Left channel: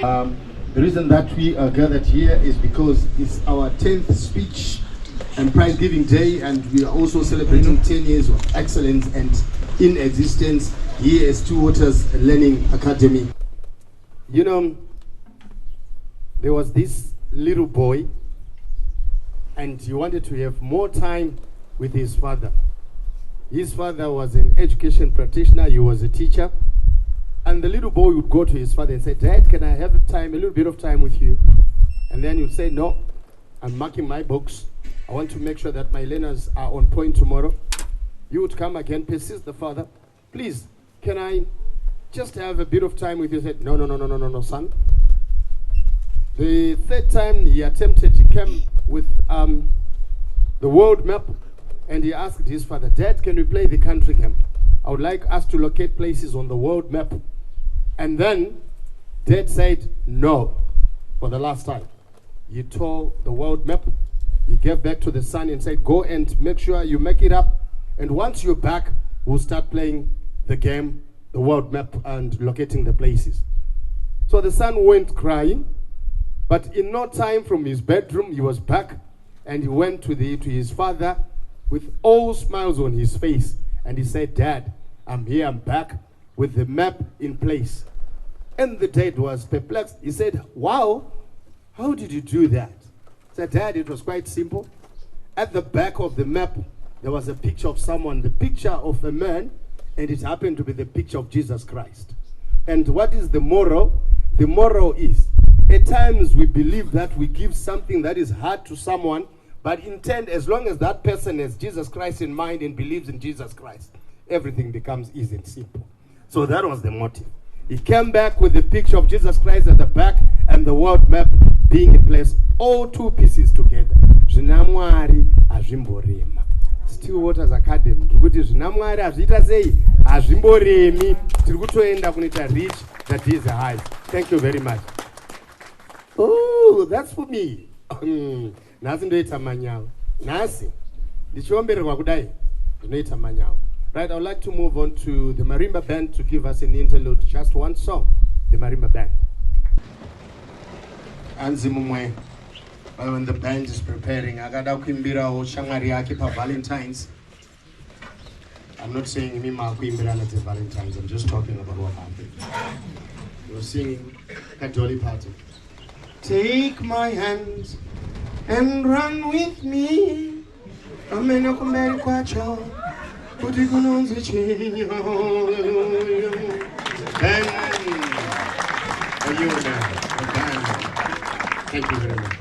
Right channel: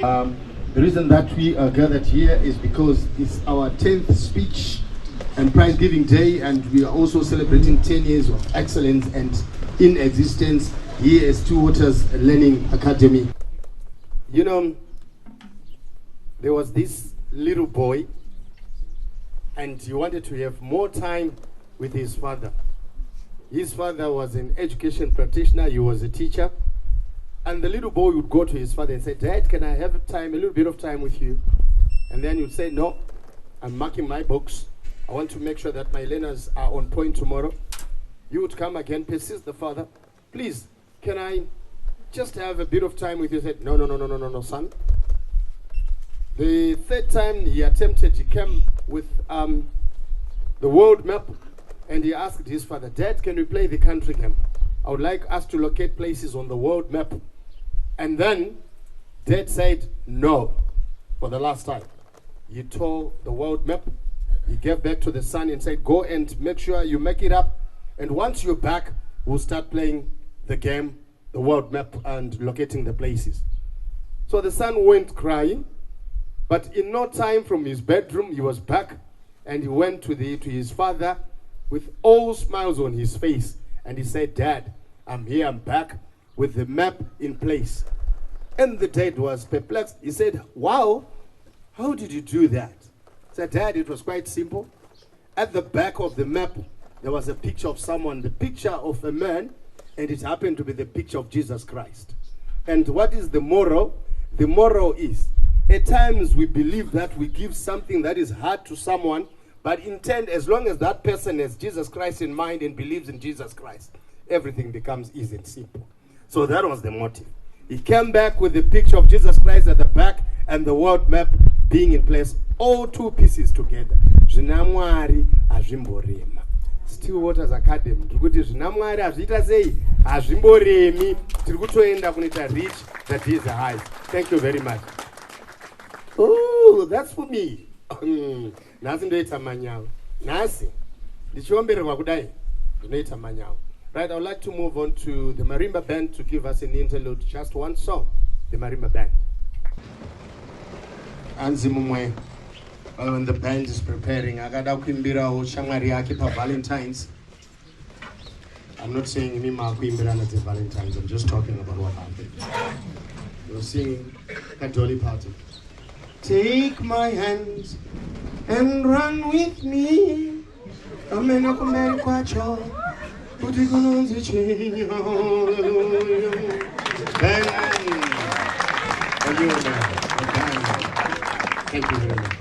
The reason that we are gathered here is because it's our 10th speech and prize giving day, and we are also celebrating 10 years of excellence and in existence here as Two Waters Learning Academy. You know, there was this little boy, and he wanted to have more time with his father. His father was an education practitioner, he was a teacher, and the little boy would go to his father and say, "Dad, can I have time, a little bit of time with you?" And then he'd say, "No, I'm marking my books. I want to make sure that my learners are on point tomorrow." You would come again, persist the father, "Please, can I just have a bit of time with you?" He said, No, son. The third time he attempted, he came with the world map, and he asked his father, "Dad, can we play the country game? I would like us to locate places on the world map." And then Dad said no for the last time. He tore the world map. He gave back to the son and said, "Go and make sure you make it up. And once you're back, we'll start playing the game, the world map, and locating the places." So the son went crying, but in no time from his bedroom, he was back, and he went to his father with all smiles on his face. And he said, "Dad, I'm here, I'm back with the map in place." And the dad was perplexed. He said, "Wow, how did you do that?" He said, "Dad, it was quite simple. At the back of the map, there was a picture of someone, the picture of a man, and it happened to be the picture of Jesus Christ." And what is the moral? The moral is, at times we believe that we give something that is hard to someone, but intend, as long as that person has Jesus Christ in mind and believes in Jesus Christ, everything becomes easy and simple. So that was the motive. He came back with the picture of Jesus Christ at the back and the world map being in place, all two pieces together. Zvinamwari hazvimborema. Still Waters Academy, tikuti zvinamwari hazviita sei hazvimboremi, tiri kutoenda kunoita reach that is a high. Thank you very much. Oh, that's for me. Nhasi ndoita manyawu. Nhasi ndichiombererwa kudai ndinoita manyawu. Right, I would like to move on to the Marimba Band to give us an interlude, just one song. The Marimba Band. Anzi mumwe, when the band is preparing, akada kuimbirawo shamwari yake pa Valentine's. I'm not saying mima kuimbirana to Valentine's, I'm just talking about what happened. We're singing at Dolly Parton. Take my hands and run with me. Amena kumberi kwacho. Kuti kunonzi chinyo. Thank you very much.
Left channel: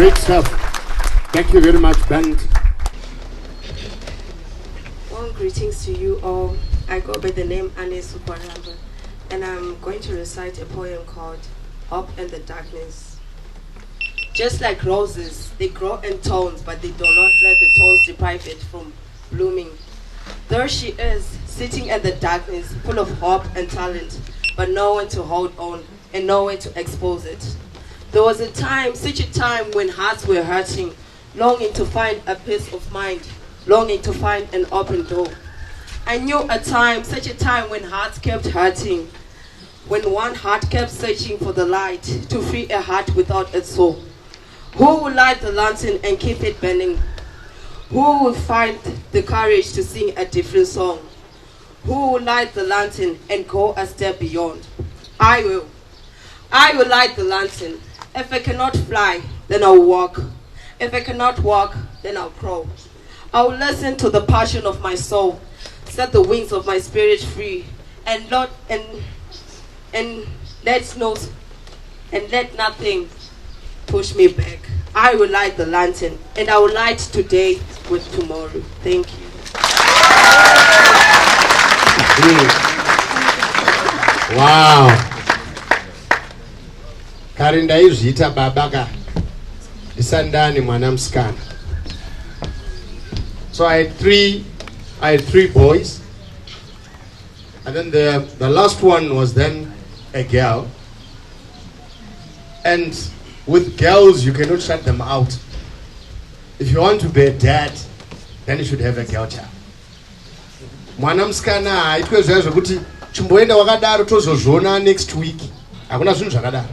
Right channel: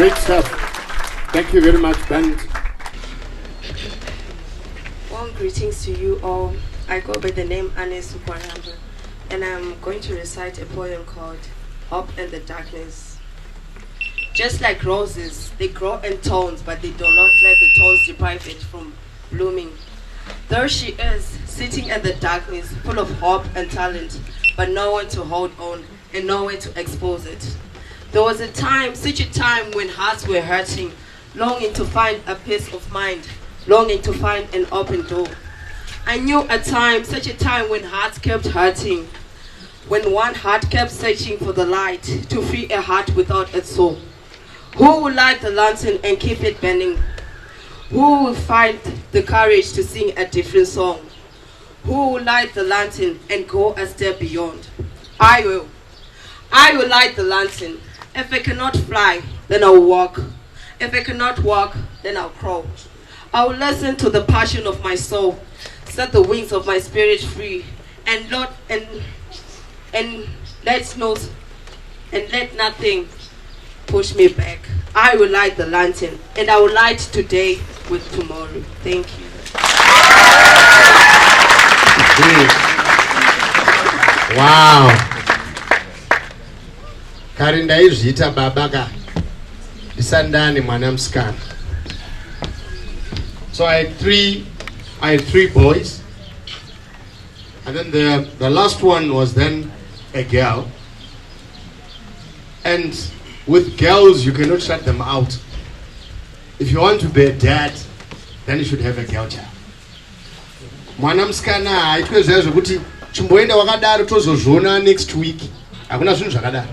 Great stuff. Thank you very much, band. Well, greetings to you all. I go by the name Anne Sukwaramba, and I'm going to recite a poem called Hope in the Darkness. Just like roses, they grow in thorns, but they do not let the thorns deprive it from blooming. There she is, sitting in the darkness, full of hope and talent, but no one to hold on and nowhere to expose it. There was a time, such a time, when hearts were hurting, longing to find a peace of mind, longing to find an open door. I knew a time, such a time, when hearts kept hurting, when one heart kept searching for the light to free a heart without its soul. Who will light the lantern and keep it burning? Who will find the courage to sing a different song? Who will light the lantern and go a step beyond? I will. I will light the lantern. If I cannot fly, then I'll walk. If I cannot walk, then I'll crawl. I will listen to the passion of my soul, set the wings of my spirit free, and let nothing push me back. I will light the lantern, and I will light today with tomorrow. Thank you. Wow. Karinda izvita babaka isandani mwana msikana. So I had three boys, and then the last one was then a girl. And with girls, you cannot shut them out. If you want to be a dad, then you should have a girl child. Mwana msikana haitwe zvezvo kuti chimboenda wakadaro tozozvona next week. Hakuna zvinhu zvakadaro.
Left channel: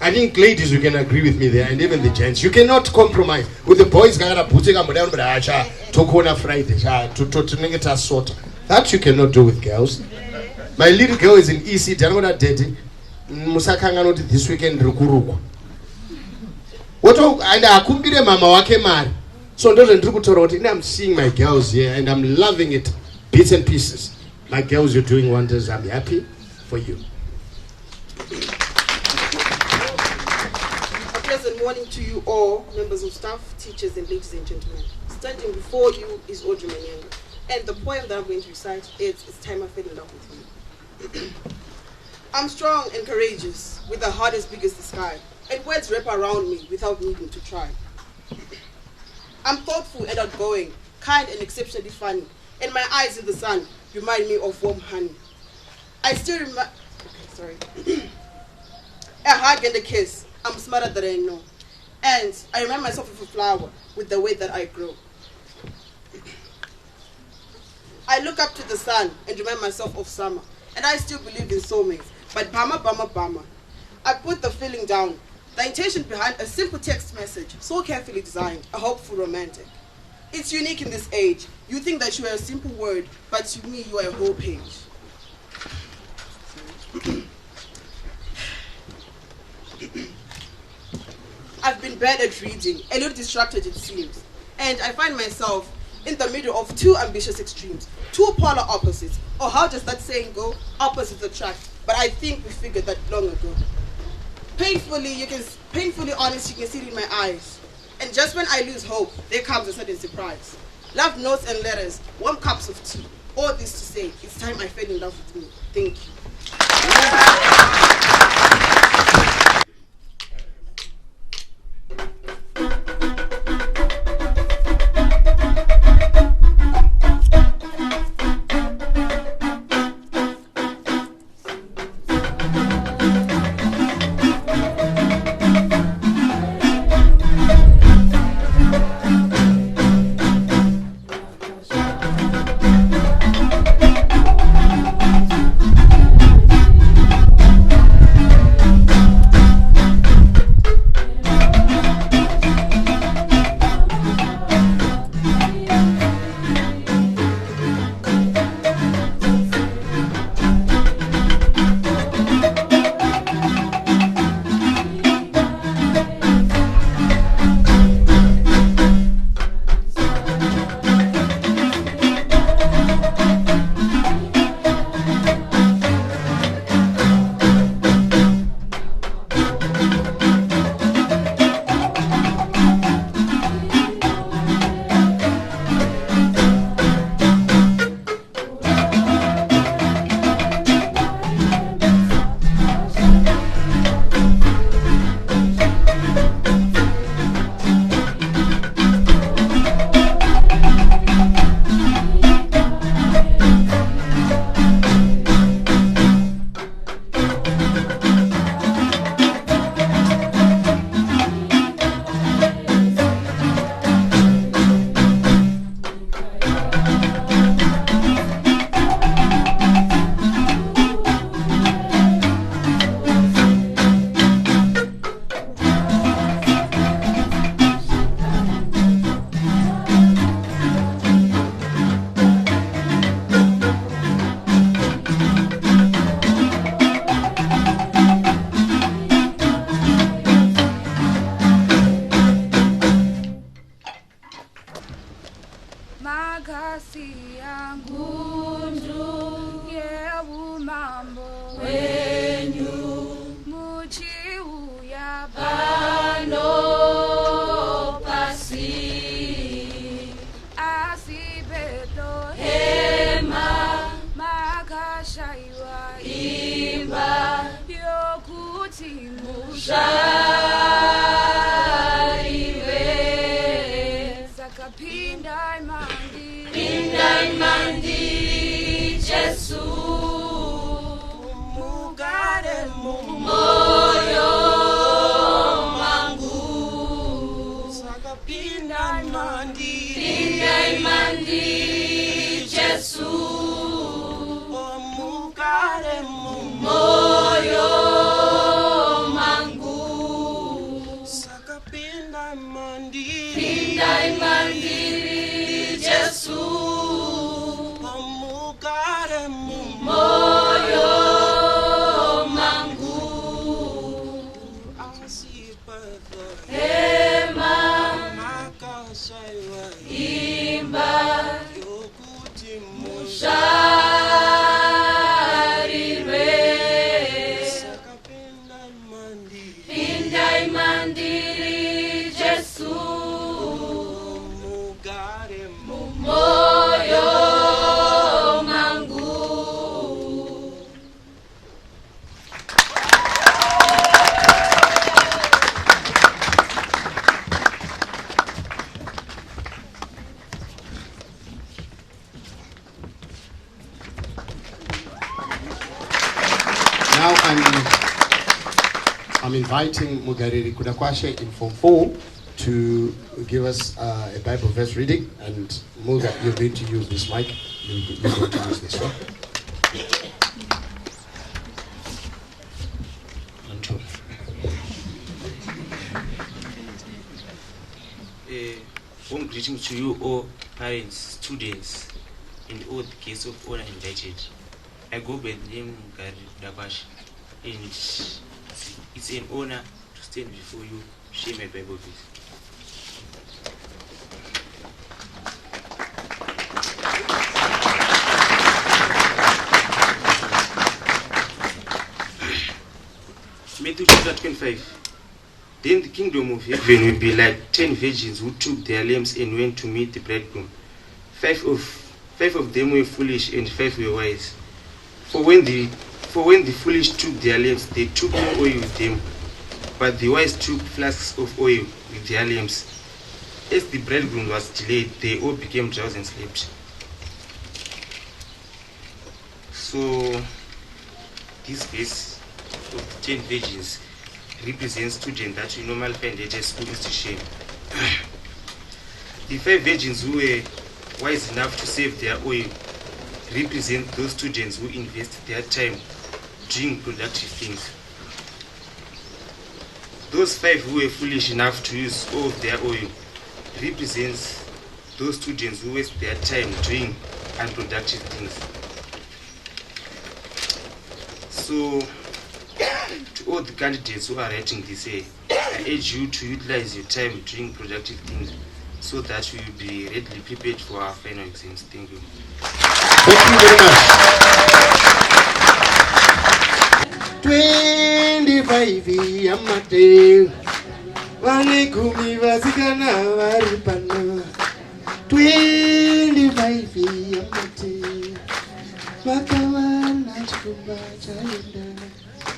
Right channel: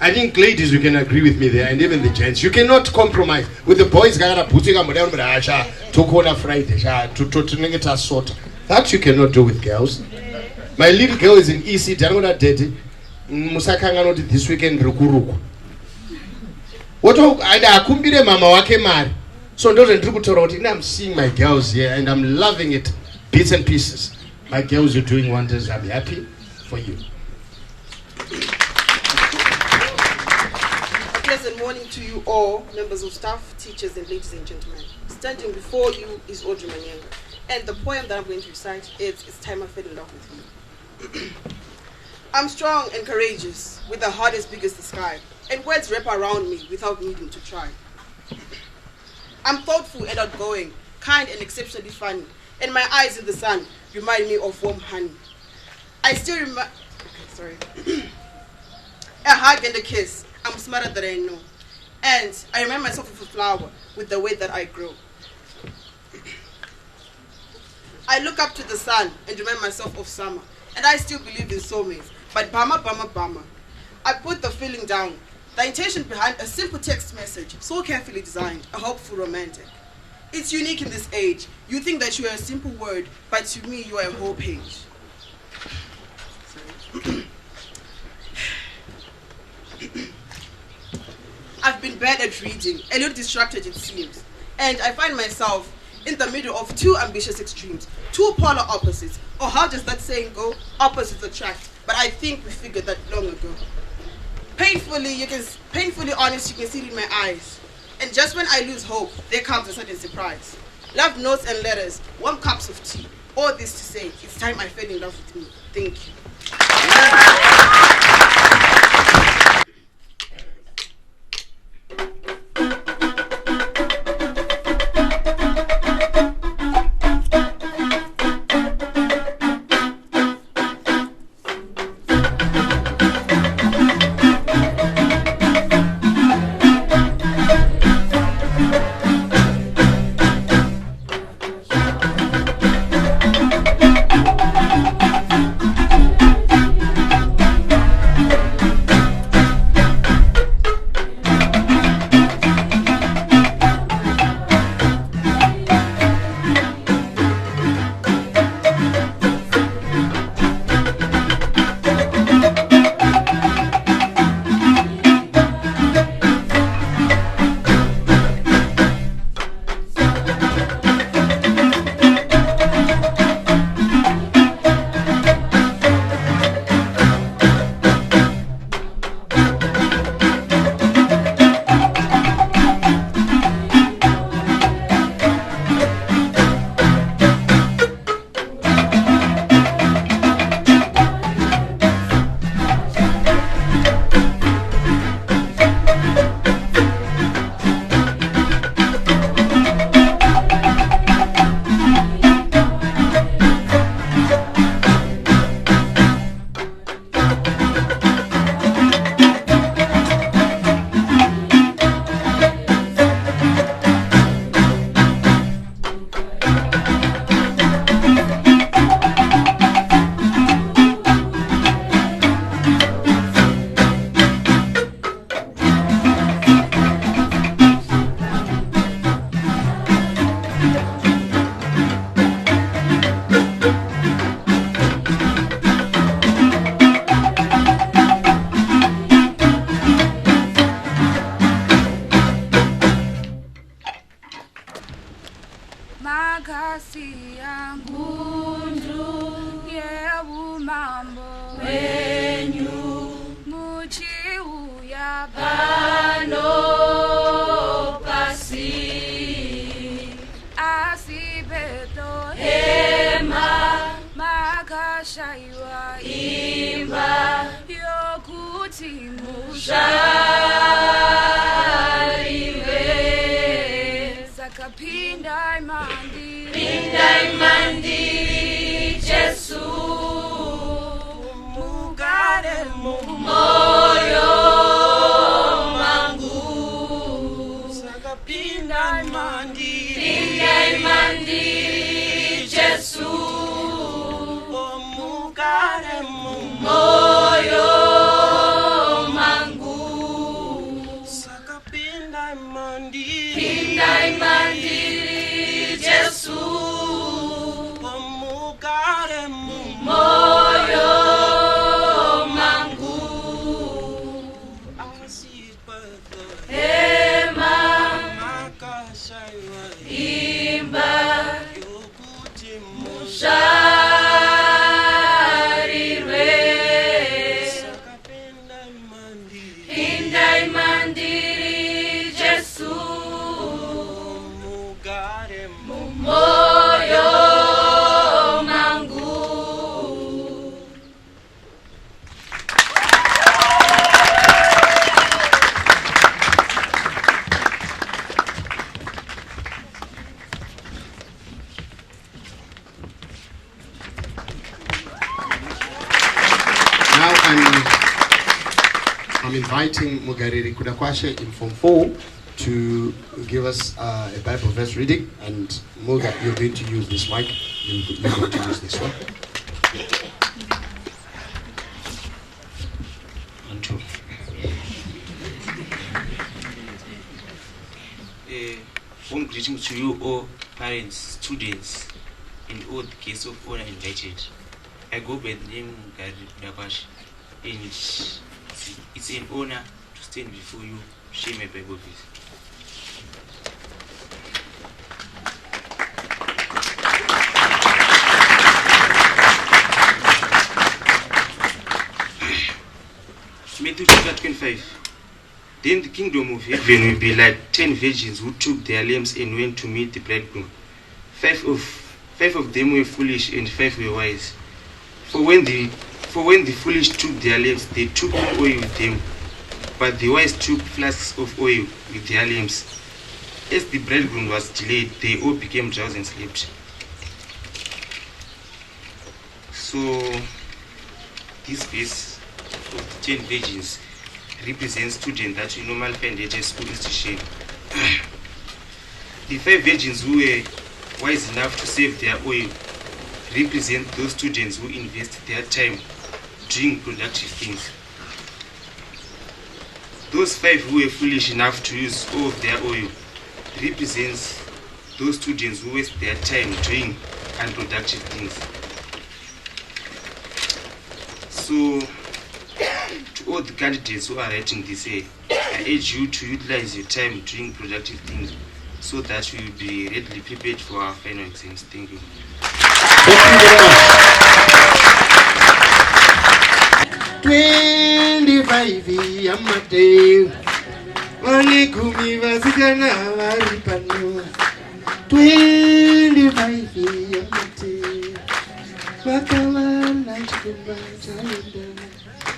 I think ladies, you can agree with me there, and even the gents. You cannot compromise. With the boys, that you cannot do with girls. My little girl is in EC. This weekend what mama wake mari. So I'm seeing my girls here and I'm loving it, bits and pieces. My girls are doing wonders. I'm happy for you. Pleasant morning to you all, members of staff, teachers, and ladies and gentlemen. Standing before you is Audrey Manyenga, and the poem that I'm going to recite is It's Time I Fell in Love with You. I'm strong and courageous, with a heart as big as the sky, and words wrap around me without needing to try. I'm thoughtful and outgoing, kind and exceptionally funny, and my eyes in the sun remind me of warm honey. I still remember, a hug and a kiss. I'm smarter than I know. And I remind myself of a flower with the way that I grow. I look up to the sun and remind myself of summer. And I still believe in soulmates. But bama. I put the feeling down. The intention behind a simple text message, so carefully designed, a hopeful romantic. It's unique in this age. You think that you are a simple word, but to me you are a whole page. Sorry. I've been bad at reading, a little distracted it seems, and I find myself in the middle of two ambitious extremes, two polar opposites, or how does that saying go? Opposites attract, but I think we figured that long ago. Painfully honest, you can see it in my eyes, and just when I lose hope, there comes a sudden surprise. Love notes and letters, warm cups of tea, all this to say, it's time I fell in love with me. Thank you. kwenyu muchiuya pano pasi asi Bethlehema makashaiwa imba yokuti muzaliwe sakapinda imandiri Jesu mugare mumoyo mangu sakapinda imandiri Jesu mugare mumoyo mangu sakapinda imandiri Jesu mugare mumoyo mangu Ema makashaiwa imba yokuti muzaliwe sakapinda imandiri Jesu mugare mumoyo mangu. Now I'm inviting Mugariri Kudakwashe in Form 4 to give us a Bible verse reading, and Muga, you're going to use this mic. You're going to use this one. One, two. Warm greetings to you all, parents, students, and all the guests of honor invited. I go by the name Mugariri Kudakwashe, and it's an honor to stand before you, share my Bible verse. Matthew chapter 25. Then the kingdom of heaven will be like 10 virgins who took their lamps and went to meet the bridegroom. Five of them were foolish and 5 were wise. For when the foolish took their lamps, they took no oil with them, but the wise took flasks of oil with their lamps. As the bridegroom was delayed, they all became drowsy and slept. So this verse of the 10 virgins represents students that you normally find at a school institution. The 5 virgins who were wise enough to save their oil represent those students who invest their time doing productive things. Those 5 who were foolish enough to use all of their oil represents those students who waste their time doing unproductive things. So, to all the candidates who are writing this, I urge you to utilize your time doing productive things so that you will be readily prepared for our final exams. Thank you. Thank you very much. 25 Yamate Walikumi Vasikana Varipano 25 Yamate Wakawana Chikumbachalenda.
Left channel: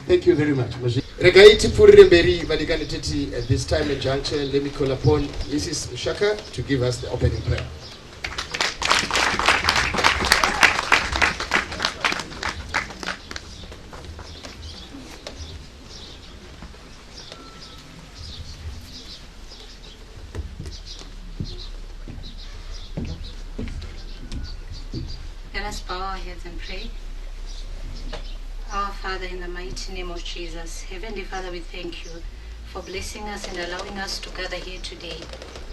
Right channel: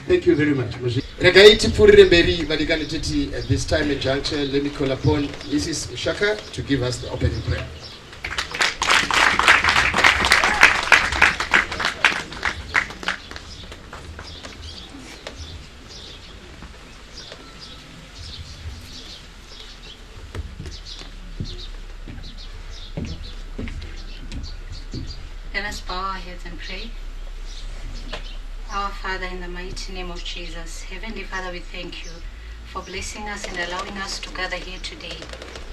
Thank you very much. Ragaiti Puriremberi Vadiganititi at this time in juncture. Let me call upon Mrs. Mshaka to give us the opening prayer. Let us bow our heads and pray. Our Father, in the mighty name of Jesus, Heavenly Father, we thank you for blessing us and allowing us to gather here today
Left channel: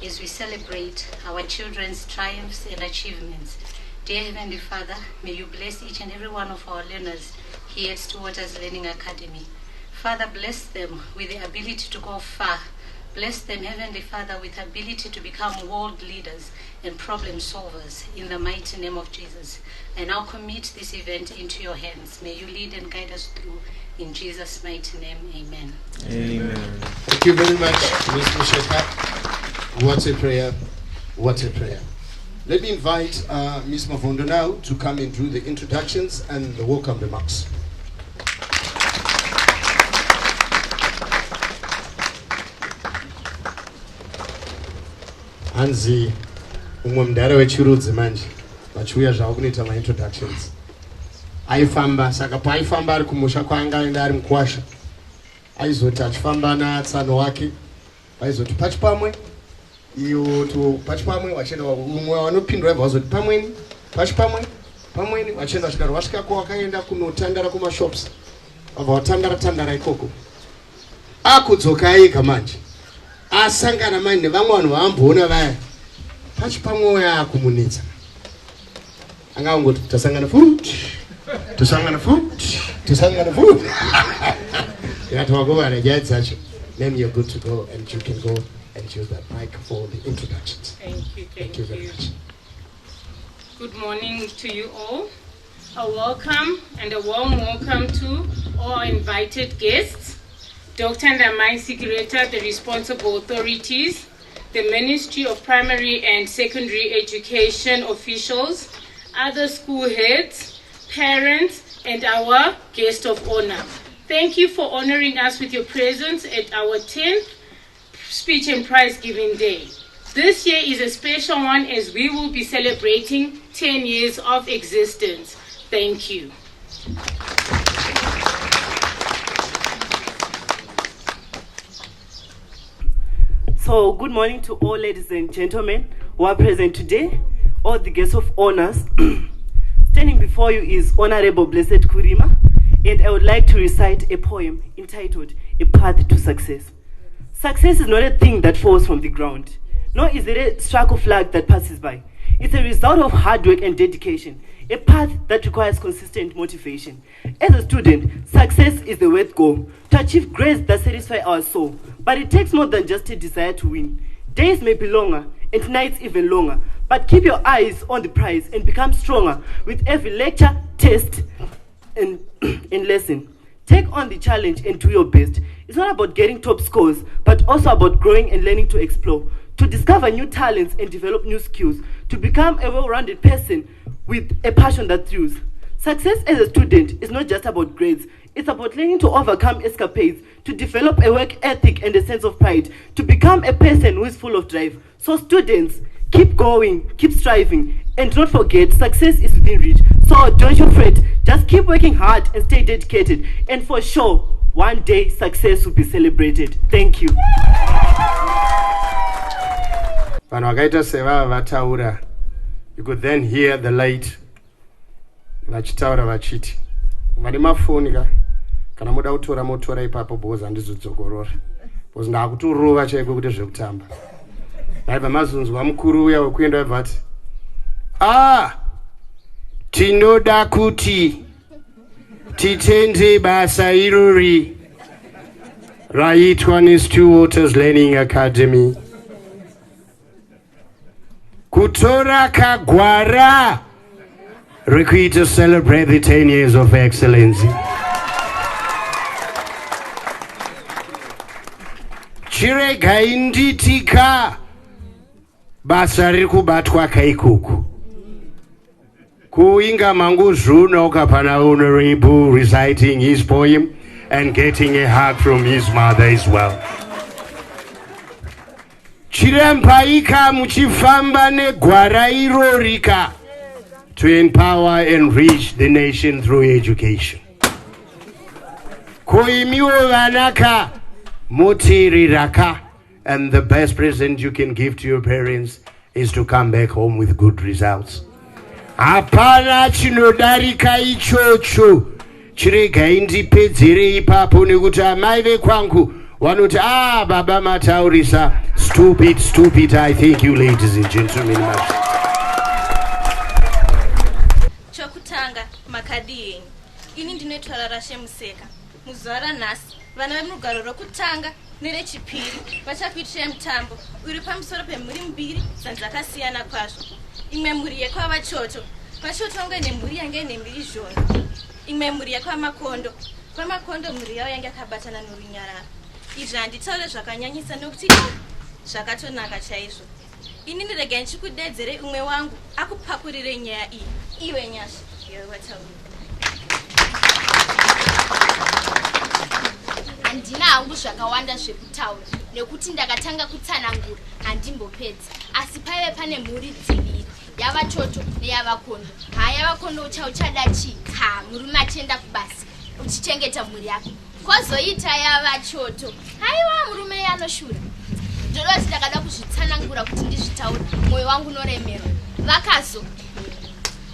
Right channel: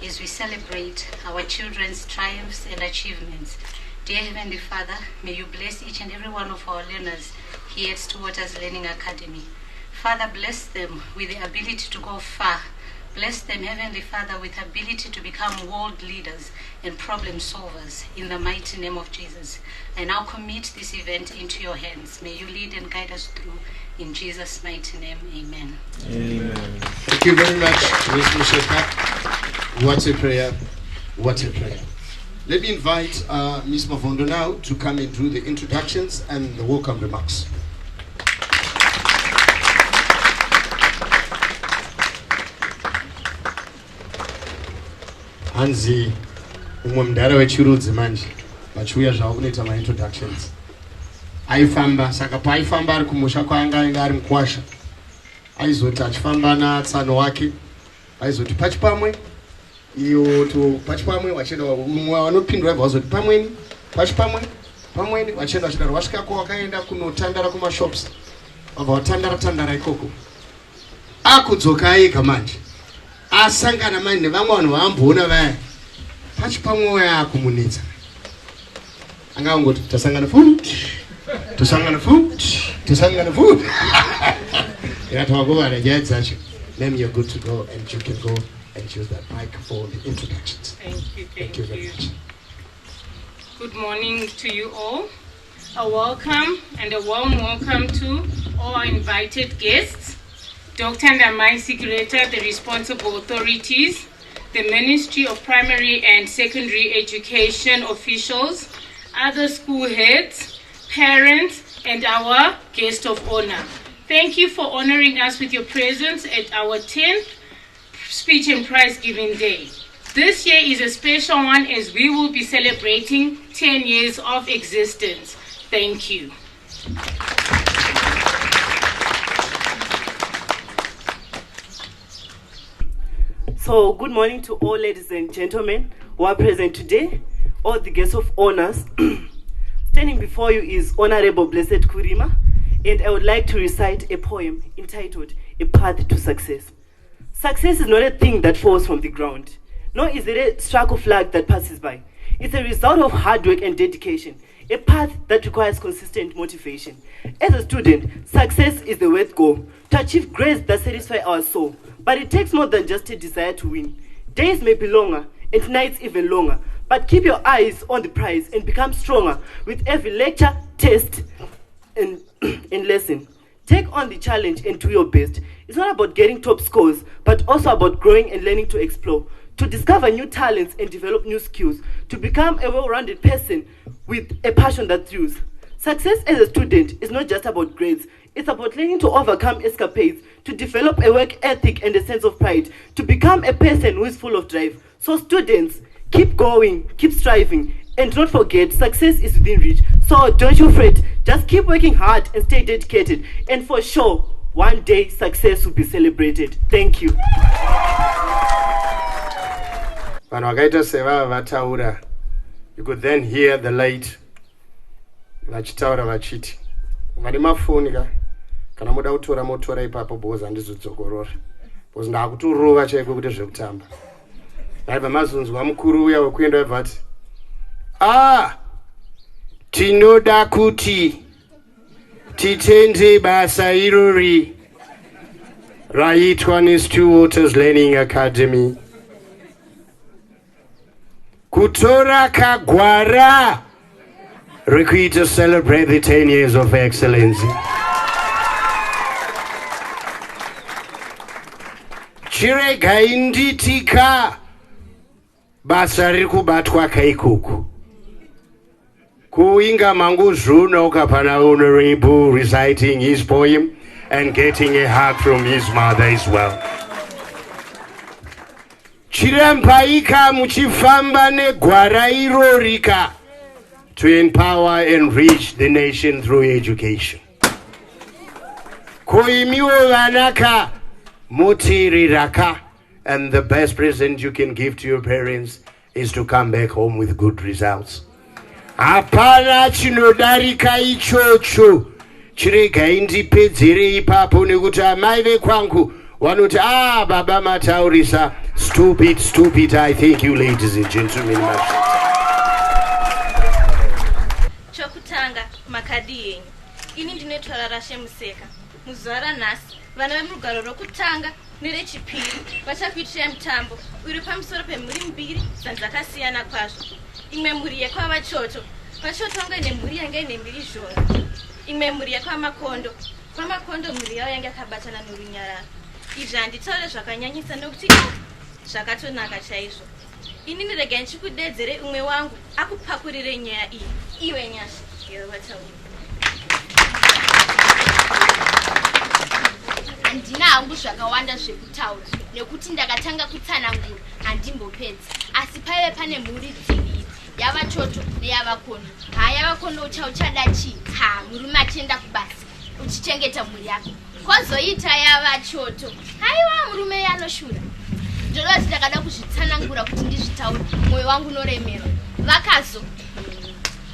as we celebrate our children's triumphs and achievements. Dear Heavenly Father, may you bless each and every one of our learners here at Stewart Learning Academy. Father, bless them with the ability to go far Bless them, Heavenly Father, with ability to become world leaders and problem solvers in the mighty name of Jesus. I now commit this event into your hands. May you lead and guide us through. In Jesus' mighty name, amen. Amen. Thank you very much, Ms. Musheka. What a prayer. What a prayer. Let me invite Ms. Mavondo now to come and do the introductions and the welcome remarks. Hanzi umwe mdara wechirudzi manje vachiuya zvavo kunoita ma-introductions. Aifamba saka paaifamba ari kumusha kwaanga aenda ari mukwasha, aizoti achifamba natsano wake aizoti pachipamwe iyo to pachipamwe wachienda umwe wanopindura aibva wazoti pamweni pamweni wachienda wachidaro wasvikako wakaenda kunotandara kumashops wabva watandara ikoko akudzoka ega manje asangana manje nevamwe vanhu vaamboona vaya pachipamwe uya akumunetsa angangoti tasangana futi yatwakovana nyaya dzacho. Then you're good to go and you can go and use that mic for the introductions. Thank you very much. Good morning to you all. A welcome and a warm welcome to all our invited guests, Dr. Ndamai Sigureta, the responsible authorities, the Ministry of Primary and Secondary Education officials, other school heads, parents, and our guest of honor. Thank you for honoring us with your presence at our 10th Speech and Prize Giving Day. This year is a special one as we will be celebrating 10 years of existence. Thank you. So, good morning to all ladies and gentlemen who are present today, all the guests of honors. Standing before you is Honorable Blessed Kurima, and I would like to recite a poem entitled A Path to Success. Success is not a thing that falls from the ground, nor is it a stroke flag that passes by. It's a result of hard work and dedication, a path that requires consistent motivation. As a student, success is the worth goal, to achieve grades that satisfy our soul. But it takes more than just a desire to win. Days may be longer, and nights even longer, but keep your eyes on the prize and become stronger with every lecture, test, and lesson. Take on the challenge and do your best. It's not about getting top scores, but also about growing and learning to explore, to discover new talents and develop new skills, to become a well-rounded person with a passion that thrills. Success as a student is not just about grades. It's about learning to overcome escapades, to develop a work ethic and a sense of pride, to become a person who is full of drive. So students, keep going, keep striving, and don't forget, success is within reach. So don't you fret, just keep working hard and stay dedicated. And for sure, one day success will be celebrated. Thank you. You could then hear the light vachitaura vachiti vane mafoni ka kana muda kutora motora ipapo bhoza handizodzokorora bhoza ndakuturova chaiko kuti zvekutamba naibva mazunzwa mukuru uya wekuenda aibva ati tinoda kuti titende basa irori raitwa neStillwaters Learning Academy kutora kagwara to celebrate the 10 years of excellence. Chiregai nditika basa riri kubatwa kaikuku kuinga mangu zvuno ukapana Honorable reciting his poem and getting a hug from his mother as well. Chirampaika muchifamba negwara irorika to empower and reach the nation through education. Koimiwo vanaka motiriraka, and the best present you can give to your parents is to come back home with good results. Hapana chinodarika ichocho. Chiregai ndipedzere ipapo nekuti amai vekwangu vanoti baba mataurisa stupid. I thank you, ladies and gentlemen. Chokutanga makadi yenyu. Ini ndinoitwa Rarashe Museka. muzuva ranhasi vana vemurugaro rokutanga nerechipiri vachakuitirai mutambo uri pamusoro pemhuri mbiri dzakasiyana kwazvo. Imwe mhuri yekwavachoto, vachoto vange nemhuri yange ine mbiri zhora. Imwe mhuri yekwamakondo, kwamakondo mhuri yavo yange yakabatana norunyararo. Izvi handitaure zvakanyanyisa nokuti zvakatonaka chaizvo. Inini regai ndichikudedzere umwe wangu akupakurire nyaya iyi. Iwe Nyasha, iwe wataura. Handina hangu zvakawanda zvekutaura nekuti ndakatanga kutsanangura handimbopedza, asi paive pane mhuri dziviri, yavachoto neyavakondo. Yavakondo uchada chii? Murume achienda kubasa uchichengeta mhuri yako. Kwozoita yavachoto, haiwa murume anoshura. Ndodoti ndakada kuzvitsanangura kuti ndizvitaure, mwoyo wangu unoremera. Vakazo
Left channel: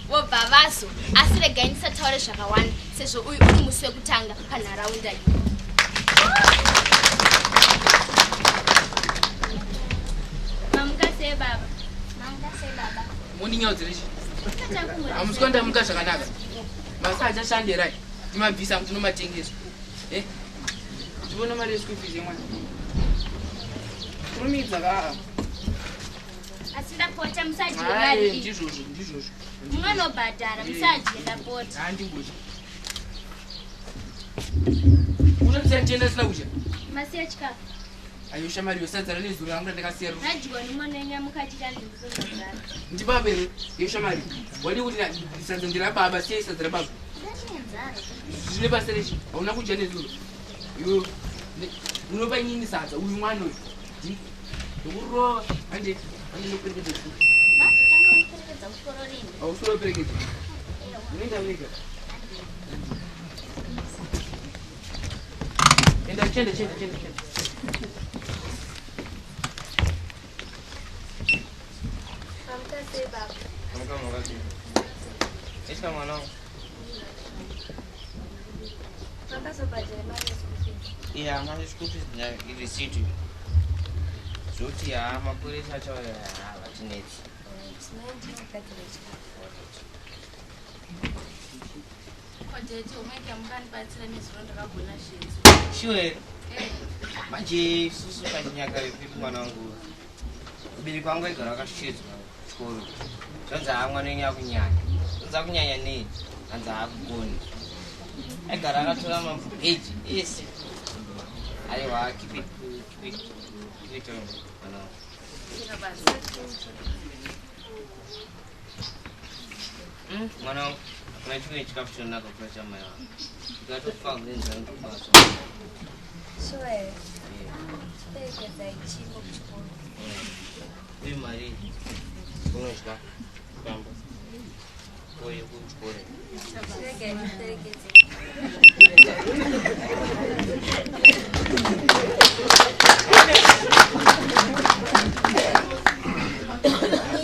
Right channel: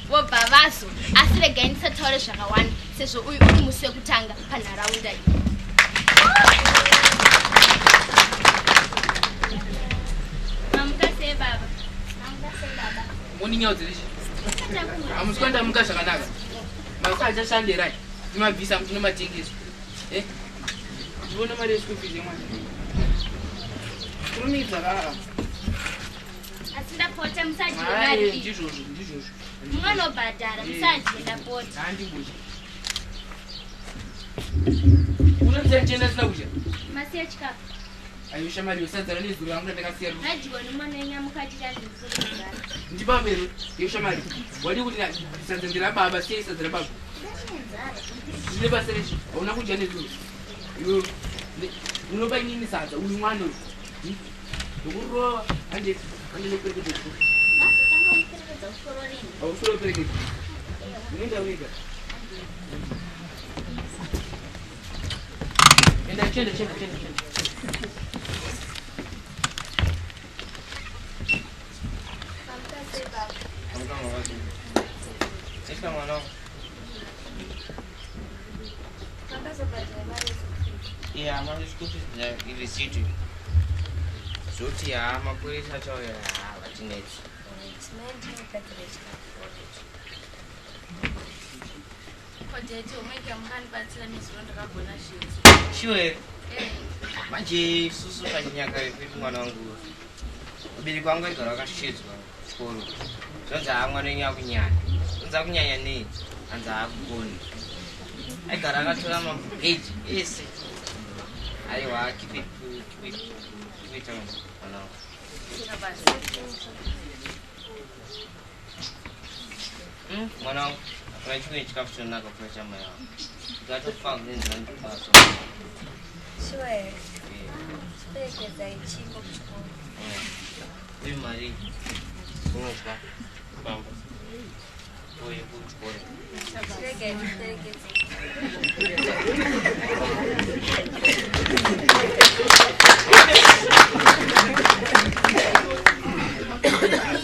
vobva vazo, asi regai ndisataure zvakawanda sezvo uyu uri musi wekutanga panharaunda iyi. Mamukase baba. Muninyodzirishi. Amusikonda muka zvakanaka. Masaje shanderai. Ndimabvisa mutino matengeso. Ndibona mari yeschool fees yemwana. Kurumidza vava. Asindapota musaje mari. Ndizvozvo. Munobhadhara musaje ndapota. Handiguzi. Unoziya ndichenda sina kudya? Masiya chikafu. Ayosha mari yosadzana nezuro yangu ndakasiya. Radyiwa nemonenya mukati kandizorogara. Ndipapero yosha mari. Wadi kuti sadza ndirababa siya sadza rababa. Zvine basa rechi hauna kudya nezuro. Unopa inini sadza uyu mwana uyu. Ndokurova hande neperekedza chikuru. Hausoro perekedza. Unoenda wega. Chenda. Yeah, mari school fees ilisiti. Zoti mapolisi achauya vatineti. Kodete umenge mukanibatsira nezuro ndakagona zvinhu. Sure. Manje susu pachinyakare pedu mwana wangu. Ubiri kwangu igara akashidzwa chikoro. Zonza mwana wenyu akunyanya. Zonza kunyanya nei? Hanza akugoni. Aigara akatora mapeji ese. Aiwa keep it on mwana wangu. Mwana wangu. Kuna chimwe chikafu chonaka kula chamai wangu. Ndikatofa kunenzira ndikubaso. Sure. Perekedza ichiko kuchikoro. Uyu mari unodya pamba uye kuchikoro. Regai ndiperekedze.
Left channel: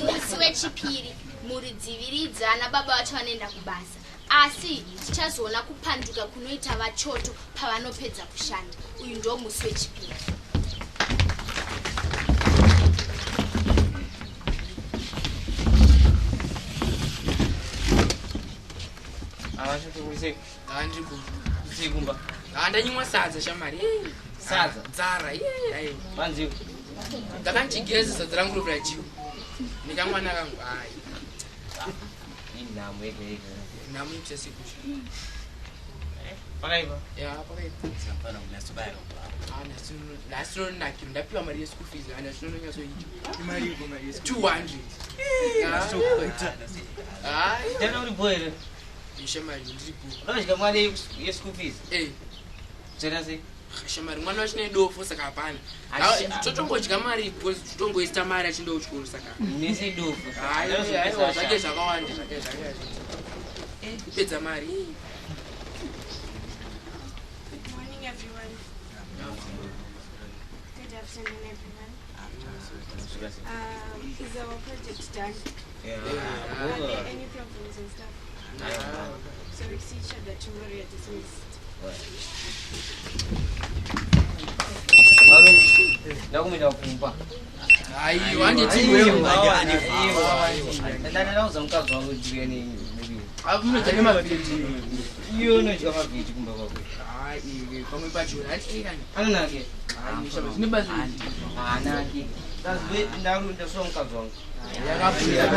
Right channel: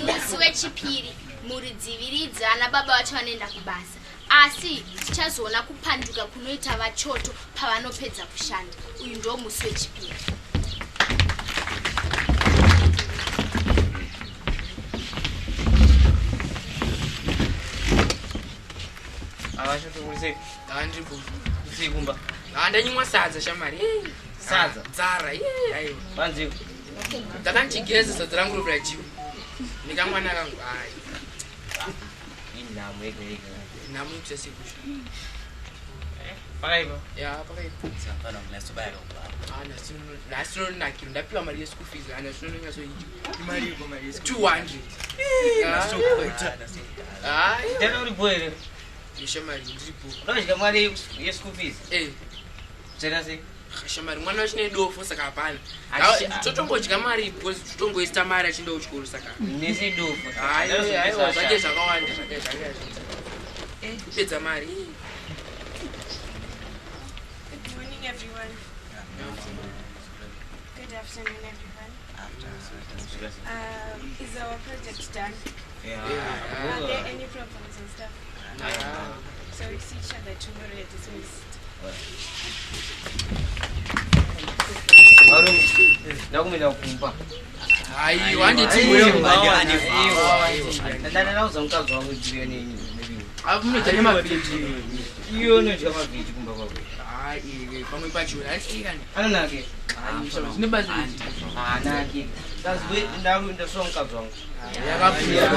Musi wechipiri mhuri dziviri dzana baba vacho vanoenda kubasa, asi tichazoona kupanduka kunoita vachoto pavanopedza kushanda. Uyu ndo musi wechipiri. Avachoto kulise Handimbo. kusikumba. Handanyimwa sadza shamari. Sadza. Dzara. Aiwa. Banzi. Ndakandigeza sadza rangu rovira jiwa. Nikamwana kangu ai. Inamu ega. Namu ikusa sikusha. Pakaipa. Ya, pakaipa. Safana mnasobaya kwa. Nasino nakiro ndapiwa mari ye school fees ana sino nyaso yicho. Mari yuko mari. 200. Tena uri boyere. Ishamari ndiripo. Unodya mari ye school fees? Tena se. Shamari mwana wachine dofo saka hapana. Totongodya mari because totongoista mari achienda kuchikoro saka. Nese dofo. Aiwa zvake zvakawanda zvake. Pedza mari. Good morning, everyone. Good afternoon, everyone. Is our project done? Yeah. Are there any problems and stuff? No. So we see each other tomorrow. You're dismissed. Warumi, ndakumenda kumpa. Aiwa handiti wewe. Ndana nauza mkazi wangu jibia nini? Amunodya mapeji. Iyo unodya mavheji kumba kwako. Hayi, pamwe pacho hatikani. Anonake. Nibazi. Anake. Kazwe ndakuenda so mukadzi wangu. Yakapfuya.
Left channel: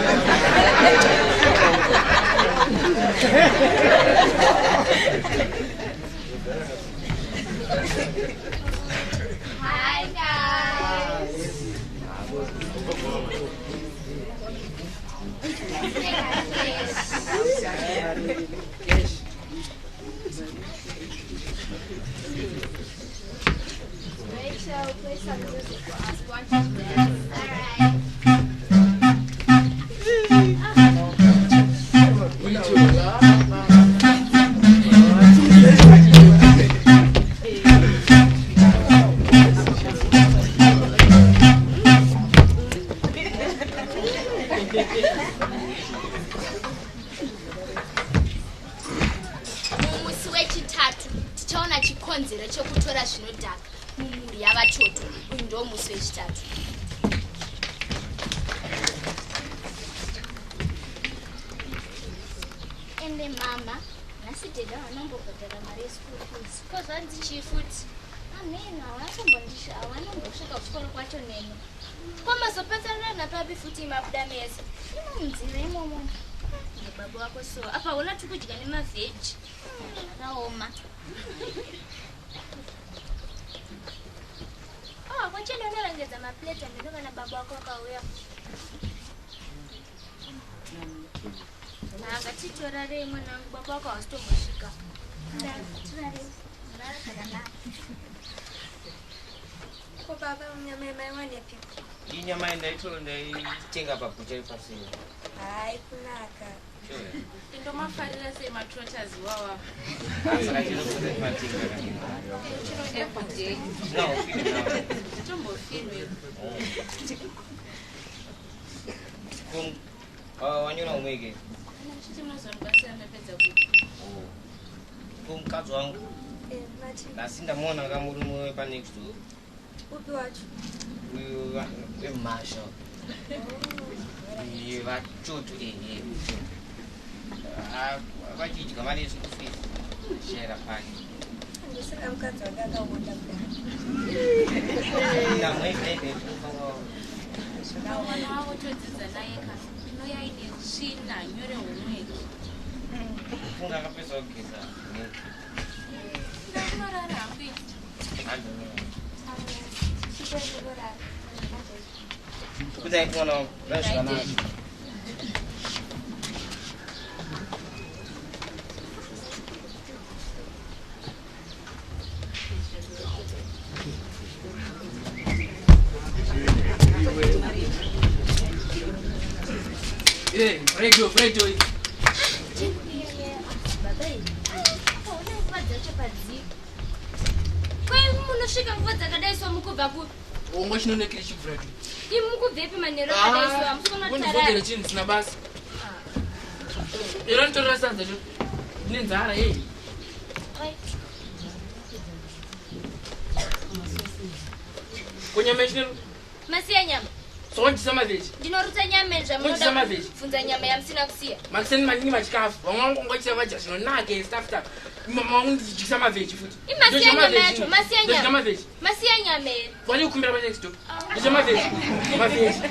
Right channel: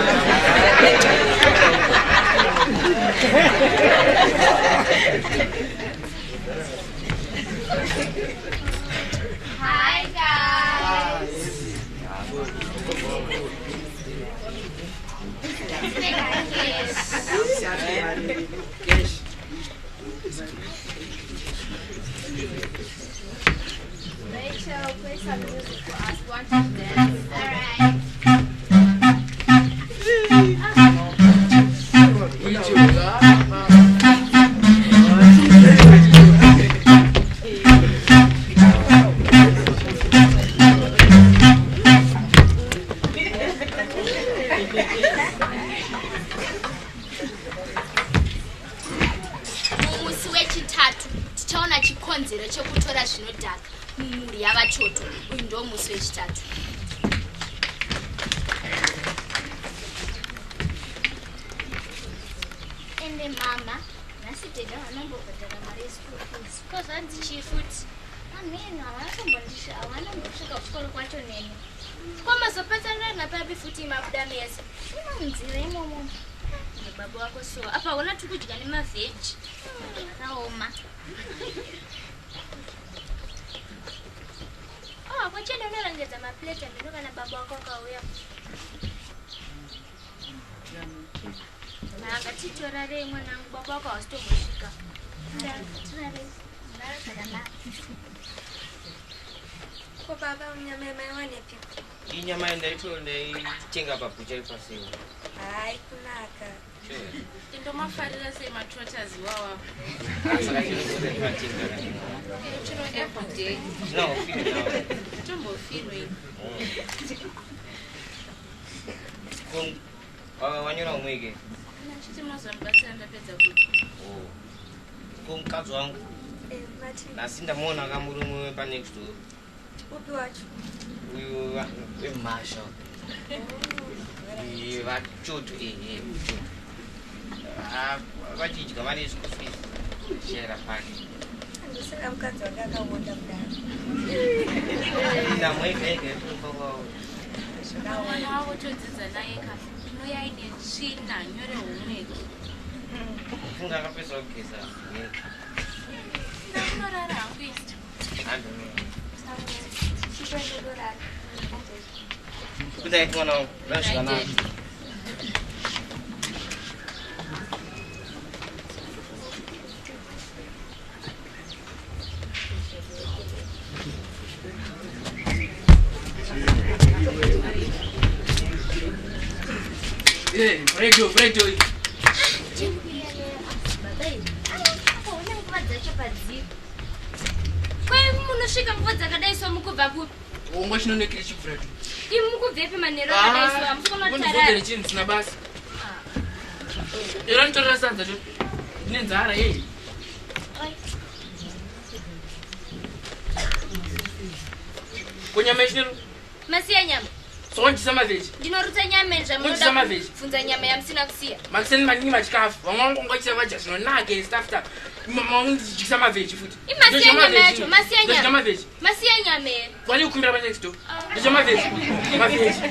Hi guys. Rachel, play some music for us. Want to dance? Alright. Mumusi wechitatu tichaona chikonzero chekutora zvinodhaka mumhuri yavachoto. Uyu ndo musi wechitatu. Ende mama, nhasi deda vanombobhadhara mari yeschool fees. Ko zvanzi chii futi? Ameno havanombosvika kuchikoro kwacho nene. Ko mazopatsanira napapi futi mabuda mese? Inonzira imomo. Baba wako so apa wala tukudya nemavheji raoma. Kwachenda unorongedza maplate ameno kana baba wako akauya. Nanga titora rei mwanangu, baba wako hawasitombosvika. Ko baba nyama yamaiwanepi? Inyama ndaitenga pabuchari pasina. Hai kunaka. Sure. Ndomafarira sei matrotters wawa. Saka chiri kuda timatenga. Chiro every day. No, feel now. Tombo finwe. Wanyora umwege. Chiti munozondibatsira ndapedza kuti. Kumukadzi wangu. Nasi ndamuona kamurume panext door. Upi wacho? Uyu weMarshall. Vachoto vachidya mari yeschool fees. Shera pake. Ndosaka mukadzi wanga akaonda kudaro. Ndamwege mwana wako todzidza naye ka unoyaine tsvina nyore homweki. Funga akapedza kugeza. Unorara hangu isi? Good night, mwana wangu. Rasika nani. Radio. Munosvika nguva dzakadaiswa mukubva kupi? Ongo chinonekere chibvurato. Imi mukubvepi manheru akadaiswa hamusikonotara. Chinhu sina basa. Ero nitorera sadza cho. Ndine nzara yei. Kunyama ichinero. Masiya nyama. Sonjisa mavheji. Ndinorutsa nyama Sonjisa mavheji. funza nyama yamusina kusiya. Makiseni maningi machikafu. Vamwe vangu ngochisa vadya zvinonaka staff tak. Mamwe ndichikisa mavheji futi. Masiya nyama yacho, masiya Ndodya nyama. mavheji. Masiya nyama. Wani ukumbira pa next door. Ndodya mavheji. Mavheji.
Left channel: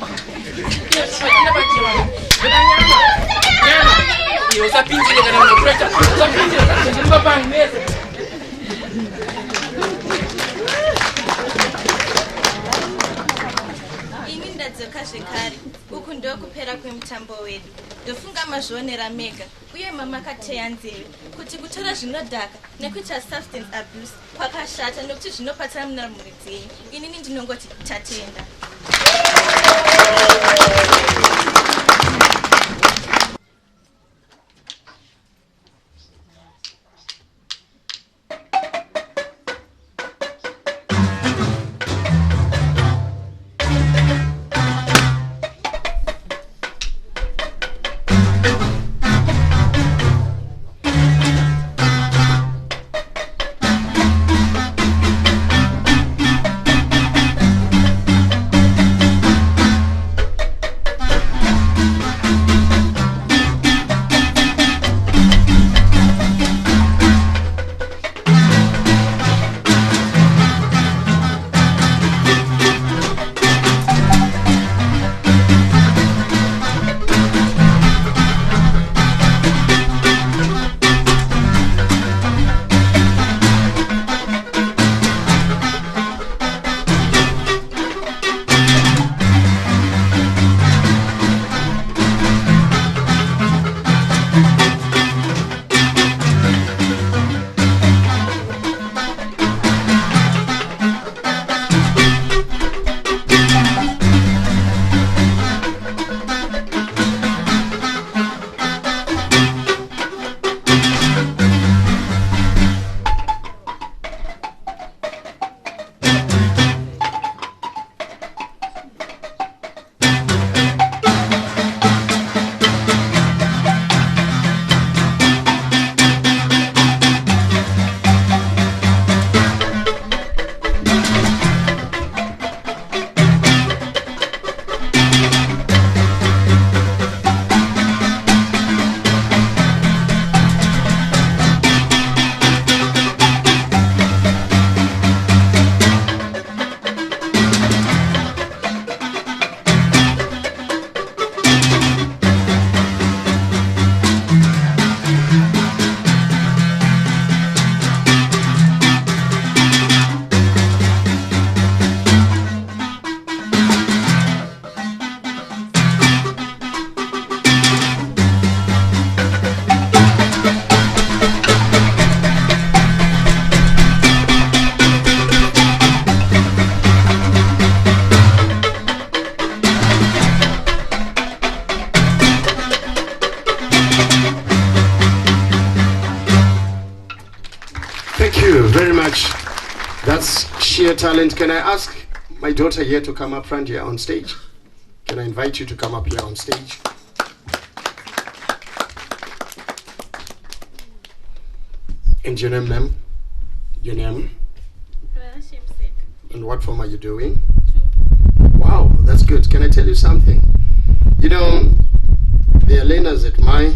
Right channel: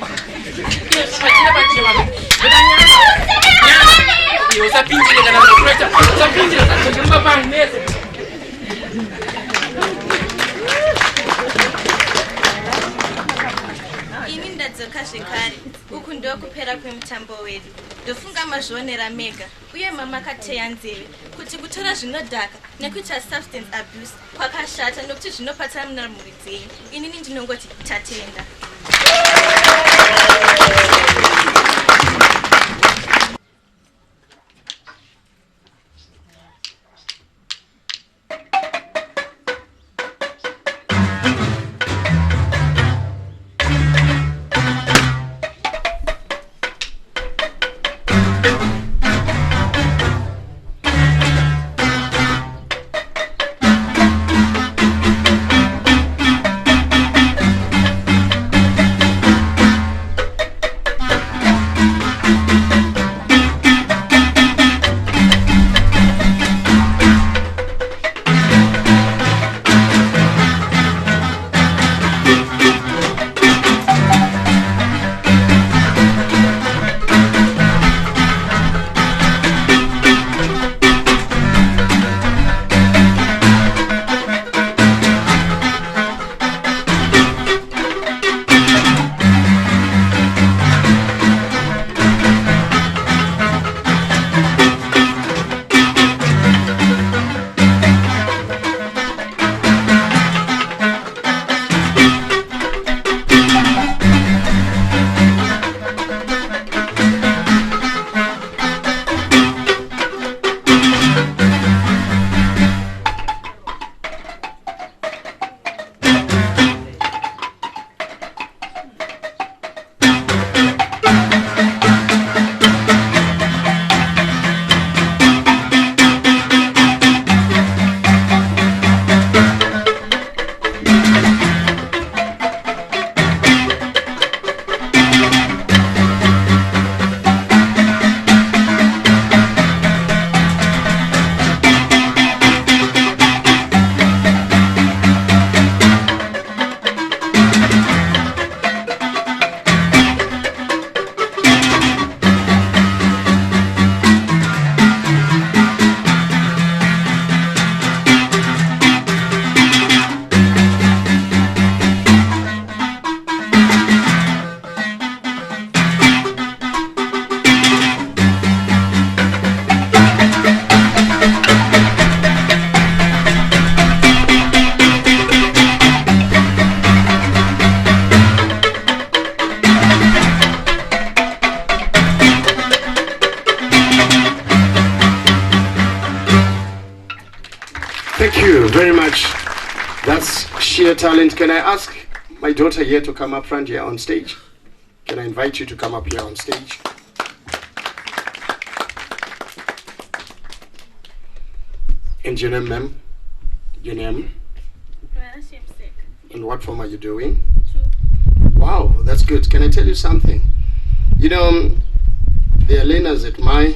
Pachina pachima. Ndodya nyama. Iyo usapinjire kana unakureta. Usapinjire ndodya mbapangu mese. Ini ndadzoka zvekare. Uku ndokupera kwemutambo wedu. Ndofunga mazvionera mega uye mamakateya nzeve kuti kutora zvinodhaka nekuita substance abuse kwakashata nokuti zvinopatsana muna mhuri dzenyu. Inini ndinongoti tatenda. you very much. That's sheer talent. Can I ask my daughter here to come up front here on stage? Can I invite you to come up here on stage? And your name, ma'am? Your name? And what form are you doing? Wow, that's good. Can I tell you something? You know, there are learners at my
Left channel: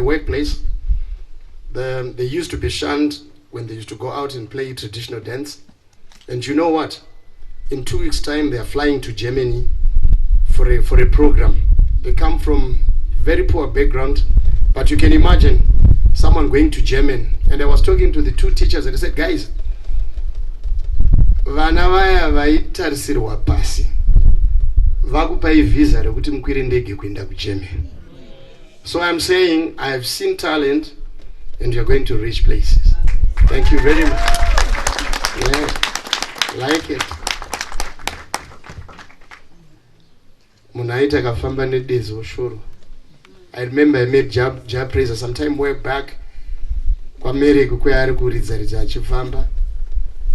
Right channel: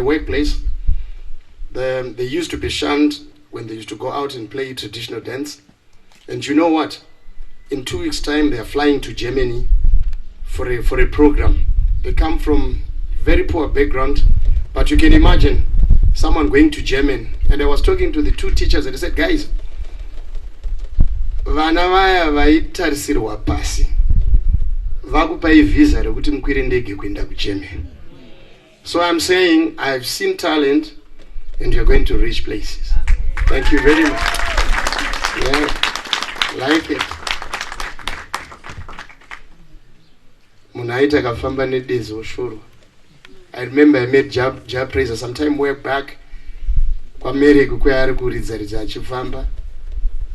workplace. They used to be shunned when they used to go out and play traditional dance. And you know what? In 2 weeks' time, they are flying to Germany for a program. They come from very poor background, but you can imagine someone going to Germany. And I was talking to the two teachers and they said, guys, vana vaya vaitarisirwa pasi vakupai visa rekuti mukwire ndege kuenda kuGermany. So I'm saying I've seen talent and you're going to reach places. Thank you very much. Yeah, like it. Munaita kafamba nedezi oshuru. I remember I met Jab Praiser some time way back. Kwa America kwa ari kuridza achifamba.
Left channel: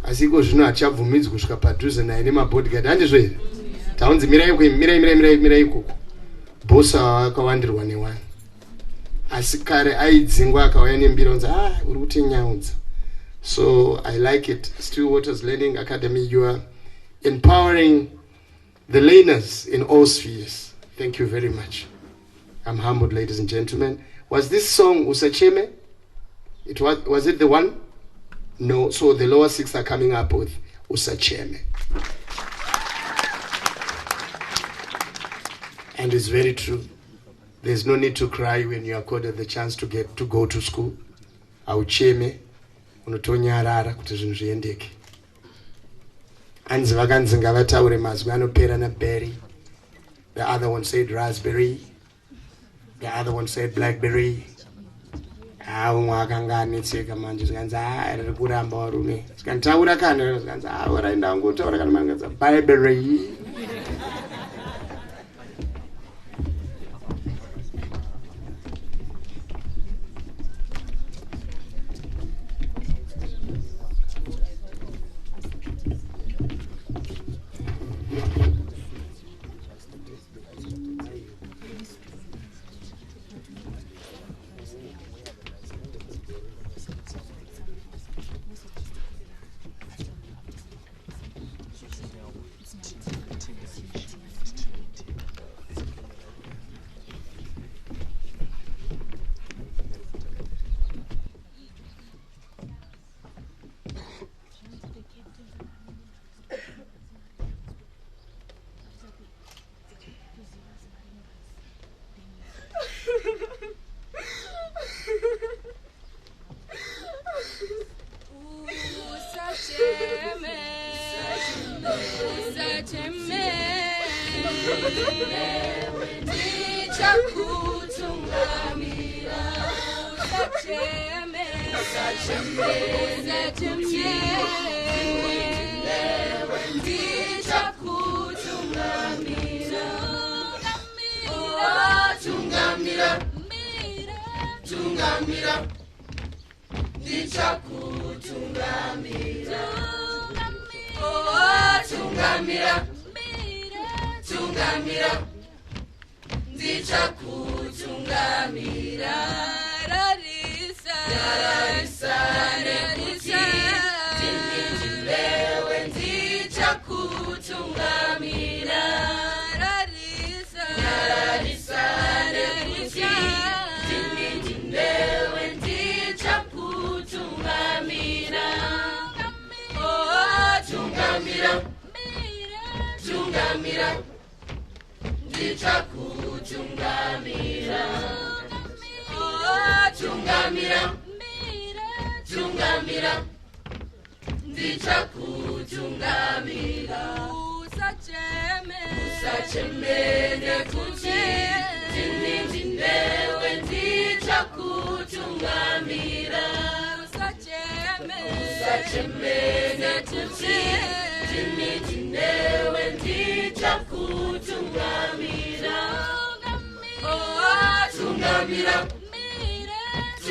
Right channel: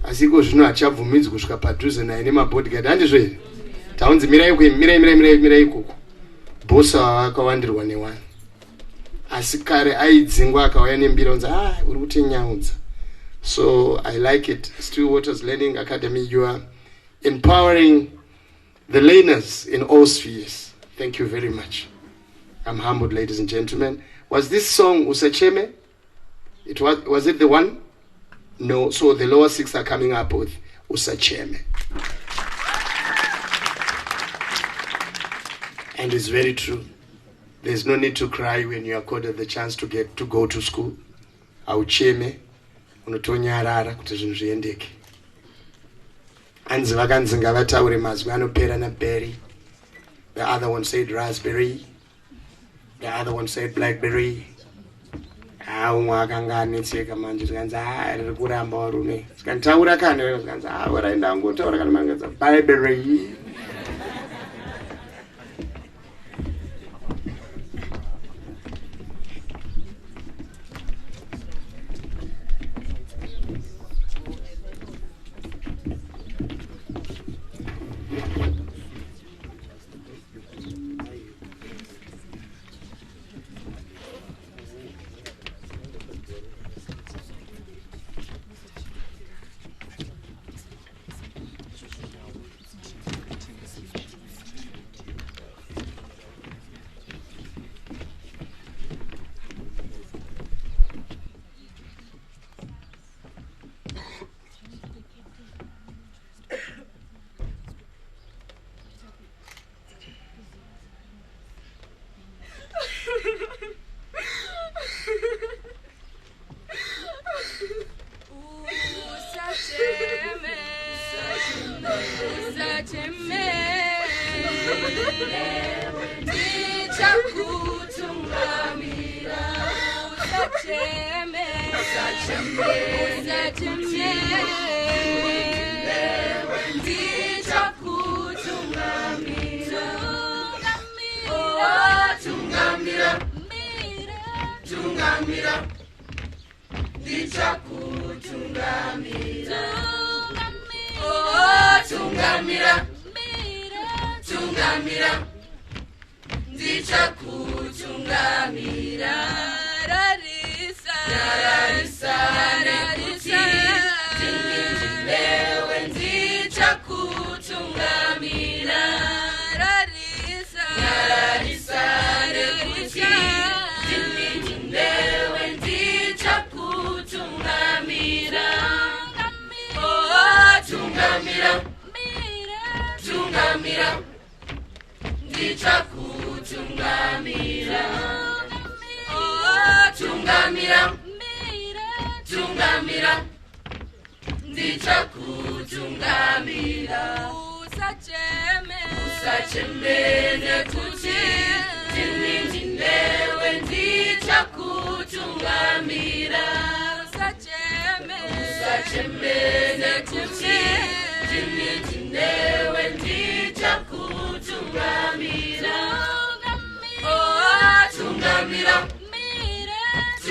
Asiko zvino achabvumidzwa kusvika padhuze naye nemabodyguard handizvo here. Taunzi mirai ikoko. Boss akawandirwa newani. Asi kare aidzingwa akauya nembira unzi uri kutinyaudza. So I like it. Still Waters Learning Academy, you are empowering the learners in all spheres. Thank you very much. I'm humbled, ladies and gentlemen. Was this song Usacheme? Was it the one? No. So the lower six are coming up with Usacheme. And it's very true. There's no need to cry when you are accorded the chance to go to school. Aucheme, unotonyarara kuti zvinhu zviendeke. Anzi vakanzi ngavataure mazwi anopera na berry. The other one said raspberry. The other one said blackberry. Umwe akanga anetseka manje zikanzi riri kuramba varume. Zikantaura kana zikanzi waraenda angotaura kana mangadza barberry.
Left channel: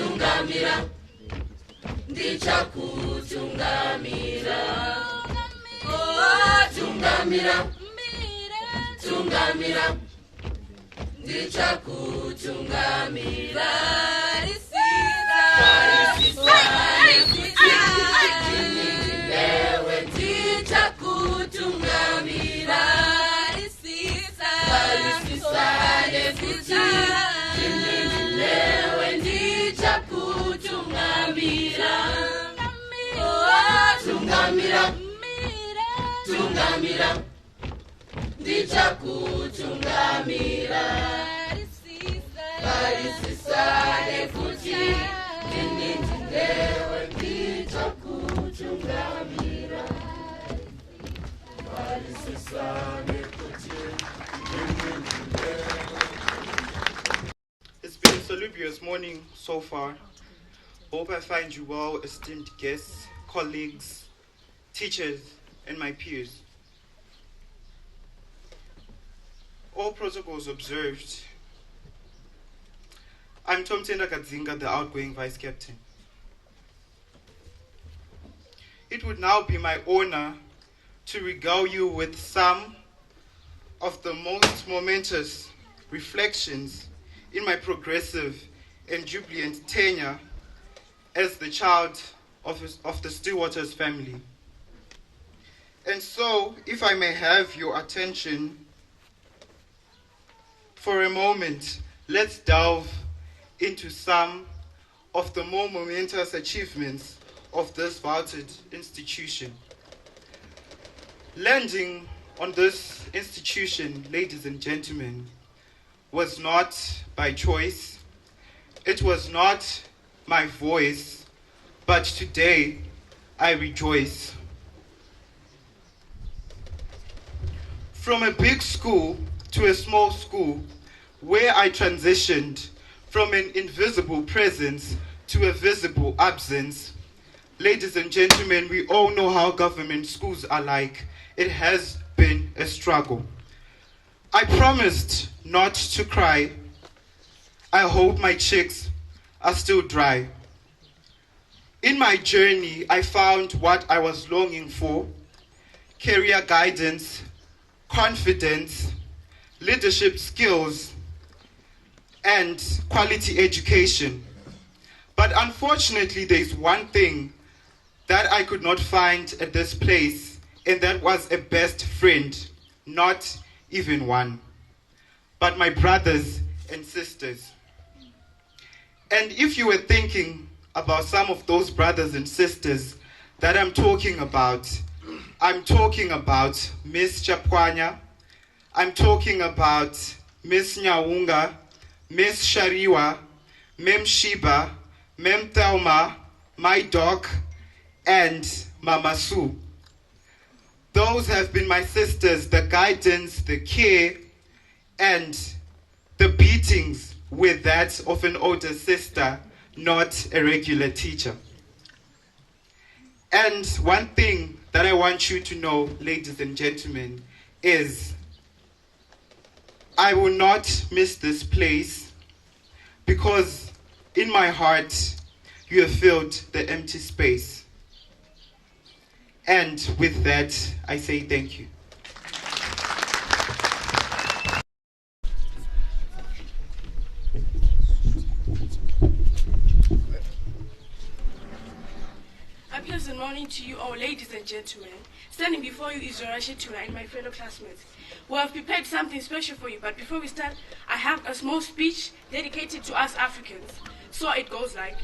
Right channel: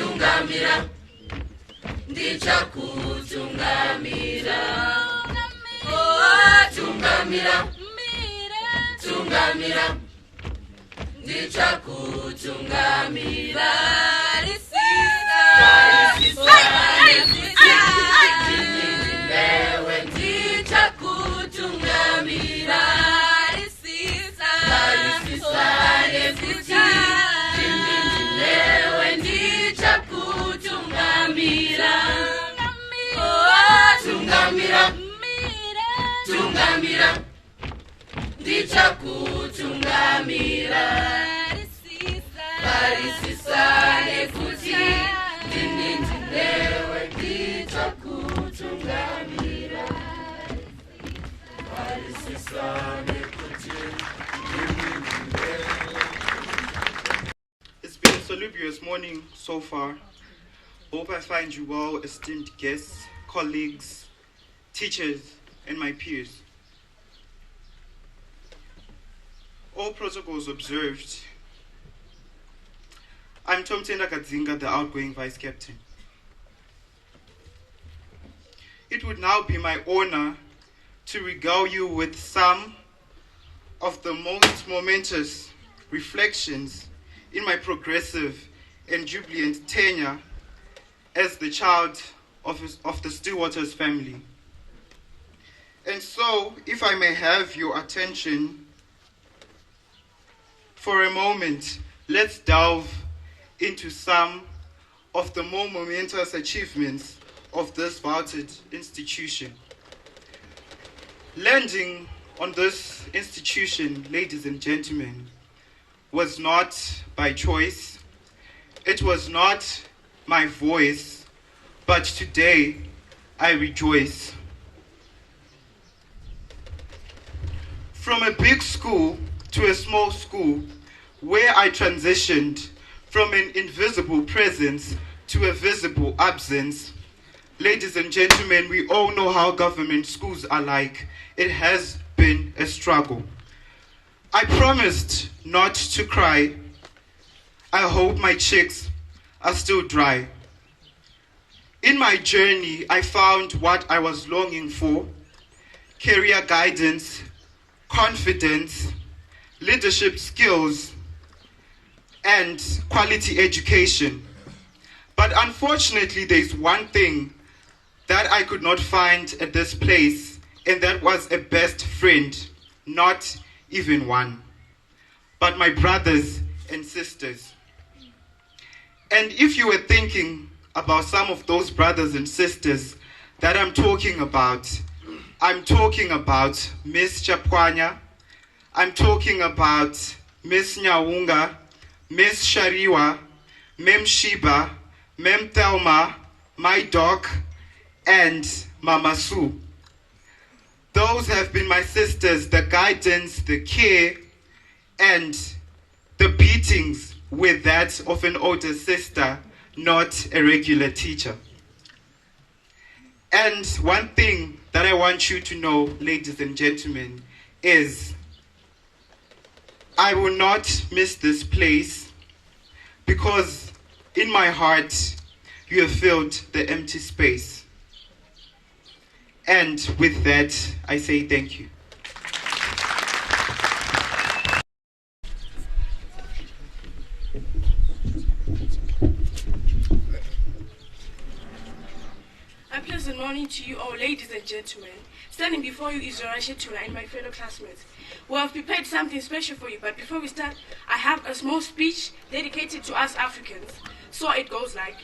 Tungamira, ndichakutungamira. tungamira tungamira tungamira ndichakutungamira lewe ndichakutungamira lewe ndichakutungamira tungamira tungamira ndichakutungamira varisisane kuti ndinindindewe ndichakutungamira varisisane kuti ndinindindewe. It's been a salubrious morning so far. Hope I find you well, esteemed guests, colleagues, teachers, and my peers. All protocols observed. I'm Tom Tenda Kadzinga, the outgoing vice captain. It would now be my honor to regale you with some of the most momentous reflections in my progressive and jubilant tenure as the child of the Stillwaters family. And so, if I may have your attention for a moment, let's delve into some of the more momentous achievements of this vaulted institution. Landing on this institution, ladies and gentlemen, was not by choice. It was not my voice, but today I rejoice. From a big school to a small school, where I transitioned from an invisible presence to a visible absence. Ladies and gentlemen, we all know how government schools are like. It has been a struggle. I promised not to cry. I hope my cheeks are still dry. In my journey, I found what I was longing for: career guidance, confidence, leadership skills, and quality education. But unfortunately, there's one thing that I could not find at this place, and that was a best friend, not even one, but my brothers and sisters. And if you were thinking about some of those brothers and sisters that I'm talking about Miss Chapwanya, I'm talking about Miss Nyaunga, Miss Shariwa, Mem Shiba, Mem Thelma, my doc, and Mama Sue. Those have been my sisters, the guidance, the care, and the beatings with that of an older sister, not a regular teacher. And one thing that I want you to know, ladies and gentlemen, is I will not miss this place, because in my heart you have filled the empty space. And with that, I say thank you. A pleasant morning to you all, ladies and gentlemen. Standing before you is Zoraisha Tura and my fellow classmates. We have prepared something special for you, but before we start, I have a small speech dedicated to us Africans. So it goes like:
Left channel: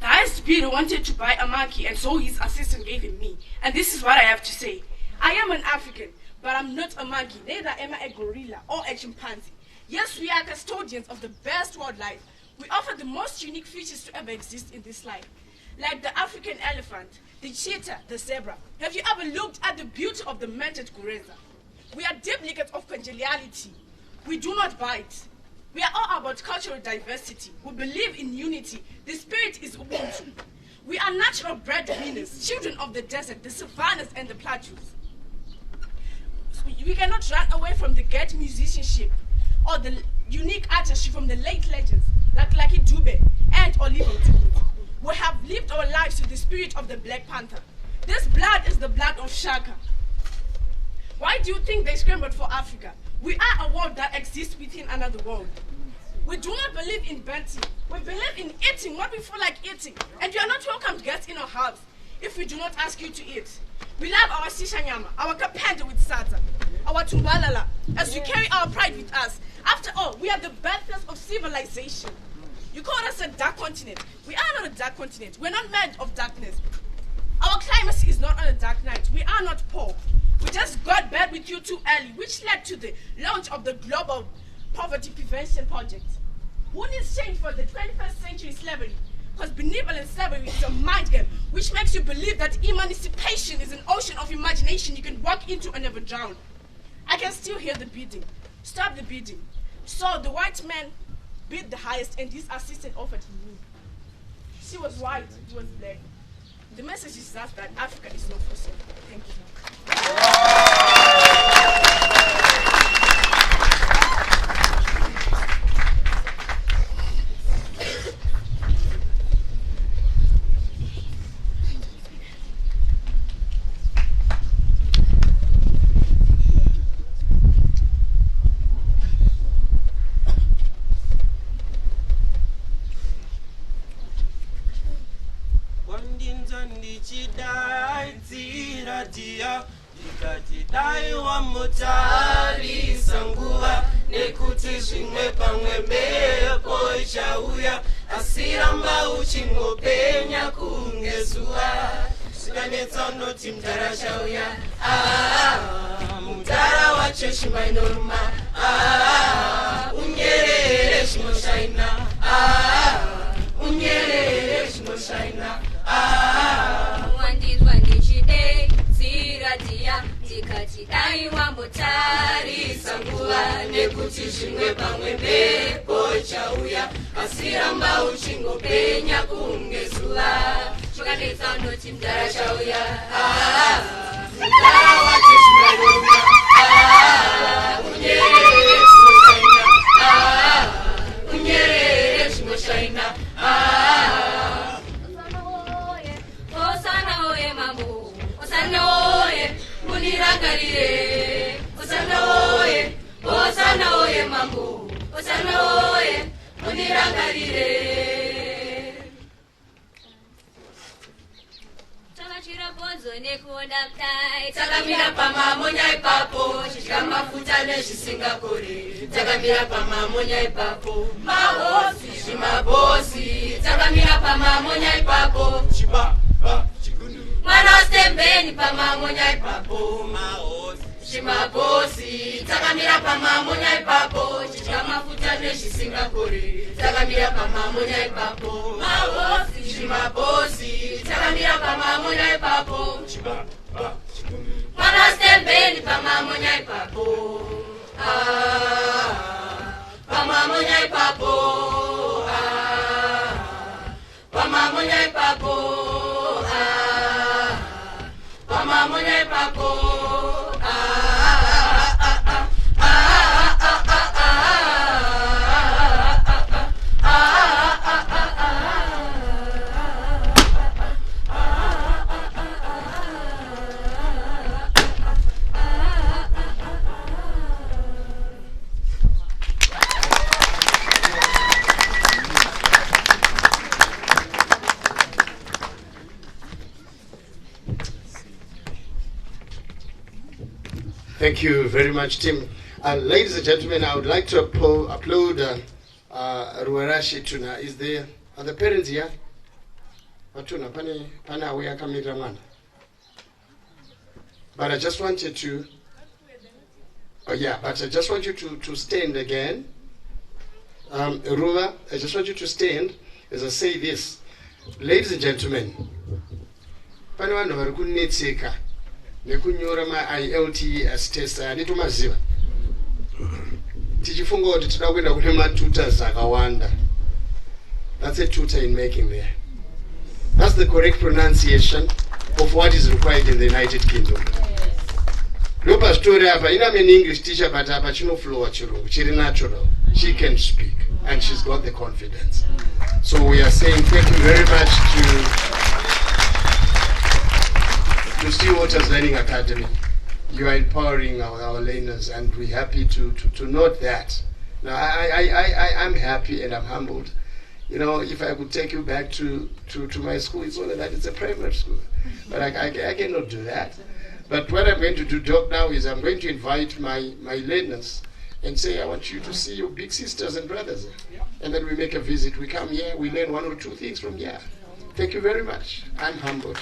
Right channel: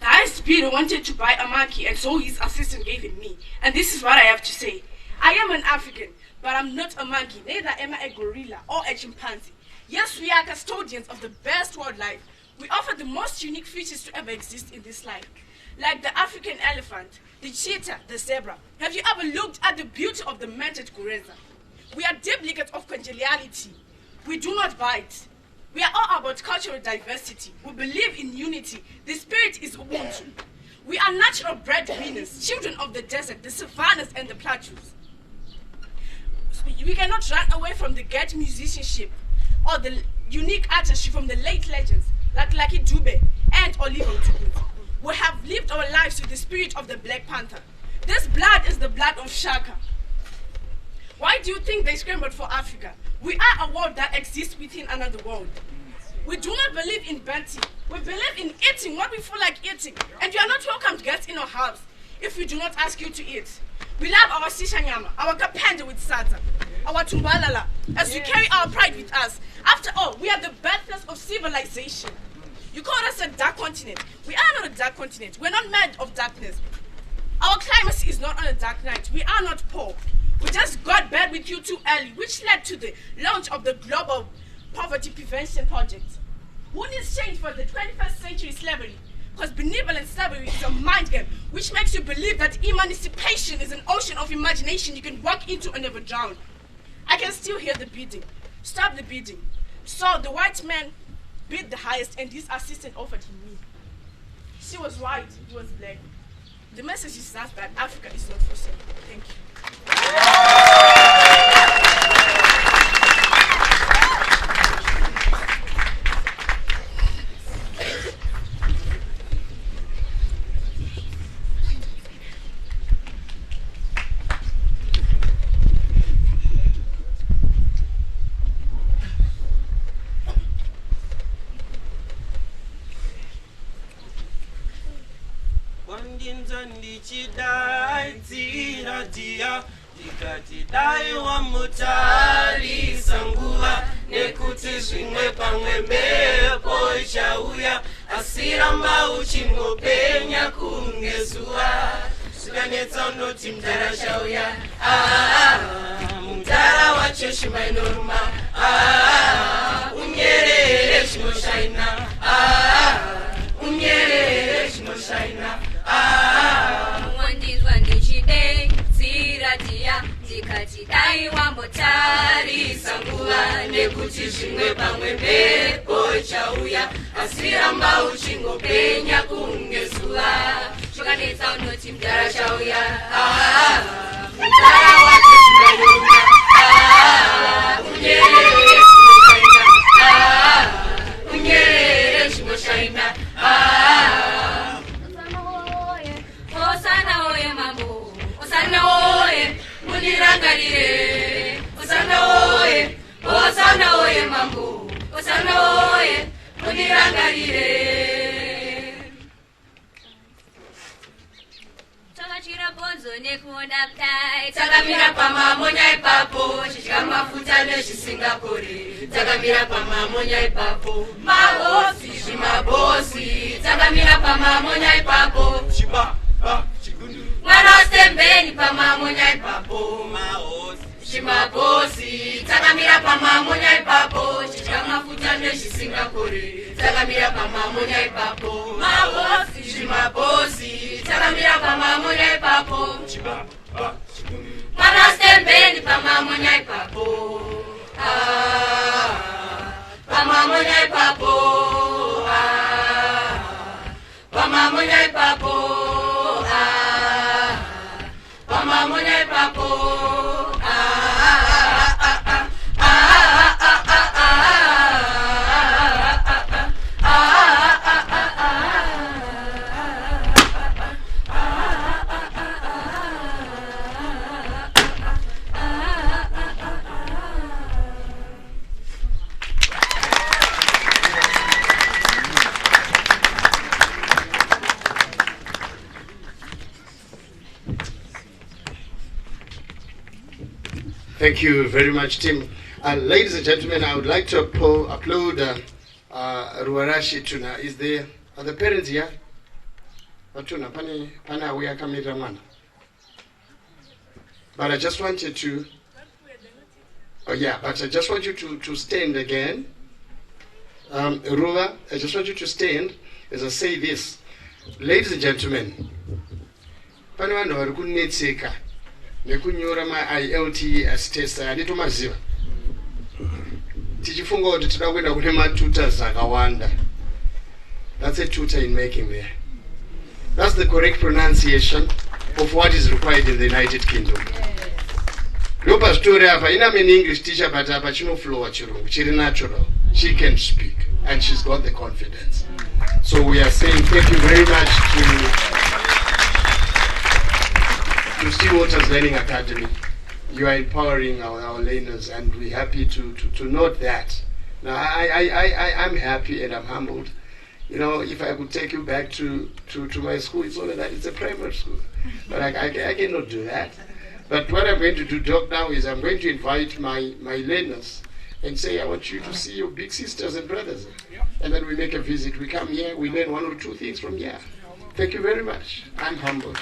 the highest bidder wanted to buy a monkey, and so his assistant gave it me. And this is what I have to say. I am an African, but I'm not a monkey, neither am I a gorilla or a chimpanzee. Yes, we are custodians of the best wildlife. We offer the most unique features to ever exist in this life, like the African elephant, the cheetah, the zebra. Have you ever looked at the beauty of the manted gorilla? We are duplicates of congeniality. We do not bite. We are all about cultural diversity. We believe in unity. The spirit is Ubuntu. We are natural breadwinners, children of the desert, the savannas, and the plateaus. We cannot run away from the great musicianship or the unique artistry from the late legends like Lucky Dube and Oliver Tambo. We have lived our lives with the spirit of the Black Panther. This blood is the blood of Shaka. Why do you think they scrambled for Africa? We are a world that exists within another world. We do not believe in banting. We believe in eating what we feel like eating. And you are not welcome to get in our house if we do not ask you to eat. We love our sishanyama, our kapende with sata, our tumbalala, as we carry our pride with us. After all, we are the birthplace of civilization. You call us a dark continent. We are not a dark continent. We're not made of darkness. Our climate is not on a dark night. We are not poor. We just got bad with you too early, which led to the launch of the Global Poverty Prevention Project. Who needs change for the 21st century slavery? Because benevolent slavery is a mind game, which makes you believe that emancipation is an ocean of imagination you can walk into and never drown. I can still hear the beating. Stop the beating. So the white man bid the highest, and his assistant offered him me. She was white, he was black. The message is that Africa is not for sale. Thank you. Dai wa mutari sanguva nekuti zvimwe pamwe mhepo ichauya asiramba uchingopenya kunge zuva zvikanetsa unoti mudhara chauya mudhara wacho shima inoruma unyerere zvinoshaina unyerere zvinoshaina wandizwa ndichide dziradziya ndikati dai wambotarisa nguva nekuti zvimwe pamwe mhepo chauya asiramba uchingopenya kunge zuva zvikanetsa unoti mudhara chauya mudhara wacho zvinoyoma unyerere zvinoshaina unyerere zvinoshaina Osana oye mambo, Osana oye, mulirangarire. Osana oye mambo, Osana oye, mulirangarire. Takachira bonzo nekuona kudai, takamira pamamonya ipapo, chichika mafuta nezvisingakori. Takamira pamamonya ipapo, mabosi, shimabosi, takamira pamamonya ipapo, mwana osembeni pamamonya ipapo shimabosi takamira pamamonya ipapo chichika mafuta nezvisingakori takamira pamamonya ipapo mabosi shimabosi takamira pamamonya ipapo mwana osembeni pamamonya ipapo pamamonya ipapo pamamonya ipapo Pamamonya ipapo Thank you very much, Tim. Ladies and gentlemen, I would like to applaud Ruarashi Tuna. Are the parents here? Tuna, pana we are coming to. But I just wanted to. But I just want you to stand again. Ruwa, I just want you to stand as I say this. Ladies and gentlemen, pana vanhu vari kunetseka nekunyora ma-IELTS test anditomaziva tichifunga kuti tida kuenda kune matutors akawanda. That's a tutor in making there. That's the correct pronunciation of what is required in the United Kingdom. Ndopa story apa, I'm an English teacher, but apa chinoflow chirungu, chiri natural. She can speak, and she's got the confidence. So we are saying thank you very much to Sea Waters Learning Academy. You are empowering our learners, and we're happy to note that. Now, I'm happy and I'm humbled. You know, if I could take you back to my school, it's only that it's a primary school. But I cannot do that. But what I'm going to do, Doc, now is I'm going to invite my learners and say, I want you to see your big sisters and brothers. And then we make a visit. We come here, we learn 1 or 2 things from here. Thank you very much. I'm humbled.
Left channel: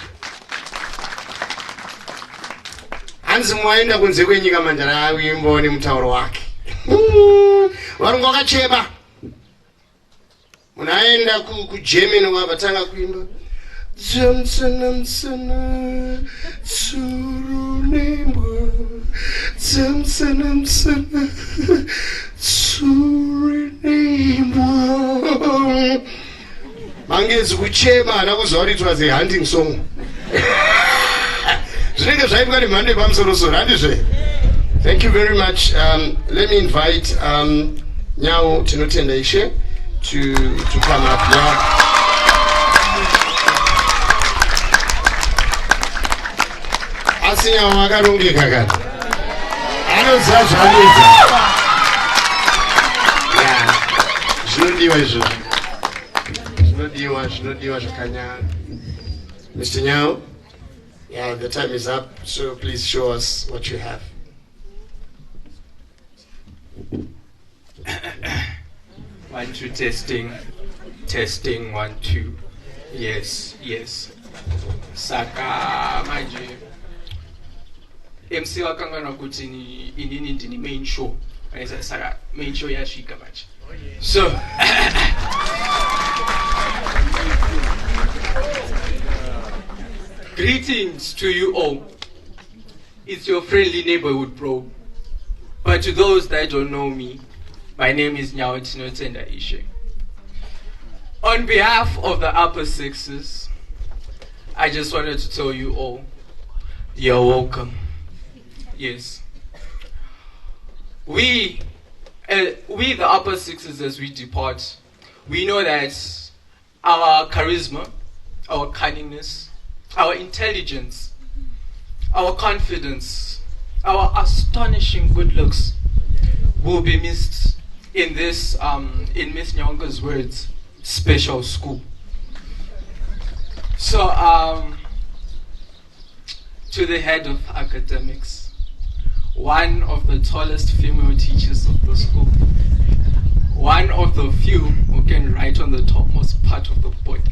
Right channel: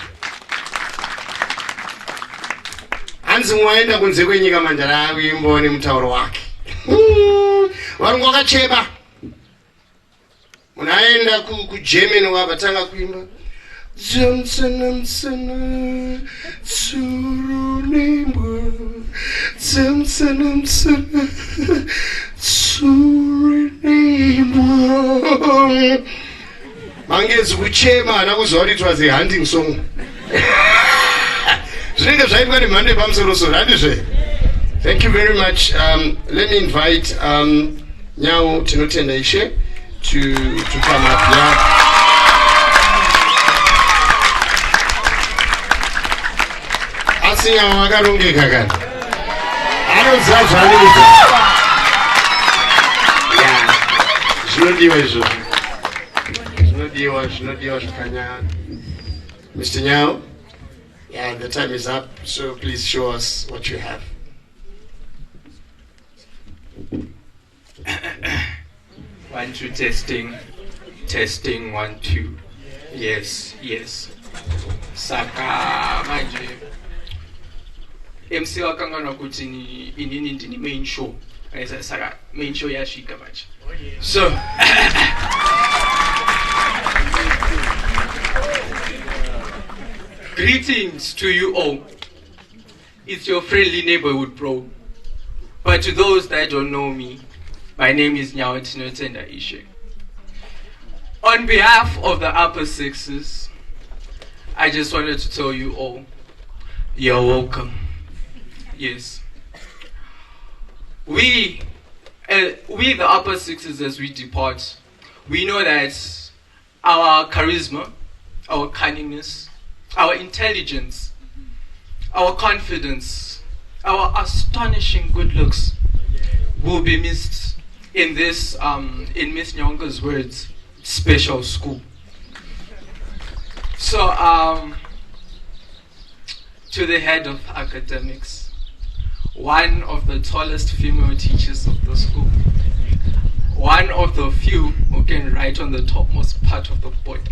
Hansi mwaenda kunze kwenyika manjara akuimboni mutauro wake. Varungu vakacheba. Munaenda kuGermany wabatanga kuimba. Zamsanamsana Tsurunemwa Zamsanamsana Tsurunemwa. Mangezi kuchema nakuzwa kuti it was a hunting song. Thank you very much. Let me invite Nyao Tinotenda Ishe to come up here. Asinya wakarungi kakani. Anozazvanuza. Zvinodiwa izvo. Zvinodiwa zvakanyanya. Mr. Nyao. Yeah, the time is up, so please show us what you have. 1, 2, testing. Testing, 1, 2. Yes. Saka manje. MC wakangana kuti inini ndini main show. Saka main show yashika manje. So greetings to you all. It's your friendly neighborhood bro. But to those that don't know me, my name is Nyao Tinotenda Ishe. On behalf of the upper sixes, I just wanted to tell you all, you're welcome. Yes. We the upper sixes, as we depart, we know that our charisma, our cunningness, our intelligence, our confidence, our astonishing good looks will be missed in this, in Miss Nyonga's words, special school. So, to the head of academics, one of the tallest female teachers of the school, one of the few who can write on the topmost part of the board,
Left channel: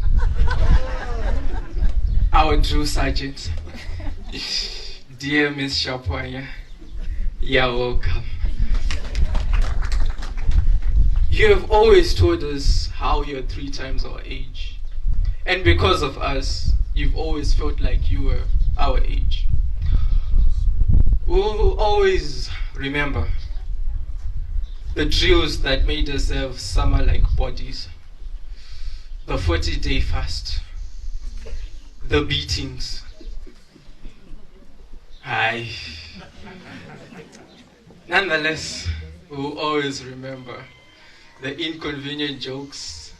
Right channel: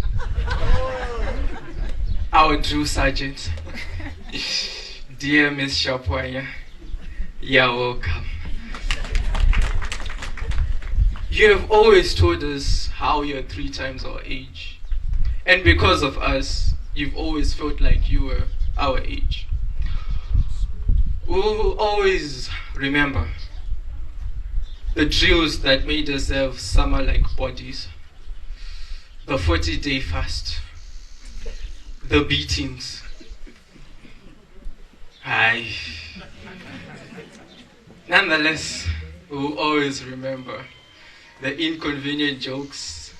our drill sergeant, dear Miss Shapwanya, you're welcome. You have always told us how you're 3 times our age. And because of us, you've always felt like you were our age. We will always remember the drills that made us have summer-like bodies, the 40-day fast, the beatings. Nonetheless, we will always remember the inconvenient jokes,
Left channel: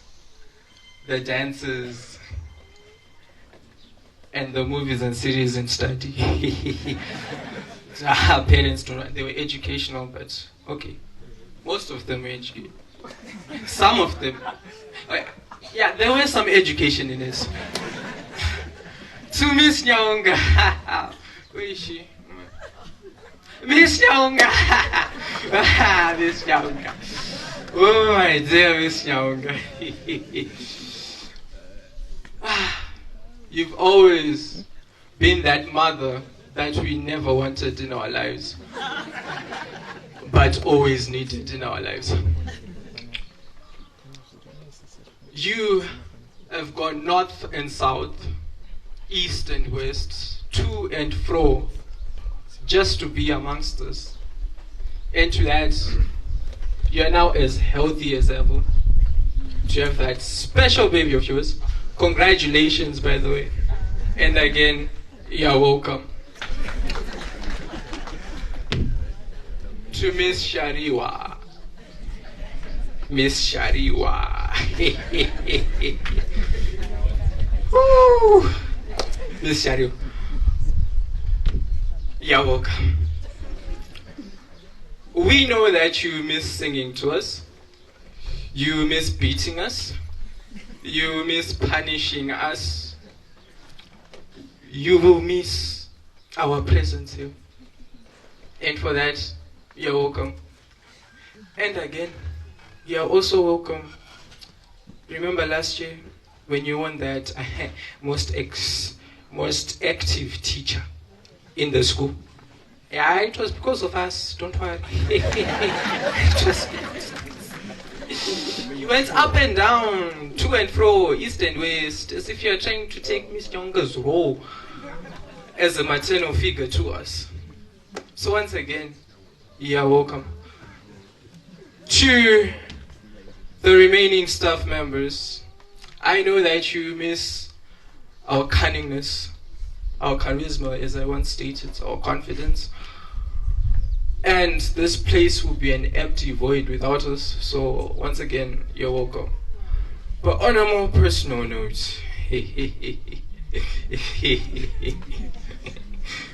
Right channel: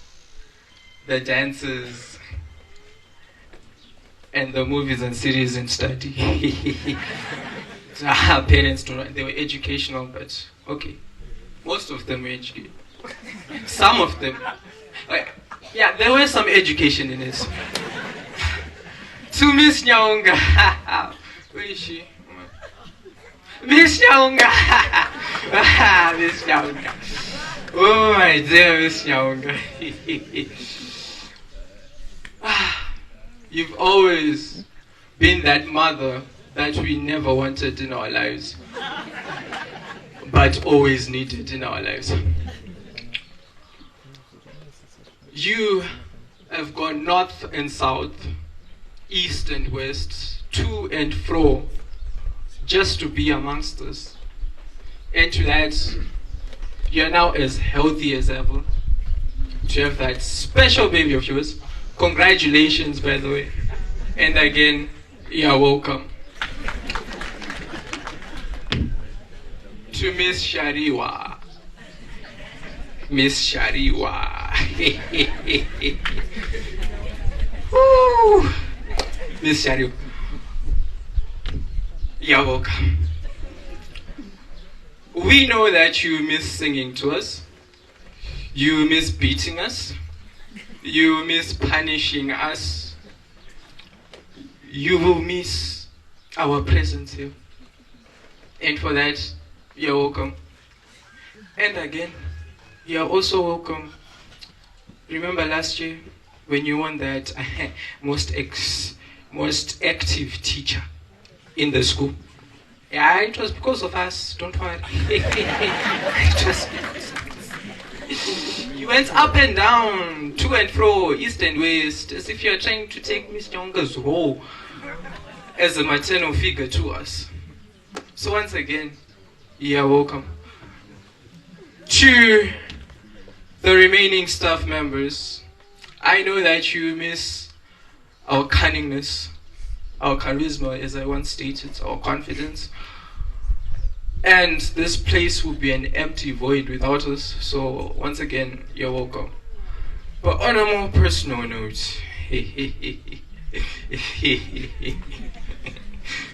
the dances, and the movies and series in study. Our parents don't know, they were educational, but okay. Most of them were educated. Some of them, yeah, there was some education in this. To Miss Nyaunga, where is she? Miss Nyaunga, Miss Nyaunga. Oh my dear Miss Nyaunga. You've always been that mother that we never wanted in our lives, but always needed in our lives. You have gone north and south, east and west, to and fro, just to be amongst us. And to that, you are now as healthy as ever. To have that special baby of yours. Congratulations, by the way. And again, you are welcome. to Miss Shariwa. Miss Shariwa. Woo. Miss Shariwa. You're welcome. We know that you miss singing to us. You miss beating us. You miss punishing us. You will miss our presence here. And for that, you're welcome. And again, you're also welcome. Remember last year when you won that most active teacher in the school? Yeah, it was because of us, don't worry. It was because of us. You went up and down, to and fro, east and west, as if you're trying to take Miss Nyonga's role as a maternal figure to us. So once again, you're welcome. To the remaining staff members, I know that you miss our cunningness, our charisma, as I once stated, our confidence. And this place will be an empty void without us. So once again, you're welcome. But on a more personal note,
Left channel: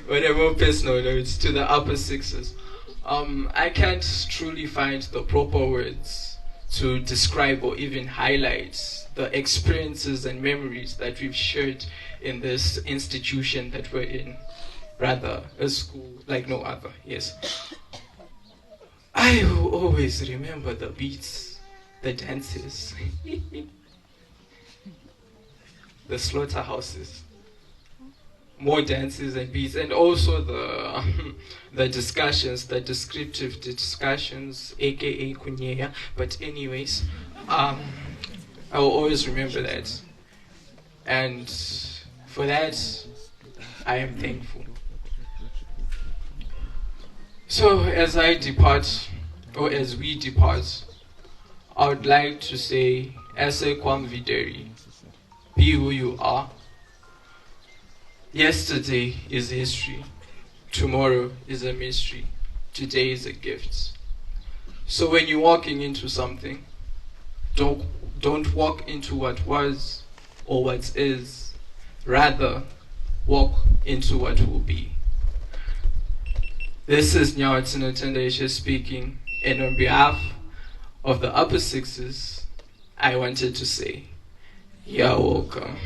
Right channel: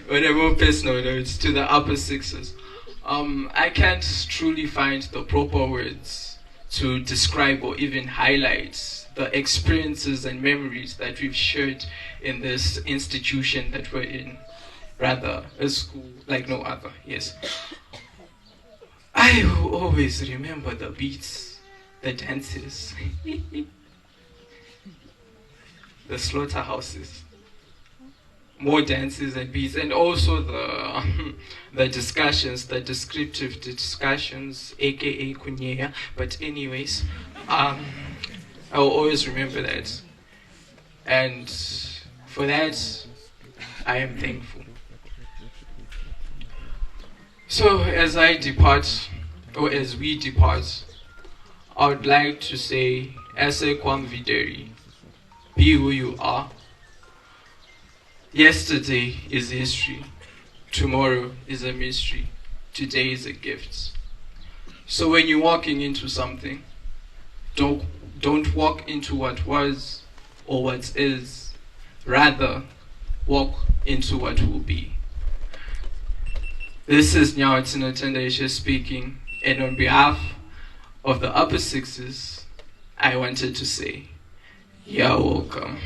on a more personal note, to the upper sixes, I can't truly find the proper words to describe or even highlight the experiences and memories that we've shared in this institution that we're in, rather a school like no other. Yes, I will always remember the beats, the dances, the slaughterhouses, more dances and beats, and also the discussions, the descriptive discussions, aka kunyeya. But anyways, I will always remember that, and for that I am thankful. So as I depart, or as we depart, I would like to say, Ese Kwam Videri, be who you are. Yesterday is history. Tomorrow is a mystery. Today is a gift. So when you're walking into something, don't walk into what was or what is. Rather, walk into what will be. This is Nyawatsina Tendesha speaking, and on behalf of the upper sixes, I wanted to say, you're welcome.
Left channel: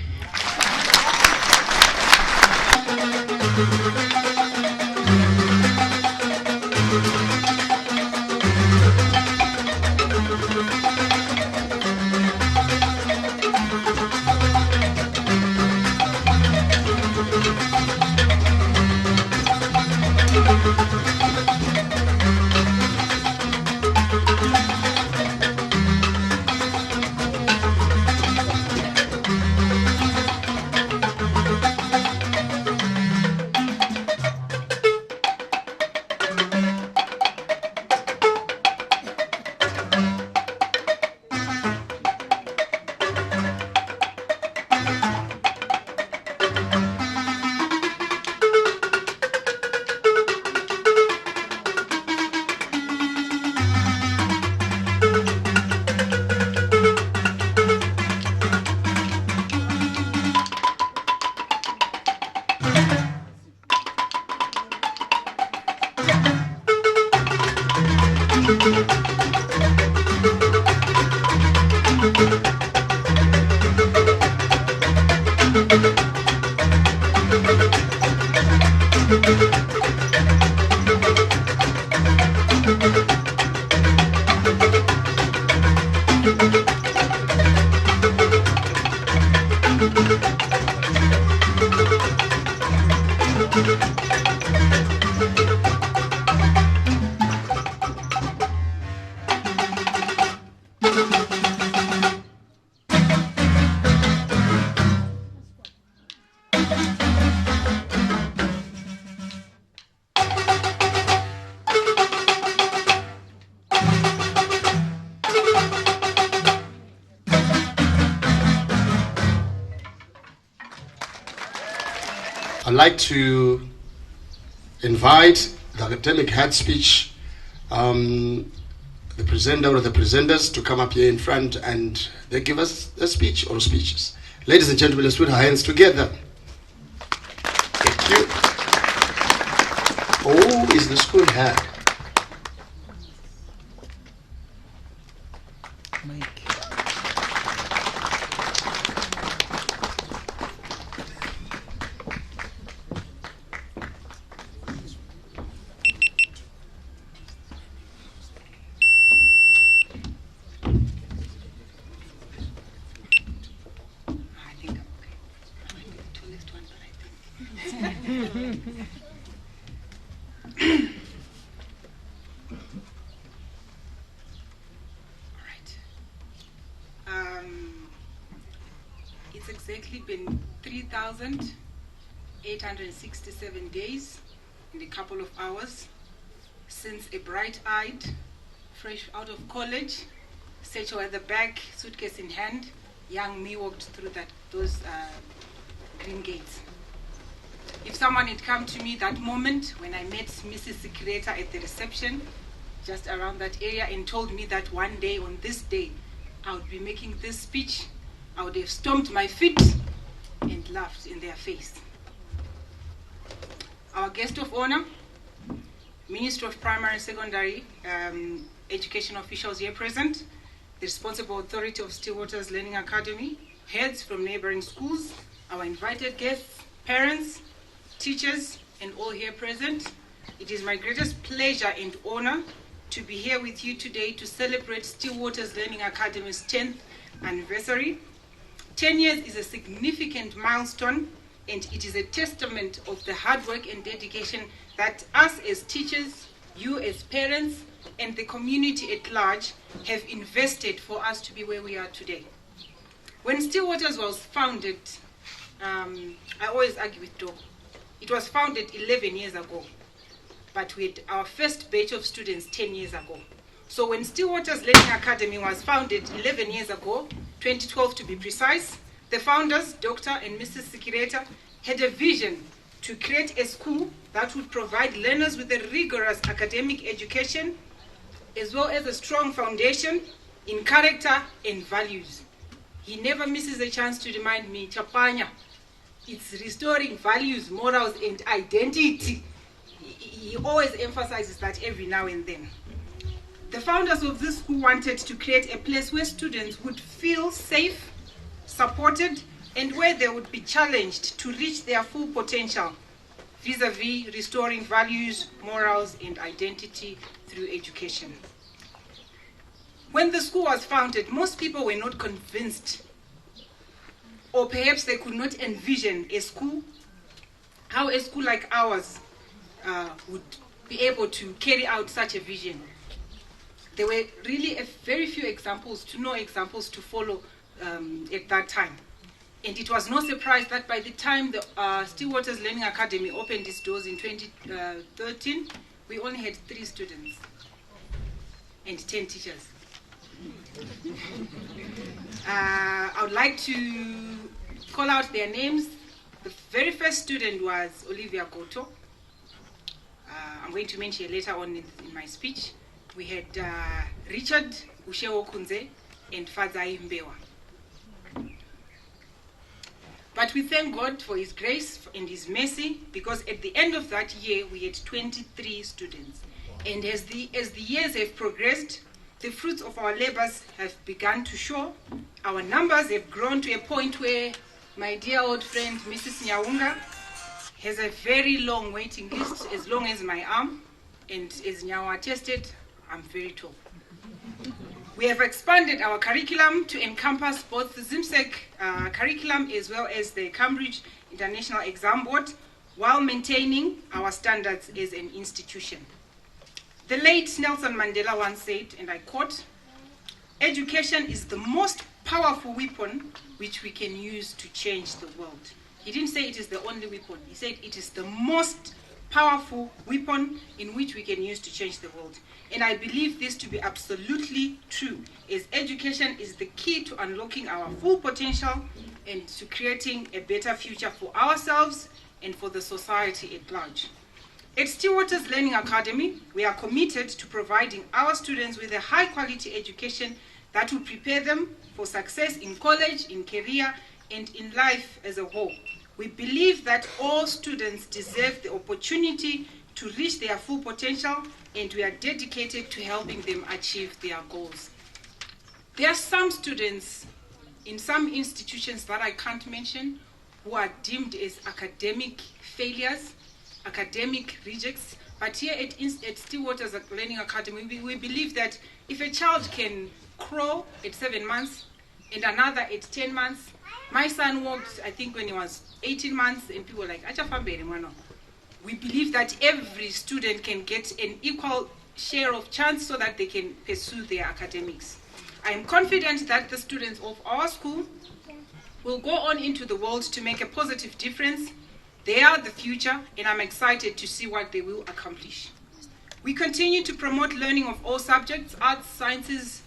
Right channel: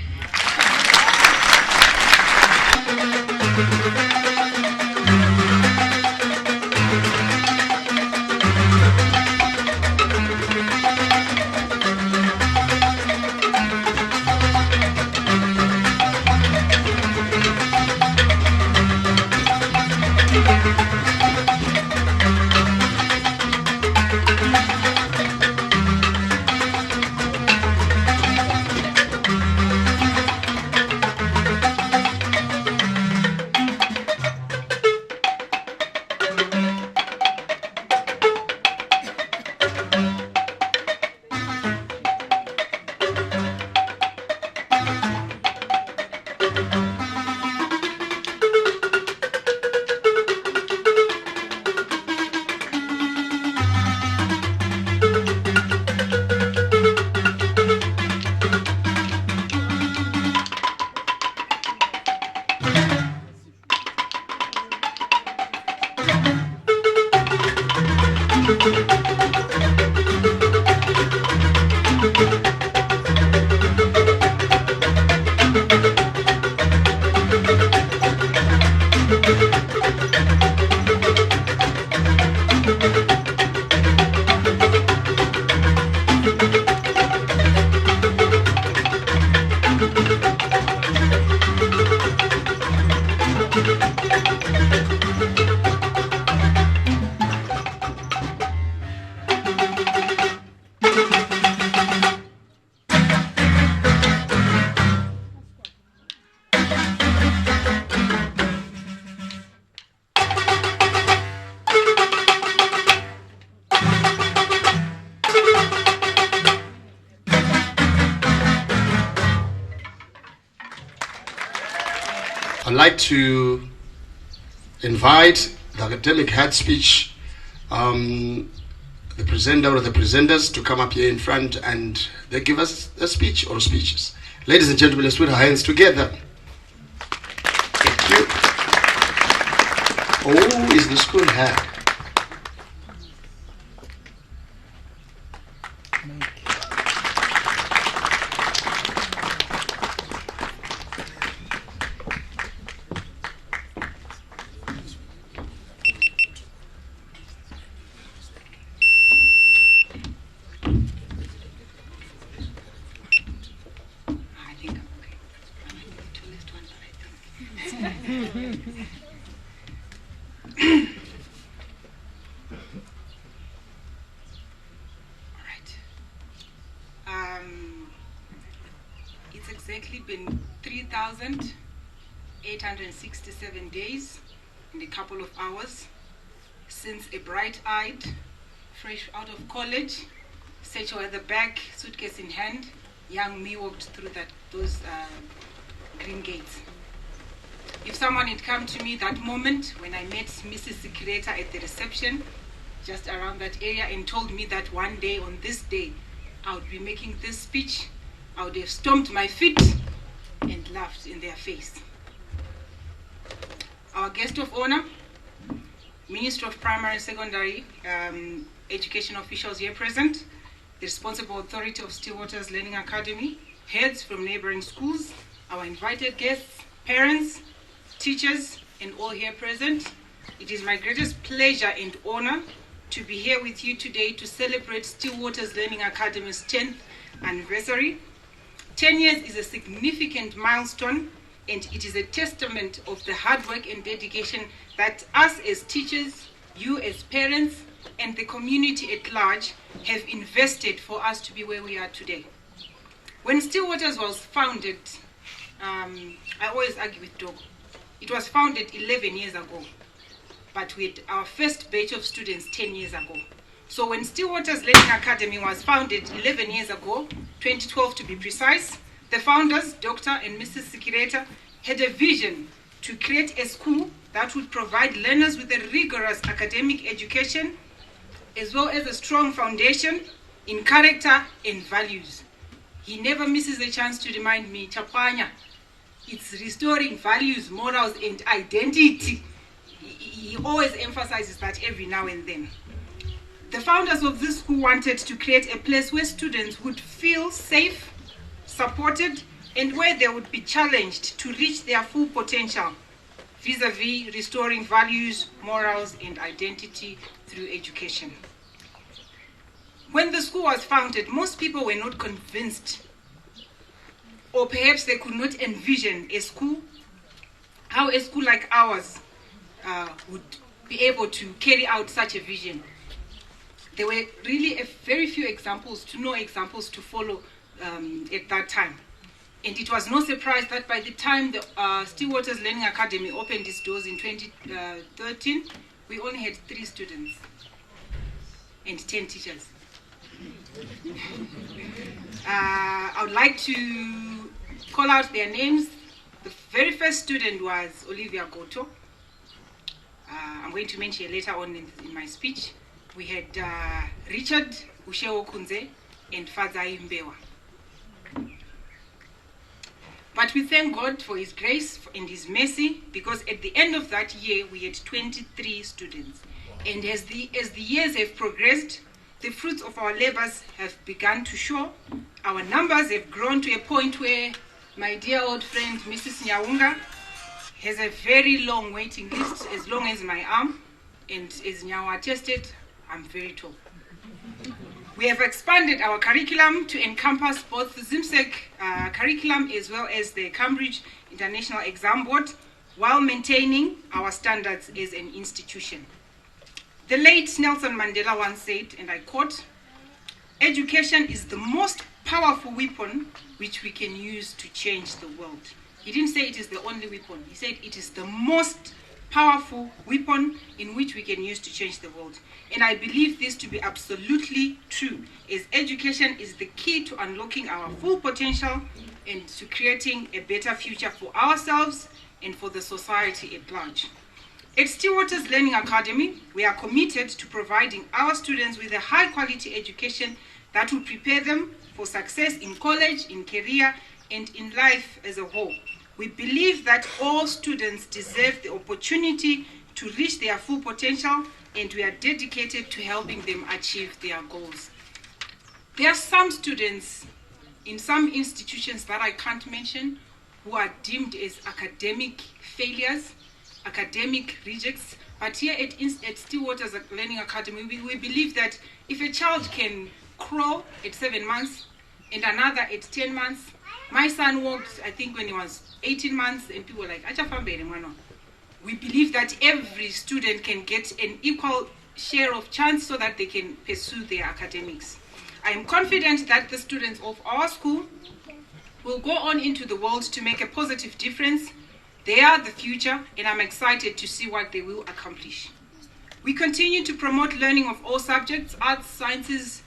I'd like to invite the academic head speech the presenter or the presenters to come up here in front and they give us a speech or speeches. Ladies and gentlemen, let's put our hands together. Thank you. Oh, is the school here? It's exactly been 3,867 days and a couple of hours since a bright-eyed, fresh out of college, satchel at the back, suitcase in hand, young me walked through those green gates. If someone had come to me that moment when I met Mrs. Sikireta at the reception, just around that area, and told me that one day on this day I would be making this speech, I would have stomped my feet and laughed in their face. Our guest of honor, Minister of Primary and Secondary Education officials here present, the responsible authority of Stillwater's Learning Academy, heads from neighboring schools, our invited guests, parents, teachers, and all here present. It is my greatest pleasure and honor to be here with you today to celebrate Stillwater's Learning Academy's 10th anniversary. 10 years is a significant milestone, and it is a testament of the hard work and dedication that us as teachers, you as parents, and the community at large have invested for us to be where we are today. When Stillwater's was founded, I always argue with Dogo, it was founded 11 years ago, but we had our first batch of students 10 years ago. So when Stillwater's Learning Academy was founded 11 years ago, 2012 to be precise, the founders, Dr. and Mrs. Sikireta, had a vision to create a school that would provide learners with a rigorous academic education, as well as a strong foundation in character and values. He never misses a chance to remind me, Chapanya, it's restoring values, morals, and identity. He always emphasizes that every now and then. The founders of this school wanted to create a place where students would feel safe, supported, and where they would be challenged to reach their full potential, vis-a-vis restoring values, morals, and identity through education. When the school was founded, most people were not convinced, or perhaps they could not envision how a school like ours would be able to carry out such a vision. There were really very few examples to follow at that time. And it was no surprise that by the time the Stillwater's Learning Academy opened its doors in 2013, we only had 3 students and 10 teachers. I would like to call out their names. The very first student was Olivia Goto. I'm going to mention it later on in my speech. We had Richard Usheo Kunze and Fazai Mbewa. But we thank God for His grace and His mercy, because at the end of that year we had 23 students. And as the years have progressed, the fruits of our labors have begun to show. Our numbers have grown to a point where my dear old friend Mrs. Nyaunga has a very long waiting list, as long as my arm, and as Nyawa attested, I'm very tall. We have expanded our curriculum to encompass both the ZIMSEC curriculum as well as the Cambridge International Exam Board, while maintaining our standards as an institution. The late Nelson Mandela once said, and I quote, "Education is the most powerful weapon which we can use to change the world." He didn't say it is the only weapon. He said it is the most powerful weapon in which we can use to change the world. And I believe this to be absolutely true, as education is the key to unlocking our full potential and to creating a better future for ourselves and for the society at large. At Stillwaters Learning Academy, we are committed to providing our students with a high-quality education that will prepare them for success in college, in career, and in life as a whole. We believe that all students deserve the opportunity to reach their full potential, and we are dedicated to helping them achieve their goals. There are some students in some institutions that I can't mention who are deemed as academic failures, academic rejects, but here at Stillwaters Learning Academy, we believe that if a child can crawl at 7 months and another at 10 months, my son walked, I think, when he was 18 months, and people were like, we believe that every student can get an equal share of chance so that they can pursue their academics. I am confident that the students of our school will go on into the world to make a positive difference. They are the future, and I'm excited to see what they will accomplish. We continue to promote learning of all subjects, arts, sciences,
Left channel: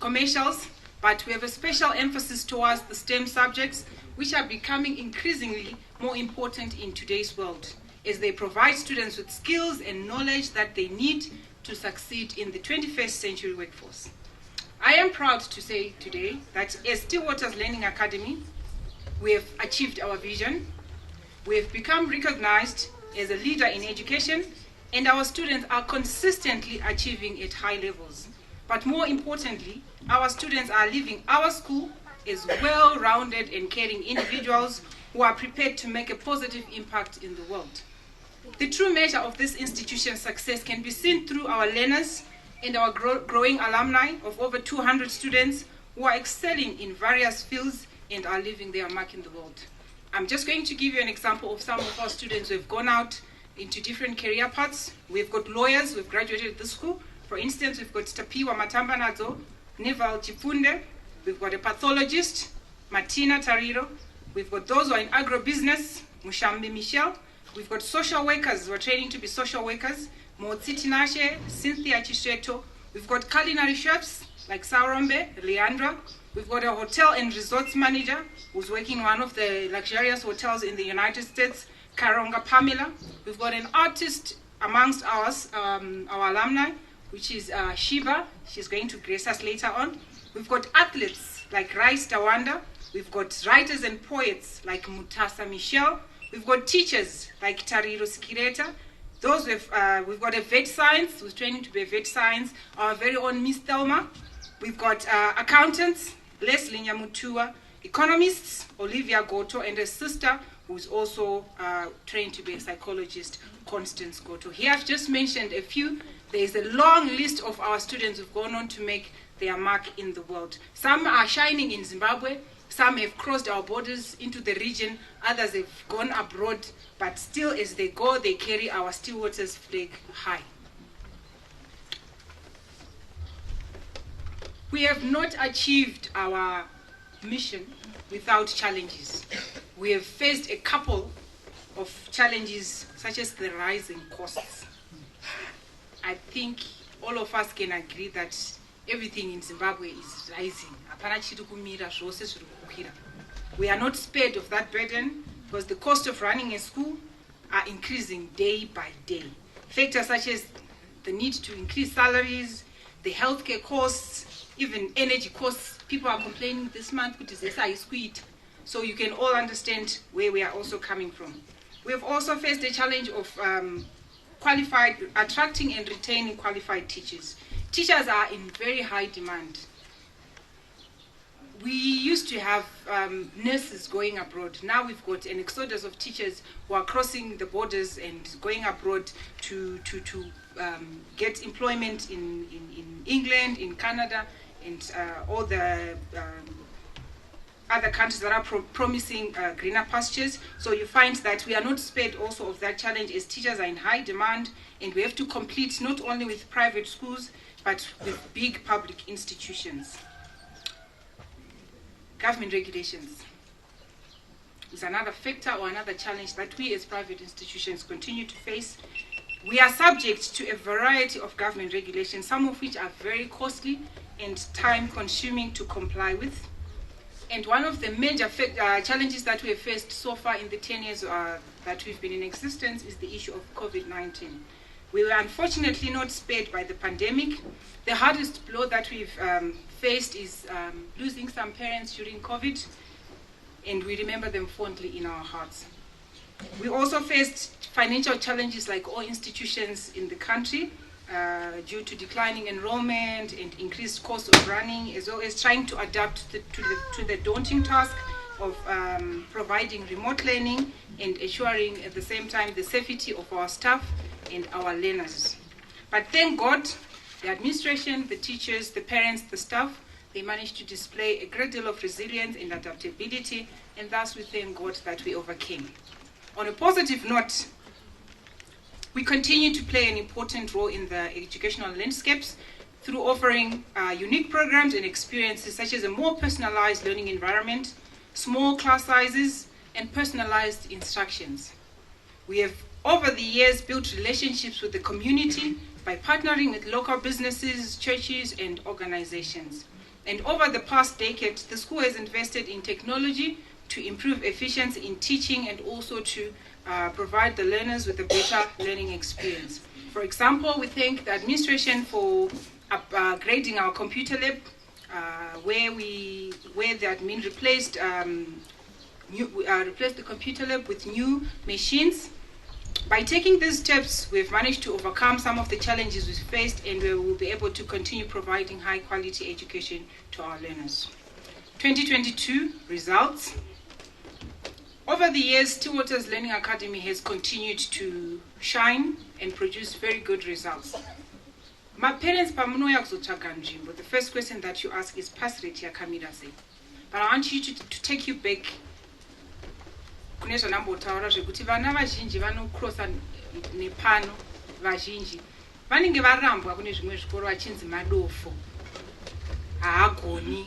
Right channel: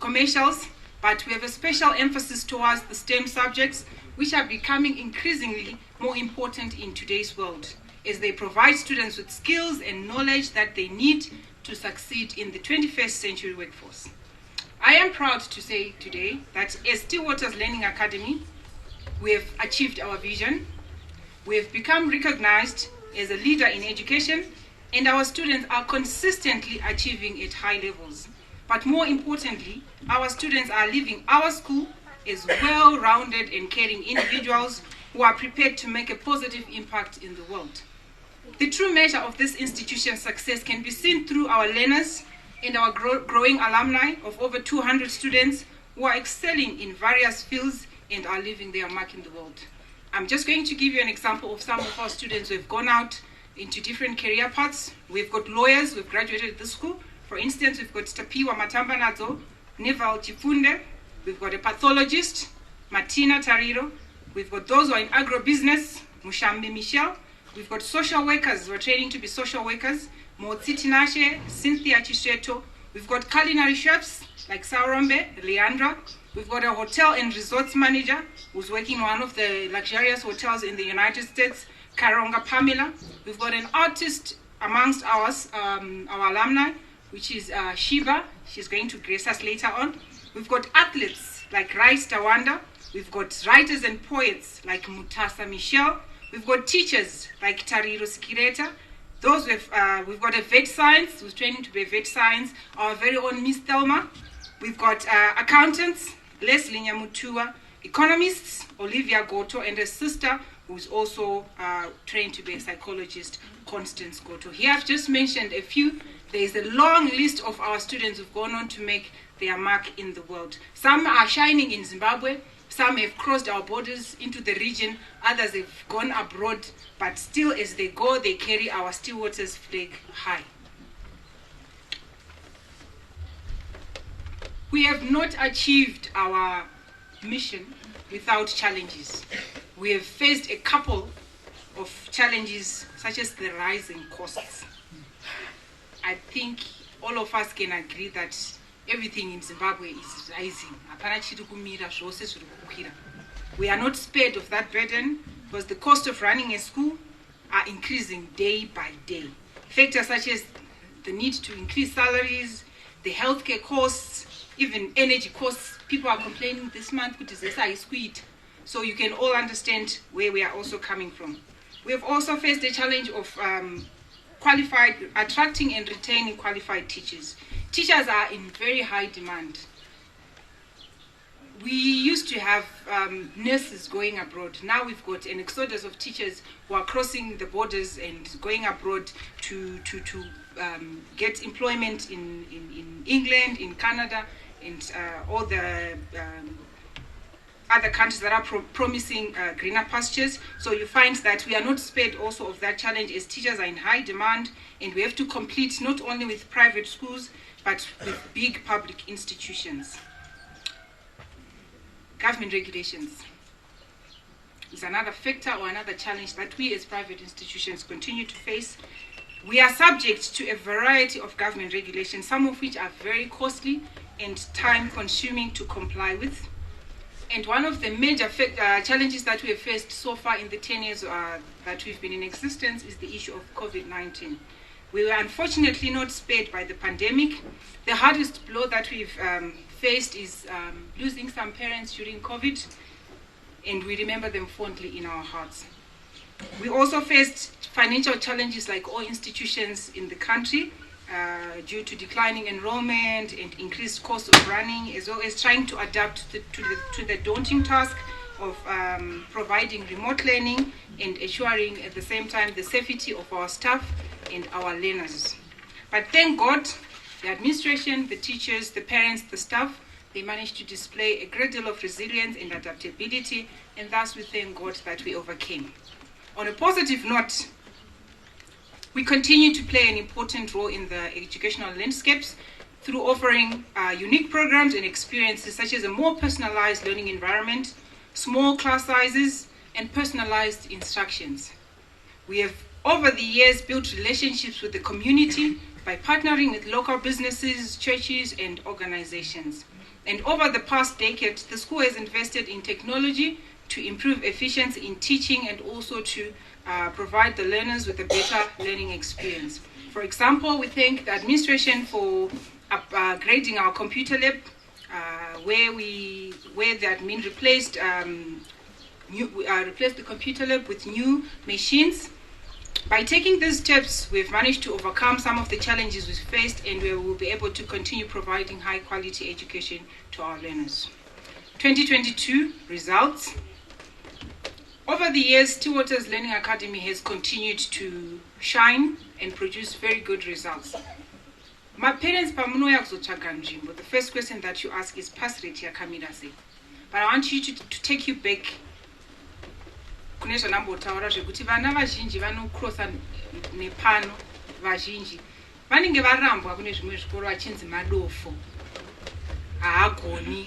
commercials, but we have a special emphasis towards the STEM subjects, which are becoming increasingly more important in today's world, as they provide students with skills and knowledge that they need to succeed in the 21st century workforce. I am proud to say today that as Stillwaters Learning Academy, we have achieved our vision. We have become recognized as a leader in education, and our students are consistently achieving at high levels. But more importantly, our students are leaving our school as well-rounded and caring individuals who are prepared to make a positive impact in the world. The true measure of this institution's success can be seen through our learners and our growing alumni of over 200 students who are excelling in various fields and are leaving their mark in the world. I'm just going to give you an example of some of our students who have gone out into different career paths. We've got lawyers who have graduated at this school. For instance, we've got Tapiwa Matambanadzo, Neval Chifunde. We've got a pathologist, Martina Tariro. We've got those who are in agribusiness, Mushambi Michelle. We've got social workers who are training to be social workers, Motsi Tinashe, Cynthia Chisheto. We've got culinary chefs like Saurombe, Leandra. We've got a hotel and resorts manager who's working in one of the luxurious hotels in the United States, Karonga Pamela. We've got an artist amongst our alumni, which is Shiva. She's going to grace us later on. We've got athletes like Rice Tawanda. We've got writers and poets like Mutasa Michelle. We've got teachers like Tariro Sikireta. Those we've got a vet science who's training to be a vet science, our very own Miss Thelma. We've got accountants, Leslie Nyamutua, economists, Olivia Goto, and a sister who's also trained to be a psychologist, Constance Goto. Here I've just mentioned a few. There is a long list of our students who've gone on to make their mark in the world. Some are shining in Zimbabwe, some have crossed our borders into the region, others have gone abroad, but still as they go, they carry our Stillwaters flag high. We have not achieved our mission without challenges. We have faced a couple of challenges, such as the rise in costs. I think all of us can agree that everything in Zimbabwe is rising. We are not spared of that burden because the cost of running a school are increasing day by day. Factors such as the need to increase salaries, the healthcare costs, even energy costs. People are complaining this month, so you can all understand where we are also coming from. We have also faced the challenge of attracting and retaining qualified teachers. Teachers are in very high demand. We used to have nurses going abroad. Now we've got an exodus of teachers who are crossing the borders and going abroad to get employment in England, in Canada, and all the other countries that are promising greener pastures. So you find that we are not spared also of that challenge, as teachers are in high demand, and we have to compete not only with private schools, but with big public institutions. Government regulations is another factor or another challenge that we as private institutions continue to face. We are subject to a variety of government regulations, some of which are very costly and time-consuming to comply with. And one of the major challenges that we have faced so far in the 10 years that we've been in existence is the issue of COVID-19. We were unfortunately not spared by the pandemic. The hardest blow that we've faced is losing some parents during COVID, and we remember them fondly in our hearts. We also faced financial challenges like all institutions in the country due to declining enrollment and increased cost of running, as well as trying to adapt to the daunting task of providing remote learning and ensuring at the same time the safety of our staff and our learners. But thank God, the administration, the teachers, the parents, the staff, they managed to display a great deal of resilience and adaptability, and thus we thank God that we overcame. On a positive note, we continue to play an important role in the educational landscapes through offering unique programs and experiences such as a more personalized learning environment, small class sizes, and personalized instructions. We have, over the years, built relationships with the community by partnering with local businesses, churches, and organizations. And over the past decade, the school has invested in technology to improve efficiency in teaching and also to provide the learners with a better learning experience. For example, we thank the administration for upgrading our computer lab, where the admin replaced the computer lab with new machines. By taking these steps, we've managed to overcome some of the challenges we've faced, and we will be able to continue providing high quality education to our learners. 2022 results. Over the years, Stillwaters Learning Academy has continued to shine and produce very good results. My parents, the first question that you ask is pass rate yakamira sei. But I want you to take you back. Kunesha nambotaura zvekuti vana vazhinji vanocrossa nepano vazhinji vanenge varambwa kune zvimwe zvikoro vachinzi madofo haagoni,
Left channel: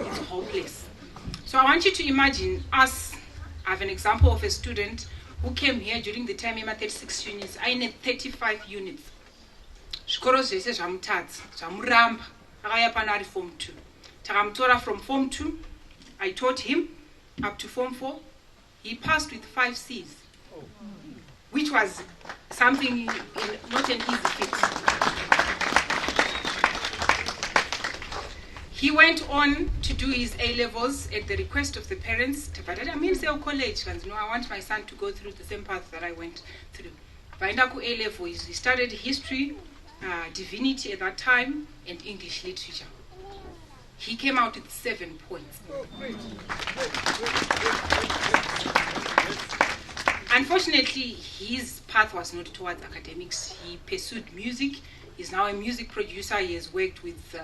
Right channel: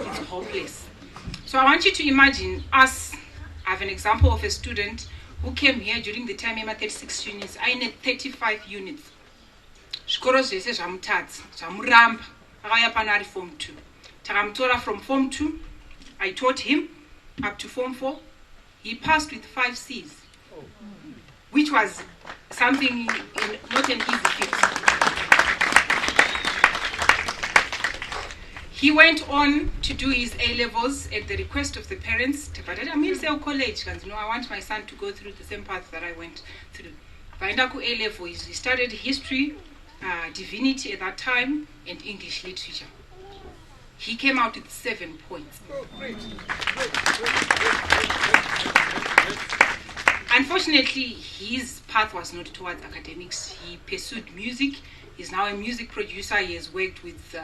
it's hopeless. So I want you to imagine us. I have an example of a student who came here during the time of 36 units. I need 35 units. Zvikoro zvese zvamutadzi zvamuramba akaya pano ari form 2. Takamutora from form 2. I taught him up to form 4. He passed with 5 C's, which was something, not an easy feat. He went on to do his A-levels at the request of the parents. But I mean, say college, and I want my son to go through the same path that I went through. Vaendaku A-level, he studied history, divinity at that time, and English literature. He came out with 7 points. Unfortunately, his path was not towards academics. He pursued music. He's now a music producer. He has worked with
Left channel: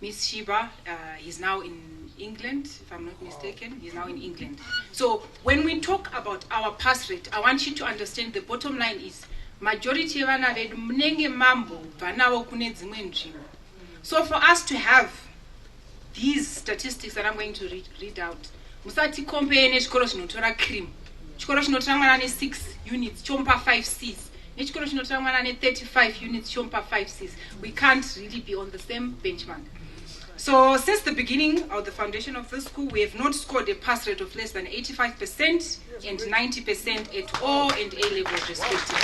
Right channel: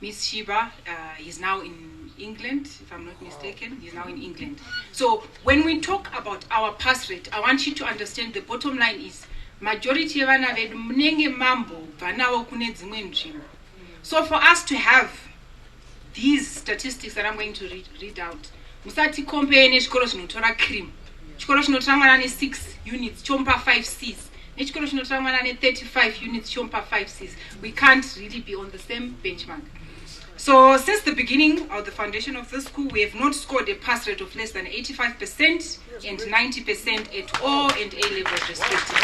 Miss Shiba. He's now in England, if I'm not mistaken. He's now in England. So when we talk about our pass rate, I want you to understand the bottom line is majority of vana vedu munenge mambo vanawo kune dzimwe nzvimbo. So for us to have these statistics that I'm going to read out, musati compare nechikoro chinotora cream. Chikoro chinotora mwana ne 6 units chompa 5 C's. Nechikoro chinotora mwana ne 35 units chompa 5 C's. We can't really be on the same benchmark. So since the beginning of the foundation of the school, we have not scored a pass rate of less than 85% and 90% at all and A levels respectively.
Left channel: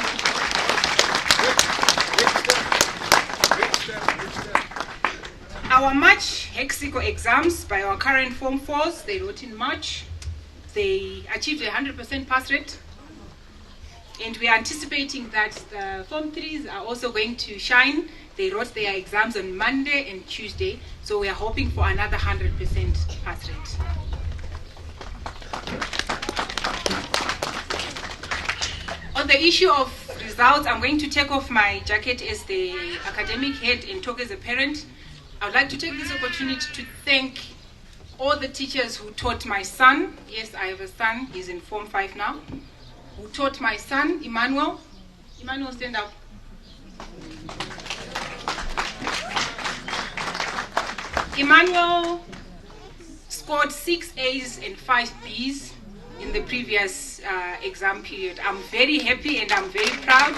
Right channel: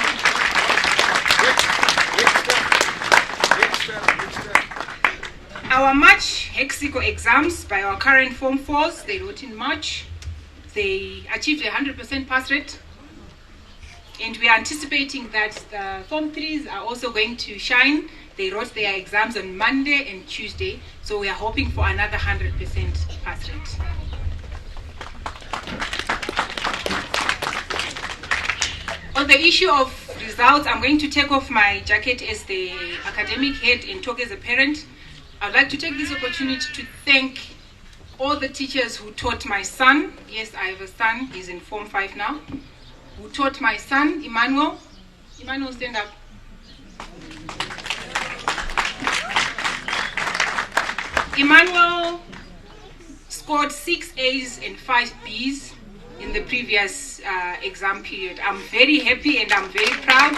Our March Hexico exams by our current Form 4s, they wrote in March. They achieved a 100% pass rate. And we are anticipating that the Form 3s are also going to shine. They wrote their exams on Monday and Tuesday. So we are hoping for another 100% pass rate. On the issue of results, I'm going to take off my jacket as the academic head and talk as a parent. I'd like to take this opportunity to thank all the teachers who taught my son. Yes, I have a son, he's in Form 5 now. Who taught my son, Emmanuel. Emmanuel, stand up. Emmanuel scored 6 A's and 5 B's in the previous exam period. I'm very happy and I'm very proud.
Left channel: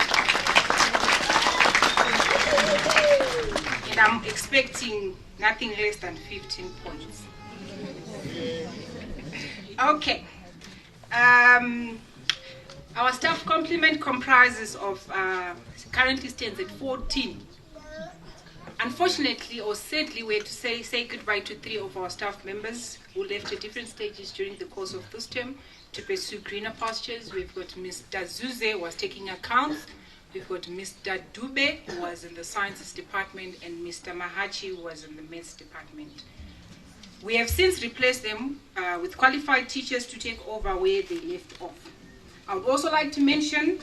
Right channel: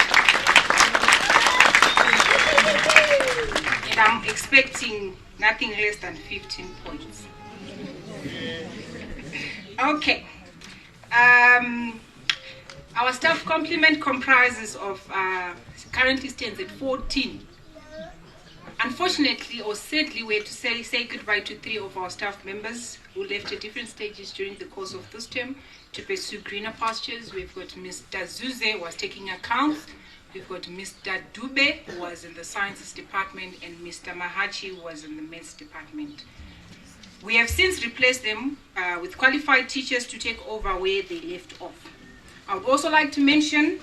And I'm expecting nothing less than 15 points. Okay. Our staff complement comprises of, currently stands at 14. Unfortunately, or sadly, we have to say goodbye to 3 of our staff members who left at different stages during the course of this term to pursue greener pastures. We've got Mr. Zuze, who was taking accounts. We've got Mr. Dube, who was in the sciences department, and Mr. Mahachi, who was in the maths department. We have since replaced them with qualified teachers to take over where they left off. I would also like to mention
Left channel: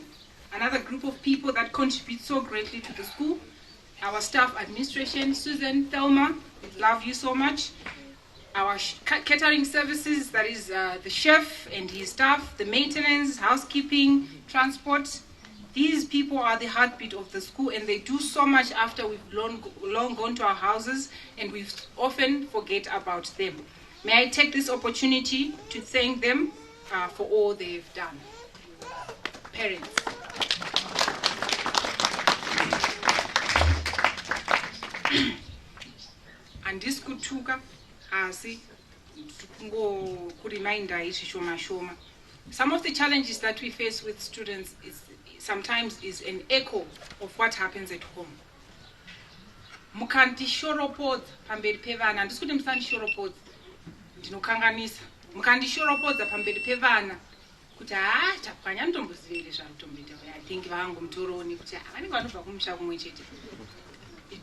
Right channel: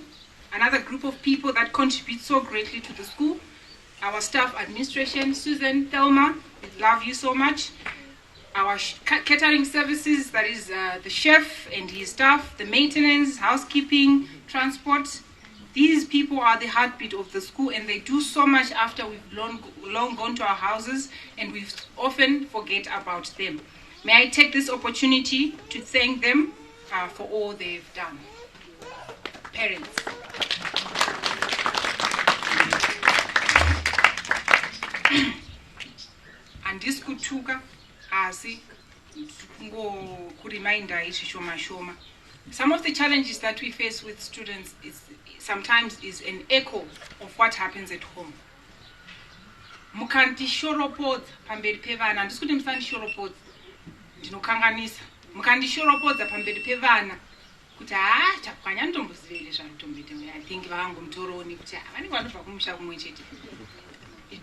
another group of people that contribute so greatly to the school. Our staff administration, Susan, Thelma, we love you so much. Our catering services, that is the chef and his staff, the maintenance, housekeeping, transport. These people are the heartbeat of the school, and they do so much after we've long gone to our houses, and we often forget about them. May I take this opportunity to thank them for all they've done. Parents. Andiskutuka asi kureminder shoma. Some of the challenges that we face with students sometimes is an echo of what happens at home. Mukandishoropodza pamberi pevana, andisikuti musandishoropodza, ndinokanganisa. Mukandishoropodza pamberi pevana kuti tapwanya ndombozivere zvamutomboita. I think vangomutoroni kuti vanenge vanobva kumusha kumwe chete.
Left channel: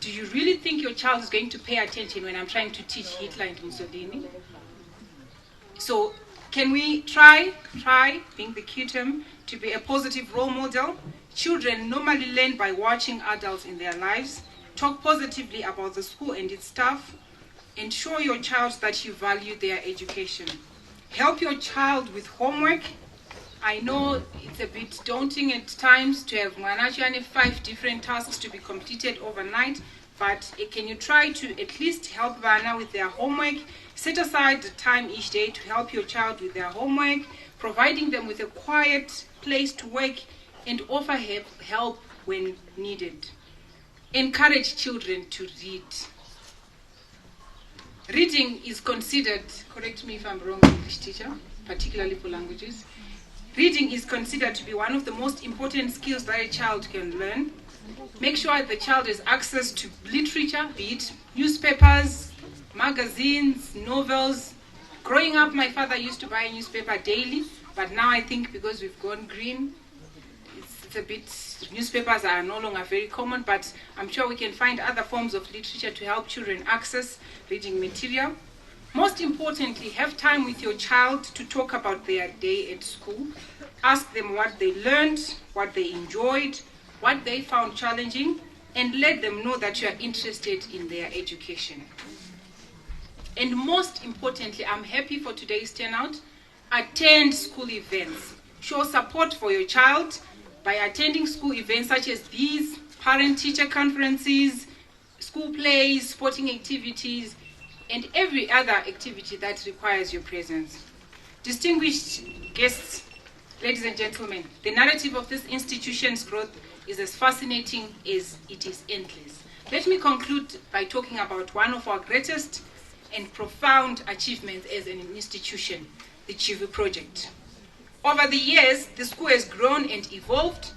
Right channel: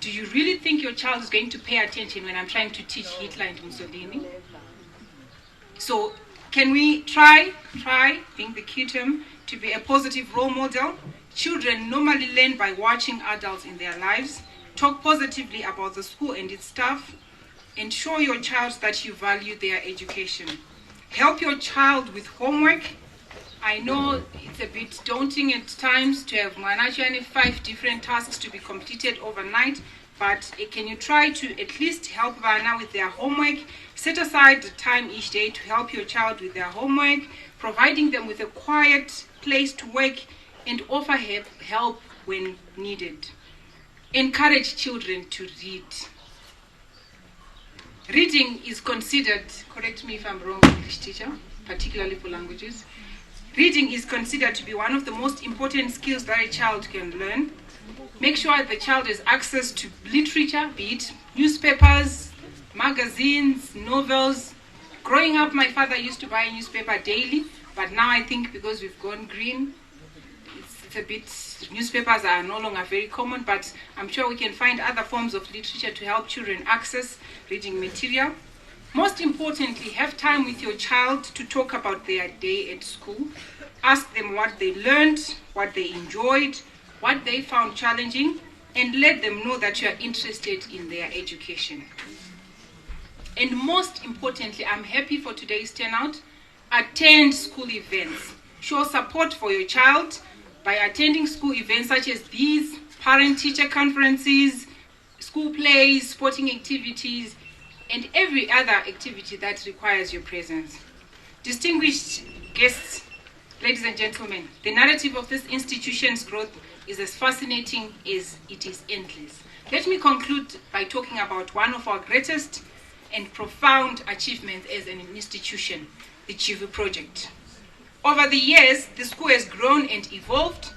Do you really think your child is going to pay attention when I'm trying to teach Hitler and Mussolini? So can we try being the QTEM to be a positive role model? Children normally learn by watching adults in their lives. Talk positively about the school and its staff. Ensure your child that you value their education. Help your child with homework. I know it's a bit daunting at times to have 5 different tasks to be completed overnight, but can you try to at least help Vana with their homework? Set aside the time each day to help your child with their homework, providing them with a quiet place to work, and offer help when needed. Encourage children to read. Reading is considered, correct me if I'm wrong, English teacher, particularly for languages. Reading is considered to be one of the most important skills that a child can learn. Make sure the child has access to literature, be it newspapers, magazines, novels. Growing up, my father used to buy a newspaper daily, but now I think because we've gone green, it's a bit, newspapers are no longer very common, but I'm sure we can find other forms of literature to help children access reading material. Most importantly, have time with your child to talk about their day at school. Ask them what they learned, what they enjoyed, what they found challenging, and let them know that you are interested in their education. And most importantly, I'm happy for today's turnout. Attend school events. Show support for your child by attending school events such as these, parent-teacher conferences, school plays, sporting activities, and every other activity that requires your presence. Distinguished guests, ladies and gentlemen, the narrative of this institution's growth is as fascinating as it is endless. Let me conclude by talking about one of our greatest and profound achievements as an institution, the Chivu Project. Over the years, the school has grown and evolved,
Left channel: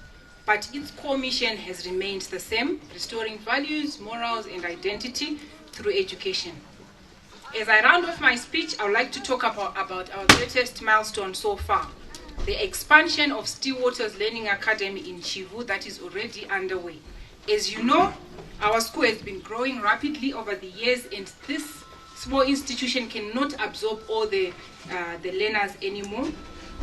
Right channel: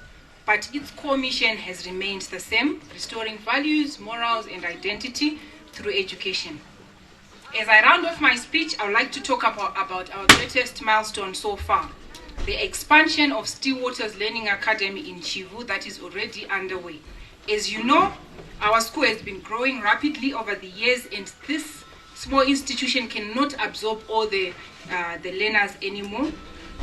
but its core mission has remained the same, restoring values, morals, and identity through education. As I round off my speech, I would like to talk about our greatest milestone so far, the expansion of Stillwater's Learning Academy in Chivu that is already underway. As you know, our school has been growing rapidly over the years, and this small institution cannot absorb all the learners anymore.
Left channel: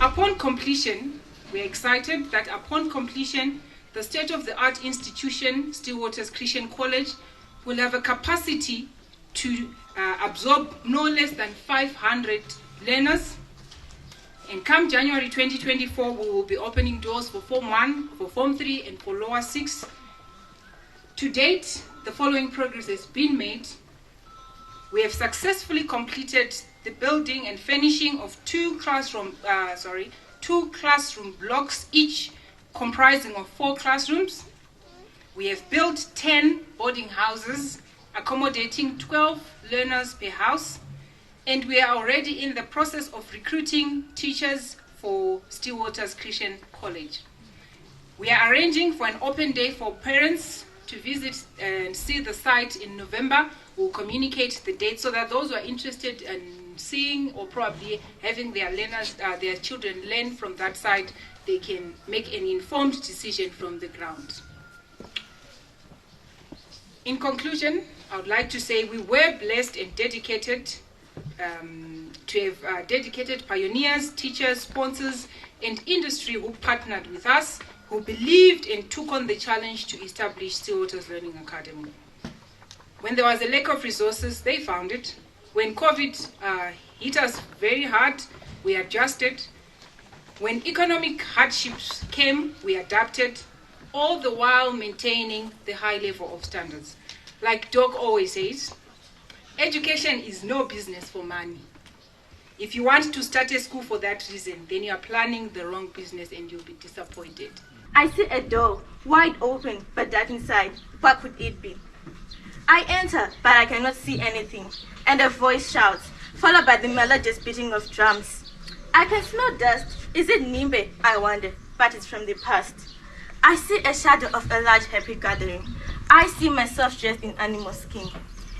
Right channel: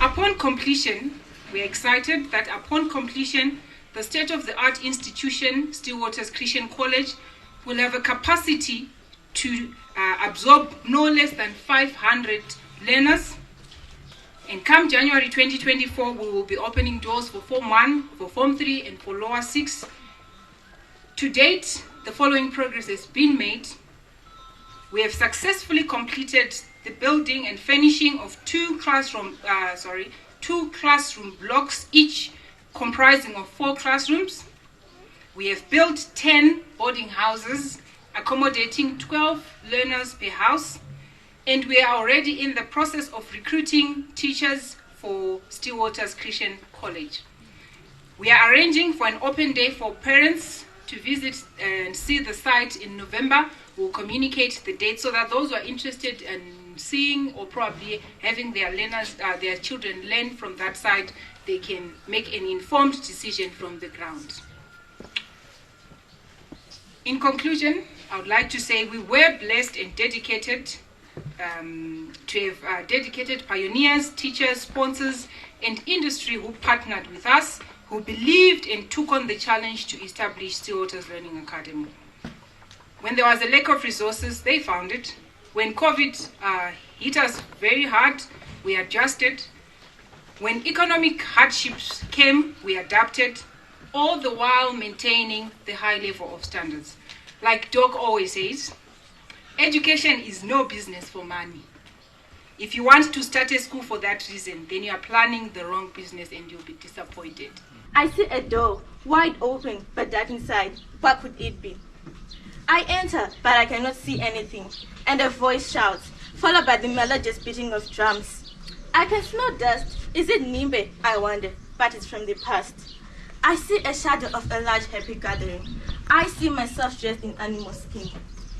Upon completion, we're excited that upon completion, the state-of-the-art institution, Stillwater's Christian College, will have a capacity to absorb no less than 500 learners. And come January 2024, we will be opening doors for Form 1, for Form 3, and for Lower 6. To date, the following progress has been made. We have successfully completed the building and finishing of two classroom blocks, each comprising of 4 classrooms. We have built 10 boarding houses, accommodating 12 learners per house. and we are already in the process of recruiting teachers for Stillwaters Christian College. We are arranging for an open day for parents to visit and see the site in November. We'll communicate the date so that those who are interested in seeing or probably having their children learn from that site, they can make an informed decision from the ground. In conclusion, I would like to say we were blessed and dedicated to have dedicated pioneers, teachers, sponsors, and industry who partnered with us, who believed and took on the challenge to establish Stillwaters Learning Academy. When there was a lack of resources, they found it. When COVID hit us very hard, we adjusted. When economic hardships came, we adapted, all the while maintaining the high level of standards. Like Doc always says, education is no business for money. If you want to start a school for that reason, then you are planning the wrong business and you'll be disappointed. I see a door, wide open, but dark inside. What could it be? I enter, but I cannot see anything, and a voice shouts, followed by the melodious beating of drums. I can smell dust. Is it Nimbe? I wonder, but it's from the past. I see a shadow of a large happy gathering. I see myself dressed in animal skin.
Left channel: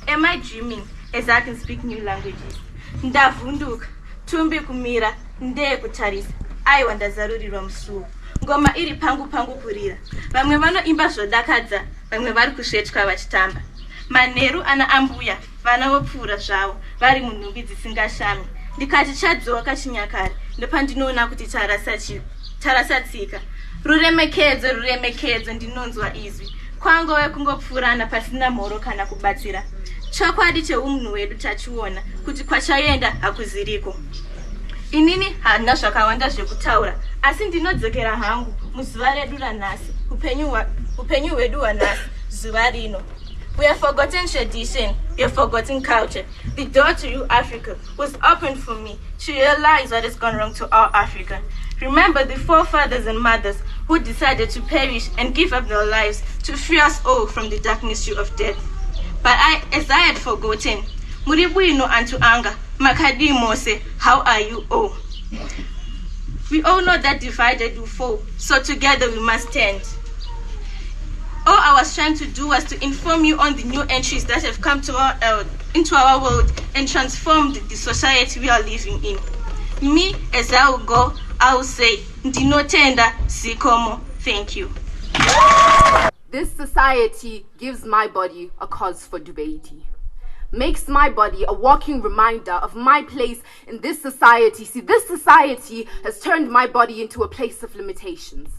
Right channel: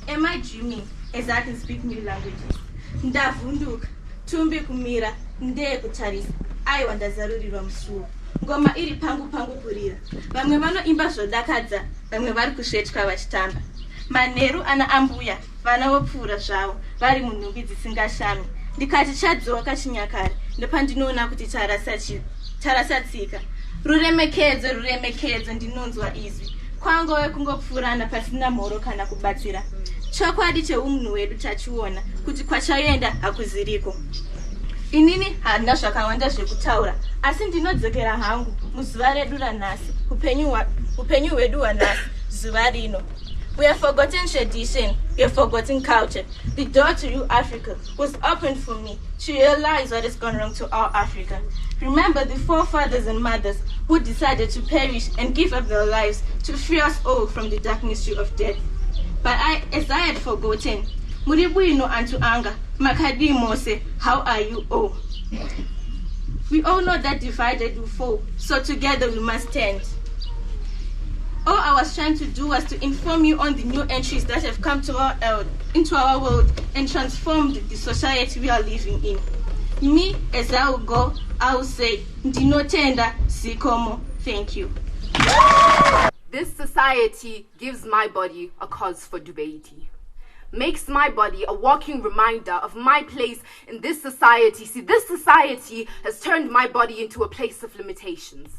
Am I dreaming as I can speak new languages? Ndavunduka, tumbi kumira, ndeye kutarisa. Aiwa ndazarurirwa musuwo. Ngoma iri pangu pangu kurira. Vamwe vanoimba zvodakadza, vamwe vari kusvetwa vachitamba. Manheru ana ambuya, vana vopfuura zvavo, vari munhumbi dzisingashami. Ndikati chadzoka chinyakare, ndopandinoona kuti tarasa tsika. Ruremekedzo, ruremekedzo, ndinonzwa izwi. Kwangove kungopfuurana pasina mhoro kana kubatsira. Chokwadi cheumunhu wedu tachiona, kuti kwachaenda hakuziriko. Inini handina zvakawanda zvekutaura, asi ndinodzokera hangu muzuva redu ranhasi, upenyu hwedu hwanhasi, zuva rino. We have forgotten tradition, we have forgotten culture. The door to you, Africa, was opened for me to realize what has gone wrong to our Africa. Remember the forefathers and mothers who decided to perish and give up their lives to free us all from the dark mystery of death. But as I had forgotten, Muribuino Antu Anga, Makadi Mose, how are you all? We all know that divided we fall, so together we must stand. All I was trying to do was to inform you on the new entries that have come to into our world and transformed the society we are living in. Me, as I will go, I will say, Ndinotenda Sikomo, thank you. This society gives my body a cause for debate. Makes my body a walking reminder of my place in this society. See, this society has turned my body into a place of limitations.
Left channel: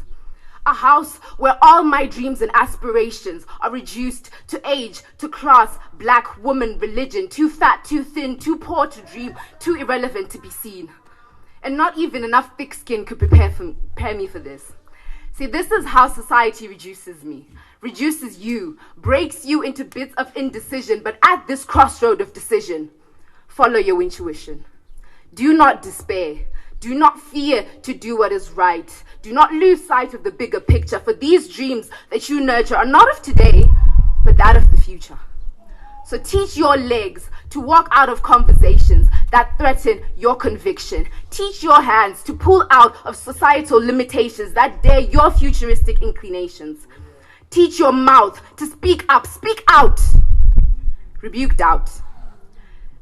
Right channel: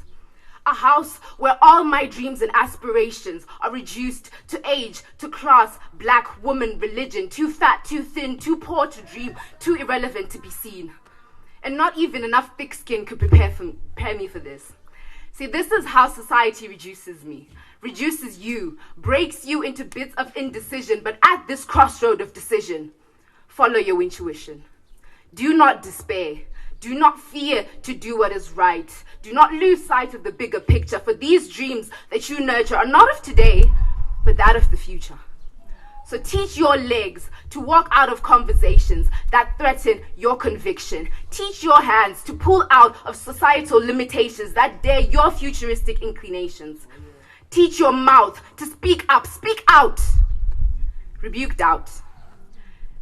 A house where all my dreams and aspirations are reduced to age, to class, black, woman, religion, too fat, too thin, too poor to dream, too irrelevant to be seen. And not even enough thick skin could prepare me for this. See, this is how society reduces me, reduces you, breaks you into bits of indecision, but at this crossroad of decision, follow your intuition. Do not despair. Do not fear to do what is right. Do not lose sight of the bigger picture, for these dreams that you nurture are not of today, but that of the future. So teach your legs to walk out of conversations that threaten your conviction. Teach your hands to pull out of societal limitations that dare your futuristic inclinations. Teach your mouth to speak up, speak out. Rebuke doubt.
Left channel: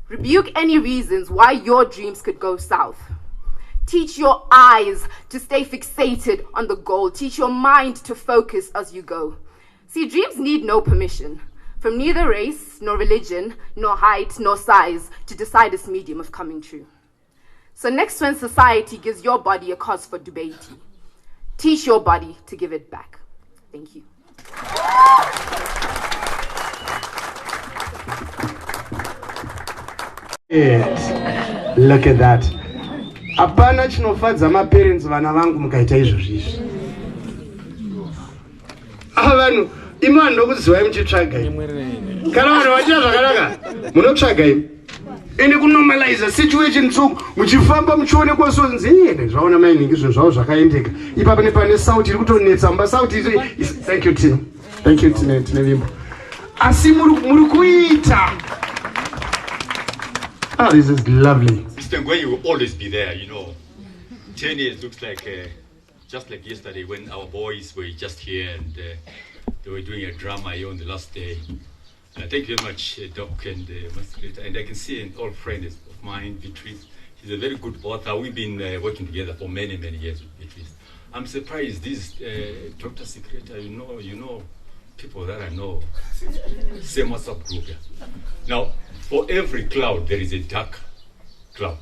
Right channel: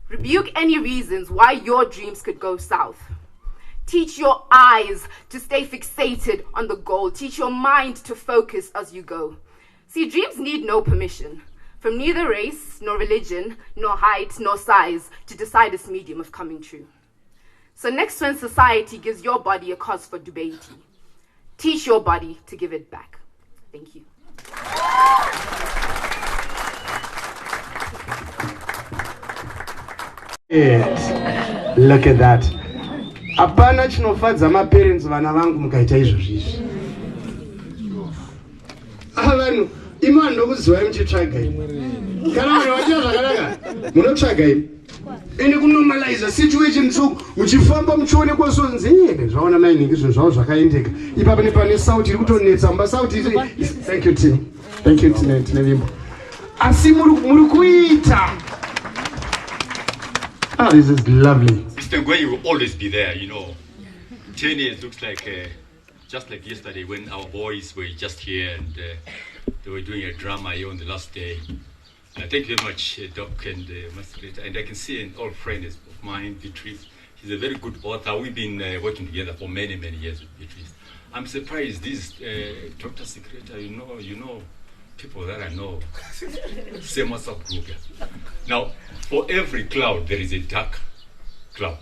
Rebuke any reasons why your dreams could go south. Teach your eyes to stay fixated on the goal. Teach your mind to focus as you go. See, dreams need no permission from neither race, nor religion, nor height, nor size to decide its medium of coming true. So next when society gives your body a cause for debate, teach your body to give it back. Thank you. Yes. Look at that. Apana chinofadza maparents vana vangu mukaita izvozvizvi. Vanhu imani ndokuziva muchitsvaga imi. Kana vanhu vachiita zvakanaka munotsvaga imi. Ende kunormalize situation tsvuku muchifamba muchionekwa sonzi zvaona mainhingi zvinhu zvavo zvakaendeka. Ipapo nepane sauti iri kutonetsa mba sauti thank you Tina. Thank you Tina tine vimbo. Asi muri kuita Ah, this is lovely. Mr. Ngwenyi will always be there, you know. 10 years looks like, just like yesterday when our boys were just here and they were doing a drama here on the last day. Thank you very much, Doc and Master. And I can see an old friend of mine, Beatrice. She's a very good author. We've been working together for many, many years with Beatrice. I'm surprised this Dr. Secretary, you know people that I know. Same WhatsApp group. Now, for every cloud, there is a dark cloud.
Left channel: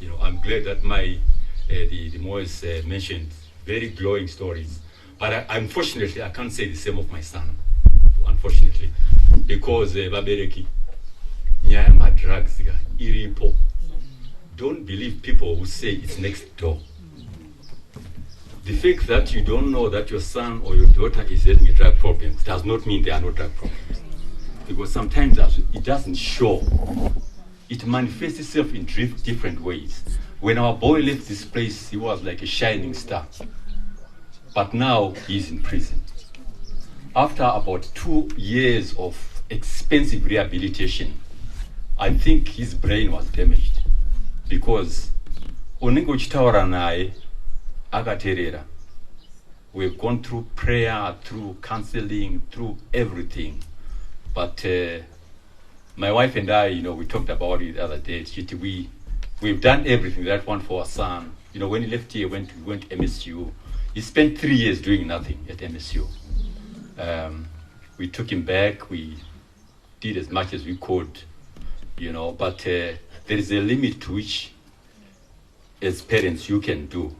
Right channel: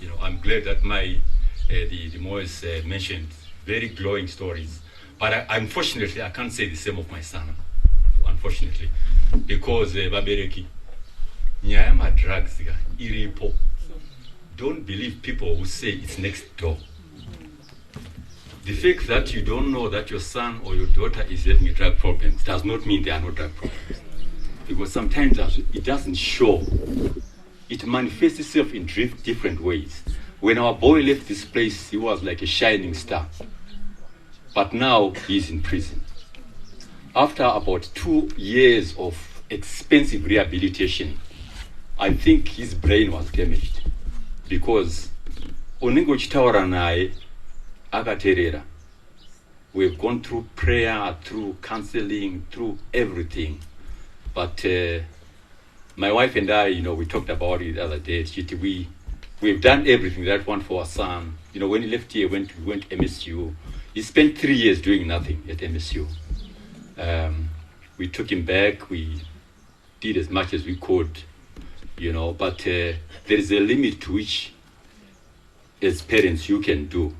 You know, I'm glad that the Moise mentioned very glowing stories. But unfortunately, I can't say the same of my son. Unfortunately, because Babereki, nyama drugs, iripo. Don't believe people who say it's next door. The fact that you don't know that your son or your daughter is having a drug problem does not mean there are no drug problems. Because sometimes it doesn't show. It manifests itself in different ways. When our boy left this place, he was like a shining star. But now he's in prison. After about 2 years of expensive rehabilitation, I think his brain was damaged. Because Oningo Chitawara nae agaterera. We've gone through prayer, through counseling, through everything. But my wife and I, we talked about it the other day. We've done everything that one for our son. When he left here, we went to MSU. He spent 3 years doing nothing at MSU. We took him back. We did as much as we could, but there is a limit to which, as parents, you can do.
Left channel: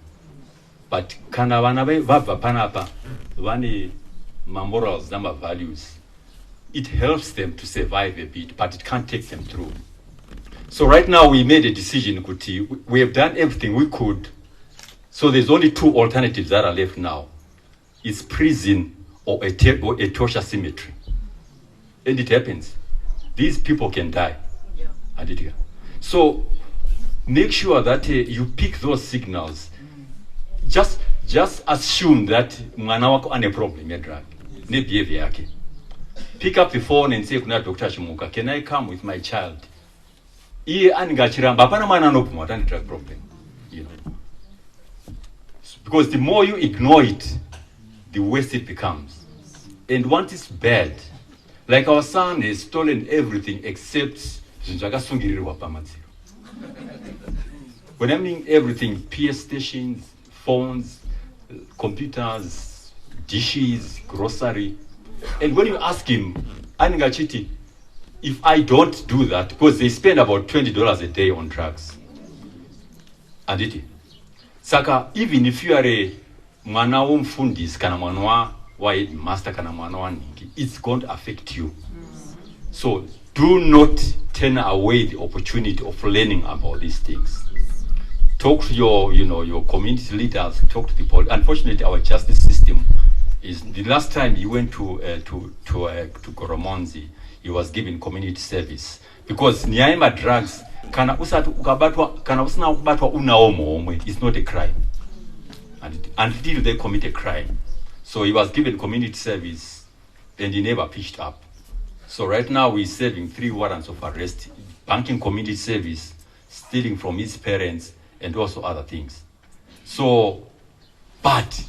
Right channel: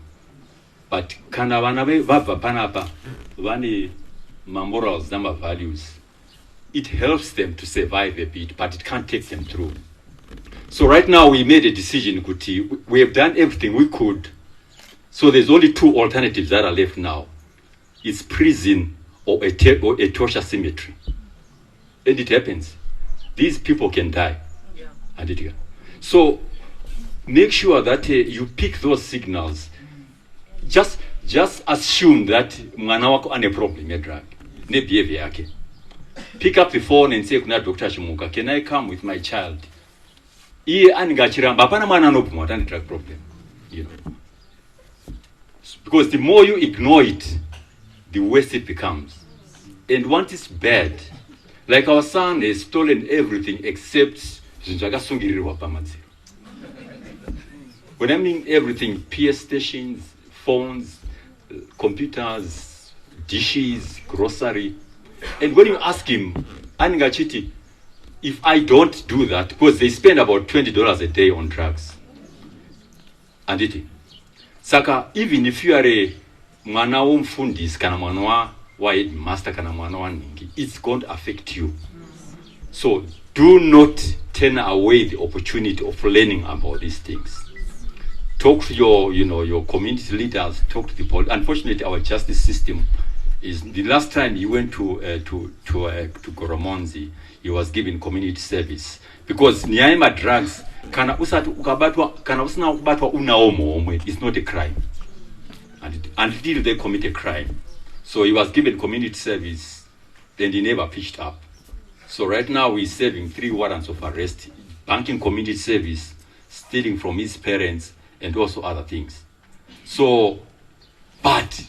But kana vana vabva panapa, vane morals and values. It helps them to survive a bit, but it can't take them through. So right now we made a decision, Kuti. We have done everything we could. So there's only 2 alternatives that are left now. It's prison or a torture cemetery. And it happens. These people can die. Yeah. So make sure that you pick those signals. Just assume that mwana wako ane problem ya drug. Ne behavior yake. Pick up the phone and say, kuna Dr. Shimuka, can I come with my child? Iye aningachiramba, hapana mwana anopumwa, atani drug problem. Because the more you ignore it, the worse it becomes. And once it's bad, like our son has stolen everything except when I mean everything, PS stations, phones, computers, dishes, grocery. And when you ask him, Aningachiti, if I don't do that, because they spend about $20 a day on drugs. And it. Saka, even if you are a mwana umfundis kana mwana wa headmaster kana mwana wa ningi, it's going to affect you. So do not turn away the opportunity of learning about these things. Talk to your community leaders, talk to the police. Unfortunately, our justice system is, the last time he went to Goromonzi, he was given community service. Because Nyaima drugs, kana usina kubatwa unaomo omwe, it's not a crime. Until they commit a crime. So he was given community service and he never pitched up. So right now he's serving 3 warrants of arrest, banking community service, stealing from his parents, and also other things. So, but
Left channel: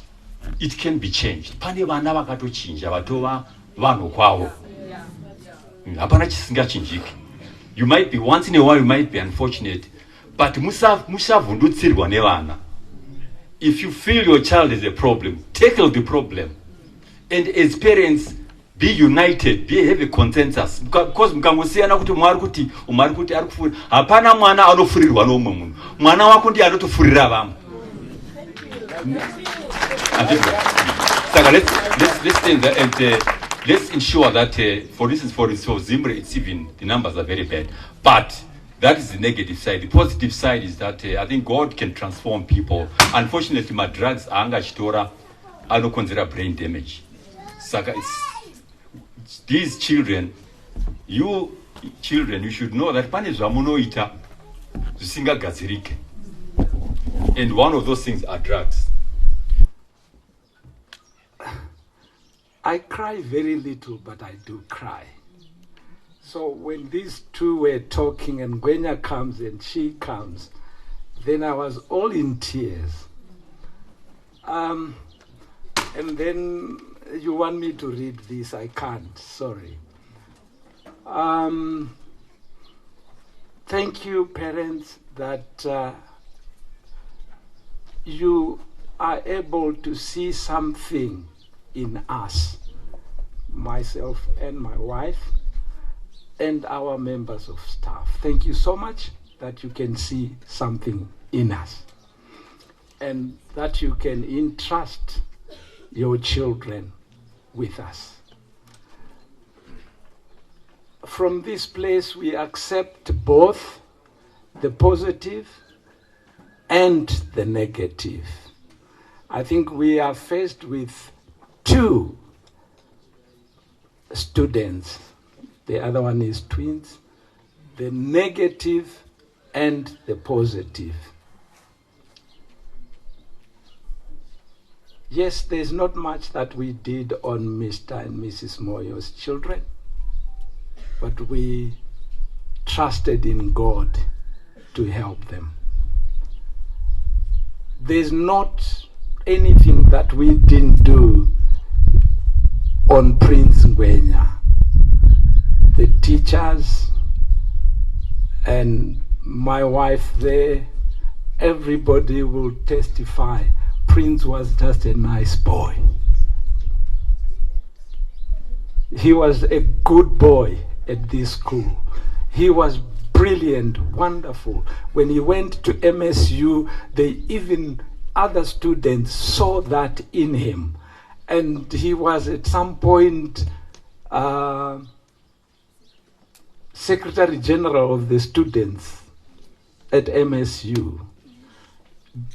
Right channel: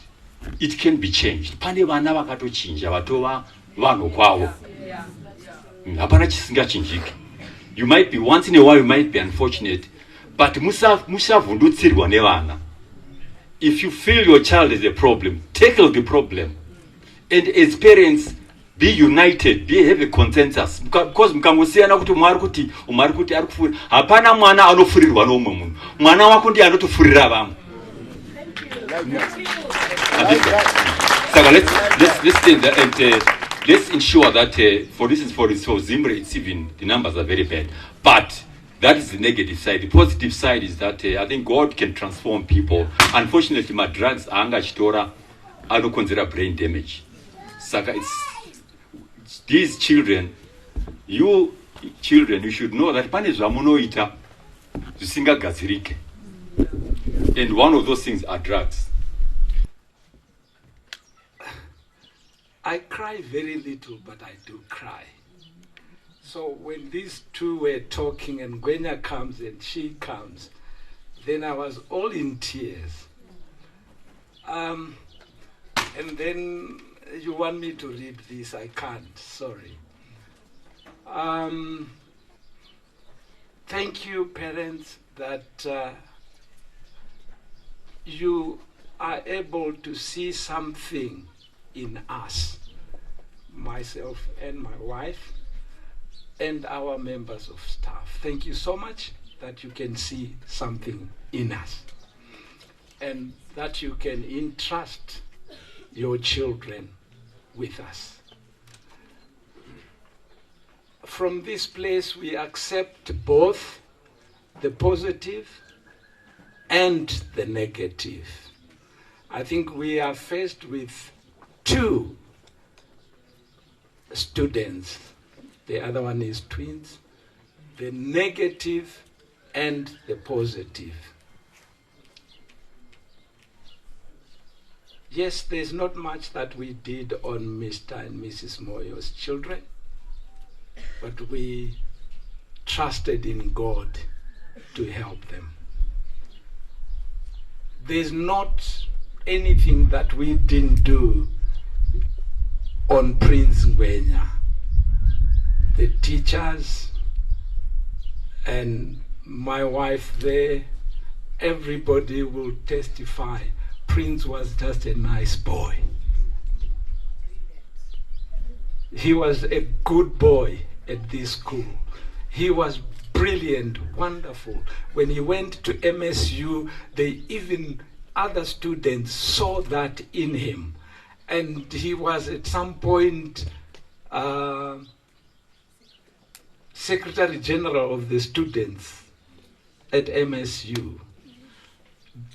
it can be changed. Pane vana vakatochinja vatova vanhu kwavo. Hapana chisingachinjiki. You might be, once in a while you might be unfortunate, but musavhundutsirwa nevana. If you feel your child is a problem, tackle the problem. And as parents, be united, have a consensus. Because mkangosiyana kuti umari kuti ari kufurira. Hapana mwana anofurirwa nomwe munhu. Mwana wako ndiye anotofurira vamwe. So let's say that, and let's ensure that, for instance, for Zimbabwe, it's even, the numbers are very bad. But that is the negative side. The positive side is that I think God can transform people. Unfortunately, my drugs, anga chitora, I don't consider brain damage. Saka, these children, you should know that pane zvamunoita zvisingagadzirike. And one of those things are drugs. I cry very little, but I do cry. So when these two were talking and Gwenya comes and she comes, then I was all in tears. And then you want me to read this, I can't, sorry. Thank you, parents, that you are able to see something in us, myself and my wife, and our members of staff. Thank you so much that you can see something in us, and that you can entrust your children with us. From this place, we accept both the positive and the negative. I think we are faced with two students. The other one is twins. The negative and the positive. Yes, there's not much that we did on Mr. and Mrs. Moyo's children, but we trusted in God to help them. There's not anything that we didn't do on Prince Ngwenya. The teachers and my wife there, everybody will testify. Prince was just a nice boy. He was a good boy at this school. He was brilliant, wonderful. When he went to MSU, other students saw that in him. And he was at some point Secretary General of the students at MSU,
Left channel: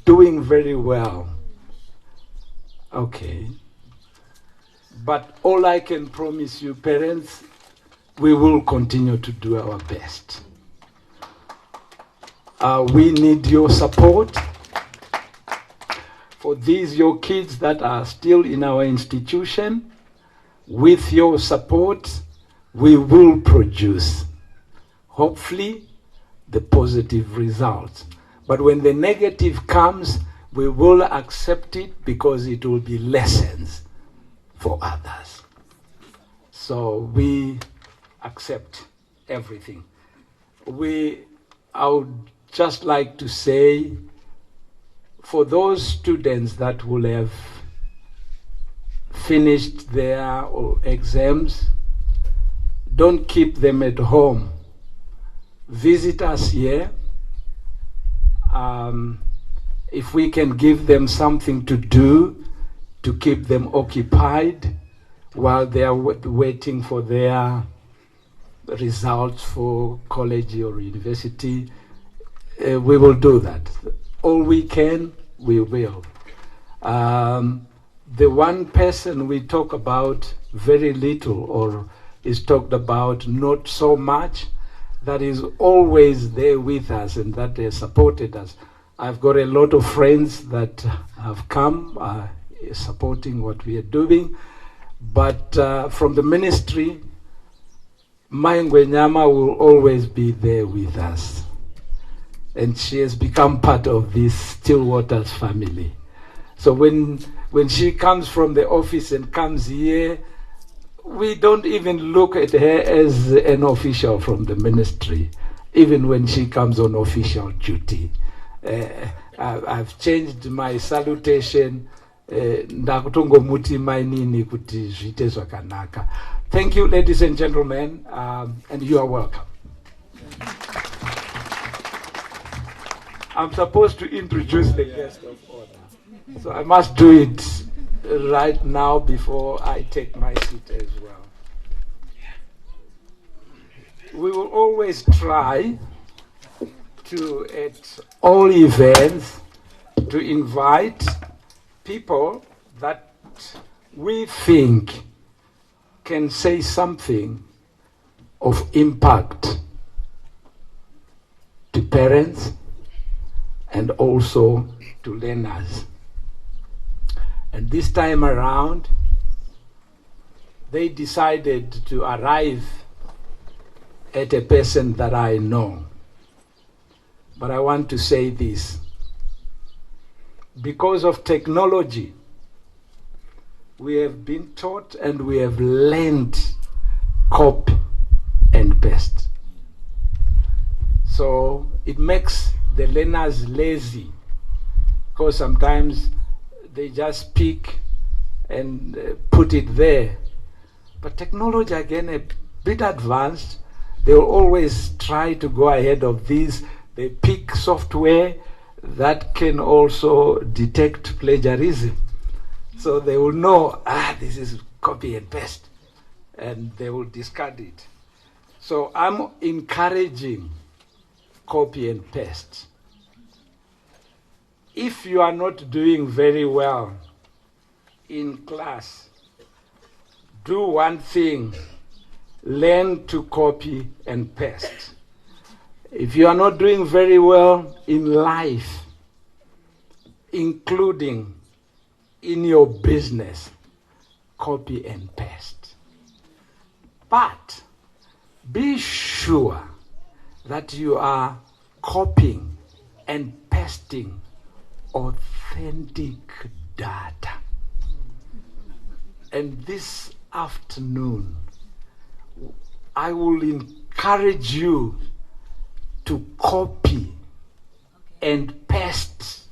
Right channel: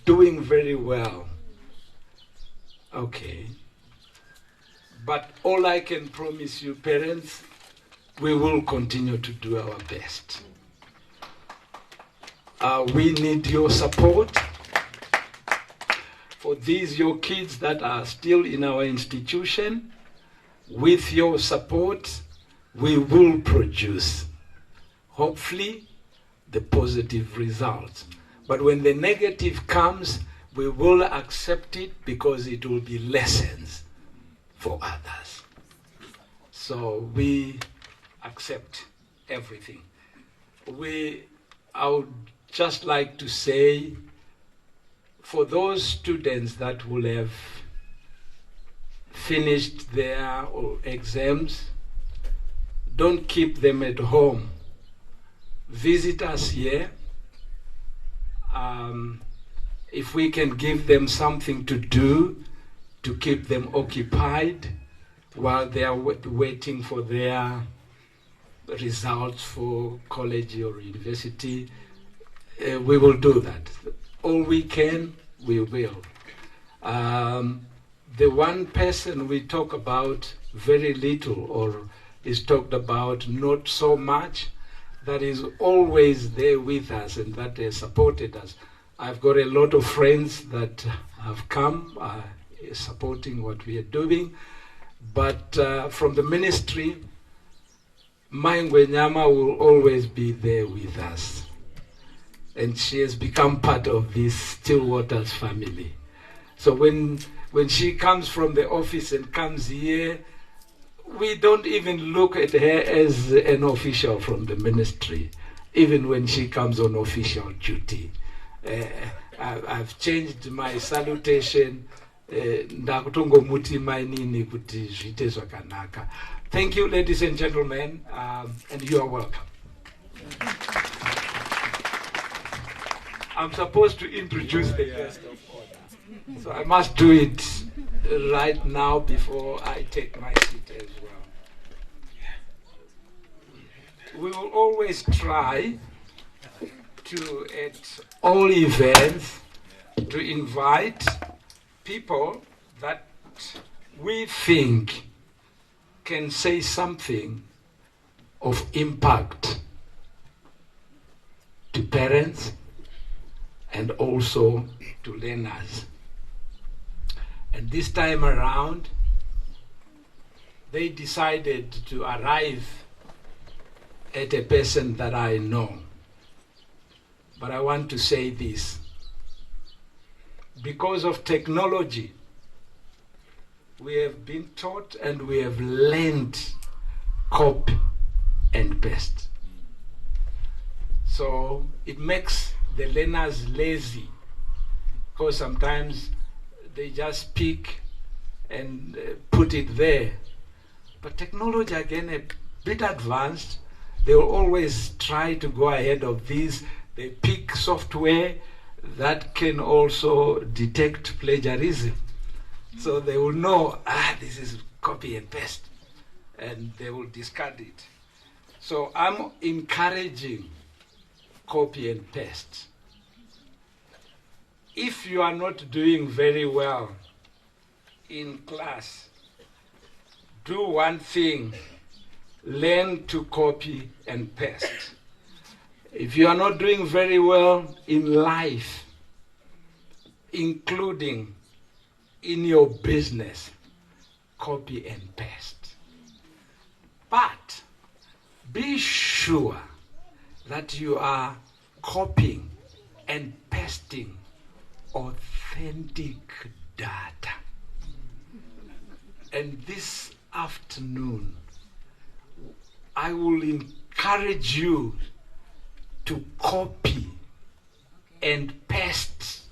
doing very well. Okay. But all I can promise you, parents, we will continue to do our best. We need your support. For these, your kids that are still in our institution, with your support, we will produce, hopefully, the positive results. But when the negative comes, we will accept it because it will be lessons for others. So we accept everything. I would just like to say, for those students that will have finished their exams, don't keep them at home. Visit us here. If we can give them something to do to keep them occupied while they are waiting for their results for college or university, we will do that. All we can, we will. The one person we talk about very little, or is talked about not so much, that is always there with us and that has supported us. I've got a lot of friends that have come supporting what we are doing, but from the ministry, Ngwenyama will always be there with us. And she has become part of this Stillwaters family. So when she comes from the office and comes here, we don't even look at her as an official from the ministry, even when she comes on official duty. I've changed my salutation. Thank you, ladies and gentlemen, and you are welcome. I'm supposed to introduce the guest of honor, so I must do it right now before I take my seat as well. We will always try to, at all events, to invite people that we think can say something of impact to parents and also to learners. And this time around, they decided to arrive at a person that I know. But I want to say this. Because of technology, we have been taught and we have learned copy and paste. So it makes the learners lazy, because sometimes they just pick and put it there. But technology, again, a bit advanced. They will always try to go ahead of this. They pick software that can also detect plagiarism. So they will know, this is copy and paste, and they will discard it. So I'm encouraging copy and paste. If you are not doing very well in class, do one thing: learn to copy and paste. If you are not doing very well in life, including in your business, copy and paste. But be sure that you are copying and pasting authentic data. And this afternoon, I will encourage you to copy and paste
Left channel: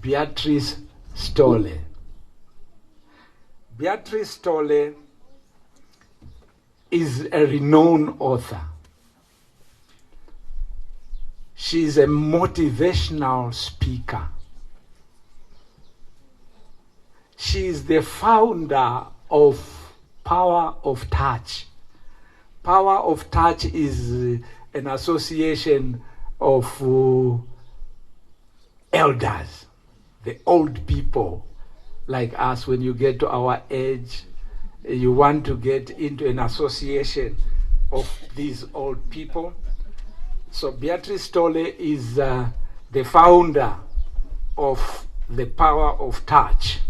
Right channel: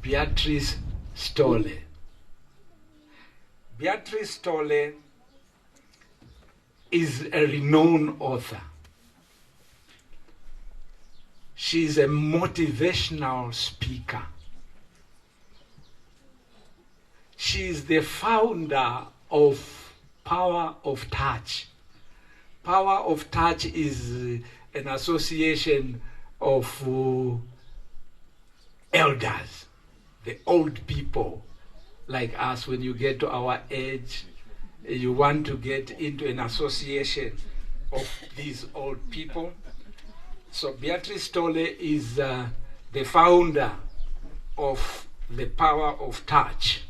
Beatrice Stolle. Beatrice Stolle is a renowned author. She is a motivational speaker. She is the founder of Power of Touch. Power of Touch is an association of elders, the old people like us. When you get to our age, you want to get into an association of these old people. So Beatrice Stolle is the founder of the Power of Touch.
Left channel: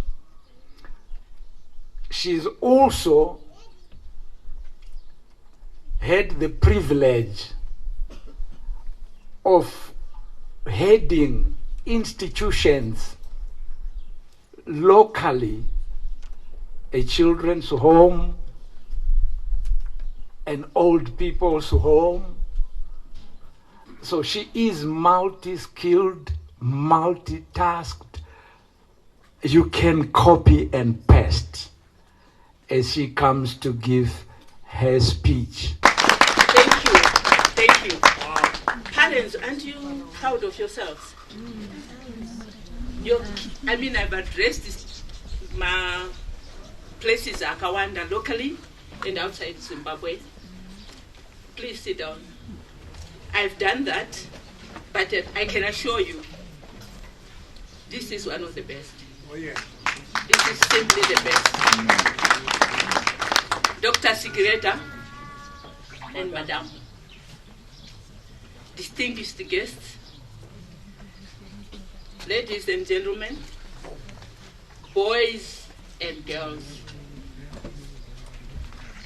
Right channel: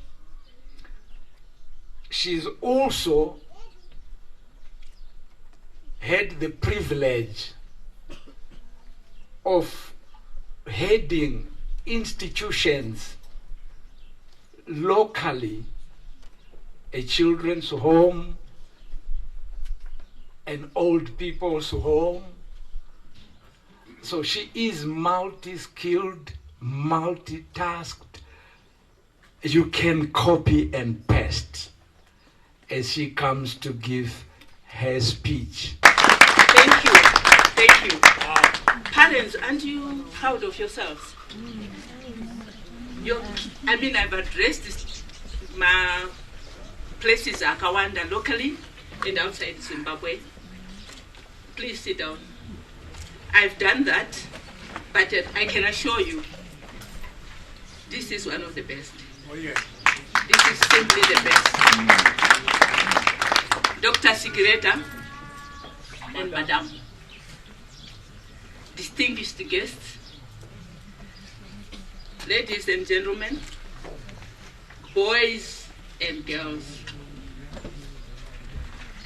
She's also had the privilege of heading institutions locally, a children's home, an old people's home. So she is multi-skilled, multitasked. You can copy and paste as she comes to give her speech. Thank you. Thank you. Parents, aren't you proud of yourselves? I've addressed my places Akawanda locally and outside Zimbabwe. Please sit down. I've done that, but I can assure you, this is one of the best. Oh, yeah. This is simply the best. Dr. Sigreta and Madam, distinguished guests, ladies and gentlemen, boys and girls.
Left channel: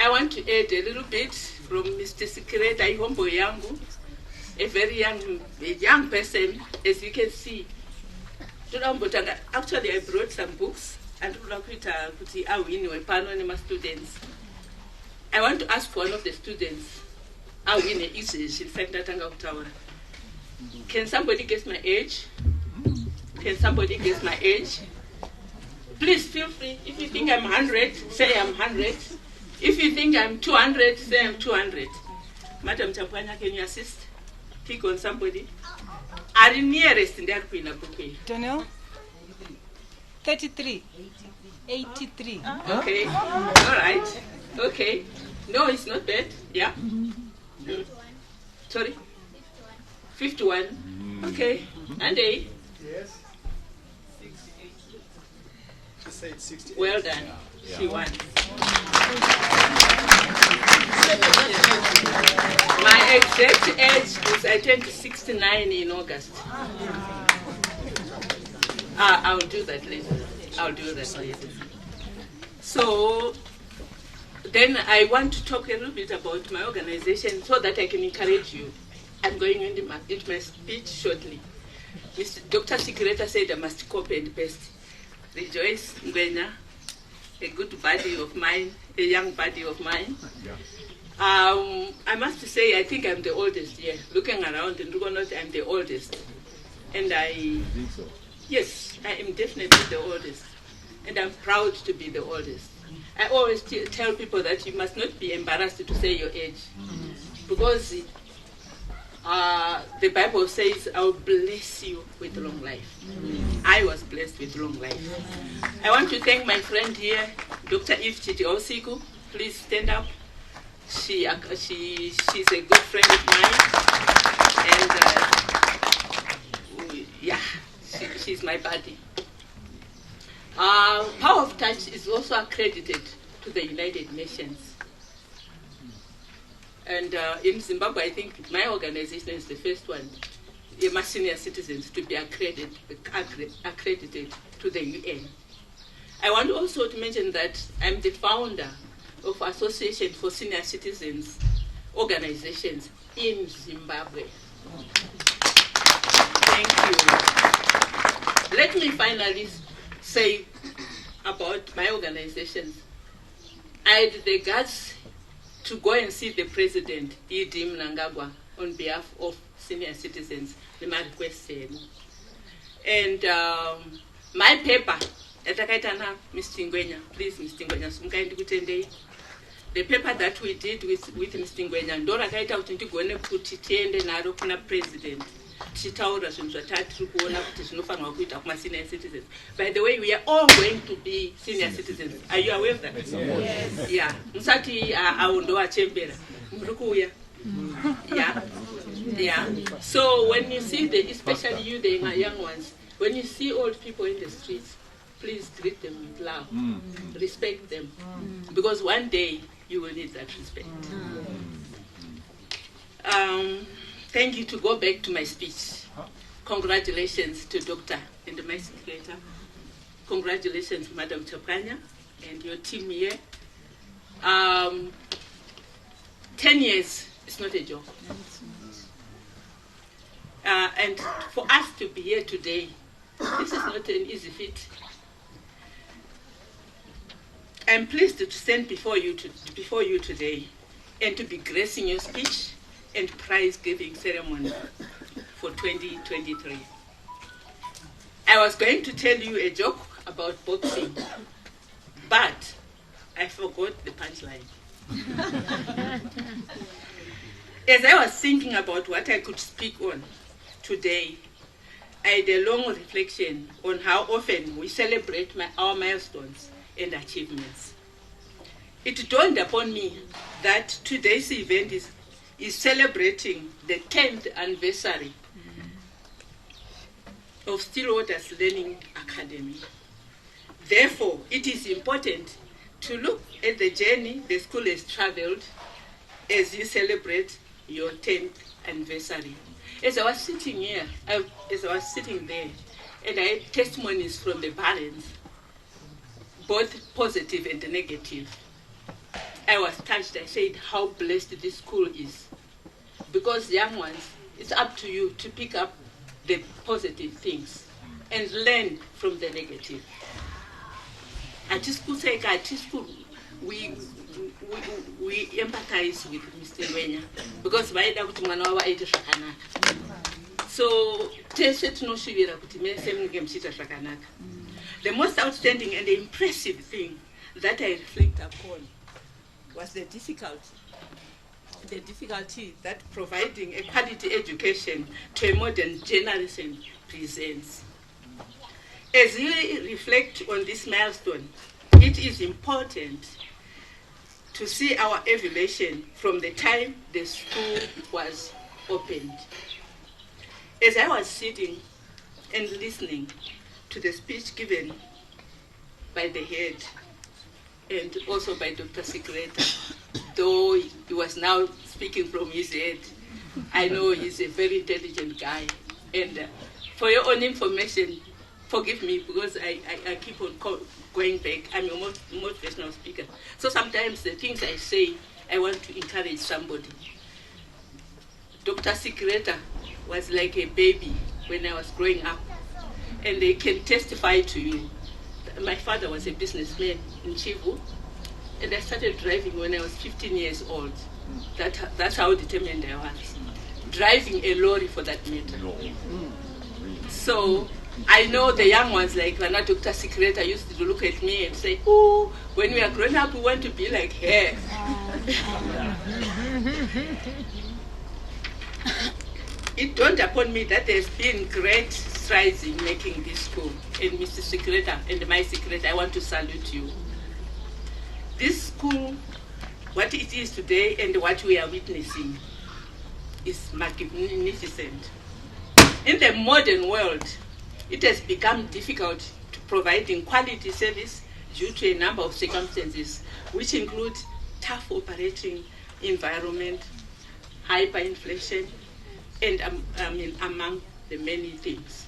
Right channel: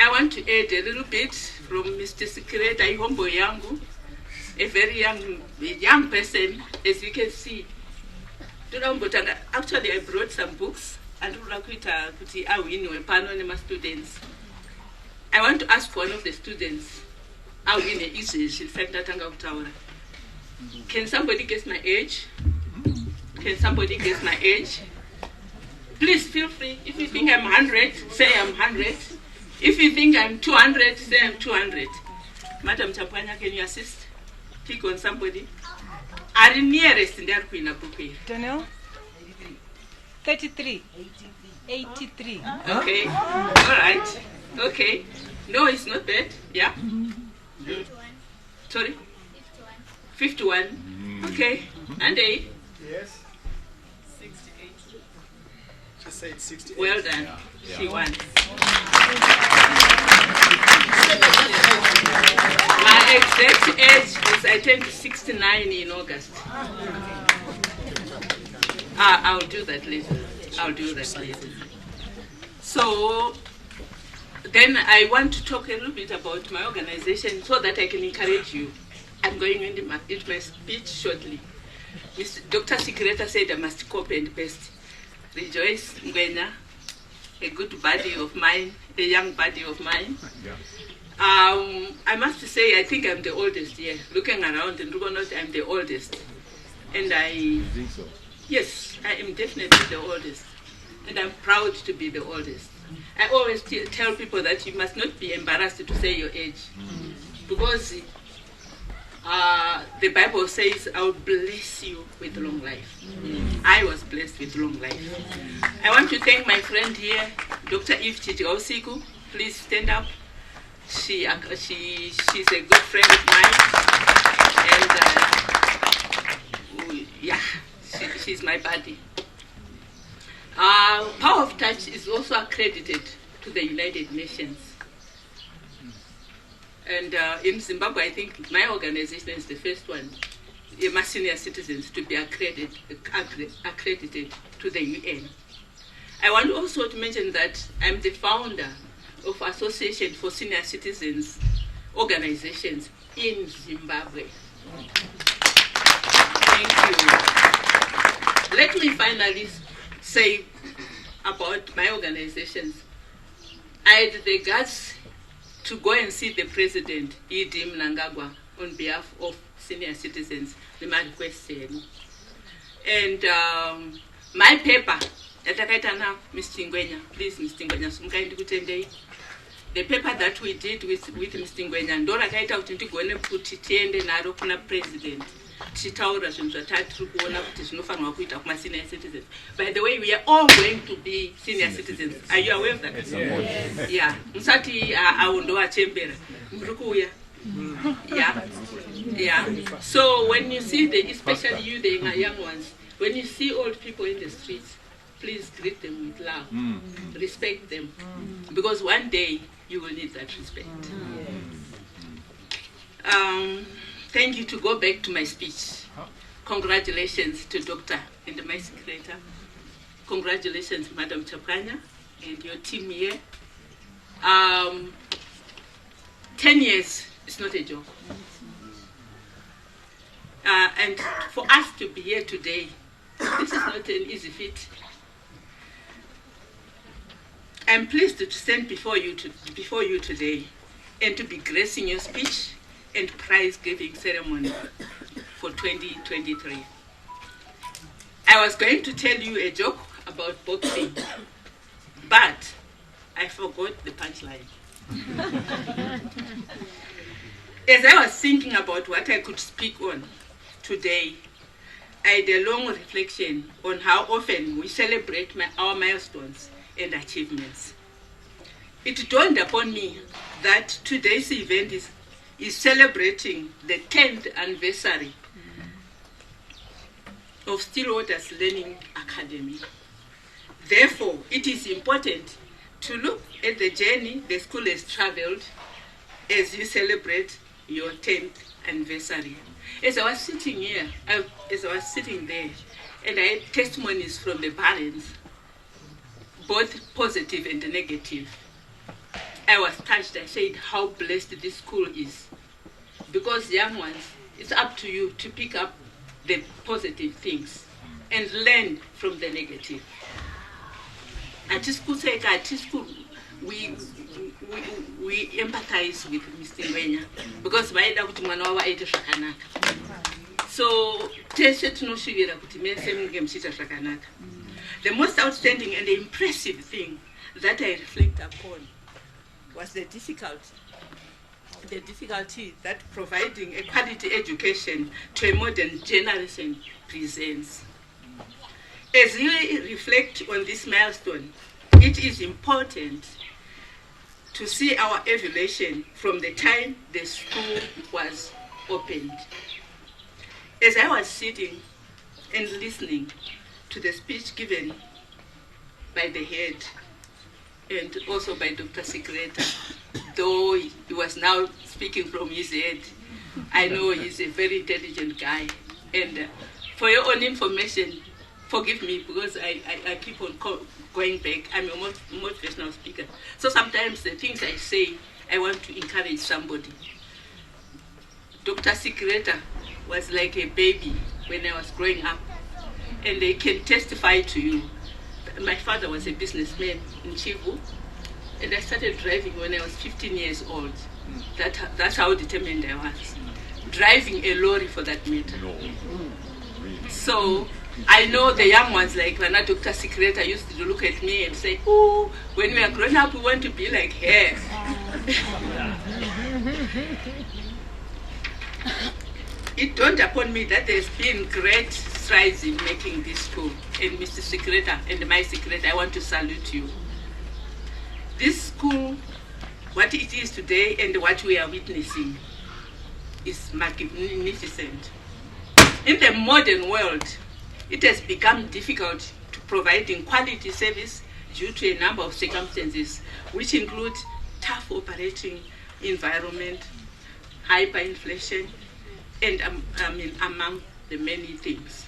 I want to add a little bit from Mr. Sigreta Ihombo Yangu, a very young person, as you can see. Actually, I brought some books and students. I want to ask one of the students, can somebody guess my age? Can somebody guess my age? Please feel free. If you think I'm 100, say I'm 100. If you think I'm 200, say I'm 200. Madam Champanya, can you assist? Pick on somebody. Are you nearest in that queen? Daniel? 33. 83. Okay. All right. Okay. No, it's not bad. Yeah. Sorry? 51. Okay. And a? Yes. 68. She said 68. Well done. Yeah. She won. My exact age is I turned 69 in August. I'll do that later. So, Then I want to talk a little bit about my organization so that I can encourage you. I'm going into my speech shortly. Dr. Sigreta said I must copy and paste. Rejoice Ngwenya, a good buddy of mine, a young buddy of mine. I must say, I think I'm the oldest here. Looking around in Rugonot, I'm the oldest. And I think so. Yes, I am definitely the oldest. And I'm proud to be the oldest. I always tell people that you must not be embarrassed to say your age. Because the Bible says, I will bless you with long life. I was blessed with long life. I want to thank my friend here, Dr. Eve Chichiosiku. Please stand up. She's a good friend of mine. And she's my buddy. Power of Touch is also accredited to the United Nations. And in Zimbabwe, I think my organization is the first one, my senior citizens, to be accredited to the UN. I want also to mention that I'm the founder of Association for Senior Citizens organizations in Zimbabwe. Thank you. Let me finally say about my organizations. I had the guts to go and see the president, E.D. Mnangagwa, on behalf of senior citizens, the my request. And my paper, Mr. Ngwenya, please, Mr. Ngwenya, the paper that we did with Mr. Ngwenya, Ndora Taita Utintigone put it in the Narokuna president. By the way, we are all going to be senior citizens. Are you aware of that? Yes. Yeah. Musati aondoa chembera. Mrukuya. Yeah. Yeah. So when you see especially you, the young ones, when you see old people in the streets, please greet them with love. Respect them. Because one day you will need that respect. Thank you. To go back to my speech. Congratulations to Dr. and my secretary. Congratulations, Madam Chapanya, and your team here. 10 years is not a joke. And for us to be here today, this is not an easy feat. I'm pleased to stand before you today and to be gracing your speech and prize-giving ceremony for 2023. I was going to tell you a joke about boxing, but I forgot the punchline. As I was thinking about what I could speak on today, I had a long reflection on how often we celebrate our milestones and achievements. It dawned upon me that today's event is celebrating the 10th anniversary of Stillwater's Learning Academy. Therefore, it is important to look at the journey the school has traveled as you celebrate your 10th anniversary. As I was sitting here, as I was sitting there, and I had testimonies from the parents, both positive and negative, I was touched. I said how blessed this school is. Because young ones, it's up to you to pick up the positive things and learn from the negative. At school, we empathize with Mr. Ngwenya because so the most outstanding and impressive thing that I reflect upon was the difficulty that providing a quality education to a modern generation presents. As you reflect on this milestone, it is important to see our evolution from the time the school was opened. As I was sitting and listening to the speech given by the head and also by Dr. Sigreta, though he was now speaking from his head, I know he's a very intelligent guy. And for your own information, Forgive me because I keep on going back. I'm a motivational speaker. So sometimes the things I say, I want to encourage somebody. Dr. Sikreta was like a baby when I was growing up. And they can testify to you. My father was a businessman in Chivu. And I started driving when I was 15 years old. That's how determined I was. Driving a lorry for that matter. So I know the young ones like Rana Dr. Sikreta used to look at me and say, oh, when we are growing up, we want to be like her. It dawned upon me that there's been great strides in making this school. And Mr. Sikreta and my Sikreta, I want to salute you. This school, what it is today and what we are witnessing is magnificent. In the modern world, it has become difficult to providing quality service due to a number of circumstances, which include tough operating environment, hyperinflation, and among the many things,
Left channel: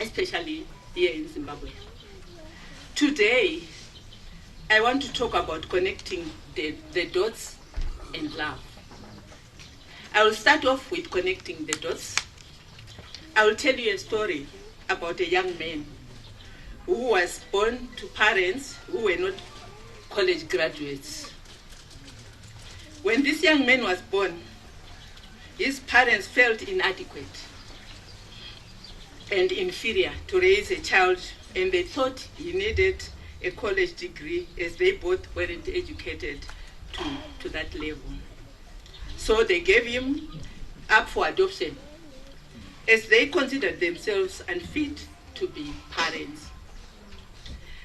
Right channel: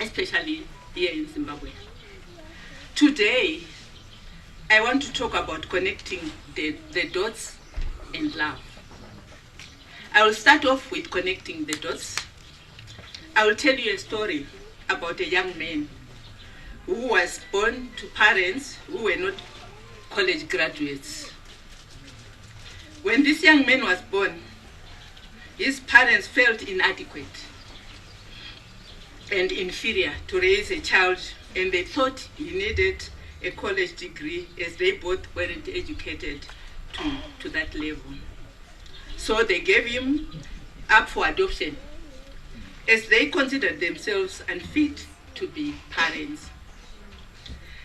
especially here in Zimbabwe. Today, I want to talk about connecting the dots and love. I will start off with connecting the dots. I will tell you a story about a young man who was born to parents who were not college graduates. When this young man was born, his parents felt inadequate and inferior to raise a child, and they thought he needed a college degree as they both weren't educated to that level. So they gave him up for adoption as they considered themselves unfit to be parents.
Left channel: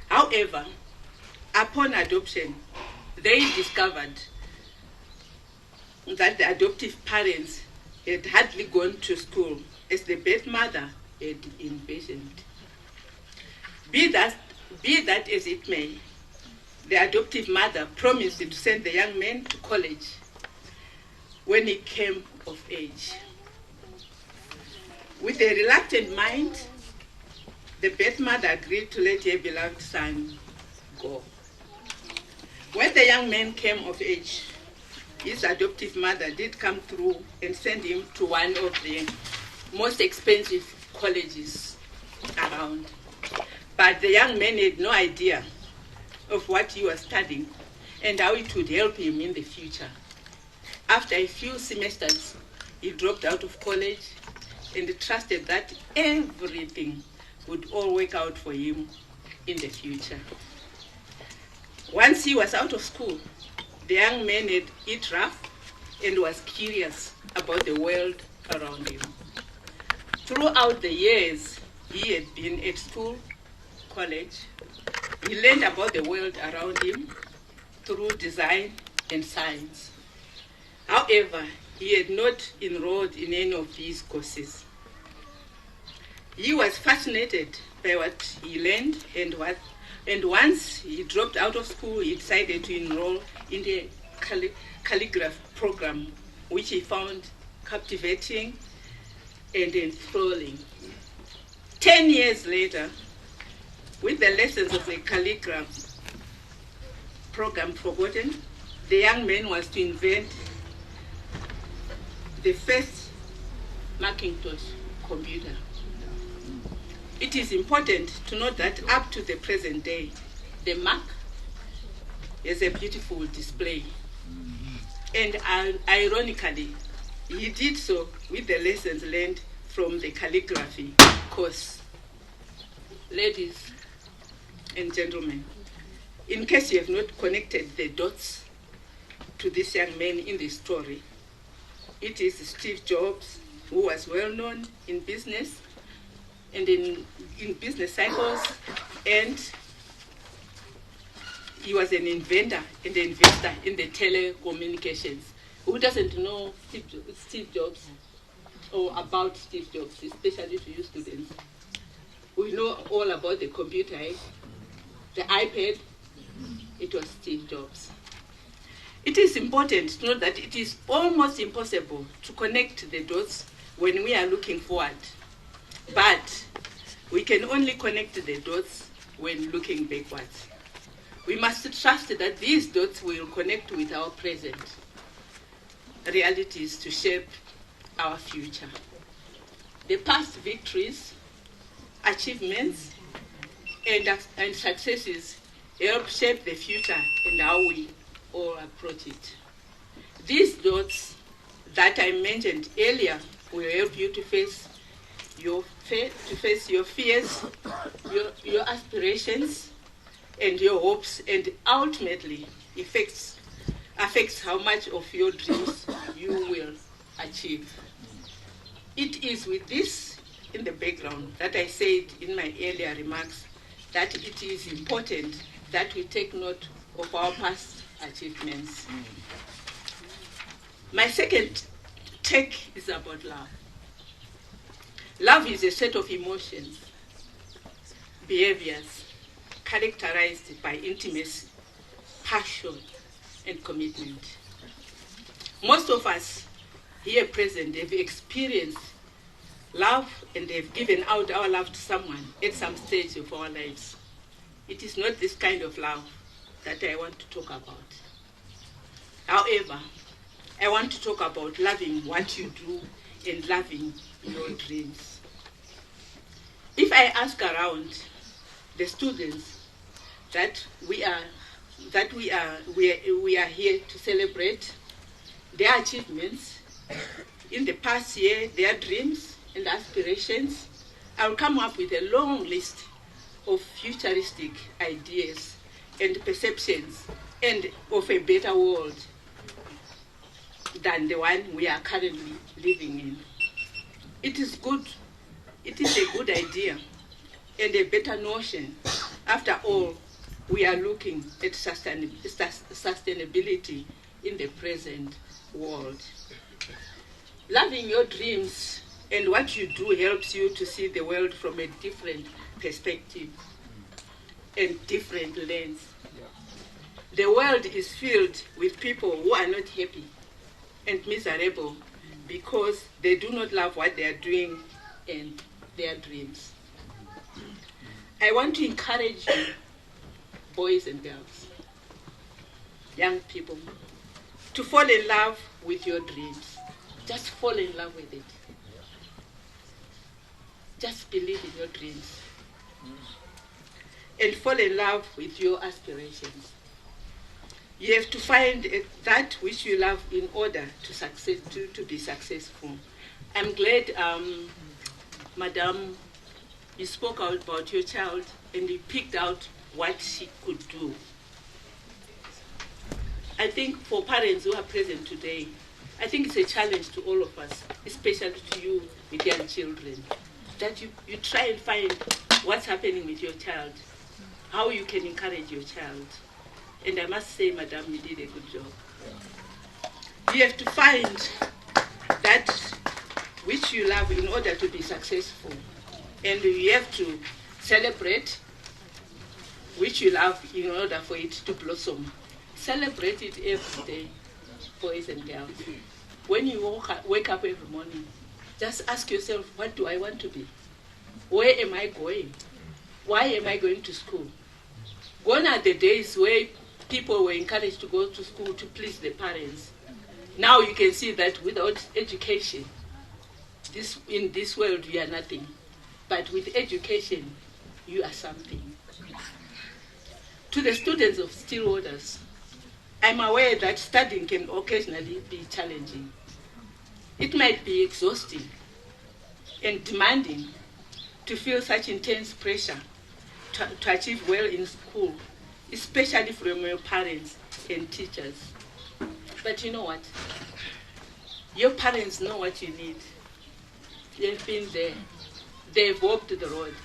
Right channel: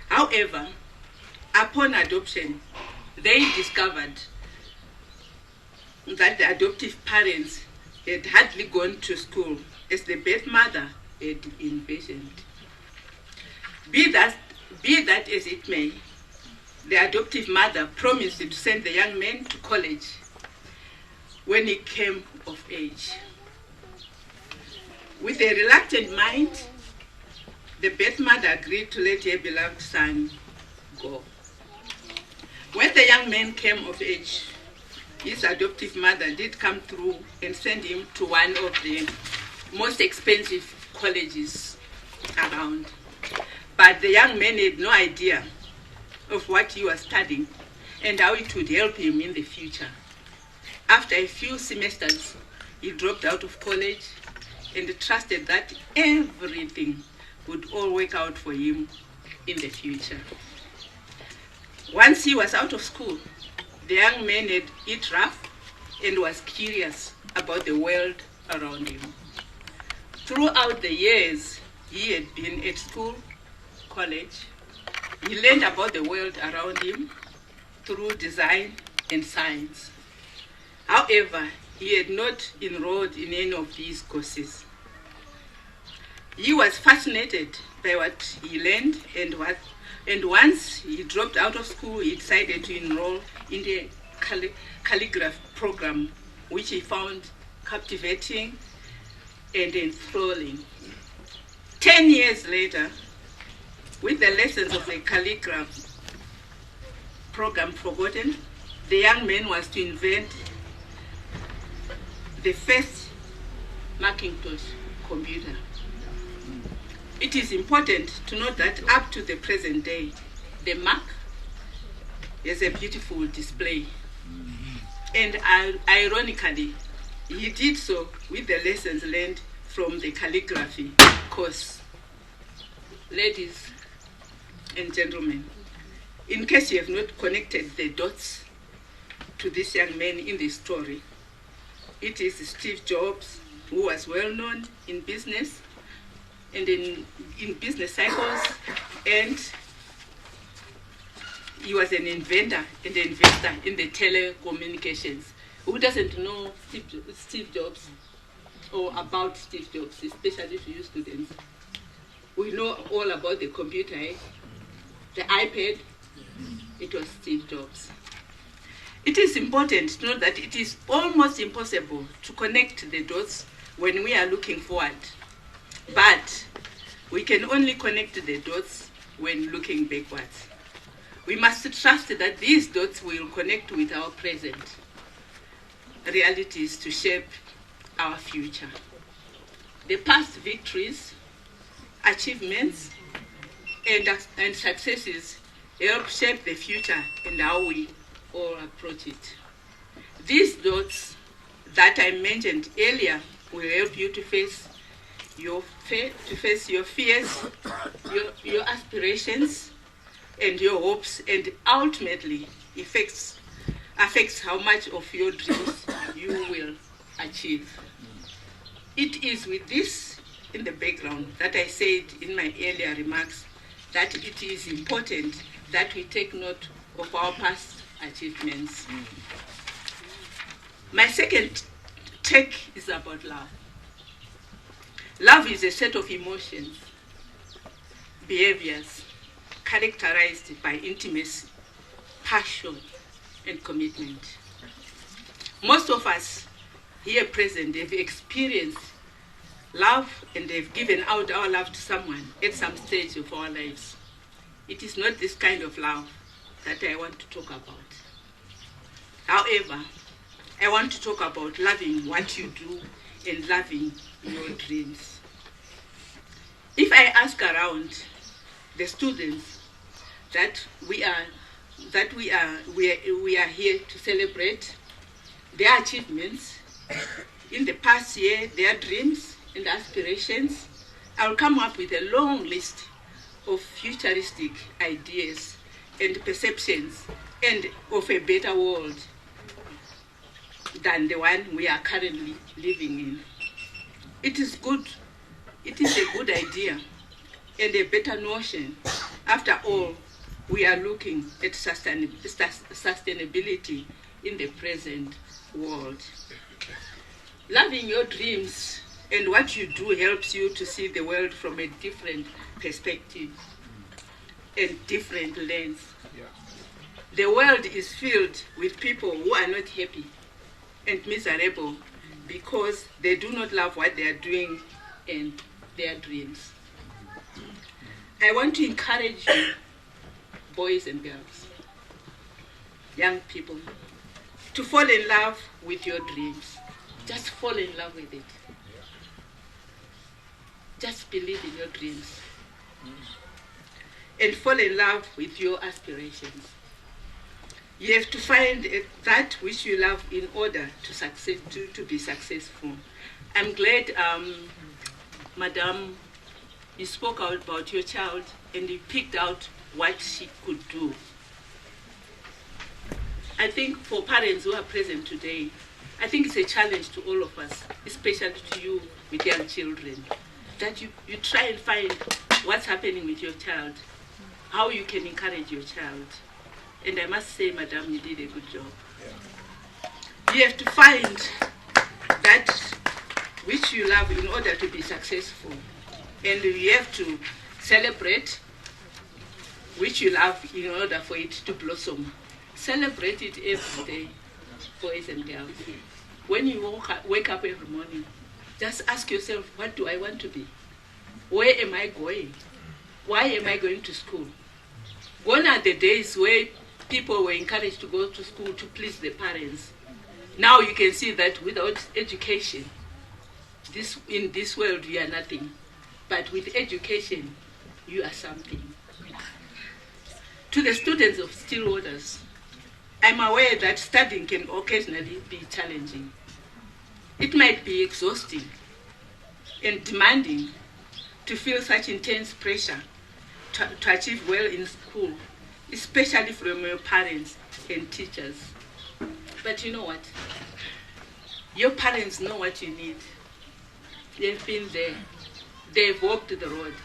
However, upon adoption, they discovered that the adoptive parents had hardly gone to school as the birth mother had envisioned. Be that as it may, the adoptive mother promised to send the young man to college when he came of age. With a reluctant mind, the birth mother agreed to let her beloved son go. When the young man came of age, his adoptive mother did come through and send him to one of the most expensive colleges around. But the young man had no idea of what he was studying and how it would help him in the future. After a few semesters, he dropped out of college and trusted that everything would all work out for him in the future. Once he was out of school, the young man had it rough and was curious about the world around him. Throughout the years he had been at school, college, he learned about the world around him through design and science. However, he had not enrolled in any of these courses. He was fascinated by what he learned, and once he dropped out of school, he decided to enroll in the calligraphy program, which he found captivating and enthralling. 10 years later, with the lessons of the calligraphy program forgotten, the young man was to invent the first Macintosh computer. It is important to note that up to the present day, the Mac is a beautiful display. And ironically, he did so with the lessons learned from the calligraphy course. Ladies and gentlemen, in case you have not connected the dots to this young man in the story, it is Steve Jobs, who was well known in business and in business cycles, and he was an inventor and investor in the telecommunications. Who doesn't know Steve Jobs or about Steve Jobs, especially to you students? We know all about the computer, the iPad. It was Steve Jobs. It is important to know that it is almost impossible to connect the dots when we are looking forward. But We can only connect the dots when looking backwards. We must trust that these dots will connect with our present realities to shape our future. The past victories, achievements, and successes help shape the future and how we all approach it. These dots that I mentioned earlier will help you to face your fears, your aspirations, and your hopes, and ultimately affects how much of your dreams you will achieve. It is with this in the background that I said in my earlier remarks that it is important that we take note of our past achievements. My second take is about love. Love is a set of emotions, behaviors, characterized by intimacy, passion, and commitment. Most of us here present have experienced love and have given out our love to someone at some stage of our lives. It is not this kind of love that I want to talk about. However, I want to talk about loving what you do and loving your dreams. If I ask around the students that we are here to celebrate their achievements in the past year, their dreams and aspirations, I will come up with a long list of futuristic ideas and perceptions and of a better world than the one we are currently living in. It is a good idea and a better notion. After all, we are looking at sustainability in the present world. Loving your dreams and what you do helps you to see the world from a different perspective and different lens. The world is filled with people who are not happy and miserable because they do not love what they are doing and their dreams. I want to encourage you, boys and girls, young people, to fall in love with your dreams. Just fall in love with it. Just believe in your dreams. And fall in love with your aspirations. You have to find that which you love in order to be successful. I'm glad, Madam, you spoke out about your child and you picked out what she could do. I think for parents who are present today, I think it's a challenge to all of us, especially to you with young children, that you try and find what's happening with your child, how you can encourage your child. And I must say, Madam, you did a good job. You have to find that which you love in order to be successful. And you have to celebrate which you love in order for it to blossom. Celebrate it every day, boys and girls. When you wake up every morning, just ask yourself, what do I want to be? Where am I going? Why am I going to school? Gone are the days where people were encouraged to go to school to please their parents. Now you can see that without education, in this world you are nothing. But with education, you are something. To the students of Stillwaters, I'm aware that studying can occasionally be challenging. It might be exhausting and demanding to feel such intense pressure to achieve well in school, especially from your parents and teachers. But you know what? Your parents know what you need. They've been there. They've walked the road.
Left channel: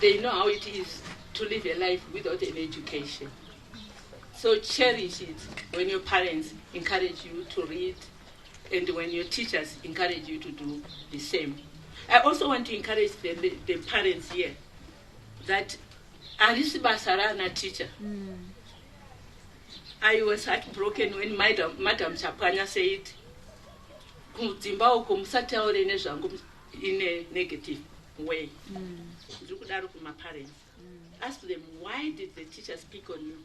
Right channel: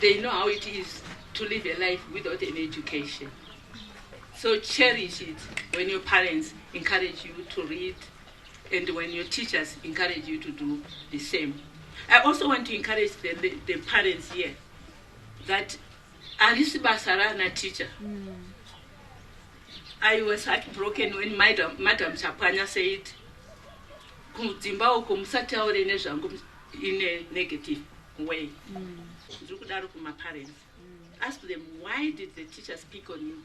They know how it is to live a life without an education. So cherish it when your parents encourage you to read and when your teachers encourage you to do the same. I also want to encourage the parents here that Alice Basarana teacher. I was heartbroken when Madam Chapanya said, in a negative. way. Parents. Ask them, why did the teachers pick on you?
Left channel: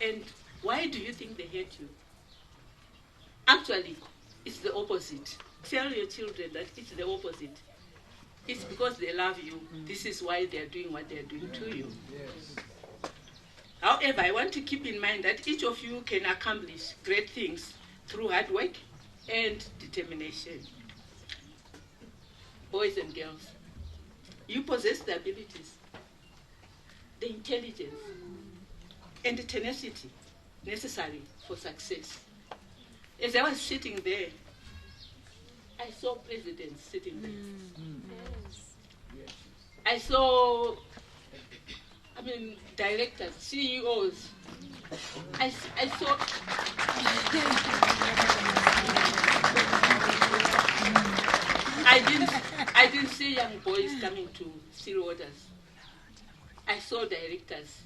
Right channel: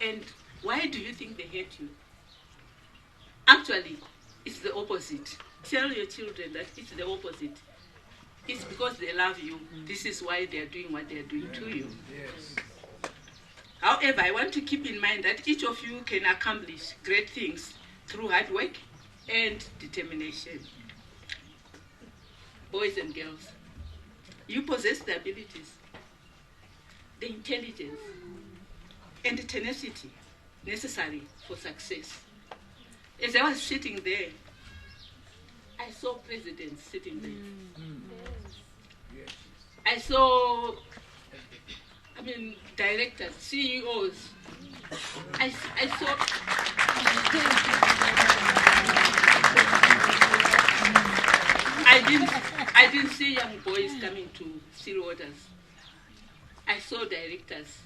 And why do you think they hate you? Actually, it's the opposite. Tell your children that it's the opposite. It's because they love you. This is why they're doing what they're doing to you. Yes. However, I want to keep in mind that each of you can accomplish great things through hard work and determination. Boys and girls, you possess the abilities, the intelligence, and the tenacity necessary for success. As I was sitting there, I saw presidents sitting there. I saw, directors, CEOs. I saw. I didn't see young boys coming to Stillwaters. I saw directors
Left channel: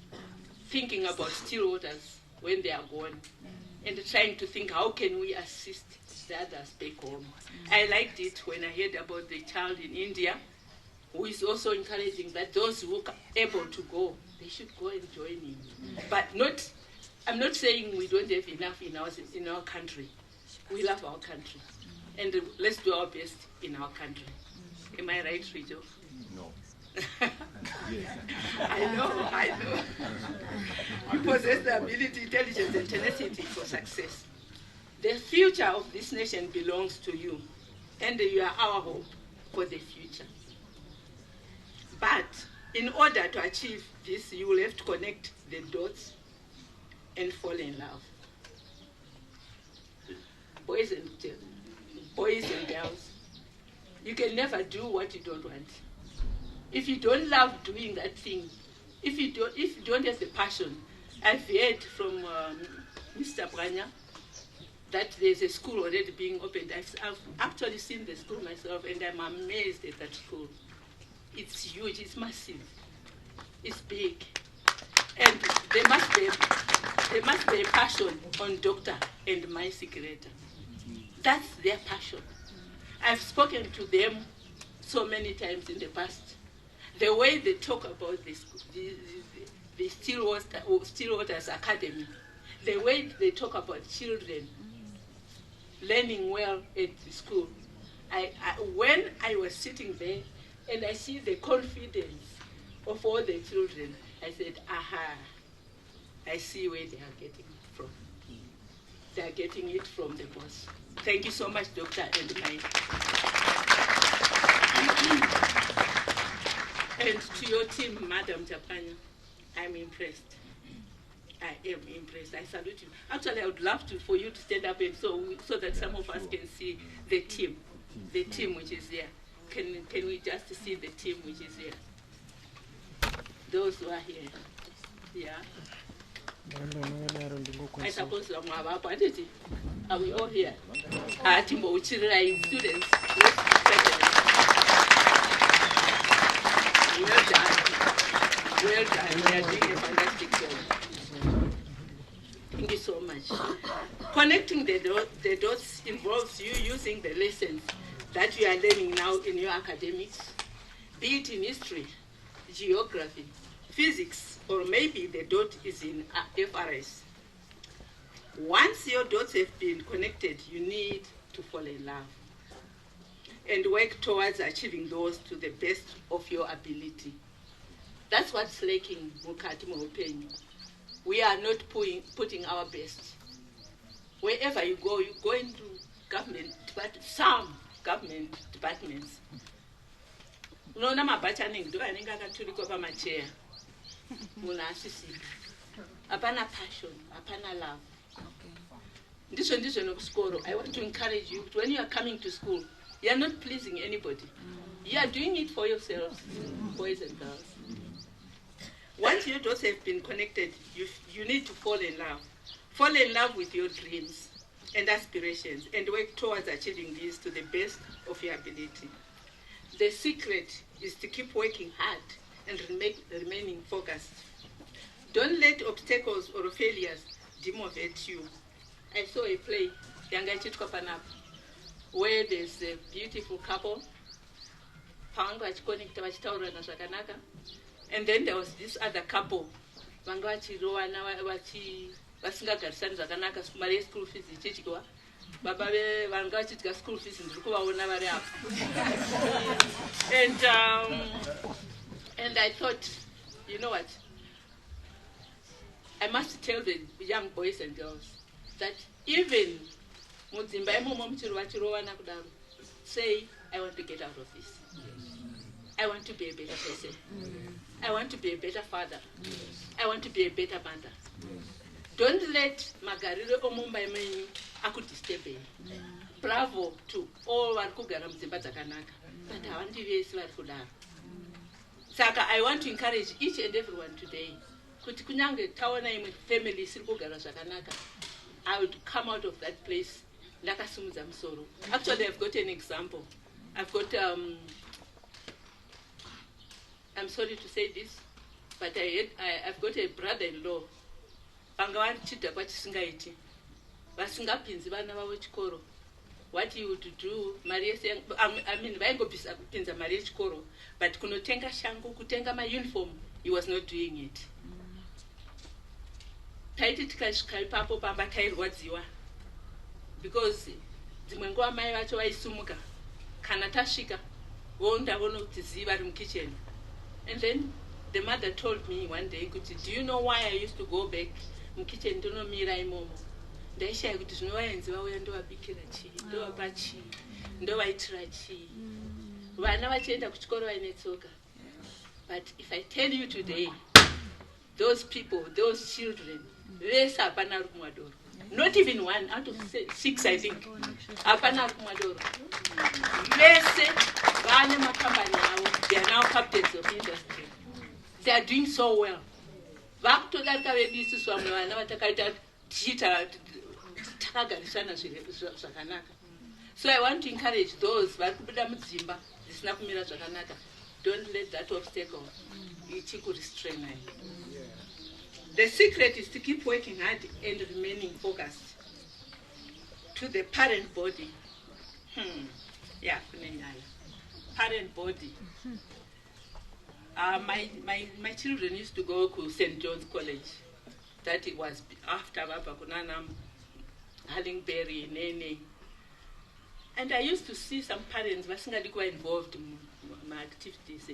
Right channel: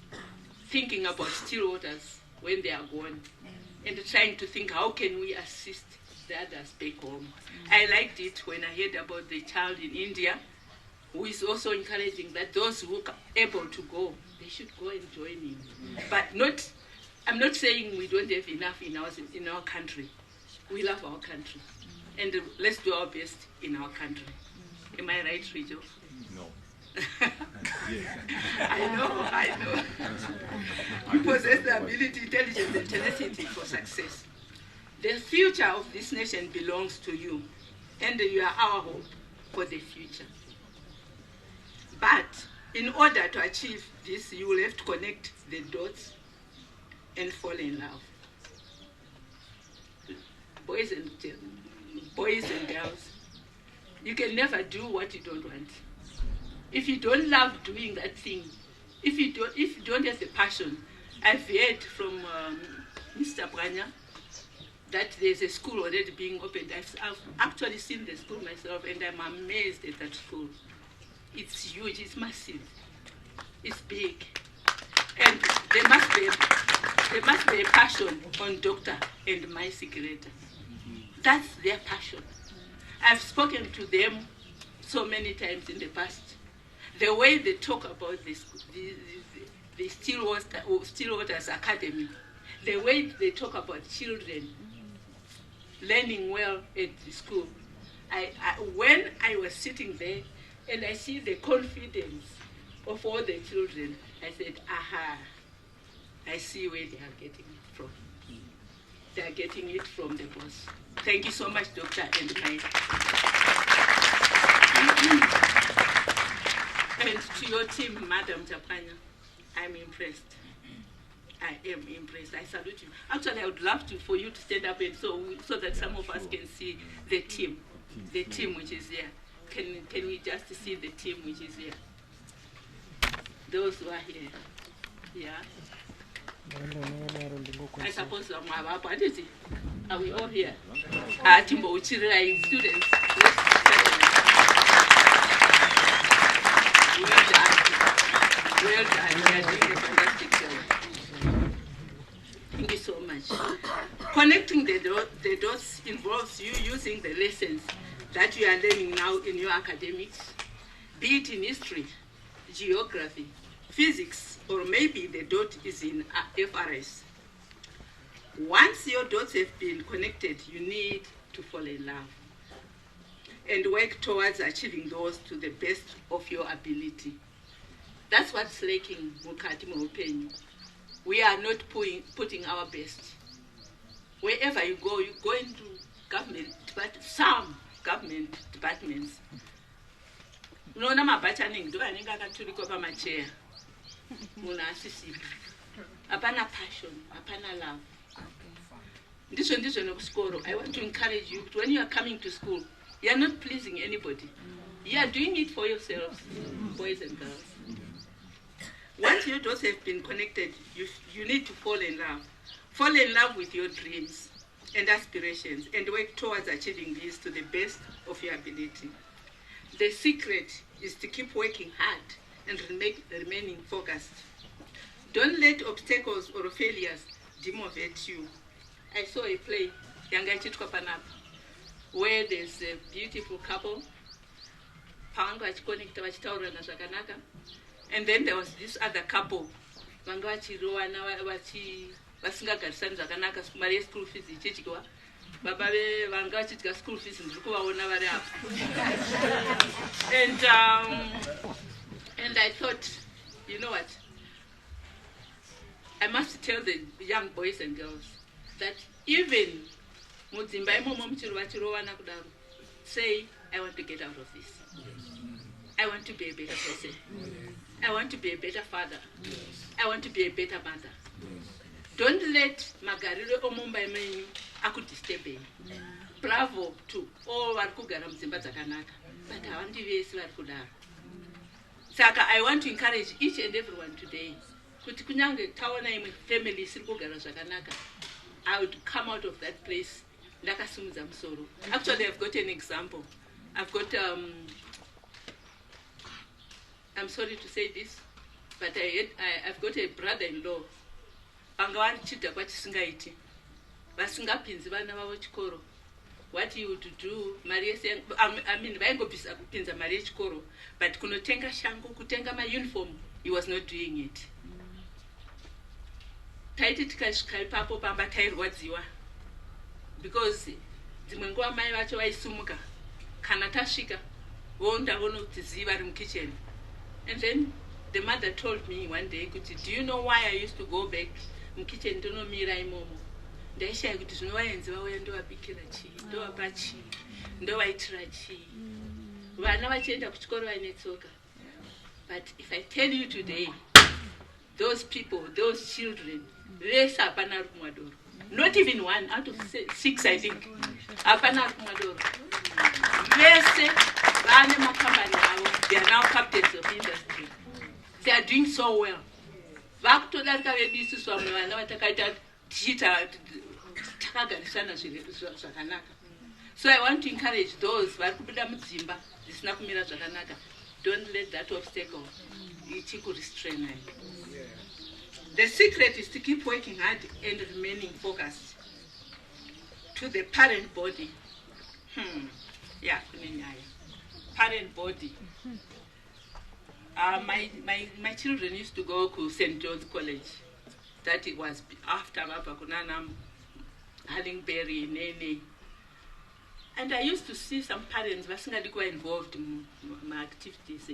thinking about Stillwaters when they are gone, and trying to think, how can we assist the others back home? I liked it when I heard about the child in India, who is also encouraging that those who are able to go, they should go and join him. But I'm not saying we don't have enough in our country. We love our country, and let's do our best in our country. Am I right, Rijo? No. I know. You possess the ability, intelligence, and tenacity for success. The future of this nation belongs to you, and you are our hope for the future. But in order to achieve this, you will have to connect the dots and fall in love. Boys and girls, you can never do what you don't want. If you don't love doing that thing, if you don't have the passion, I've heard from Mr. Branya that there's a school already being opened. I've actually seen the school myself, and I'm amazed at that school. It's huge, it's massive, it's big, and there must be a passion on Doctor and my secretary. That's their passion. I've spoken to them so many times in the past. The way they talk about the Stillwaters Academy, the way they talk about children learning well at the school. When I was sitting there and I see the confidence of all the children, I said, aha, I see where they are getting it from. They are getting it from the boss. Thank you so much, Doctor and Mike. And to your team, Madam Japanya, I'm impressed. I am impressed. I salute you. Actually, I would love for you to stand up and so that some of us can see the team which is there. Can we just see the team which is here? Those who are here. Yeah. I suppose are we all here? Timbo students. Well done. Well done. You are doing a fantastic job. Thank you so much. Connecting the dots involves you using the lessons that you are learning now in your academics, be it in history, geography, physics, or maybe the dot is in FRS. Once your dots have been connected, you need to fall in love and work towards achieving those to the best of your ability. That's what's lacking, Mukati Mopenyi. We are not putting our best. Wherever you go into government, but some government departments. No, no, do I think I can to recover my chair? Apana passion, apana love. This one of school. I want to encourage you, when you are coming to school, you are not pleasing anybody. You are doing it for yourselves, boys and girls. Once your dots have been connected, you need to fall in love. Fall in love with your dreams and aspirations and work towards achieving these to the best of your ability. The secret is to keep working hard and remaining focused. Don't let obstacles or failures demotivate you. I saw a play, Yanga Chitkopanap, where there's a beautiful couple pavanga vachiconnecta vachitaurana zvakanaka. And then there was this other couple vanga vachirowana vasingagarisani zvakanaka, mari yeschool fees ichidyiwa. Baba vanga vachidya school fees ndiri kuvaona vari apa. And I thought, you know what, I must tell the young boys and girls that even mudzimba imomo muchiri vachirowana kudaro, say, I want to get out of this. I want to be a better person. I want to be a better father. I want to be a better mother. Don't let magariro omumba menyu akudisturb. Bravo to all vari kugara mudzimba dzakanaka, but havandi vese vari kudaro. Saka I want to encourage each and everyone today kuti kunyange taona imwe family isiri kugara zvakanaka, I would come out of that place ndakasimudza musoro. Actually, I've got an example. I've got I'm sorry to say this, but I've got a brother-in-law. Vanga vachidya kwatisingaiti, vasingapinzi vana vavo chikoro. What he would do, I mean, vaingopinza mari yechikoro, but kunotenga shangu, kutenga my uniform, he was not doing it. Taiti tikasvika ipapo pamba tairwadziwa, because dzimwe nguva mai vacho vaisumuka, kana tasvika vondaona kuti zii vari mukitchen. And then the mother told me one day, do you know why I used to go back mukitchen ndonomira imomo? Ndaishaya kuti zvinovaenzi vauya ndovabikira chii, ndovapa chii, ndovaitira chii. Vana vachienda kuchikoro vaine tsoka. But if I tell you today, those people, those children, vese hapana ari kumwadoro. Not even 1 out of 6, I think. Hapana ari kumwadoro. Vese vane makambani avo. They are now captains of industry. They are doing so well. Vakutodarika vedu isusu vamwe vana vatakaita tichita takagarisana zvakanaka. So I want to encourage those vari kubuda mudzimba zvisina kumira zvakanaka. Don't let that obstacle ichikurestrain. The secret is to keep working hard and remaining focused. To the parent body. Yeah, parent body. My children used to go to St. John's College. That it was after Baba Kunanam, Hallingberry, Nene. And I used to see some parents were involved in my activities.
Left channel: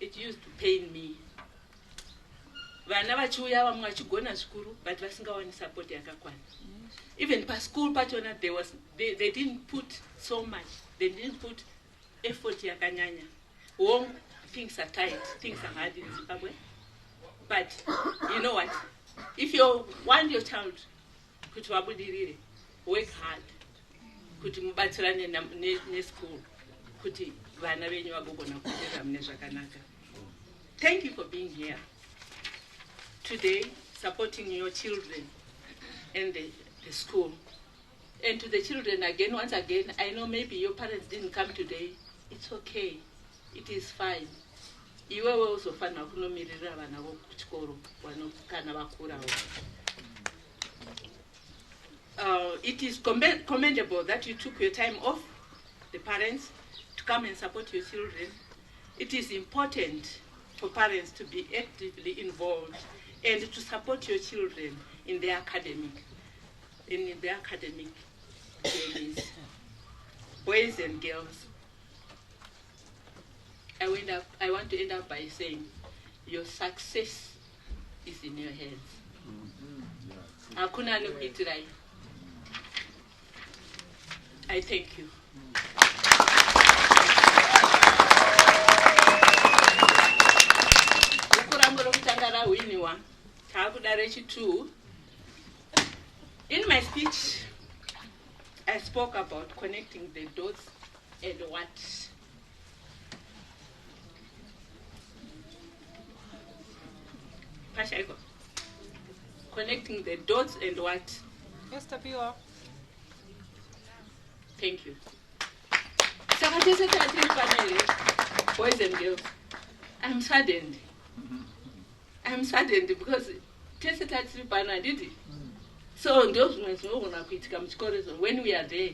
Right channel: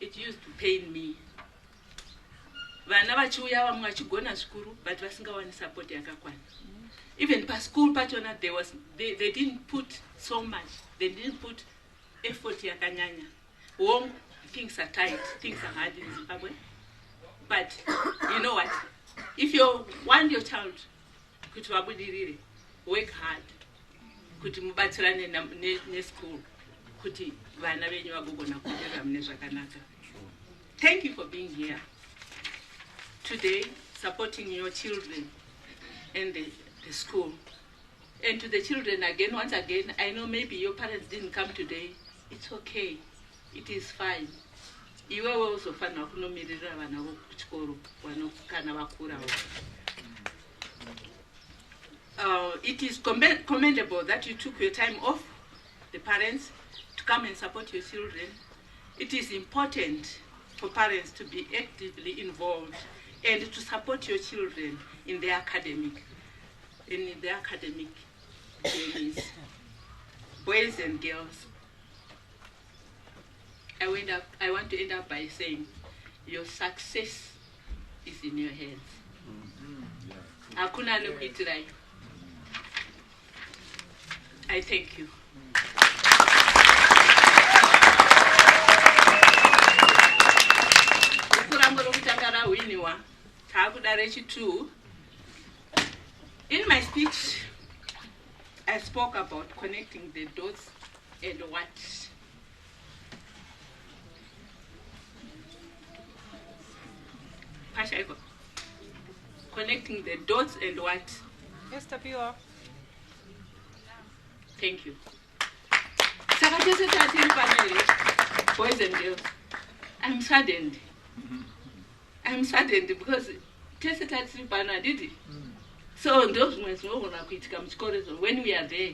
It used to pain me. Vana vachiuya vamwe vachigona zvikuru but vasingawani support yakakwana. Even per school patona they didn't put so much. They didn't put effort yakanyanya. Home things are tight, things are hard in Zimbabwe. But you know what? If you want your child kuti vabudirire, work hard. Kuti mubatsirane ne school. Kuti vana venyu vagogona kuenda mune zvakanaka. Thank you for being here today, supporting your children and the school. And to the children again, once again, I know maybe your parents didn't come today. It's okay. It is fine. Iwe also fana kunomirira vana vo kuchikoro kana vakura. It is commendable that you took your time off, the parents, to come and support your children. It is important for parents to be actively involved and to support your children in their academic journeys, boys and girls. I want to end up by saying your success is in your hands. Hakuna anokuitirai. I thank you. In my speech, I spoke about connecting the dots and what. Connecting the dots and what? Esther Piwa. Thank you. Boys and girls, I'm saddened. I'm saddened because did it. So those ones when we are there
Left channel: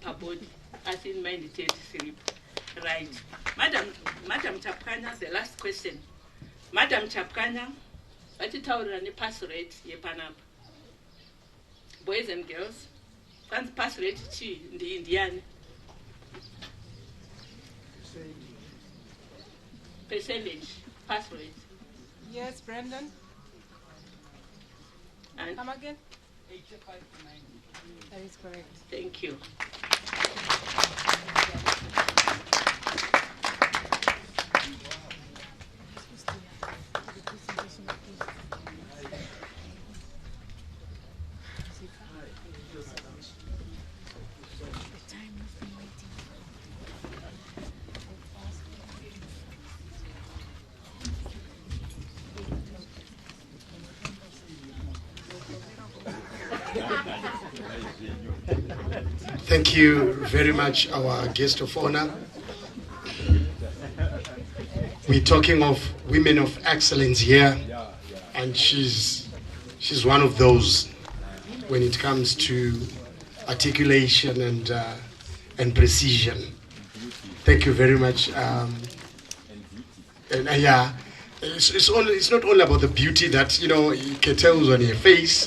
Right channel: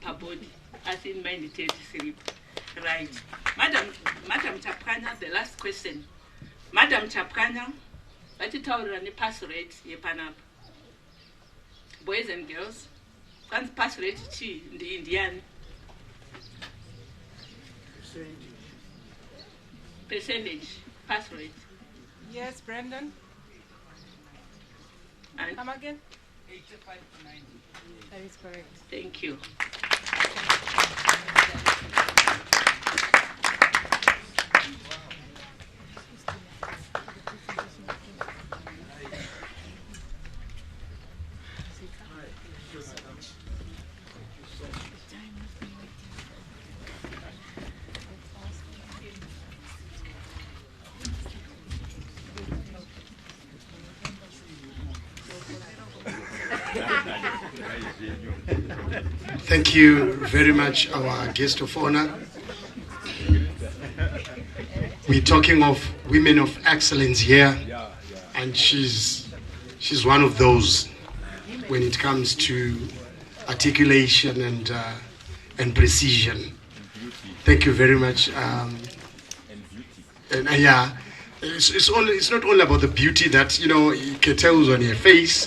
per body, as in mind sleep. Right. Madam Chapkanya, the last question. Madam Chapkanya, what is the pass rate yepanap? Boys and girls, what's pass rate in the Indian? Percentage, pass rate. Yes, Brandon. And come again? 85 to 90. That is correct. Thank you. Thank you very much, our guest of honor. We're talking of women of excellence here, and she's one of those when it comes to articulation and precision. Thank you very much. It's not only about the beauty that tells on your face,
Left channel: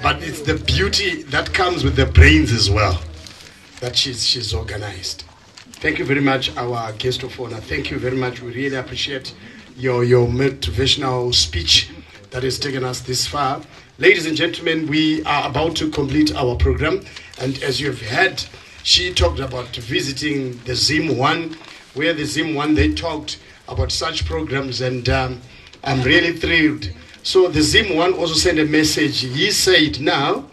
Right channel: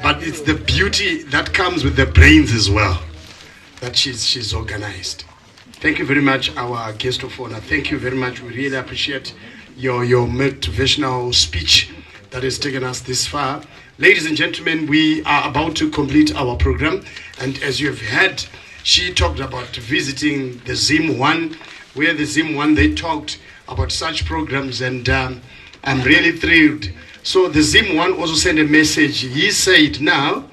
but it's the beauty that comes with the brains as well. That she's organized. Thank you very much, our guest of honor. Thank you very much. We really appreciate your motivational speech that has taken us this far. Ladies and gentlemen, we are about to complete our program, and as you have heard, she talked about visiting the Zim 1, where the Zim 1 they talked about such programs, and I'm really thrilled. So the Zim 1 also sent a message. He said, now,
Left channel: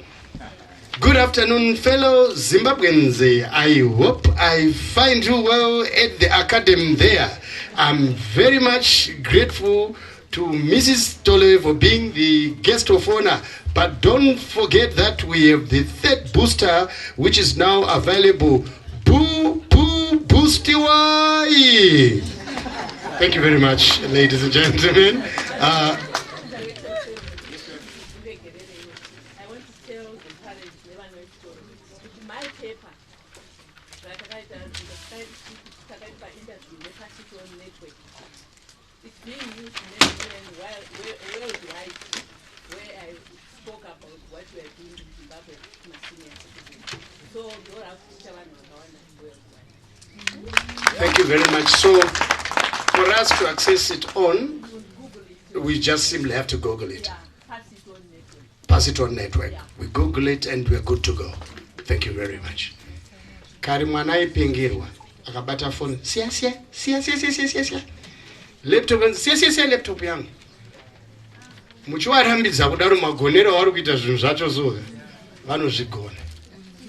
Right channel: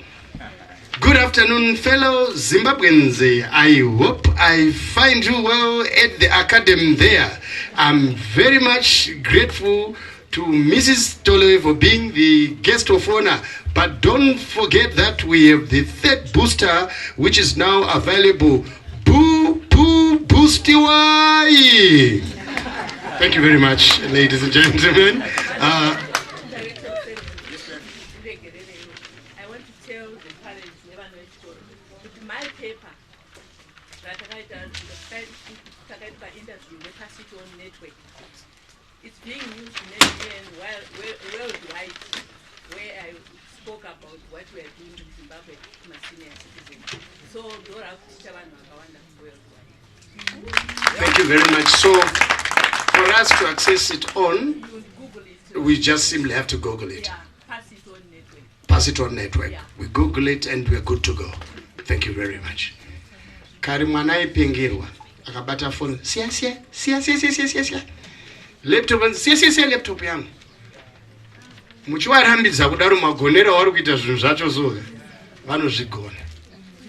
good afternoon, fellow Zimbabweans. I hope I find you well at the academy there. I'm very much grateful to Mrs. Tole for being the guest of honor. But don't forget that we have the third booster, which is now available. Boostiwai. Thank you very much, ladies and gentlemen. It's being used in worldwide, where I spoke about what we are doing in Zimbabwe in a senior citizen. So you're out to tell worldwide. Thank you very much. So for us to access it on, we just simply have to Google it. Pass it on network. We Google it and we're good to go. Thank you very much. Karimwana ipengirwa akabata phone. Sia. Laptop laptop yangu. Muchivarambidza kudaro magonero vari kuita zvinhu zvacho so vanozvigona.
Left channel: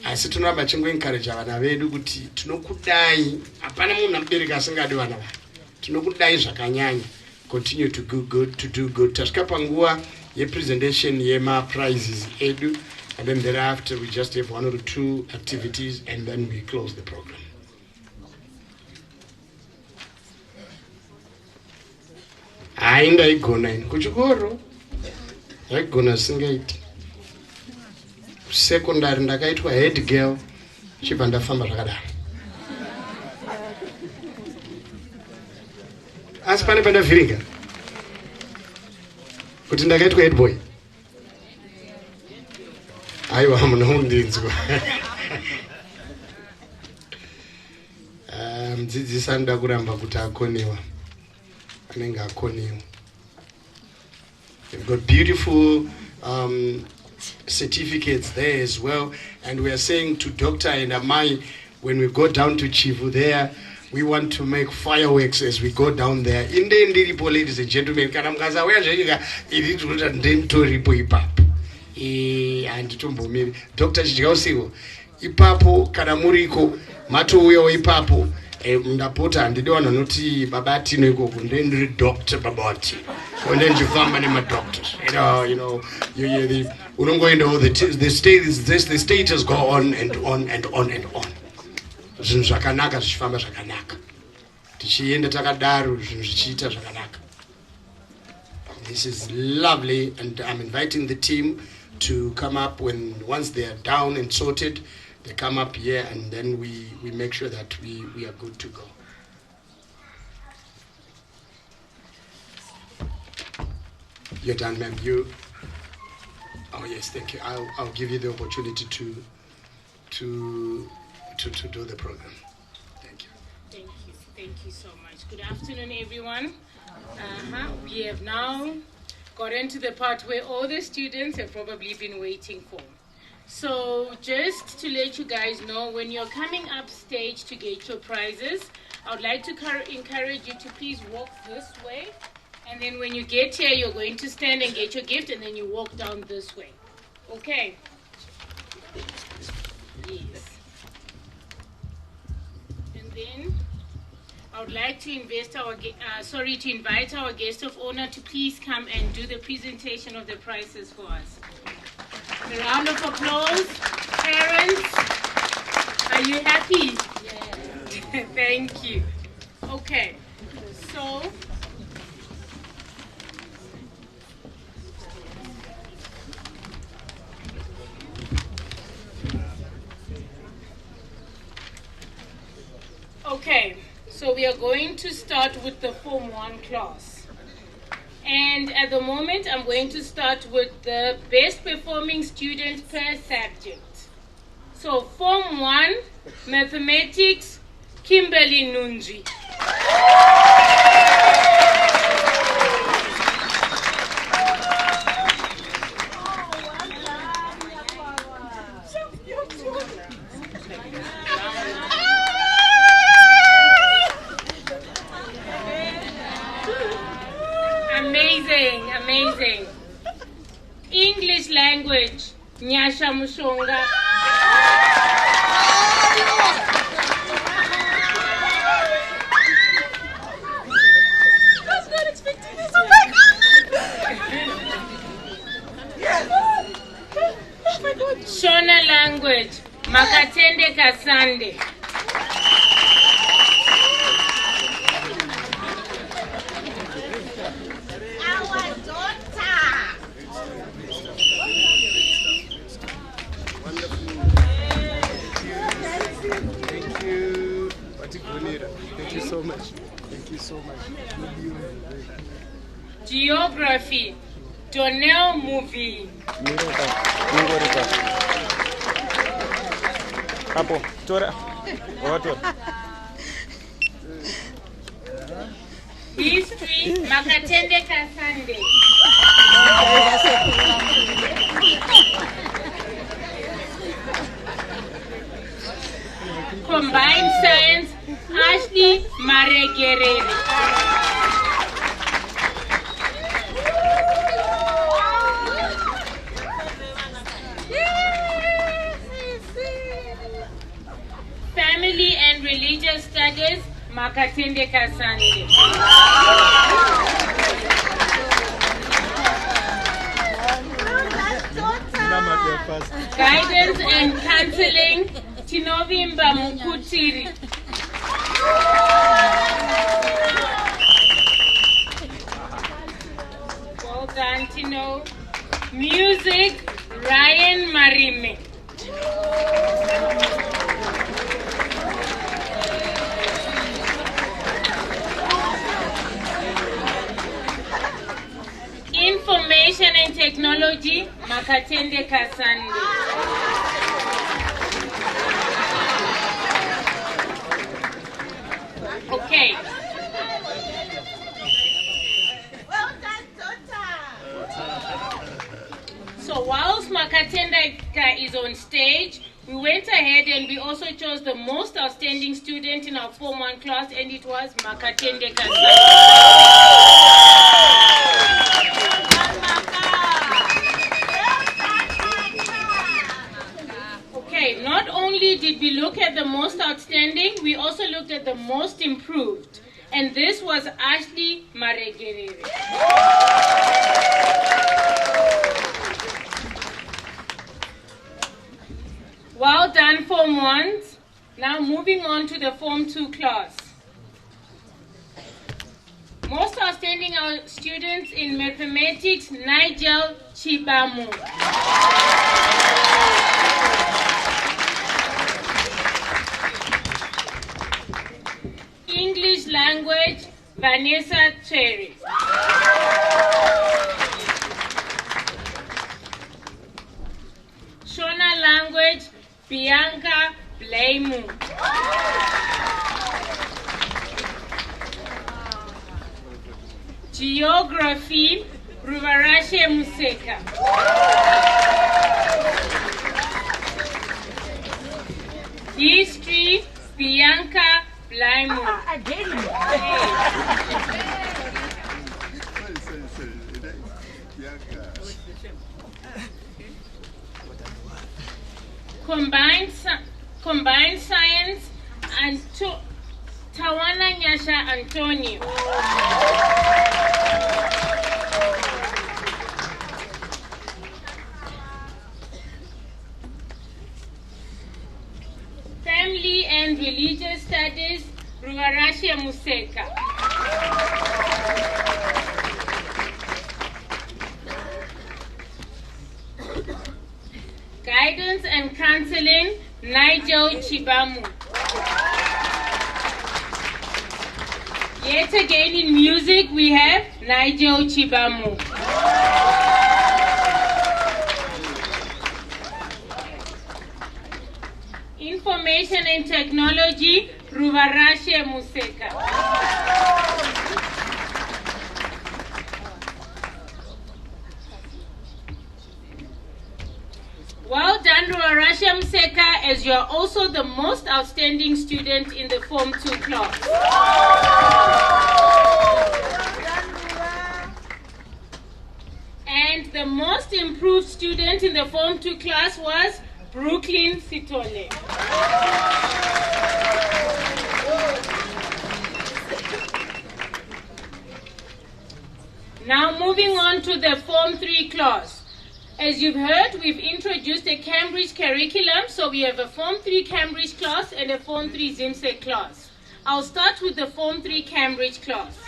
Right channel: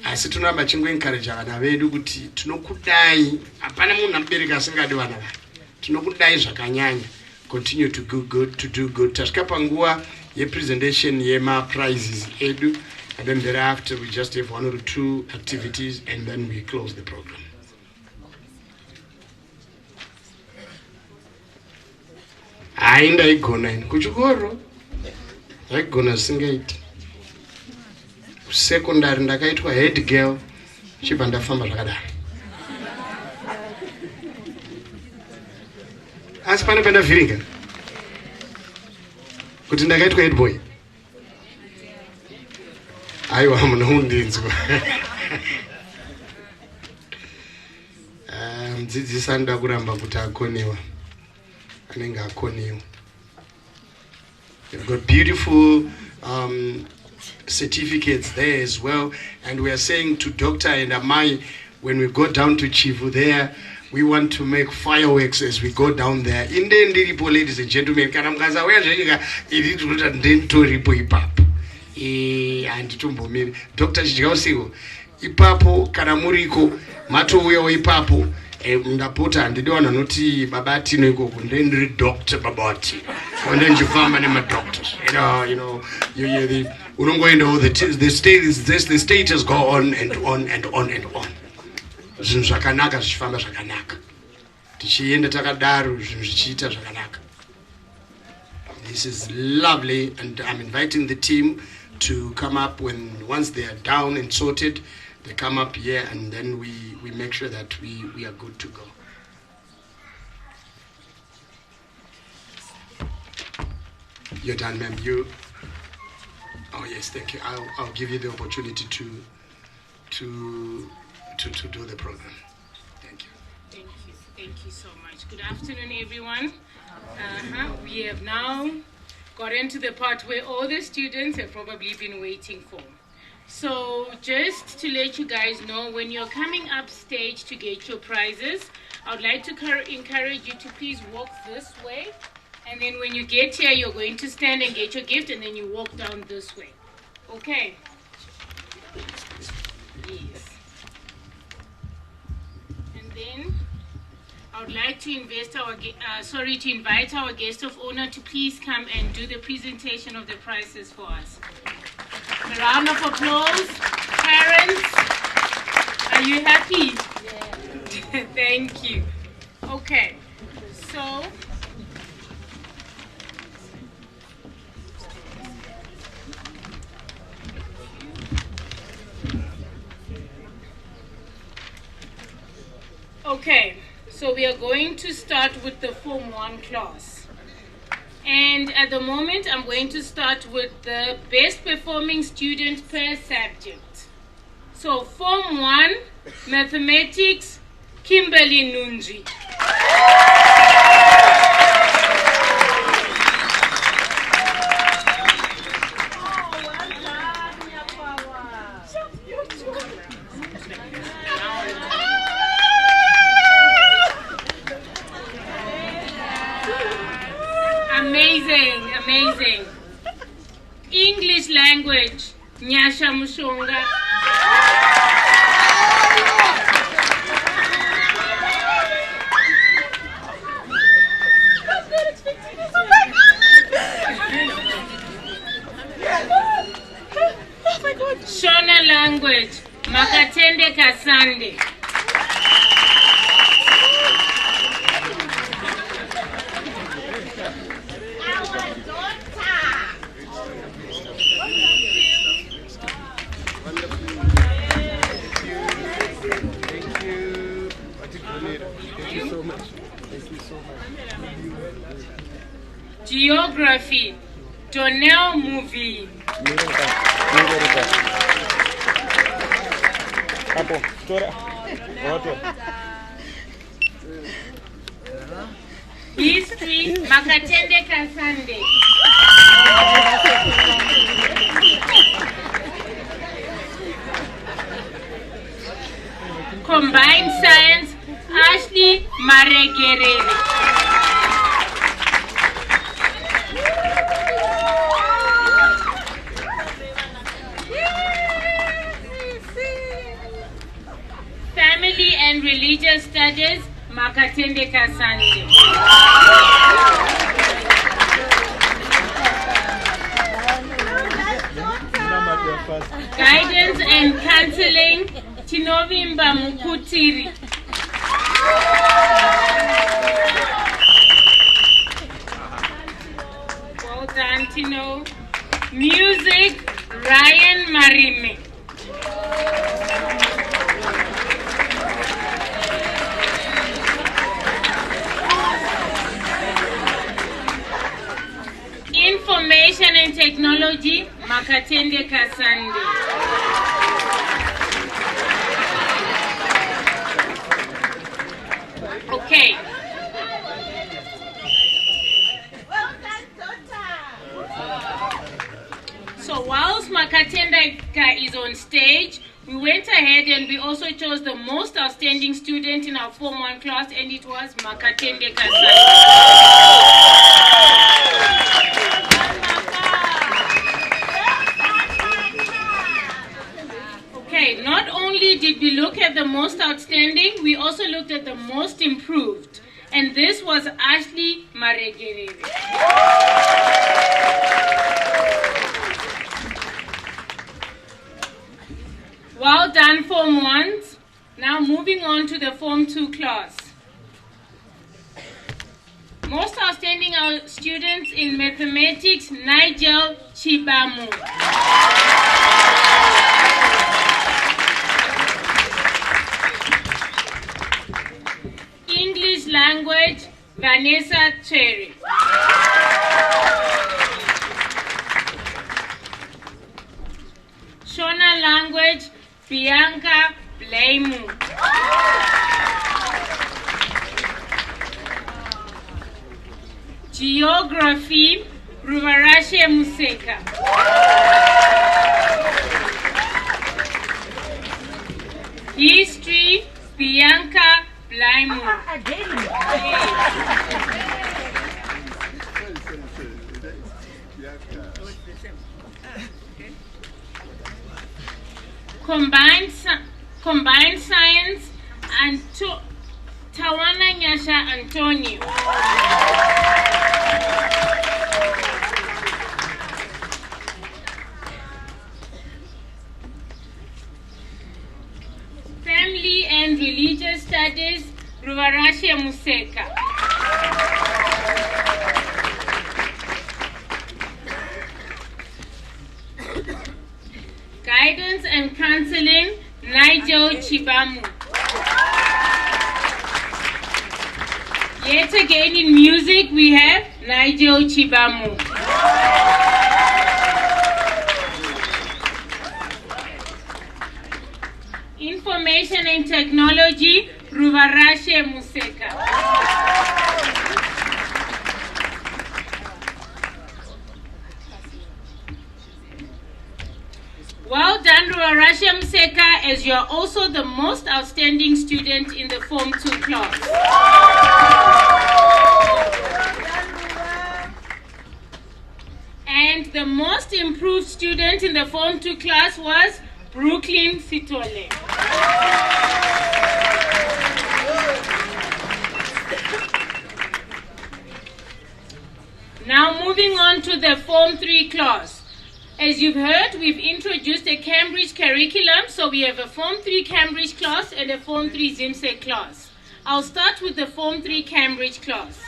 Asi tunamba chingoencourage vana vedu kuti tinokudai, hapana munhu amubereki asingadi vana vake. Tinokudai zvakanyanya. Continue to do good. Tasvika panguva yepresentation yema prizes edu, and then thereafter we just have 1 or 2 activities and then we close the program. Ndaigona ini kuchikoro ndaigona singaiti. Secondary ndakaitwa head girl, chibva ndafamba zvakadaro. Asi pane pandavhirika kuti ndakaitwa head boy. Aiwa, munondinzwa. Mudzidzisi anoda kuramba kuti akoniwa. Anenge akoniwa. You've got beautiful certificates there as well, and we are saying to Dr. and Amai, when we go down to Chivu there, we want to make fireworks as we go down there. In the Ndiripo, ladies and gentlemen, kana mkaza wea jayika, iditi kuta ndentoripo ipapo. Anditumbumiri. Dr. Chichikausiko, ipapo, kana muriko, mato uyo ipapo, ndapota handidi wana noti babati noikoko, ndendiri Dr. Babati. Ndendifamba nema doctors. The state has gone on and on and on and on. Zvinhu zvakanaka zvichifamba zvakanaka. Tichienda takadaro zvinhu zvichiita zvakanaka. This is lovely, and I'm inviting the team to come up once they are down and sorted. They come up here and then we make sure that we are good to go. You're done, ma'am. You. Oh yes, thank you. I'll give you the opportunity to do the program. Thank you so much. Good afternoon, everyone. We have now got into the part where all the students have probably been waiting for. So just to let you guys know, when you're coming up stage to get your prizes, I would like to encourage you to please walk this way. And then when you get here, you're going to stand and get your gift, and then you walk down this way. Okay? Yes. And then I would like to invite our guest of honor to please come and do the presentation of the prizes for us. A round of applause. Parents, are you happy? Yes. Thank you. Okay, so we are going to start with the Form 1 class. And at the moment, I'm going to start with the best performing student per subject. So Form 1, Mathematics, Kimberly Nunji. Amazing. English language, Nyasha Mushonga. I was not expecting this. Oh my God. Shona language, Makatende Kasande. Geography, Donnell Movie. History, Makatende Kasande. Combined Science, Ashley Maregerere. Family and Religious Studies, Makatende Kasande. Guidance and Counseling, Tinovimba Mukutiri. Well done, Tino. Music, Ryan Marime. Information and Technology, Makatende Kasande. Okay. So whilst Makatendeka is on stage, we went ahead and we also chose the most outstanding student in our Form 1 class, and it was Makatende Kasande. Okay, not only did we look at the most outstanding, we also looked at the most improved. And this was Ashley Maregerere. Well done, Form 1s. Now moving on to the Form 2 class. Most outstanding students in mathematics, Nigel Chibamu. English language, Vanessa Cherry. Shona language, Bianca Blaimu. Geography, Ruvarashe Museka. History, Bianca Blaimu. Combined science and Tawana Nyasha Antonio. Family and religious studies, Ruvarashe Museka. Guidance and counseling, Nigel Chibamu. Yet again in music, we have Nigel Chibamu. Information and technology, Ruvarashe Museka. Well done, Ruvarashe Museka, as you are also the most outstanding student in the Form 2 class. And the most improved student in the Form 2 class was Brooklyn Sitole. Now moving on to the Form 3 class. As you've heard, we've introduced a Cambridge curriculum, so we have a Form 3 Cambridge class and a Form 3 ZIMSEC class. I'll start with the Form 3 Cambridge class.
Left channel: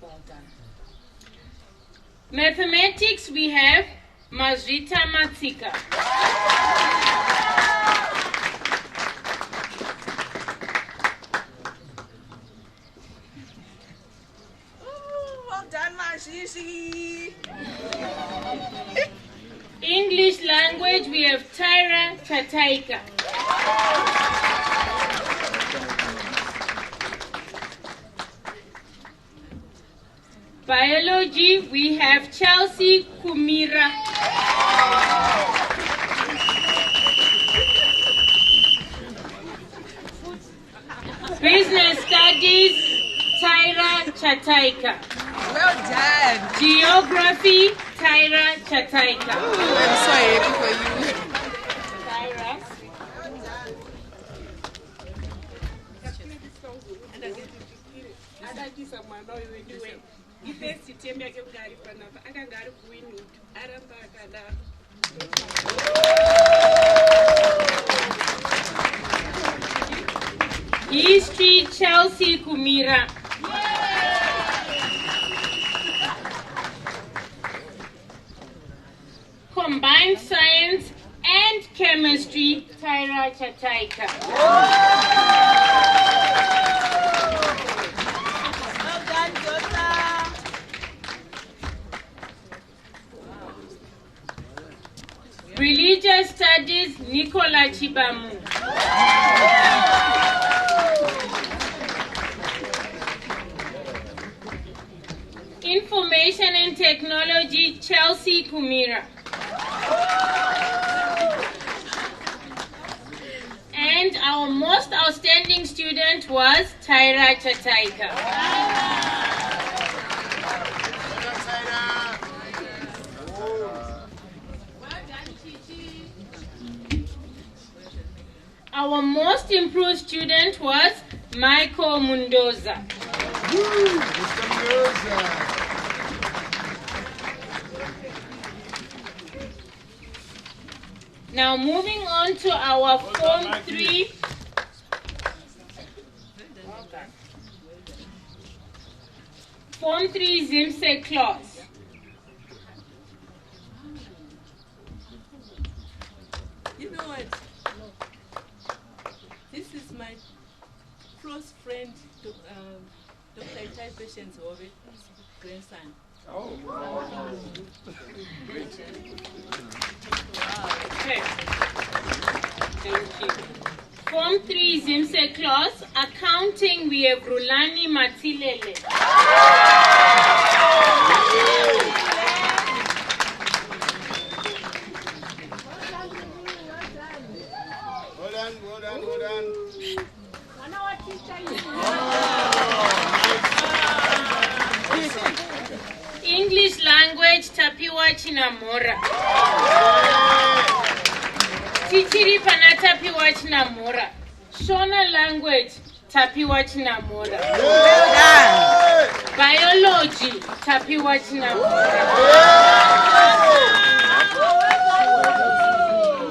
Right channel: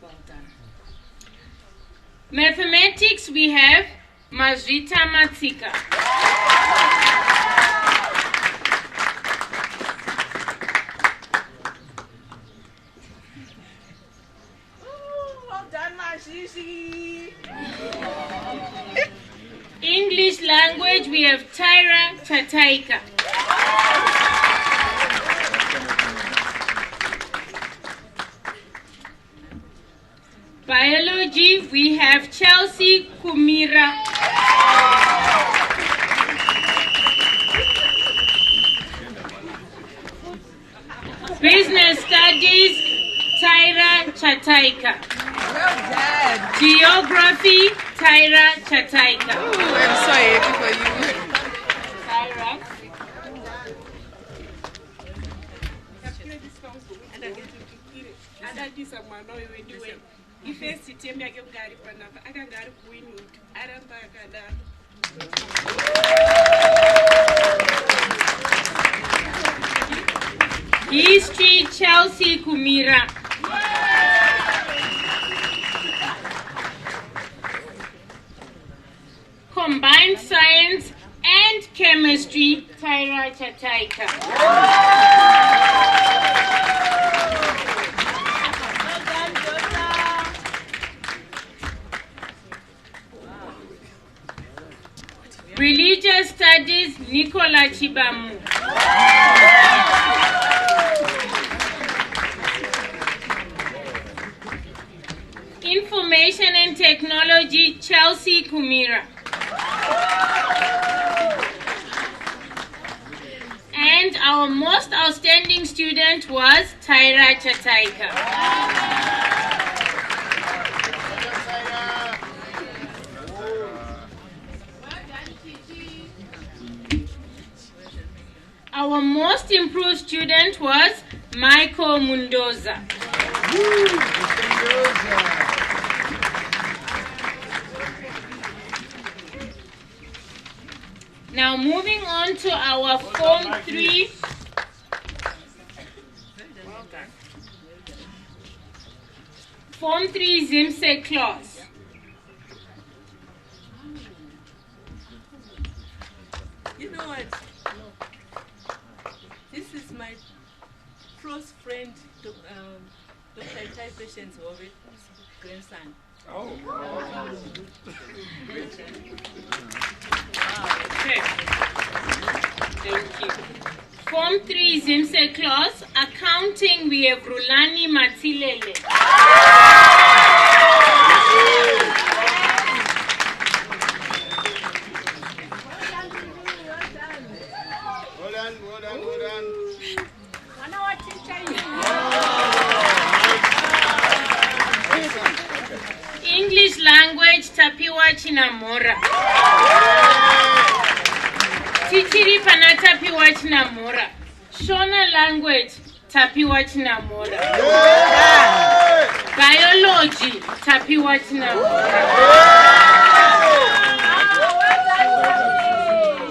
Well done. Mathematics, we have Mazrita Matsika. Well done, Mashishi. English language, we have Tyra Tataika. Biology, we have Chelsea Kumira. Business studies, Tyra Chataika. Well done. Geography, Tyra Chataika. Ooh, I'm so happy for you. Tyra. History, Chelsea Kumira. Combined science and chemistry, Tyra Chataika. Religious studies, Nicola Chibamu. Information and technology, Chelsea Kumira. And our most outstanding student was Tyra Chataika. Our most improved student was Michael Mundoza. Now moving on to our Form 3. Form 3 ZIMSEC class. You know what? This is my close friend, Dr. Itai Patience Ove, grandson. Oh. 3 is IMSE class. Accounting, we have Rulani Matilele. Hold on. English language, Tapiwa Chinamora. Tichiri pana Tapiwa Chinamora. Shona language, Tapiwa Chinamora. Biology, Tapiwa Chinamora.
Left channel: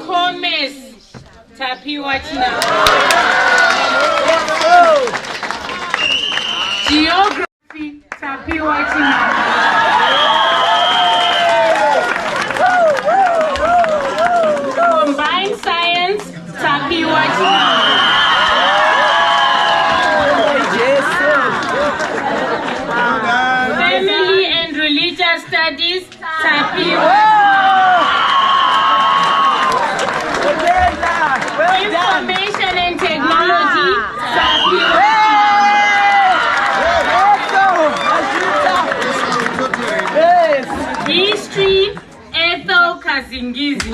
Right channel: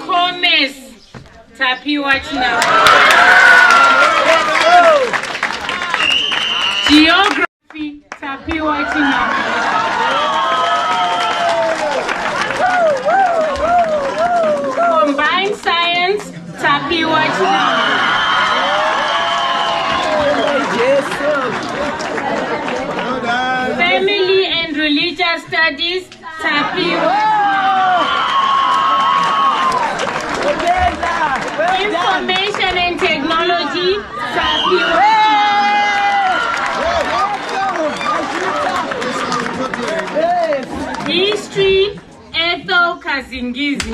Commerce, Tapiwa Chinamora. Geography, Tapiwa Chinamora. Combined science, Tapiwa Chinamora. Family and religious studies, Tapiwa. Information and technology, Tapiwa. History, Ethel Kazingizi.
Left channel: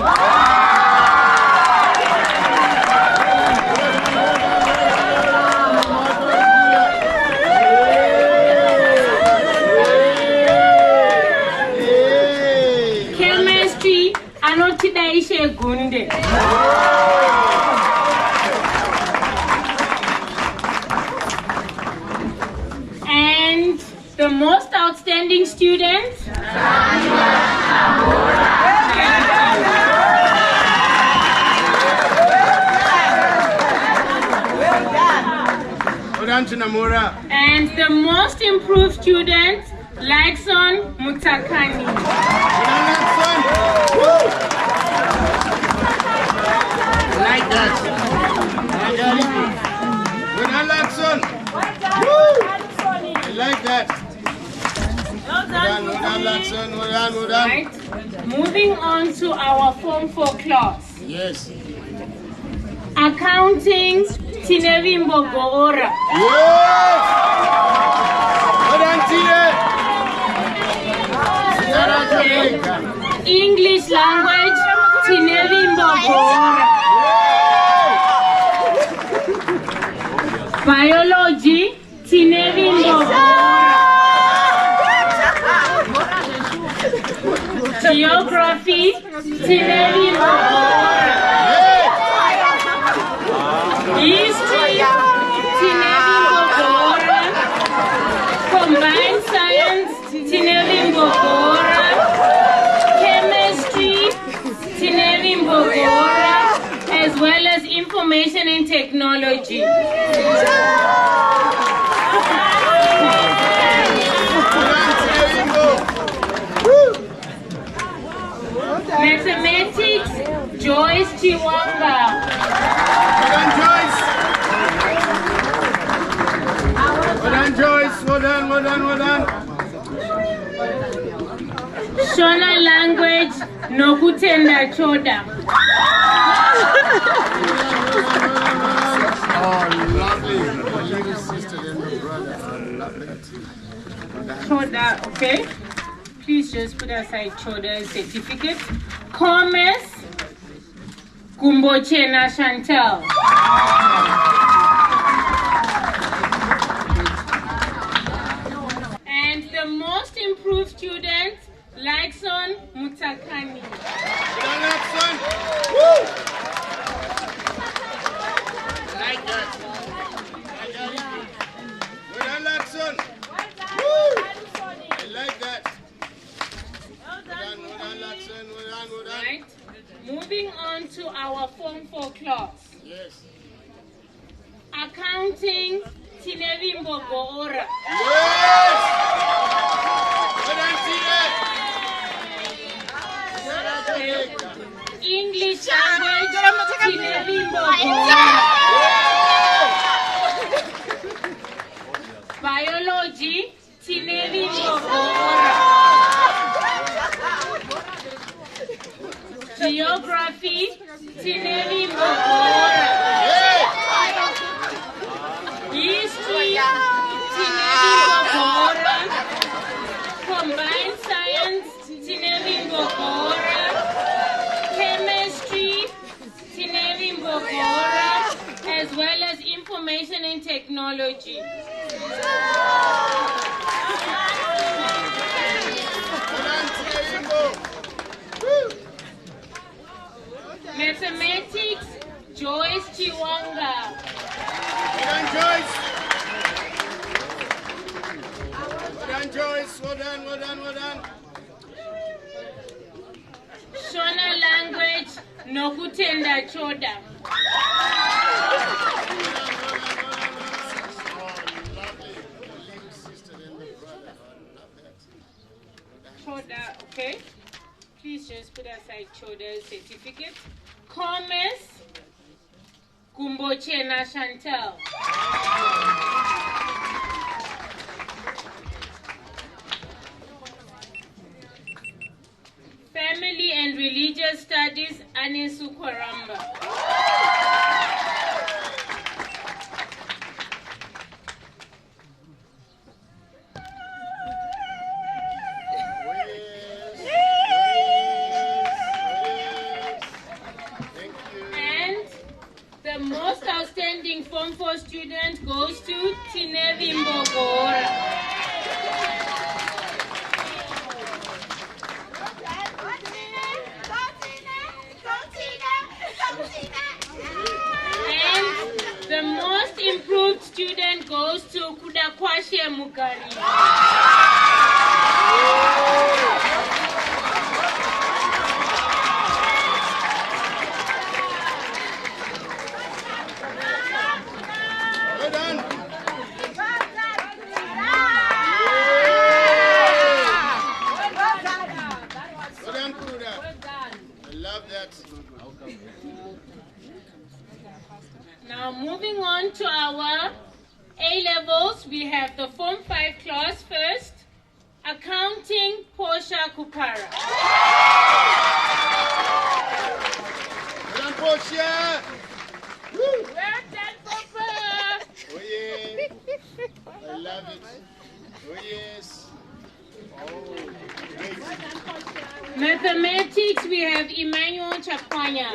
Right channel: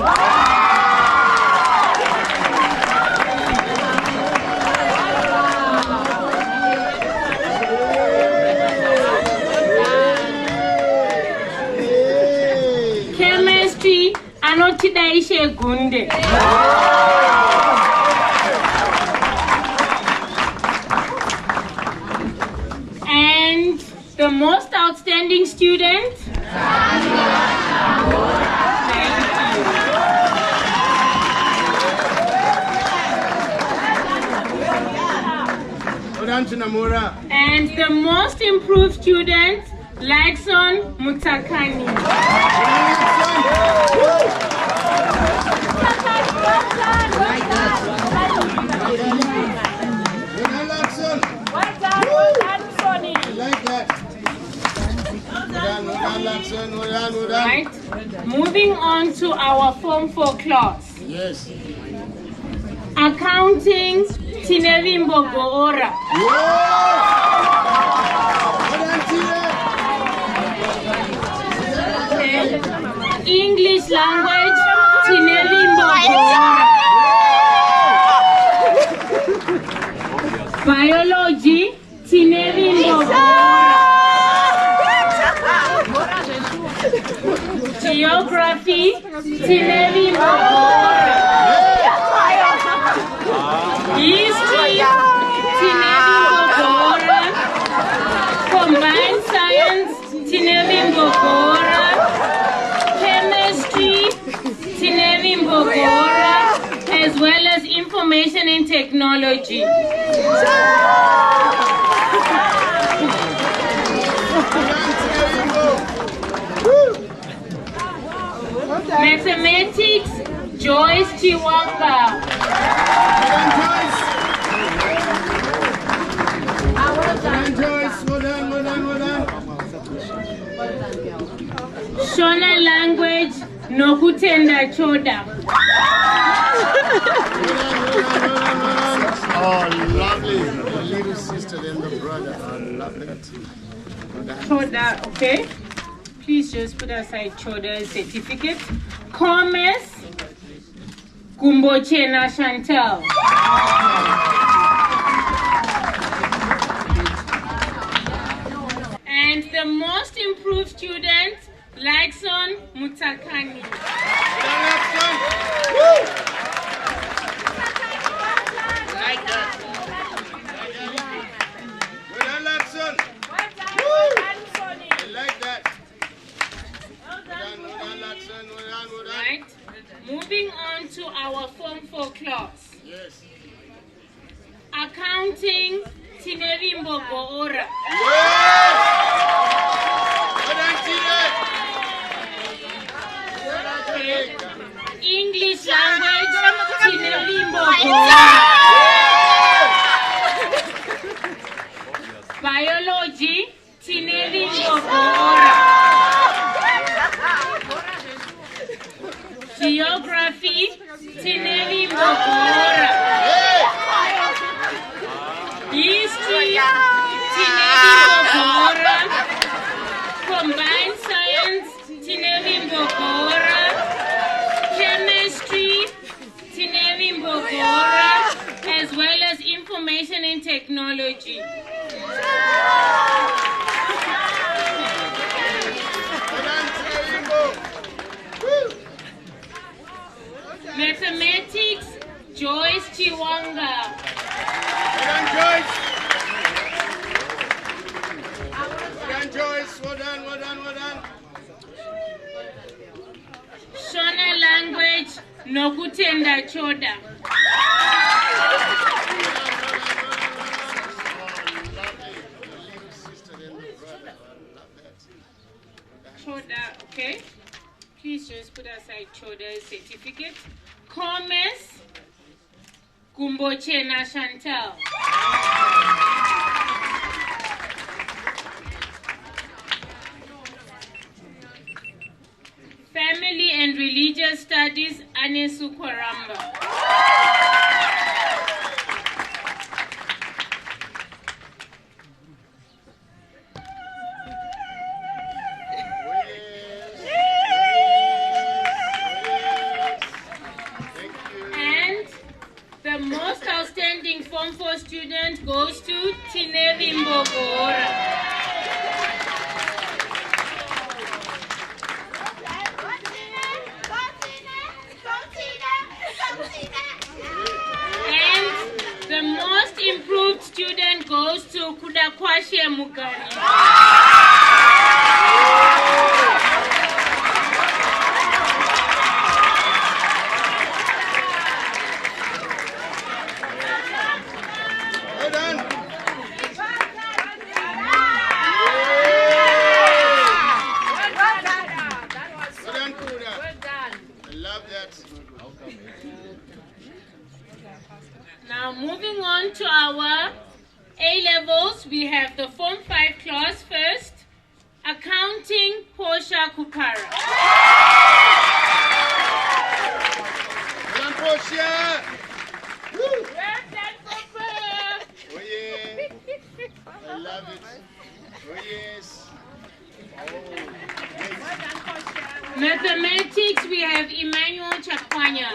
Chemistry, Anotidaishe Gunde. And the most outstanding student? And the most improved student, Lykson Mutakani. Like that. Like that. Well done. Right. Moving on to our Form 4 class. Yes. Accounting, Tinevimbo Goora. English language, Tinevimbo Goora. Biology, Tinevimbo Goora. Geography, Tinevimbo Goora. History, Tinevimbo Goora. Combined science, Tinevimbo Goora. Chemistry, Tinevimbo Goora. As well as information and technology. Mathematics, Joyce Chiwanga. Well done. Shona language, Nokutenda Choda. Oh, lovely. The little sister and the brother are lovely. Choda, okay? Please just put aside Choda's certificate. Commerce, Kumbochena Chantal. And the most improved student, Lykson Mutakani. Like that. Well done, Lykson. I like that. Right. Moving on to our Form 4 class. Yes. Accounting, Tinevimbo Goora. Yes. English language, Tinevimbo Goora. Biology, Tinevimbo Goora. Geography, Tinevimbo Goora. History, Tineri Combined Science, Tineri Mbogora. Chemistry, Tineri Mbogora, as well as Information and Technology. Mathematics, Joyce Chiwanga. Joyce, well done. Shona Language, Nokutenda Choda. Choda, okay. Please just put aside Choda's certificate. Commerce, Gumbochena Chantal. Family and Religious Studies, Anesu Kwaramba. And the most outstanding Form 4 student goes to Tineri Mbogora. The most improved student goes to Kudakwashe Mugari. Well done. Well done, Kuda. I love that. Now moving on to our A-levels, we have the Form 5 class first. Accounting, Portia Kupara. Well done, Portia. Woo. Well done, Papa. Oh yeah. I love it. Oh yes. Oh. Mathematics, we have Emmanuel Chakwanya.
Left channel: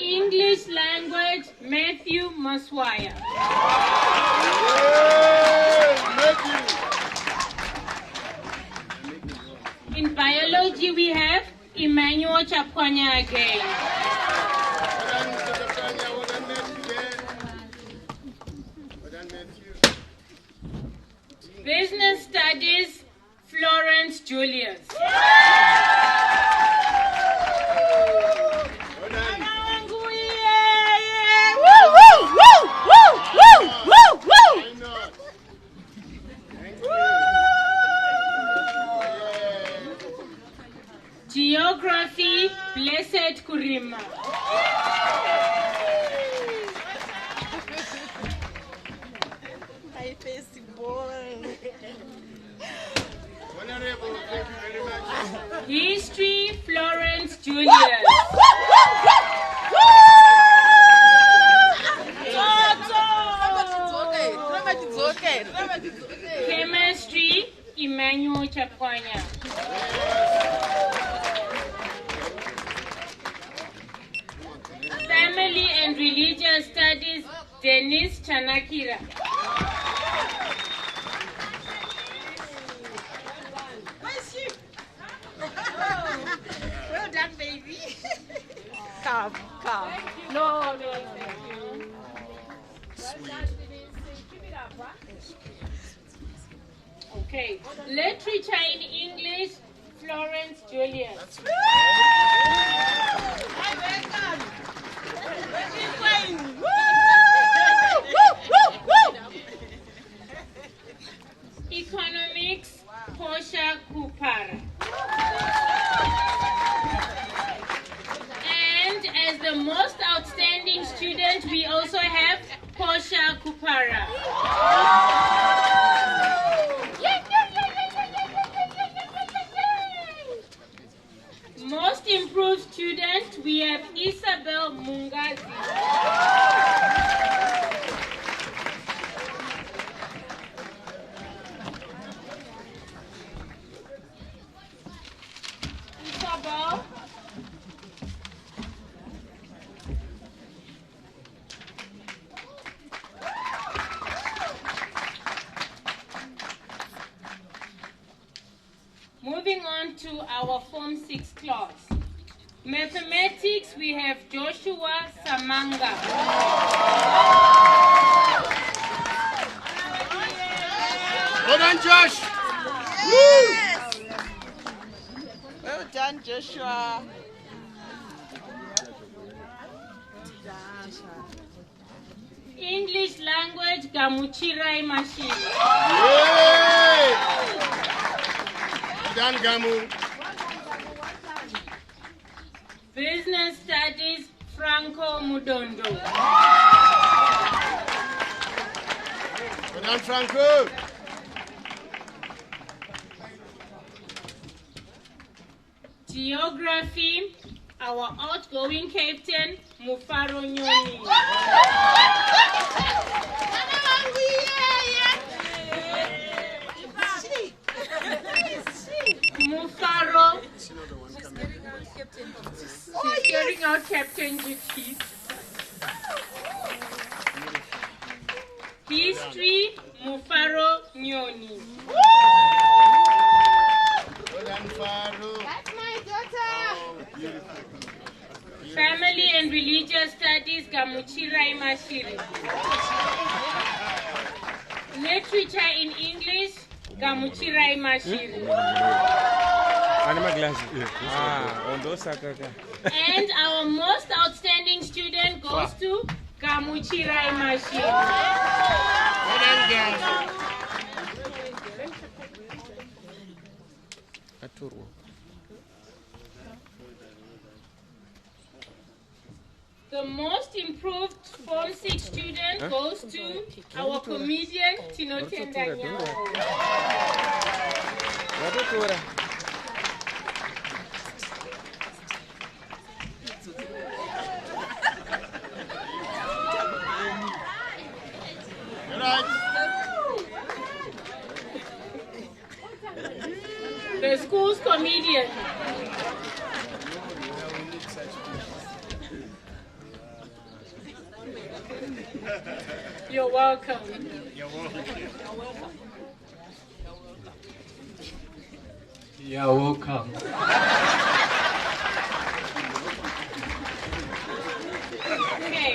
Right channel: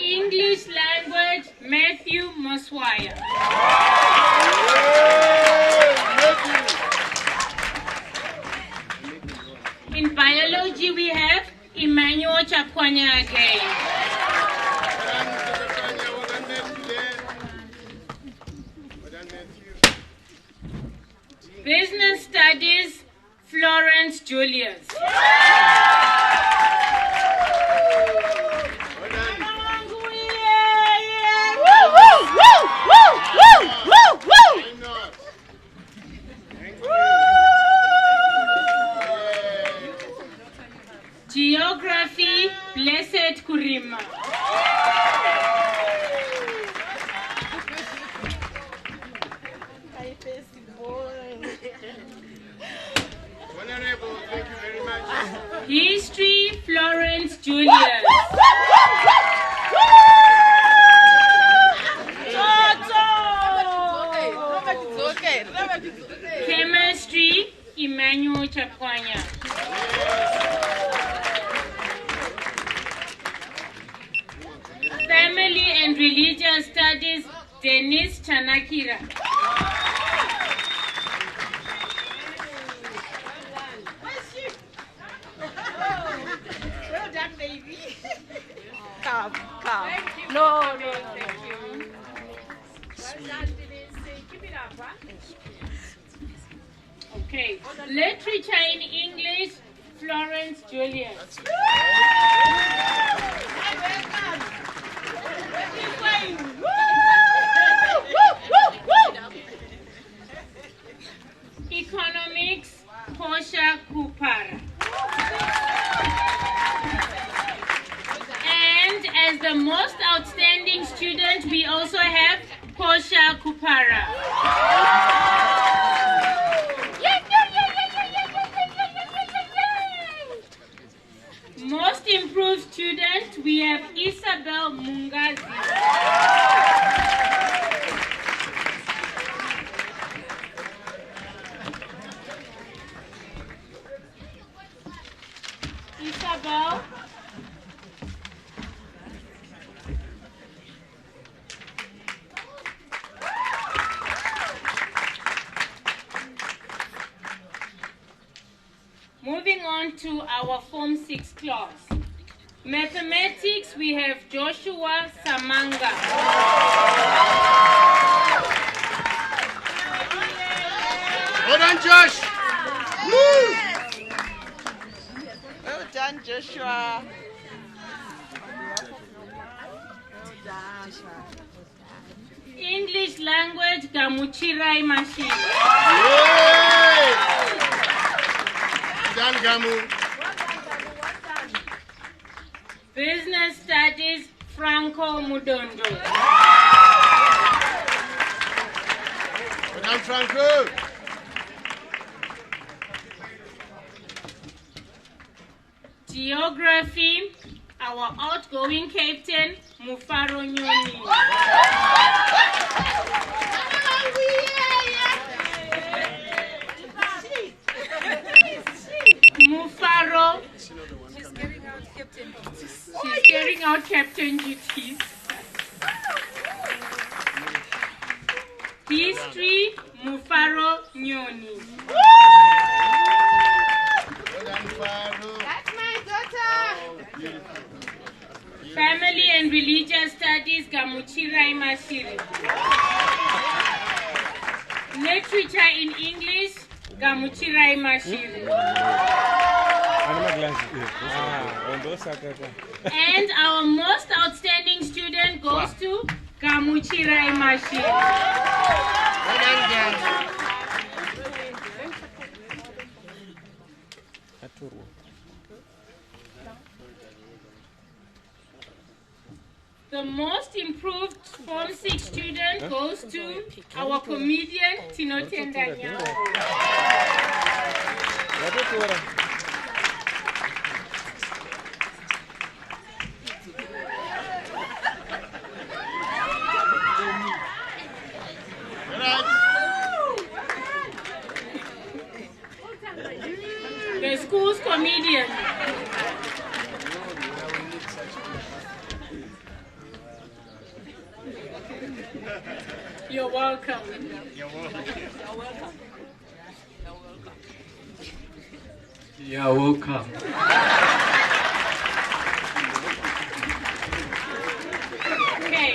English language, Matthew Maswaya. In biology, we have Emmanuel Chakwanya again. Business studies, Florence Julius. Geography, Blessed Kurima. Honorable, thank you very much. History, Florence Julius. Chemistry, Emmanuel Chakwanya. Family and Religious Studies, Denise Chanakira. Well done, baby. Come. No. Okay, literature in English, Florence Julius. Economics, Portia Kupara. And as the most outstanding student, we also have Portia Kupara. Most improved student, we have Isa on to our Form 6 class. Mathematics, we have Joshua Samanga. Well done, Josh. Well done, Joshua. English language, Gamuchirai Machine. Well done, Gamu. Business studies, Franco Mudondo. Well done, Franco. Geography, our outgoing captain, Mufaro Nyoni. Mufaro. She's carrying out captain duties. She's carrying out captain duties. History, Mufaro Nyoni. That's my daughter. Family and religious studies, Gamuchirai Mashiri. Literature in English, Gamuchirai Mashiri. And our most outstanding student goes to Gamuchirai Mashiri. The most improved Form 6 student goes to our comedian, Tino Tendanyao. The school's comedian. You're welcome. You're welcome. You're welcome. You're welcome. Okay,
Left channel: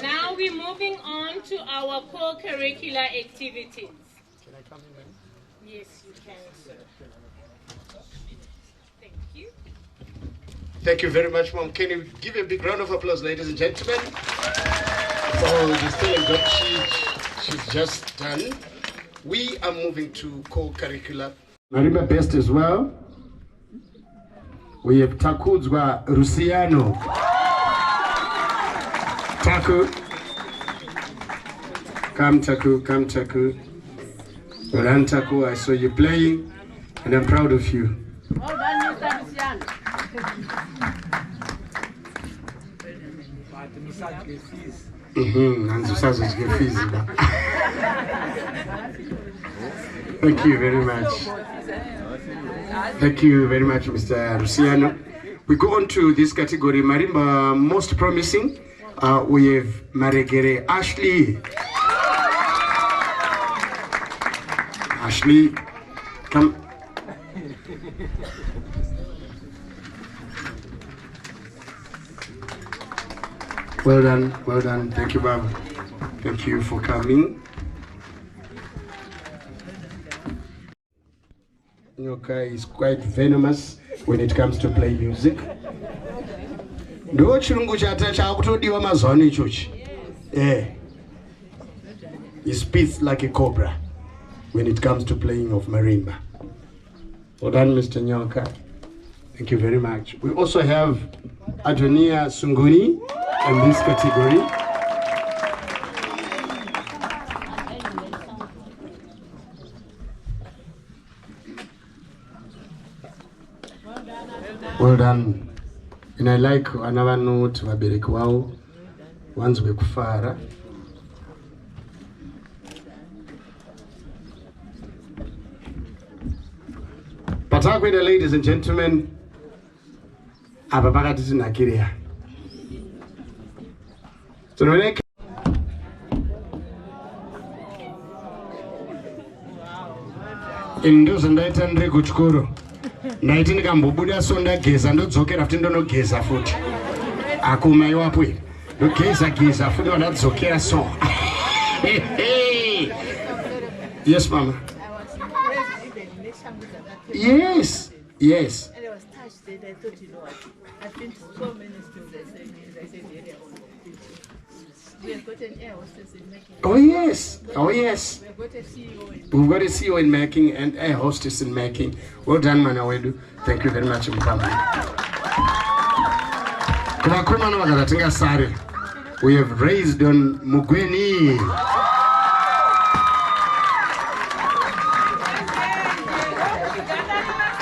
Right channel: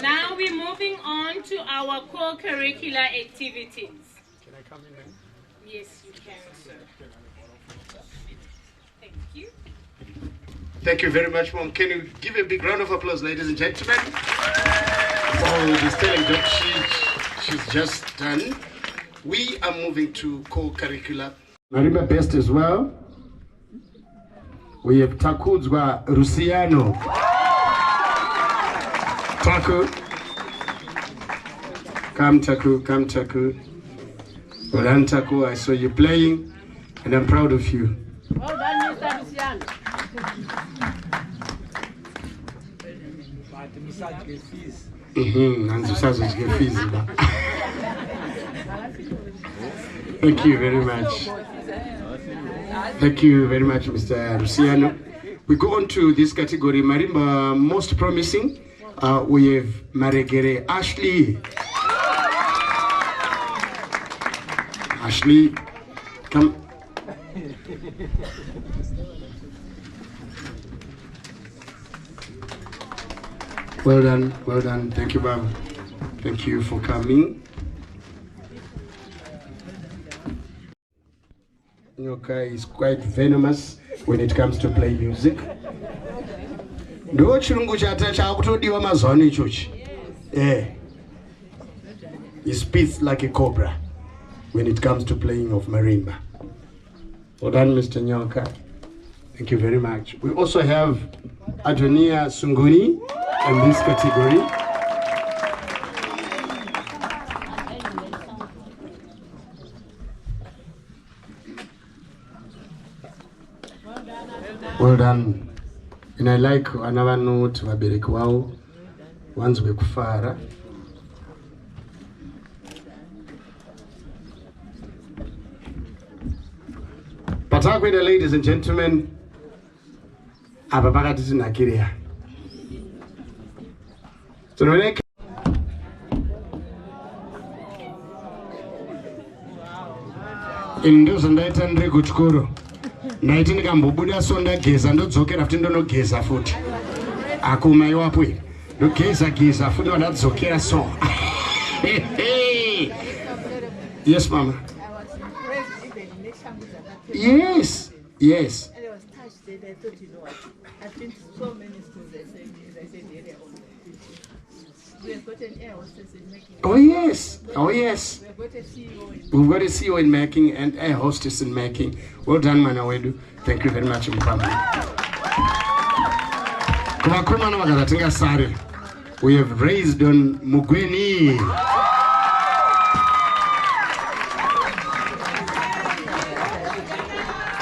now we're moving on to our co-curricular activities. Can I come in, ma'am? Yes, you can, sir. Thank you. Thank you very much, Mom. Can you give a big round of applause, ladies and gentlemen, for the stellar job she's just done. We are moving to co-curricular. Marimba Best as well. We have Takudzwa Rusiano. Taku. Come, Taku, come, Taku. Well done, Taku. I saw you playing, and I'm proud of you. Well done, Mr. Luciano. Thank you very much. Thank you very much, Mr. Luciano. We go on to this category, Marimba Most Promising. We have Maregere Ashley. Ashley, come. Well done, well done. Thank you, Bob. Thank you for coming. Nyoka is quite venomous when it comes to play music. Ndo chirungu chakutodiwa mazwano ichochi. He spits like a cobra when it comes to playing of marimba. Well done, Mr. Nyoka. Thank you very much. We also have Adonia Sunguni in this category. Well done. And I like another note vabereki wao wanzwe kufara. Patakwenda, ladies and gentlemen, apa pakati tinakiriya. Tinooneka indozo ndaita ndiri kuchikoro. Ndaiti ndikambobuda so ndageza ndodzokera futi ndonogeza futi. Akumai wapo iri. Ndogeza futi ndadzokera so. Yes, Mama. I was impressed even next time with that. Yes. Yes. And I was touched that I thought, you know what, I've been to so many schools, I said area on we have got an air hostess in making. Oh yes. Oh yes. We have got a CEO in We've got a CEO in making and a hostess in making. Well done, Manawedu. Thank you very much, Mpambi. Kumakuma na wakatatinga sare. We have raised on Mugweni.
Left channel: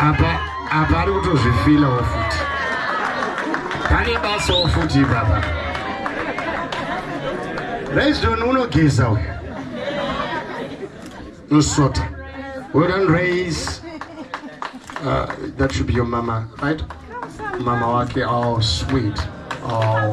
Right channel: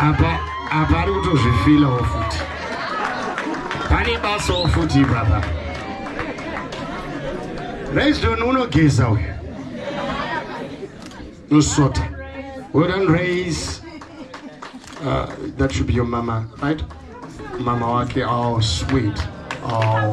Apa ari kutozvifila ofuti. Pane basa ofuti baba. Raised on unogeza uyu. Nusota. Well done, raise. That should be your mama, right? Mama wake. Oh, sweet. Oh.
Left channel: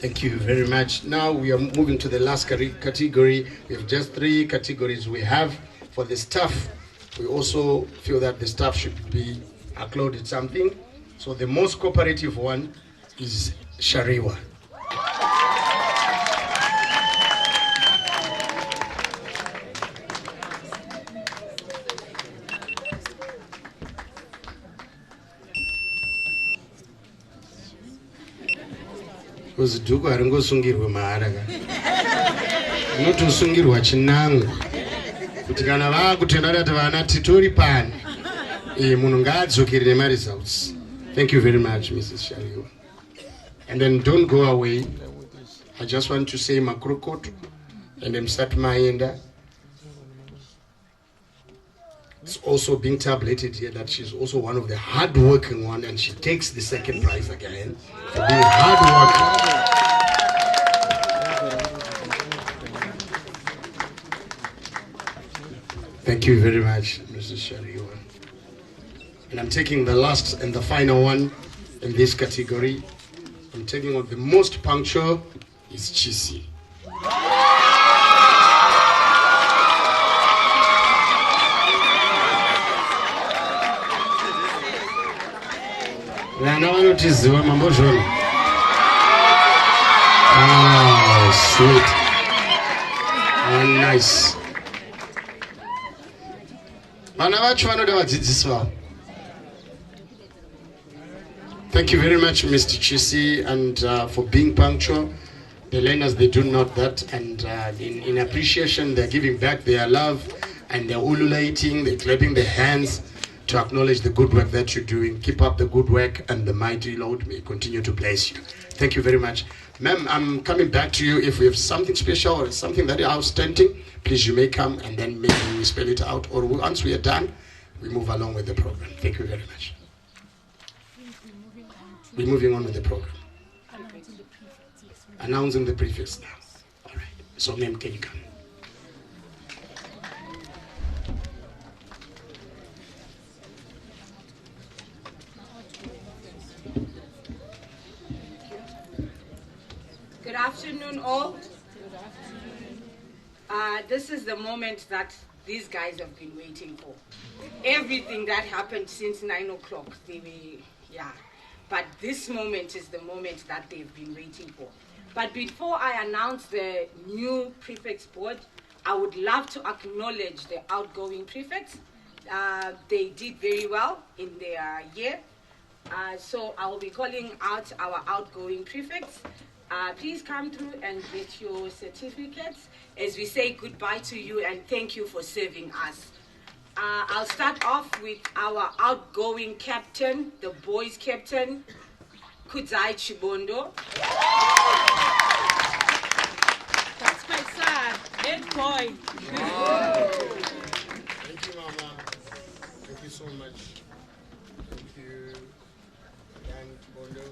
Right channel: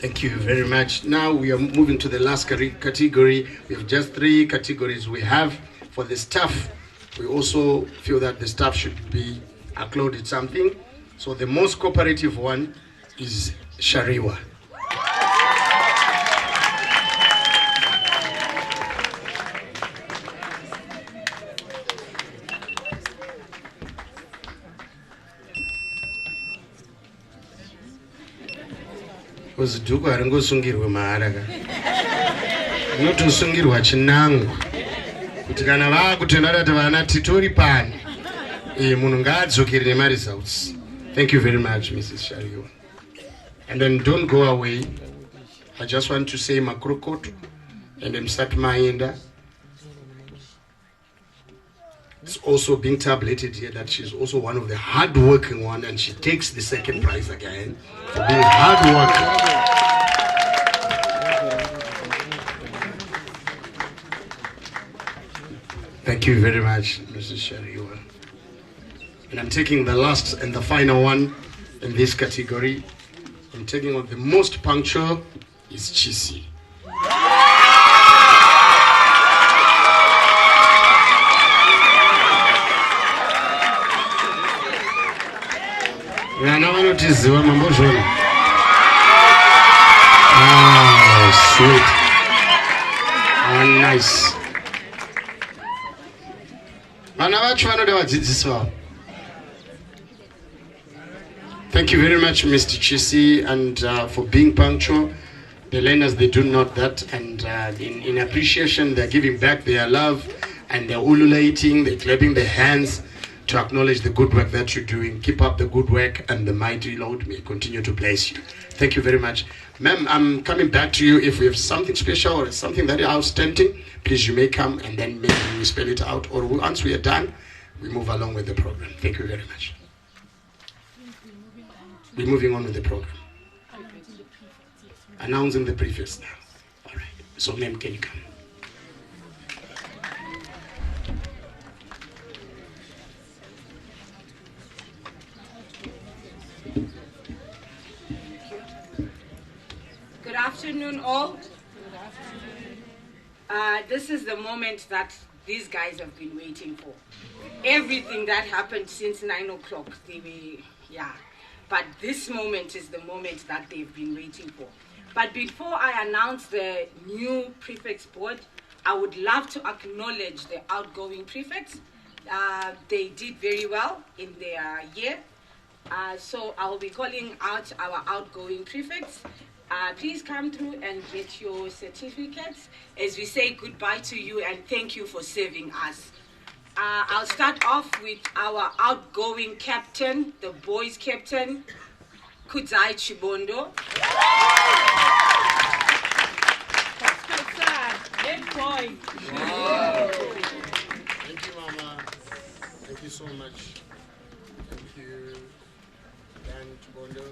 Thank you very much. Now we are moving to the last category. We have just 3 categories we have for the staff. We also feel that the staff should be accorded something. So the most cooperative one is Shariwa. Kuzidhuku haringosungirwe mahara ka. Unotosungirwa chinango. Kuti kana vakutenda kuti vana titori pani. Munhu ngaadzokere nemari results. Thank you very much, Mrs. Shariwa. And then don't go away. I just want to say Makrokot and then start Maenda. It's also being tabulated here that she's also one of the hard-working one, and she takes the second prize again for being hard-working. Thank you very much, Mrs. Shariwa. And I'm taking the last and the final one in this category. I'm taking on the most punctual is Chisi. Oh, sweet. Oh, nice. Thank you very much, Mr. Chisi, and for being punctual. The learners, they do note that, and in appreciation, they're giving back their love, and they're ululating, they're clapping their hands to acknowledge the good work that you're doing. Keep up the good work, and the mighty Lord may continue to bless you. Thank you very much. Ma'am, I'm coming back to you. If we have something special or something that is outstanding, please, you may come, and then maybe we spell it out, or once we are done, we move along with the program. Thank you very much. We're moving on with the program. Announcing the prefix now. All right. So, ma'am, can you come? Good afternoon, all. This is the moment that these guys have been waiting for. Everything that happened since 9 o'clock, but this moment is the moment that they've been waiting for. But before I announce the new prefects board, I would love to acknowledge the outgoing prefects. They did very well in their year. So I'll be calling out our outgoing prefects. Please come through and get your certificates as we say goodbye to you and thank you for serving us. I'll start off with our outgoing captain, the boys captain, Kudzai Chibondo. That's my son, head boy. Wow. Thank you, Mama. Thank you so much. Thank you, Dan Chibondo.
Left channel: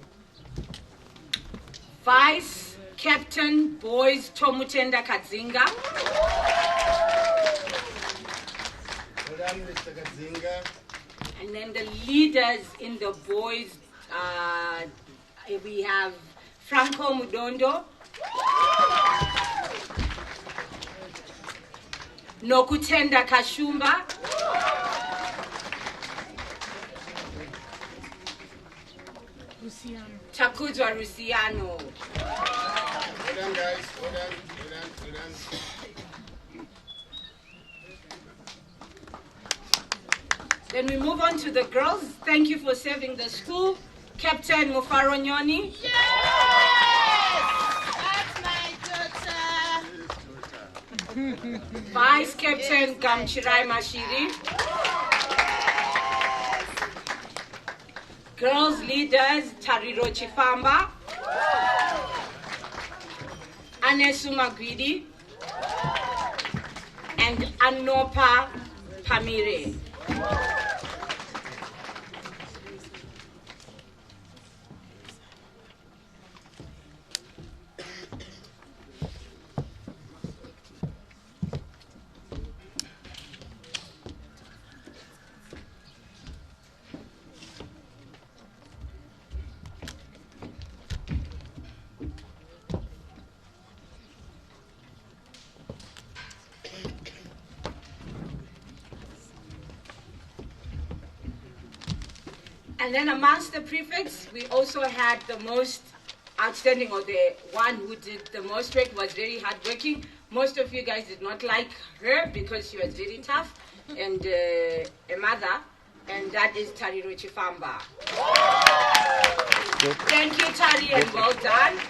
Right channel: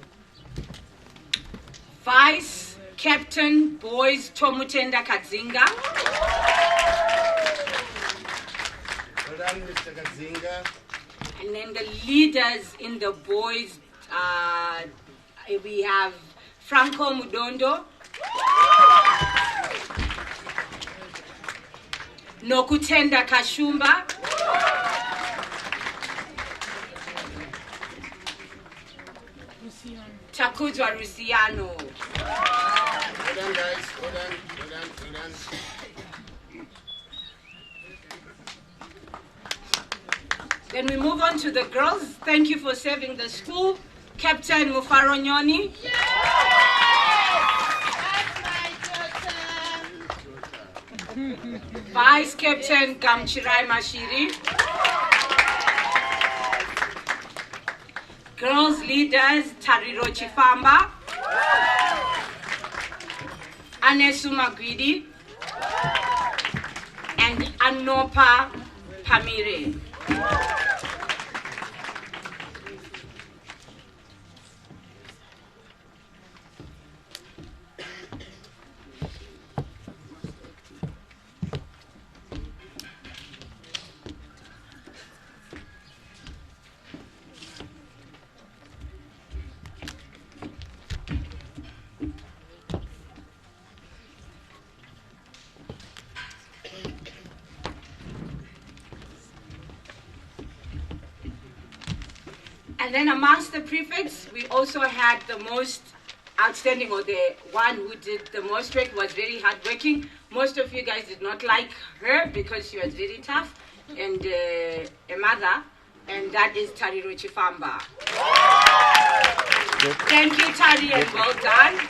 Vice Captain Boys Tomutenda Kadzinga. Mr. Kazinga. And then the leaders in the boys, we have Franco Mudondo, Nokutenda Kashumba, Takuzwa Rusiano. Hold on, guys. Hold on. When we move on to the girls, thank you for serving the school. Captain Mufaro Nyoni. Vice Captain Gamchirai Mashiri. Girls leaders Tariro Chifamba. Anesu Magwidi. And Anopa Pamire. And then amongst the prefects, we also had the most outstanding, or the one who did the most work, was very hardworking. Most of you guys did not like her because she was very tough and a mother, and that is Tariro Chifamba. Thank you, Tari, and well done.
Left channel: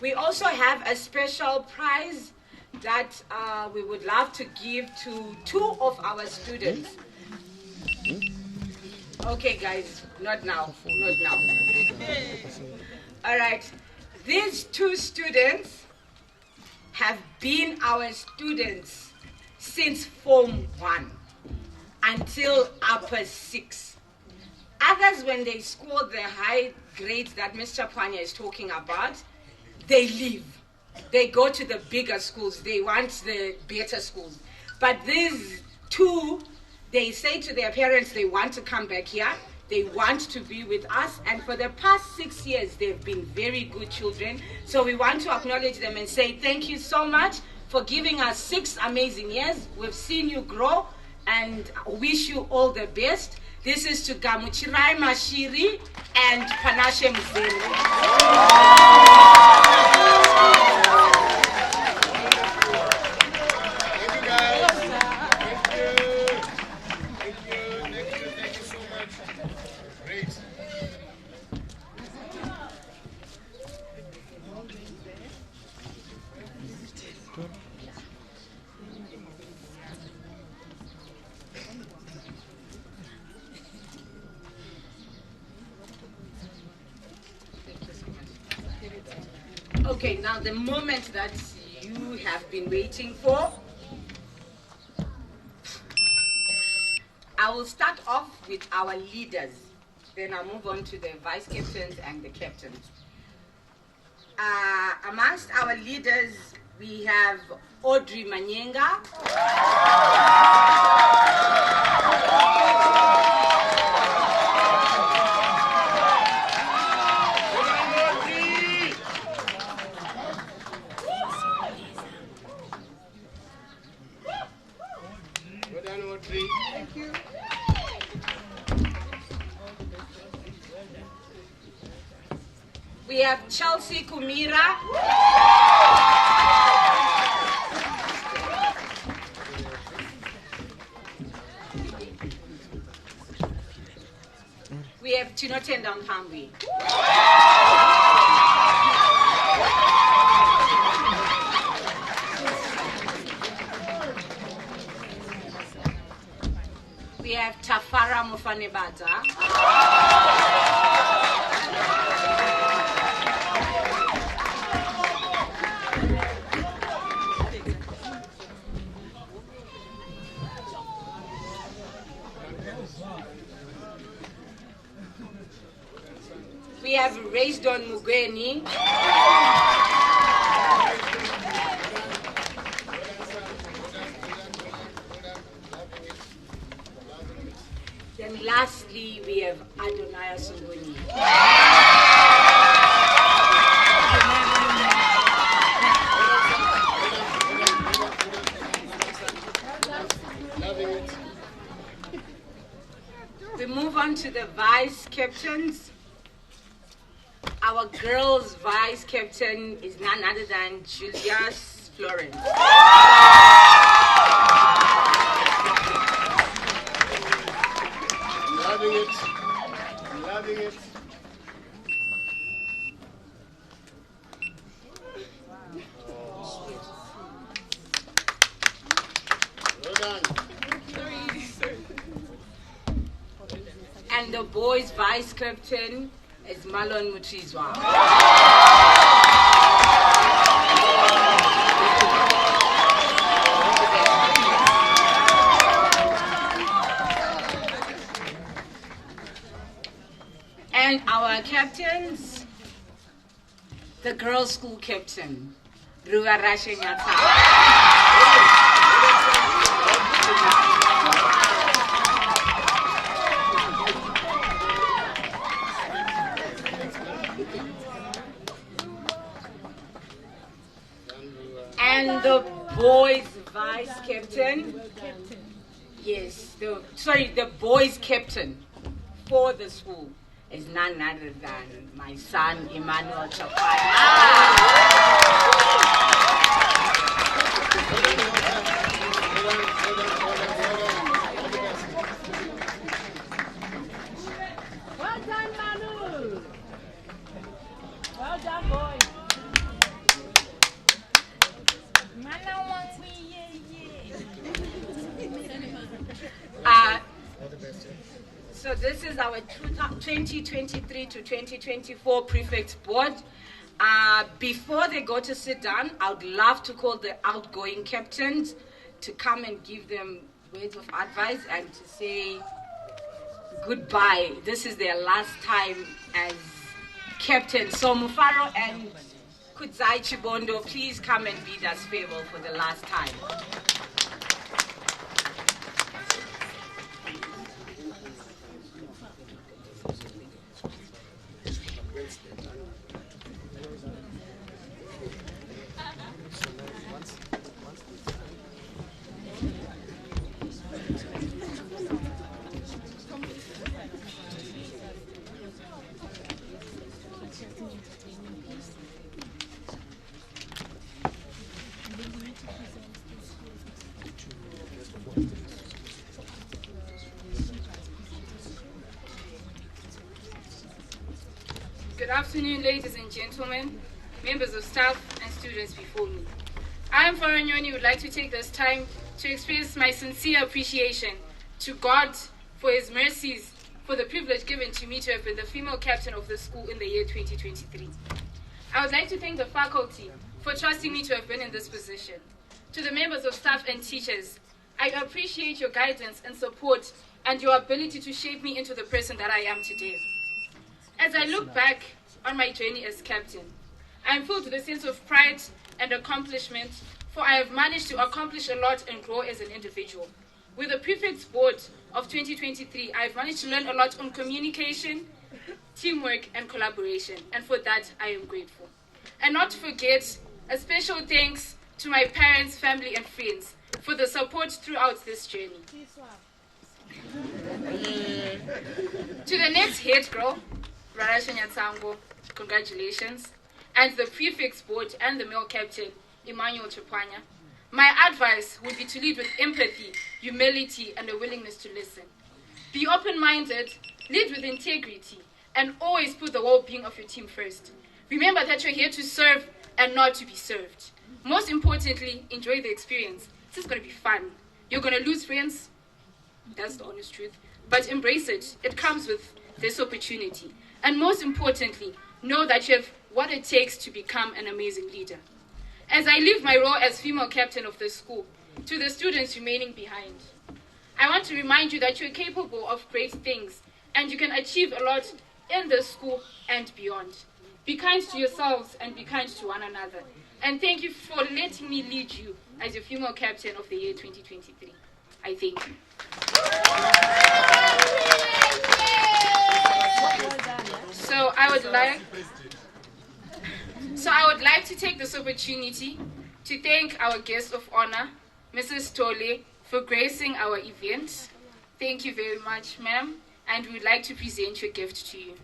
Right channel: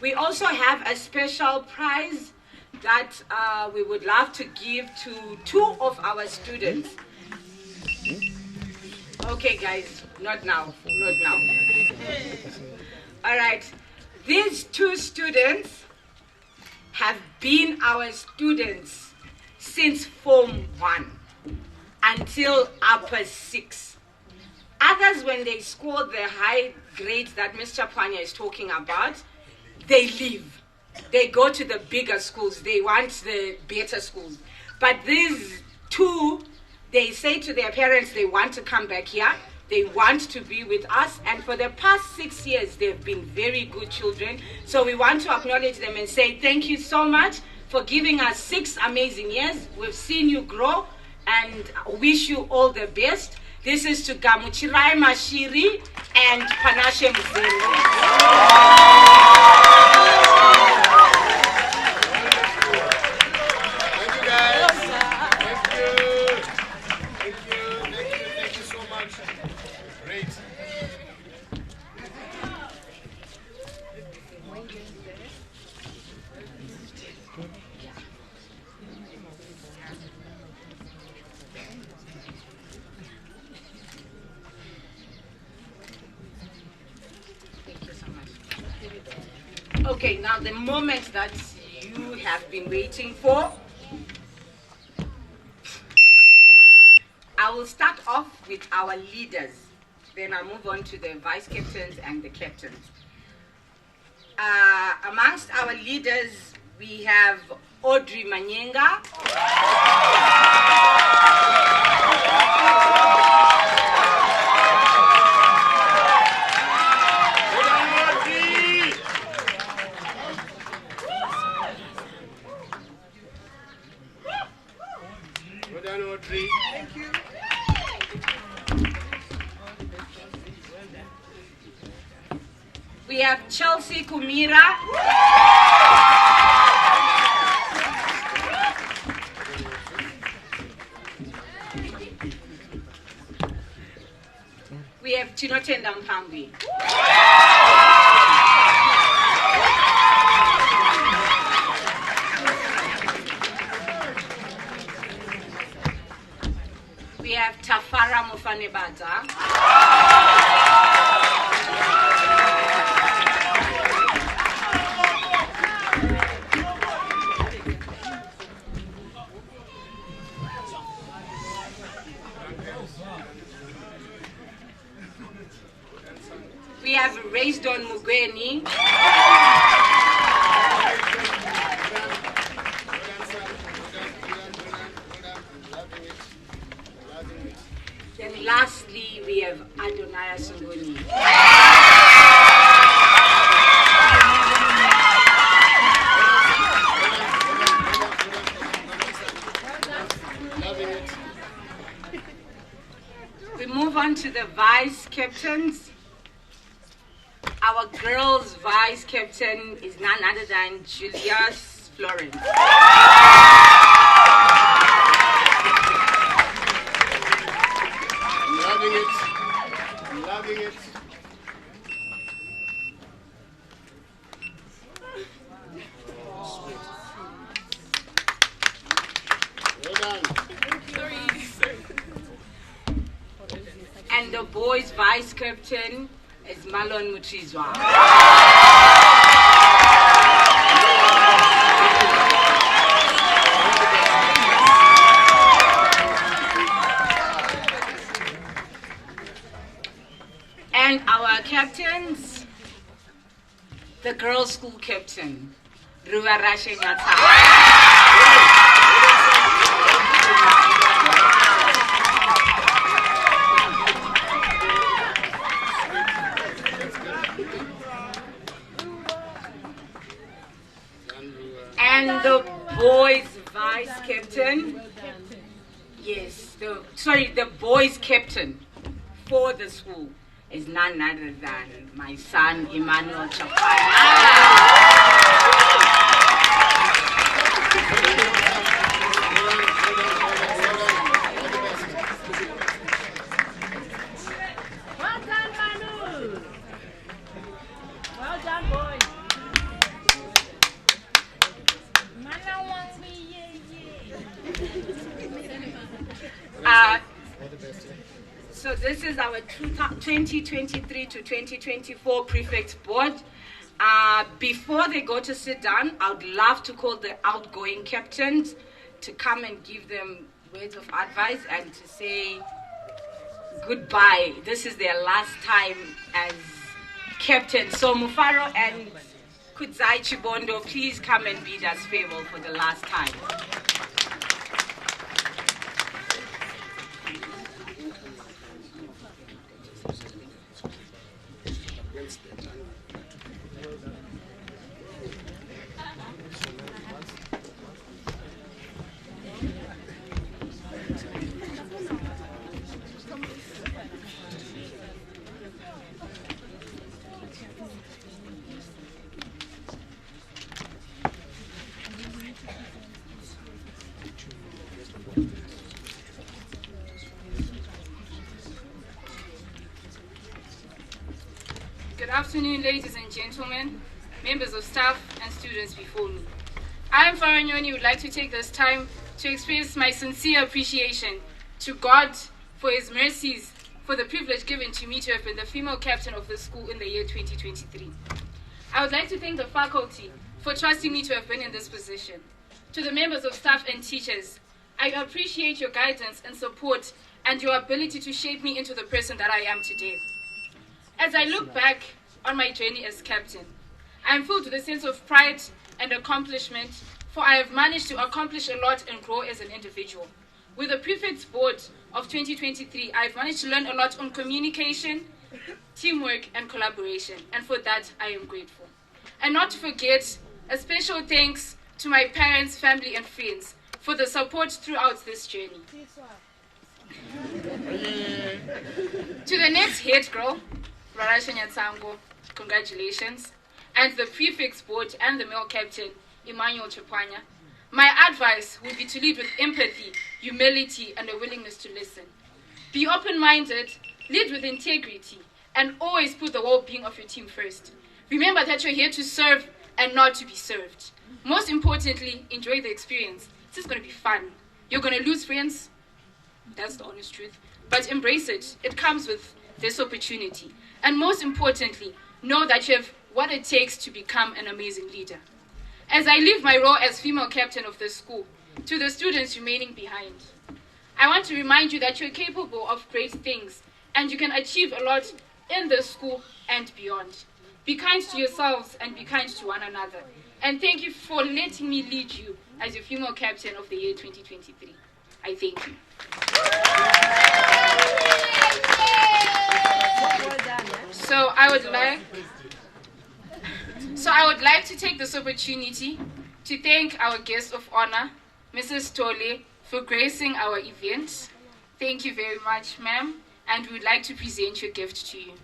We also have a special prize that we would love to give to 2 of our students. Okay, guys, not now. All right, these 2 students have been our students since Form 1 until upper 6. Others, when they score the high grades that Mr. Panya is talking about, they leave. They go to the bigger schools. They want the better schools. But these 2, they say to their parents they want to come back here. They want to be with us. And for the past 6 years, they've been very good children. So we want to acknowledge them and say thank you so much for giving us 6 amazing years. We've seen you grow and wish you all the best. This is to Gamuchirai Mashiri and Panashe Mzendo. Okay, now the moment that you have been waiting for. I will start off with our leaders. Then I'll move on to the vice captains and the captains. Amongst our leaders, we have Audrey Manyenga. Thank you. We have Chelsea Kumira. We have Tinotenda Mkambi. We have Tafara Mufanebata. We have Raisdon Mugweni. Then lastly, we have Adonai Sunguni. We move on to the vice captains. Our girls' vice captain is none other than Julius Florence. Loving it. Loving it. Well done. And the boys' vice captain is Malon Muchizwa. And our captains, the girls' school captain, Ruva Rashenyata. And the boys' vice captain, yes, the boys' captain for the school is none other than my son, Emmanuel Well done, Manu. Well done, boy. So this is our 2023 to 2024 prefect board. Before they go to sit down, I would love to call the outgoing captains to come and give them words of advice and to say goodbye. This is their last time as captain. So Mufaro and Kudzai Chibondo, please come and bid us farewell for the last time. Good afternoon, ladies and gentlemen, members of staff and students before me. I am Faranyoni, would like to take this time to express my sincere appreciation to God for His mercies, for the privilege given to me to have been the female captain of the school in the year 2023. I would like to thank the faculty for trusting me to have been in this position. To the members of staff and teachers, I appreciate your guidance and support and your ability to shape me into the person that I am today. As I look back on my journey as captain, I am filled with a sense of pride and accomplishment, for I have managed to accomplish a lot and grow as an individual. With the Prefects Board of 2023, I've managed to learn a lot on communication, teamwork, and collaboration, and for that, I am grateful. And not to forget, a special thanks to my parents, family, and friends for the support throughout this journey. To the next head girl, Rarasha Nyatsango, congratulations, and the Prefects Board and the male captain, Emmanuel Chapanya. My advice would be to lead with empathy, humility, and a willingness to listen. Be open-minded, lead with integrity, and always put the well-being of your team first. Remember that you're here to serve and not to be served. Most importantly, enjoy the experience. This is going to be fun. You're going to lose friends, that's the honest truth, but embrace it. It comes with this opportunity. And most importantly, know that you have what it takes to become an amazing leader. As I leave my role as female captain of this school, to the students remaining behind, I want to remind you that you're capable of great things and you can achieve a lot in this school and beyond. Be kind to yourselves and be kind to one another. And thank you for letting me lead you as your female captain of the year 2023. I thank you. So I would like to take this opportunity to thank our guest of honor, Mrs. Tole, for gracing our event. Thank you very much, ma'am, and we would like to present your gift to you.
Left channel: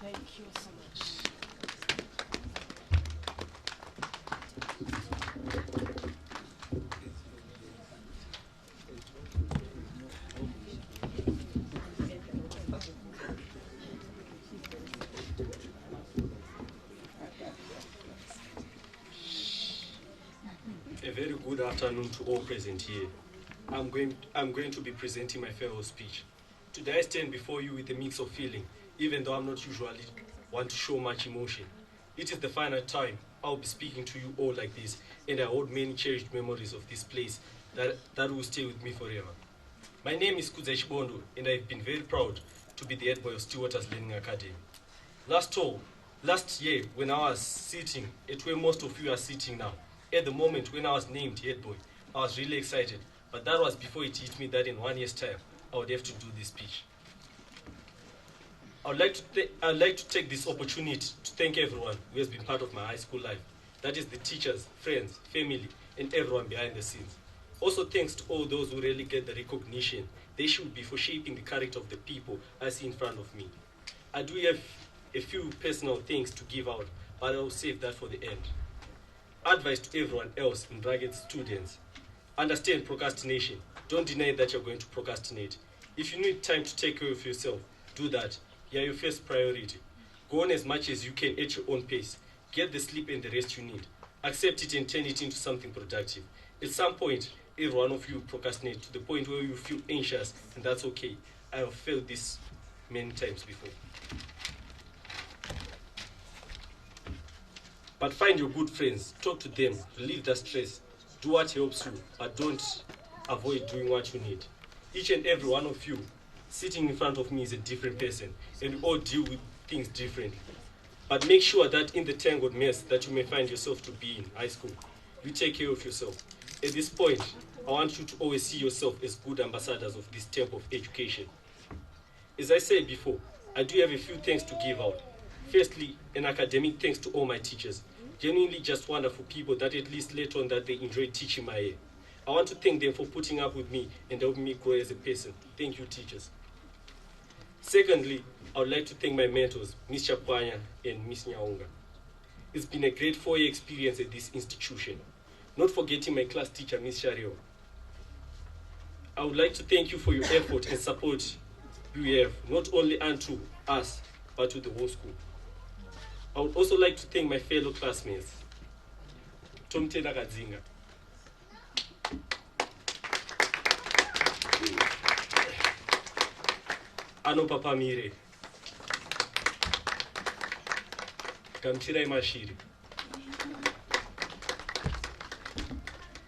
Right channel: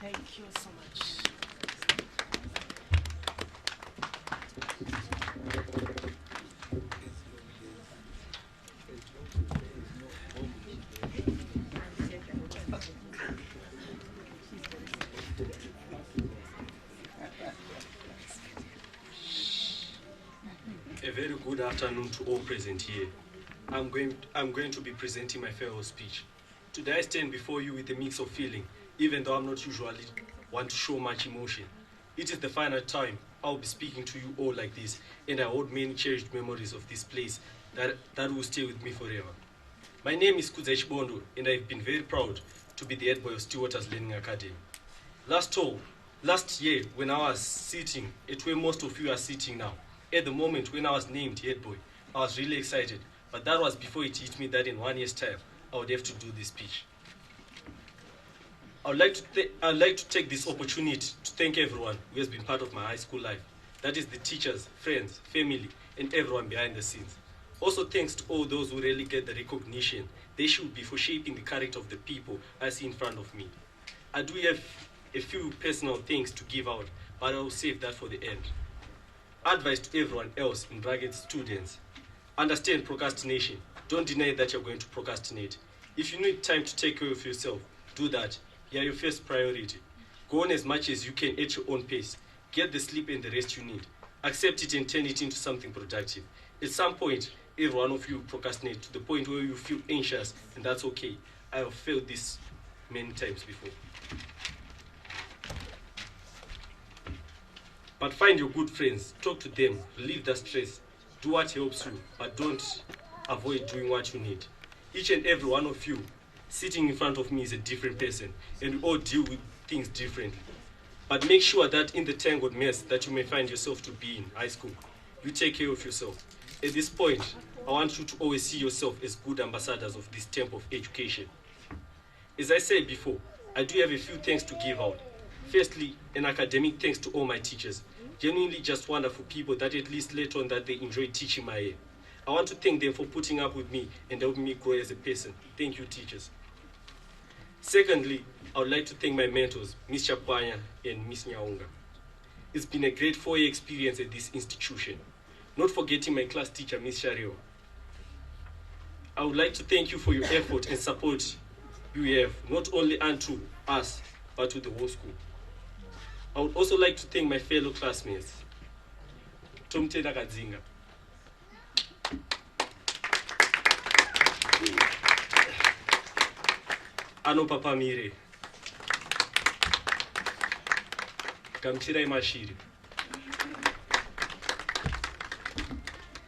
Thank you so much. A very good afternoon to all present here. I'm going to be presenting my farewell speech. Today I stand before you with a mix of feeling, even though I'm not usually one to show much emotion. It is the final time I'll be speaking to you all like this, and I hold many cherished memories of this place that will stay with me forever. My name is Kudza Chibondo, and I've been very proud to be the head boy of Stillwaters Learning Academy. Last year, when I was sitting at where most of you are sitting now, at the moment when I was named head boy, I was really excited, but that was before it hit me that in 1 year's time, I would have to do this speech. I'd like to take this opportunity to thank everyone who has been part of my high school life. That is the teachers, friends, family, and everyone behind the scenes. Also thanks to all those who really get the recognition they should be for shaping the character of the people I see in front of me. I do have a few personal things to give out, but I'll save that for the end. Advice to everyone else, in brackets students: understand procrastination. Don't deny that you're going to procrastinate. If you need time to take care of yourself, do that. You're your first priority. Go on as much as you can at your own pace. Get the sleep and the rest you need. Accept it and turn it into something productive. At some point, every one of you procrastinate to the point where you feel anxious, and that's okay. I have felt this many times before. But find your good friends, talk to them, relieve the stress, do what helps you, but don't avoid doing what you need. Each and every one of you sitting in front of me is a different person, and we all deal with things differently. But make sure that in the tangled mess that you may find yourself to be in high school, you take care of yourself. At this point, I want you to always see yourself as good ambassadors of this temple of education. As I said before, I do have a few thanks to give out. Firstly, an academic thanks to all my teachers. Genuinely just wonderful people that at least later on that they enjoyed teaching my year. I want to thank them for putting up with me and helping me grow as a person. Thank you, teachers. Secondly, I would like to thank my mentors, Ms. Chapwanya and Ms. Nyaunga. It's been a great 4-year experience at this institution. Not forgetting my class teacher, Ms. Shario. I would like to thank you for your effort and support you have, not only unto us, but to the whole school. I would also like to thank my fellow classmates. Tomtenda Kadzinga. Ano Papa Mire. Kamchirai Mashiri.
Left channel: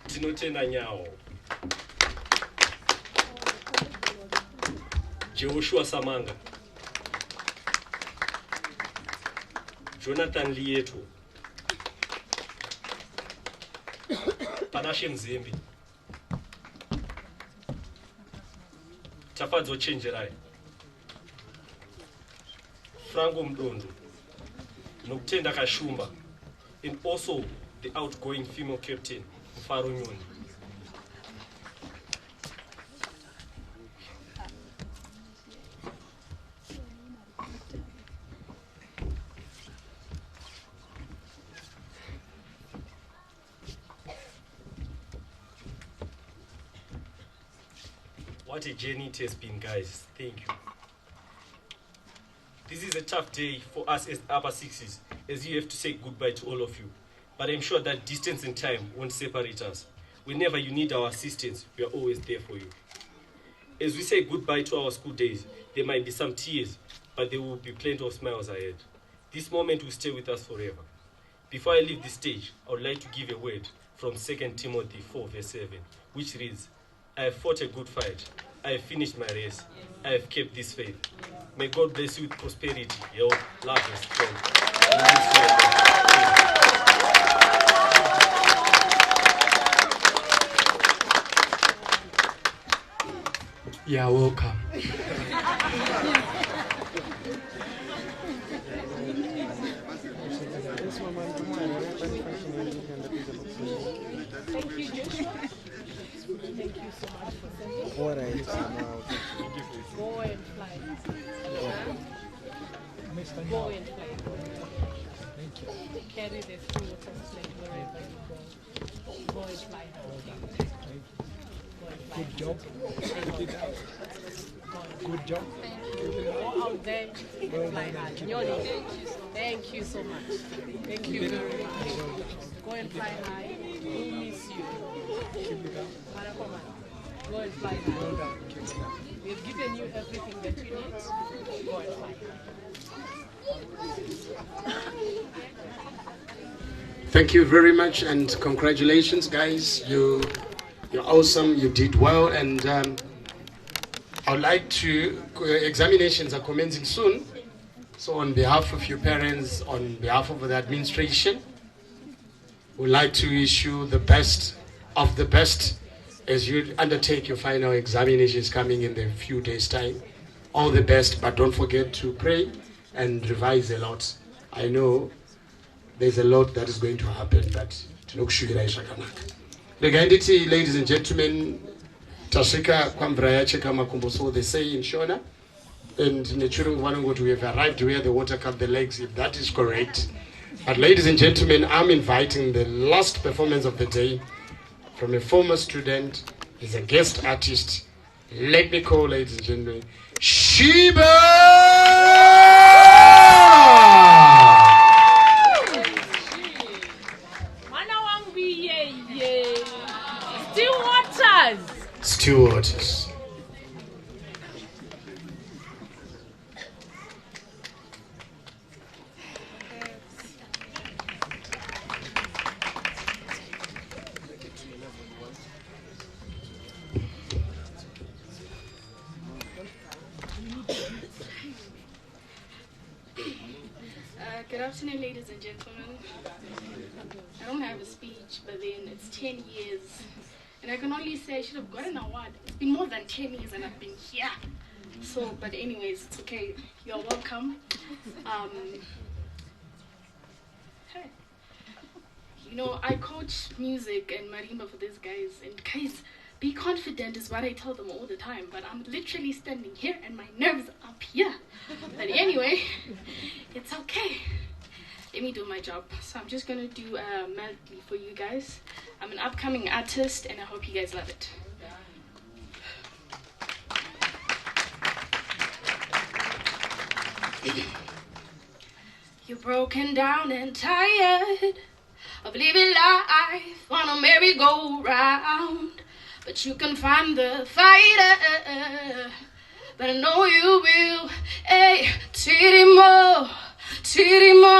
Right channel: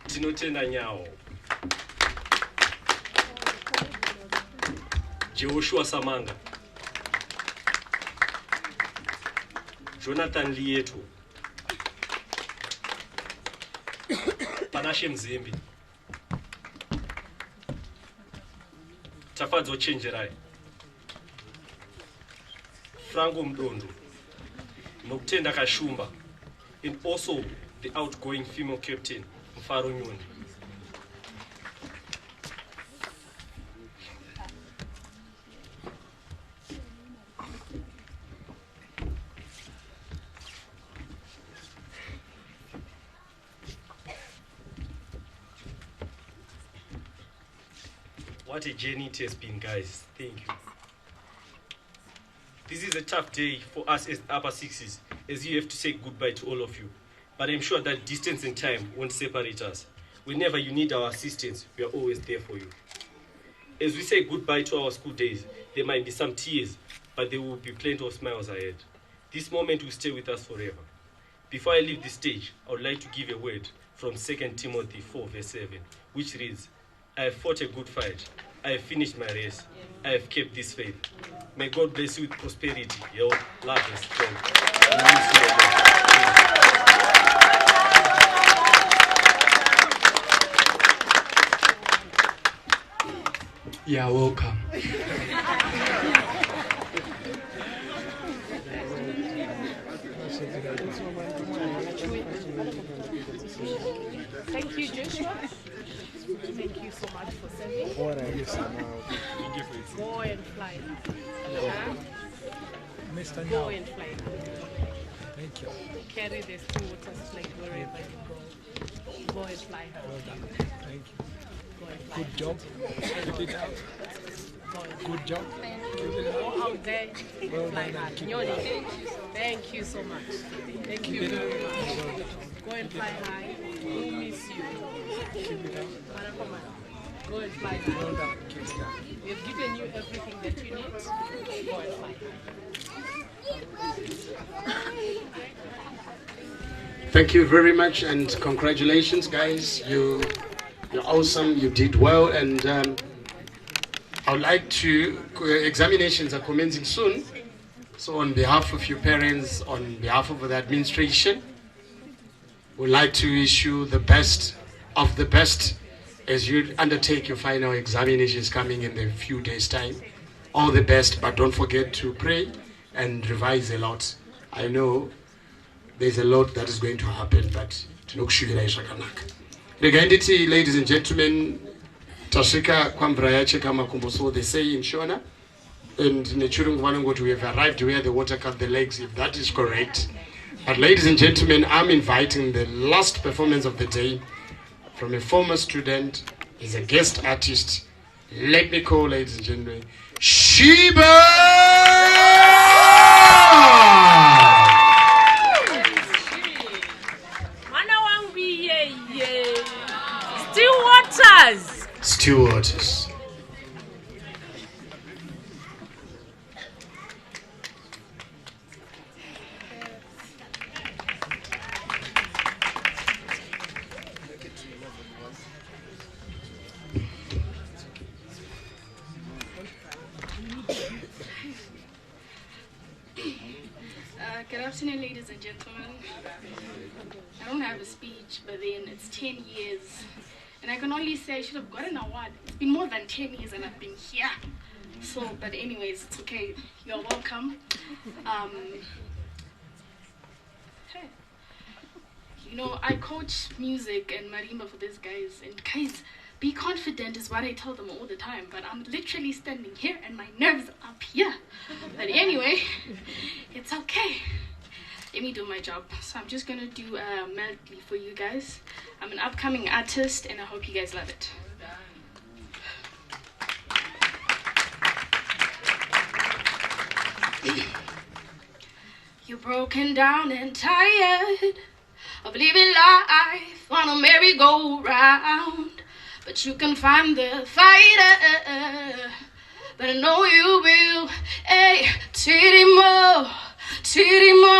Tinotenda Nyao. Joshua Samanga. Jonathan Lieto. Panashe Mzimbi. Tafadzo Chenjerai. Frango Mdondo. Nokutenda Kashumba. And also the outgoing female captain, Mfaro Nyoni. What a journey it has been, guys. Thank you. This is a tough day for us as upper sixes, as you have to say goodbye to all of you. But I'm sure that distance and time won't separate us. Whenever you need our assistance, we are always there for you. As we say goodbye to our school days, there might be some tears, but there will be plenty of smiles ahead. This moment will stay with us forever. Before I leave the stage, I would like to give a word from 2 Timothy 4 verse 7, which reads, I have fought a good fight. I have finished my race. I have kept this faith. May God bless you with prosperity, health, love, and strength. And we'll see you again. You are welcome. Thank you, Joshua. Thank you so much for sending. Go and fly. Mr. Go and fly. Thank you. Carry the school water flag wherever you go. Go and fly. Thank you. Go and fly. Good job. Good job. Good job. Go out there and fly high. Nyoni, thank you so much. Thank you very much. Go and fly high. We'll miss you. Keep it up. Go and fly high. We have given you everything that you need. Go and fly high. Thank you very much and congratulations, guys. You're awesome. You did well, and I would like to. Examinations are commencing soon. So, on behalf of your parents, on behalf of the administration, we'd like to wish you the best of the best as you undertake your final examinations coming in a few days' time. All the best, but don't forget to pray and revise a lot. I know there's a lot that is going to happen, but tinokushuvira zvakanaka. Regainditi, ladies and gentlemen, tasvika kwamvura yacheka makumbo, so they say in Shona, and in the Churungu Vanangoti, we have arrived where the water cut the legs, if that is correct. But ladies and gentlemen, I'm inviting the last performance of the day from a former student. He's a guest artist. Let me call, ladies and gentlemen, Sheba! Still Waters. Still Waters. Good afternoon, ladies and gentlemen. I don't have a speech, but then it's 10 years. And I can only say I should have got an award. It's been more than 10 years and I've been here. So, but anyways, it's okay. You're welcome. Hey. You know, I coach music and marimba for these guys. And guys, be confident is what I tell them all the time. But I'm literally standing here and my nerves are up here. But anyway, it's okay. Let me do my job. So I'm just gonna do a medley for you guys. I'm an upcoming artist and I hope you guys love it. You're broken down and tired of living life on a merry-go-round, but you can find the fighter, but I know you will. Hey, tirimo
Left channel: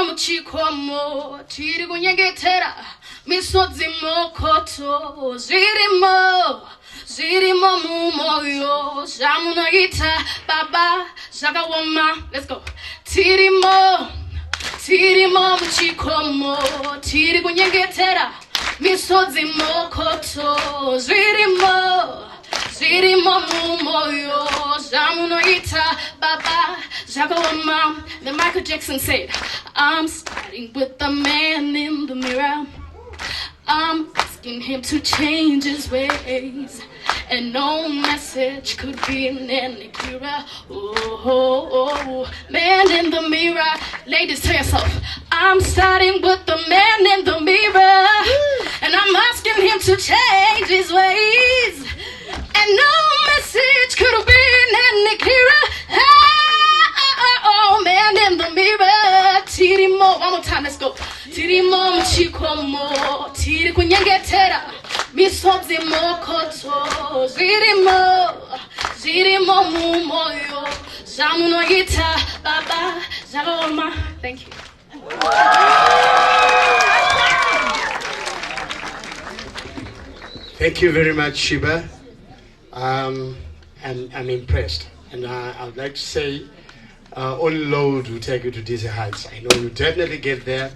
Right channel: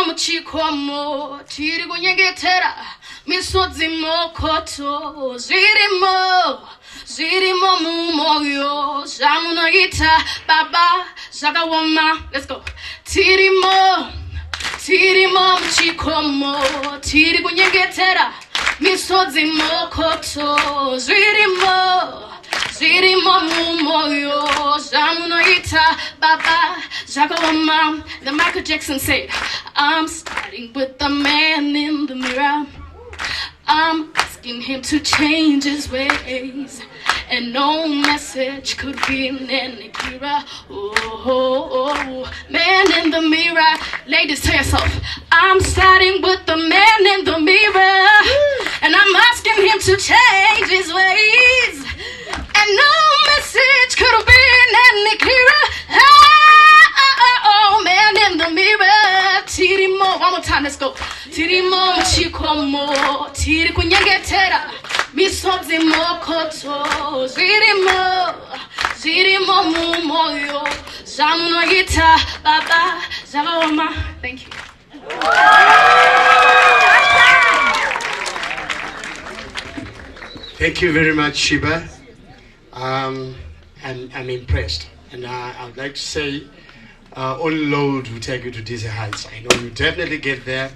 muchikomo, tiri kunyengetera misodzi mokoto, zirimo mumoyo, zamunoita baba zakawama. Let's go. Tirimo muchikomo, tiri kunyengetera misodzi mokoto, zirimo mumoyo, zamunoita baba zakawama. Then Michael Jackson said, I'm starting with the man in the mirror. I'm asking him to change his ways, and no message could be any clearer. Oh, man in the mirror. Ladies, tell yourself, I'm starting with the man in the mirror, and I'm asking him to change his ways, and no message could have been any clearer. Oh, man in the mirror. Tirimo, one more time, let's go. Tirimo muchikomo, tiri kunyengetera misodzi mokoto, zirimo mumoyo, zamunoita baba zakawama. Thank you. Thank you very much, Sheba. I'm impressed, and I would like to say, only Lord will take you to these heights. I know you definitely get there.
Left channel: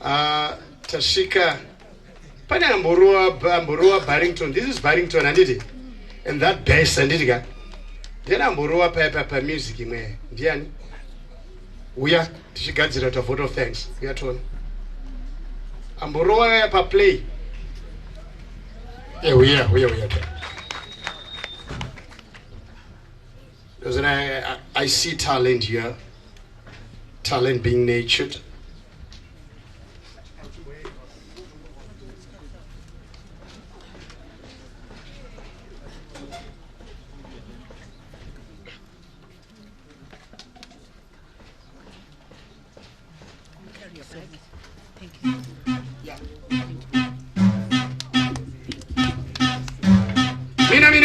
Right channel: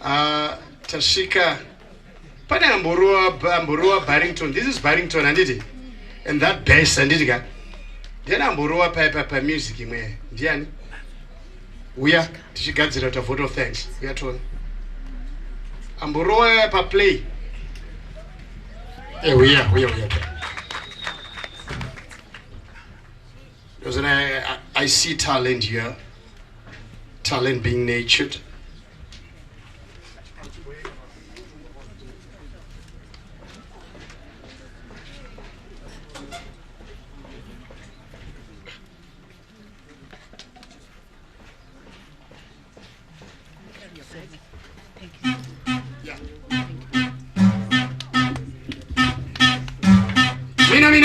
Tashika, pane Amborua Barrington. This is Barrington, and that bass, and Ndiani amborowa pa music imwe? Ndiani? Uya tichigadzira ta vote of thanks. Uyatona. Amborowa pa play. Uya. Because I see talent here. Talent being nurtured.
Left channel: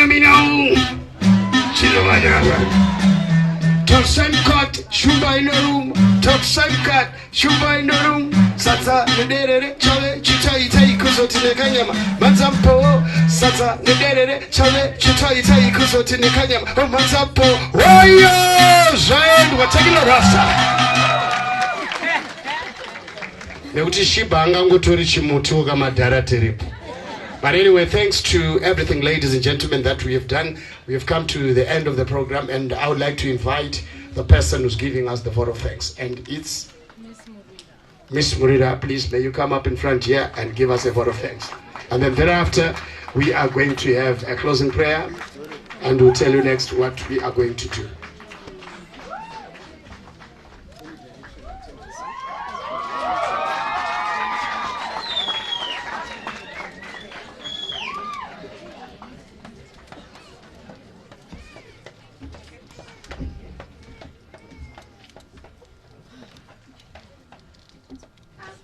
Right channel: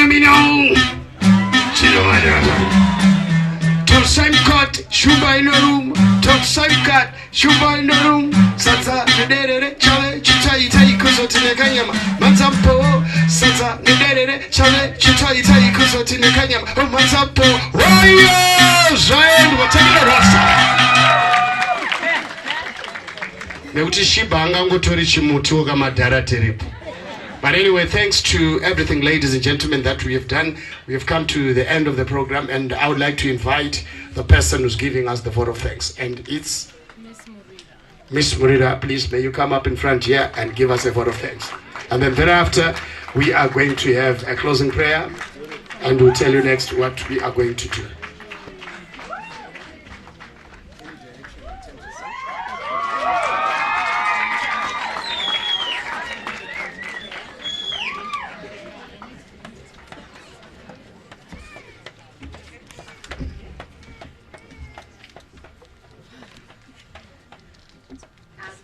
Mina. Top side cut, Shumba in the room. Top side cut, Shumba in the room. Sata, the chale, chitai, kuso to the kanyama. Manzampo, Sata, the chale, chitai, kuso to the kanyama. Oh, Manzampo, warriors, and whatever rasa. Meuti Shibanga Ngutori Chimutuga Madara Teripu. But anyway, thanks to everything, ladies and gentlemen, that we have done. We have come to the end of the program, and I would like to invite the person who's giving us the vote of thanks. And it's Miss Murida. Please, may you come up in front here and give us a vote of thanks. And then thereafter, we are going to have a closing prayer, and we'll tell you next what we are going to do.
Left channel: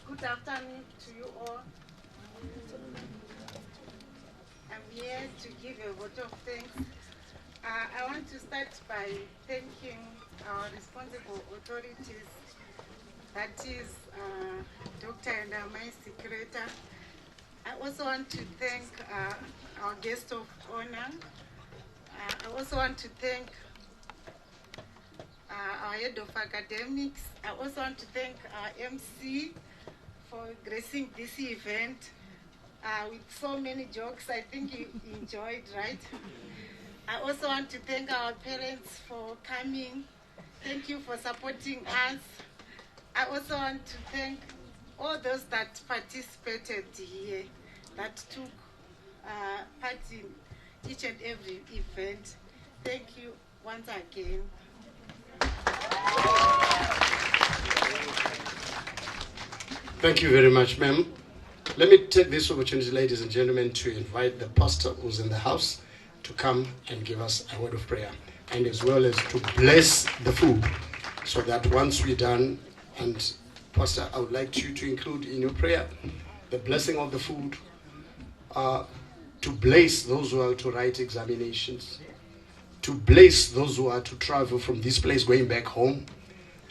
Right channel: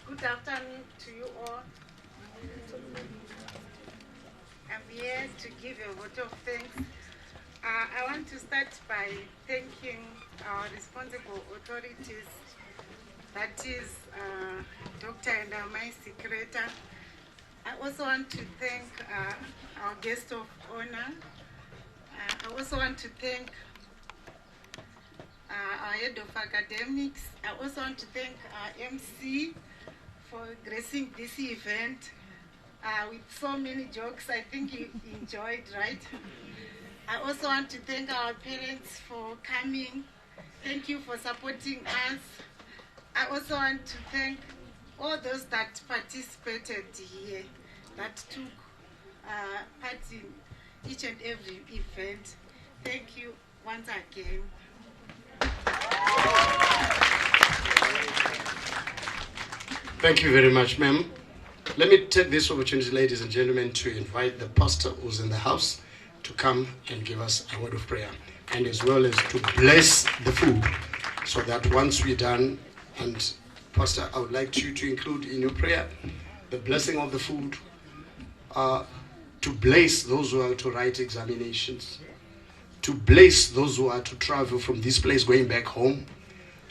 Good afternoon to you all. I'm here to give a vote of thanks. I want to start by thanking our responsible authorities, that is Dr. and my secretary. I also want to thank our guest of honor. I also want to thank our head of academics. I also want to thank our MC for gracing this event with so many jokes. I think you enjoyed, right? I also want to thank our parents for coming. Thank you for supporting us. I also want to thank all those that participated here, that took part in each and every event. Thank you once again. Thank you very much, ma'am. Let me take this opportunity, ladies and gentlemen, to invite the pastor who's in the house to come and give us a word of prayer, and as well as to bless the food, so that once we're done, and Pastor, I would like you to include in your prayer the blessing of the food, to bless those who are to write examinations, to bless those who are to travel from this place going back home,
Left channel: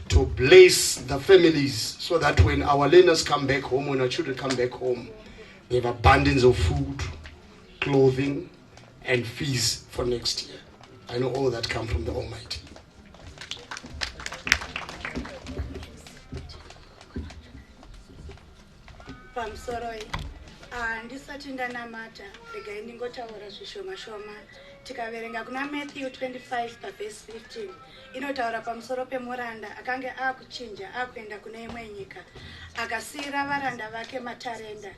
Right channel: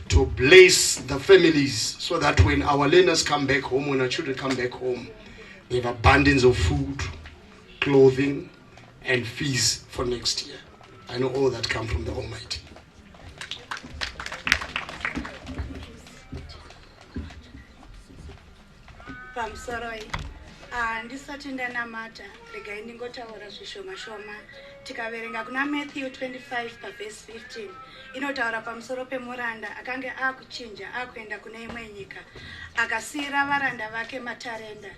to bless the families, so that when our learners come back home, when our children come back home, they have abundance of food, clothing, and fees for next year. I know all that come from the Almighty. Pamsoroi, ndisati ndanamata regai ndingotaura zvishoma shoma. Tikaverenga kuna Matthew 25 verse 15 inotaura pamusoro pemuranda akanga akuchinja akuenda kune imwe nyika, akasiyira varanda vake matarenda.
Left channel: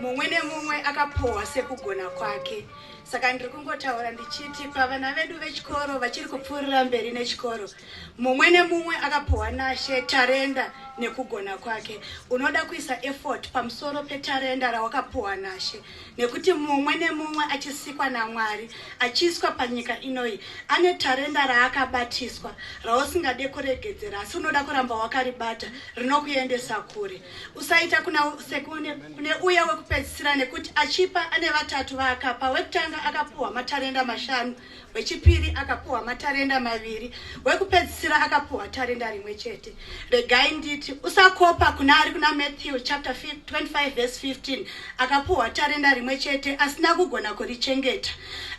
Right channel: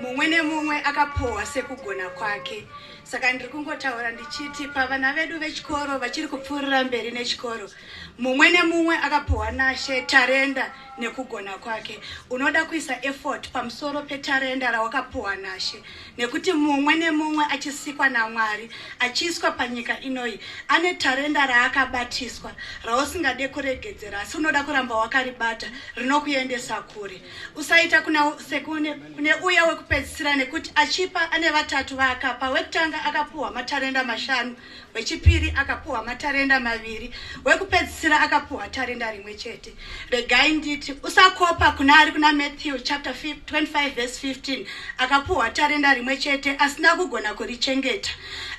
Mumwe nemumwe akapohwa sekugona kwake. Saka ndiri kungotaura ndichiti pavana vedu vechikoro vachiri kupfuurira mberi nechikoro, mumwe nemumwe akapohwa naShe tarenda nekugona kwake. Unoda kuisa effort pamusoro petarenda rawakapohwa naShe, nekuti mumwe nemumwe achisikwa naMwari, achiiswa panyika inoi, ane tarenda raakabatiswa, rausingade kuregedzera, asi unoda kuramba wakaribata, rinokuendesa kure. Usaita kune uya wekupedzisira, nekuti achipa ane vatatu vaakapa. Wekutanga akapuhwa matarenda 5, wechipiri akapuhwa matarenda 2, wekupedzisira akapuhwa tarenda rimwe chete. Regai nditi usakopa kunari kuna Matthew chapter 25 verse 15 akapuhwa tarenda rimwe chete asina kugona kurichengeta.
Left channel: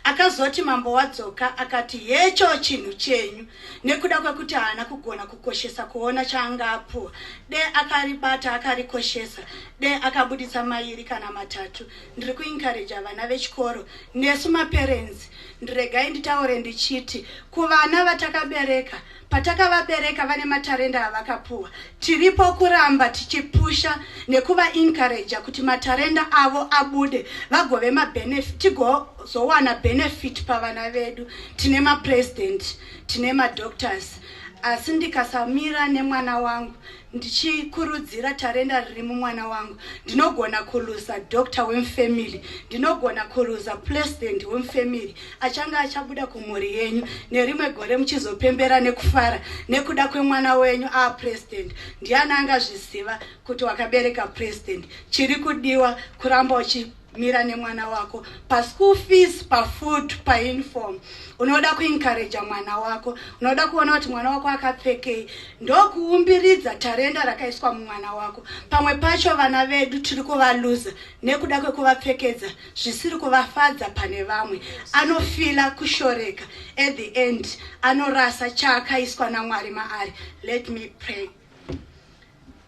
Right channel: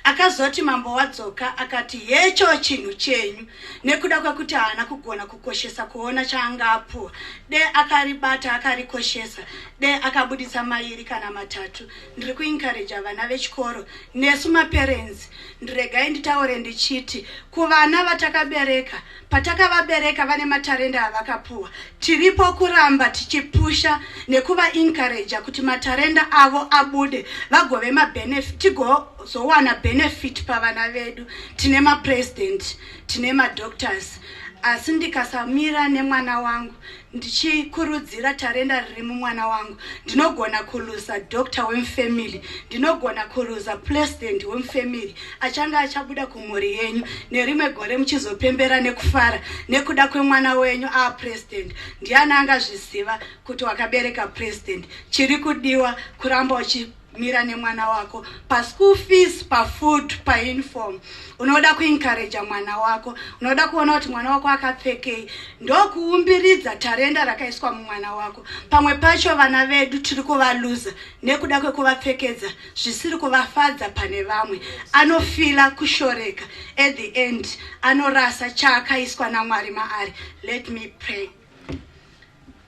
akazoti mambo wadzoka akati hecho chinhu chenyu nekuda kwekuti haana kugona kukoshesa kuona chaanga apuwa de akaribata akarikoshesa de akabudisa mairi kana matatu. Ndiri kuencourage vana vechikoro nesu maparents ndiregai nditaure ndichiti kuvana vatakabereka patakavabereka vane matarenda avakapuwa tiripo kuramba tichipusha nekuva encourage kuti matarenda avo abude vagove mabenefit tigozowana benefit pavana vedu. Tine mapresident tine madoctors asi ndikasamira nemwana wangu ndichikurudzira tarenda riri mumwana wangu ndinogona kuluza doctor wemufamily ndinogona kuluza president wemufamily achanga achabuda kumhuri yenyu nerimwe gore muchizopembera nekufara nekuda kwemwana wenyu president. Ndiani angazviziva kuti wakabereka president? Chiri kudiwa kuramba uchimira nemwana wako pa school fees, pa food, pa uniform. Unoda kuencourage mwana wako, unoda kuona kuti mwana wako akapfekei, ndokuumbiridza tarenda rakaiswa mumwana wako. Pamwe pacho vana vedu tiri kuvaluza nekuda kwekuvapfekedza zvisiri kuvafadza pane vamwe, anofila kushoreka at the end, anorasa chaakaiswa naMwari maari. Let me pray.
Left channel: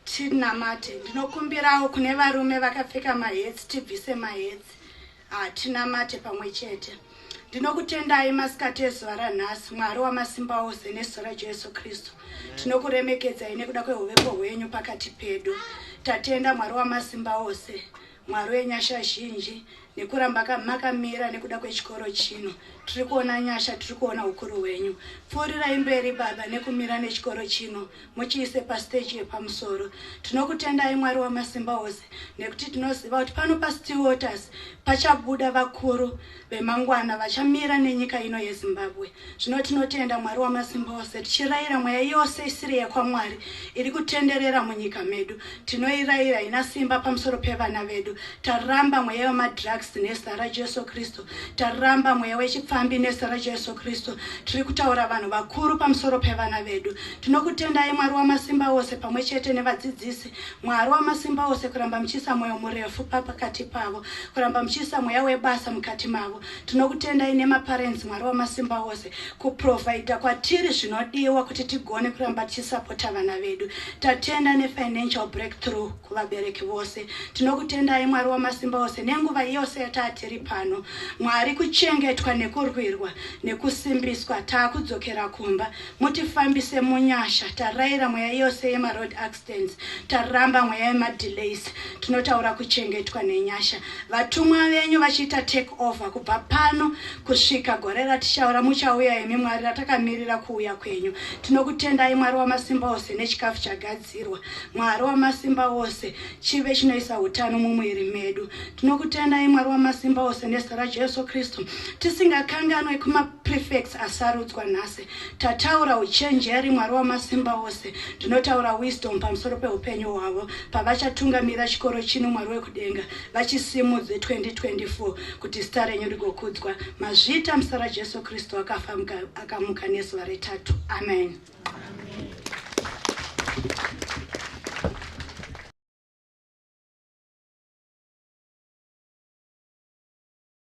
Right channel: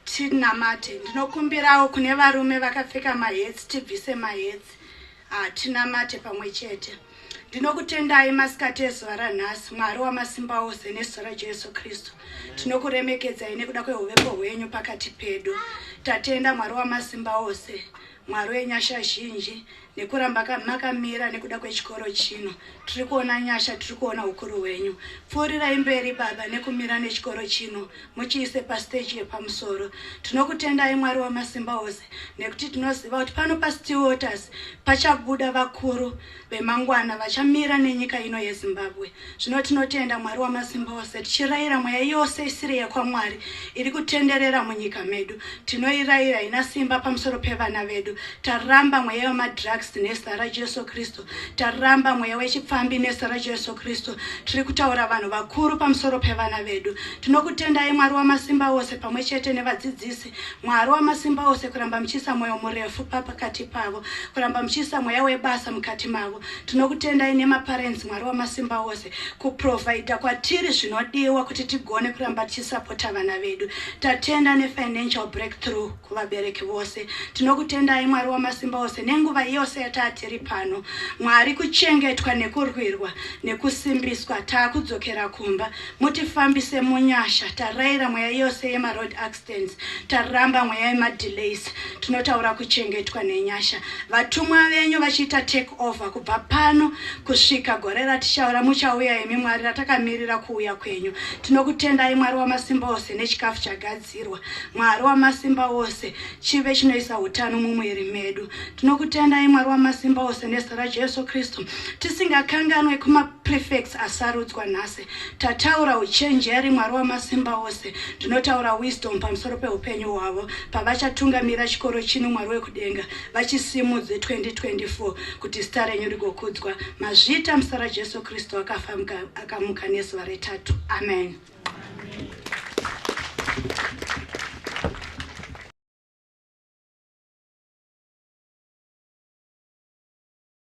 Tinamate, ndinokumbirawo kune varume vakapfeka mahetsi tibvise mahetsi. Tinamate pamwe chete. Ndinokutendai masikati ezuva ranhasi, Mwari wamasimba ose nezita raJesu Kristu. Tinokuremekedzai nekuda kwehuvepo hwenyu pakati pedu. Tatenda Mwari wamasimba ose, Mwari wenyasha zhinji, nekuramba makamira nekuda kwechikoro chino. Tiri kuona nyasha, tiri kuona ukuru hwenyu. Pfuurirai mberi Baba nekumira nechikoro chino, muchiise pastage yepamusoro. Tinokutendai Mwari wamasimba ose, nekuti tinoziva kuti pano paStill Waters pachabuda vakuru vemangwana vachamira nenyika ino yeZimbabwe. Zvino tinotenda Mwari wamasimba ose, tichirayira mweya yose isiri yakwaMwari iri kutenderera munyika medu. Tinoirayira ina simba pamusoro pevana vedu. Taramba mweya wemadrugs nezita raJesu Kristu. Taramba mweya wechipfambi nezita raJesu Kristu. Tiri kutaura vanhu vakuru pamusoro pevana vedu. Tinokutendai Mwari wamasimba ose pamwe chete nevadzidzisi. Mwari wamasimba ose kuramba muchiisa mweya murefu pakati pavo, kuramba muchiisa mweya webasa mukati mavo. Tinokutendai nemaparents Mwari wamasimba ose kuprovide kwatiri zvinodiwa kuti tigone kuramba tichisapota vana vedu. Tatenda nefinancial breakthrough kuvabereki vose. Tinokutendai Mwari wamasimba ose nenguva yose yatatiri pano. Mwari kuchengetwa nekurwirwa nekusimbiswa taakudzokera kumba. Mutifambise munyasha. Tarayira mweya yose yemaroad accidents. Taramba mweya yemadelays. Tinotaura kuchengetwa nenyasha. Vatumwa venyu vachiita take over kubva pano kusvika gore ratichaura muchauya imi Mwari ratakamirira kuuya kwenyu. Tinokutendai Mwari wamasimba ose nechikafu chagadzirwa. Mwari wamasimba ose chive chinoisa utano mumwiri medu. Tinokutendai Mwari wamasimba ose nezita raJesu Kristu. Tisingakanganwe kumaprefects asarudzwa nhasi. Tataura uchenjeri Mwari wamasimba ose. Tinotaura wisdom pamusoro peupenyu hwavo pavachatungamira chikoro chino Mwari wekudenga vachisimudze 2024 kuti zita renyu rigokudzwa. Mazvita muzita raJesu Kristu akamuka nezuva retatu. Amen.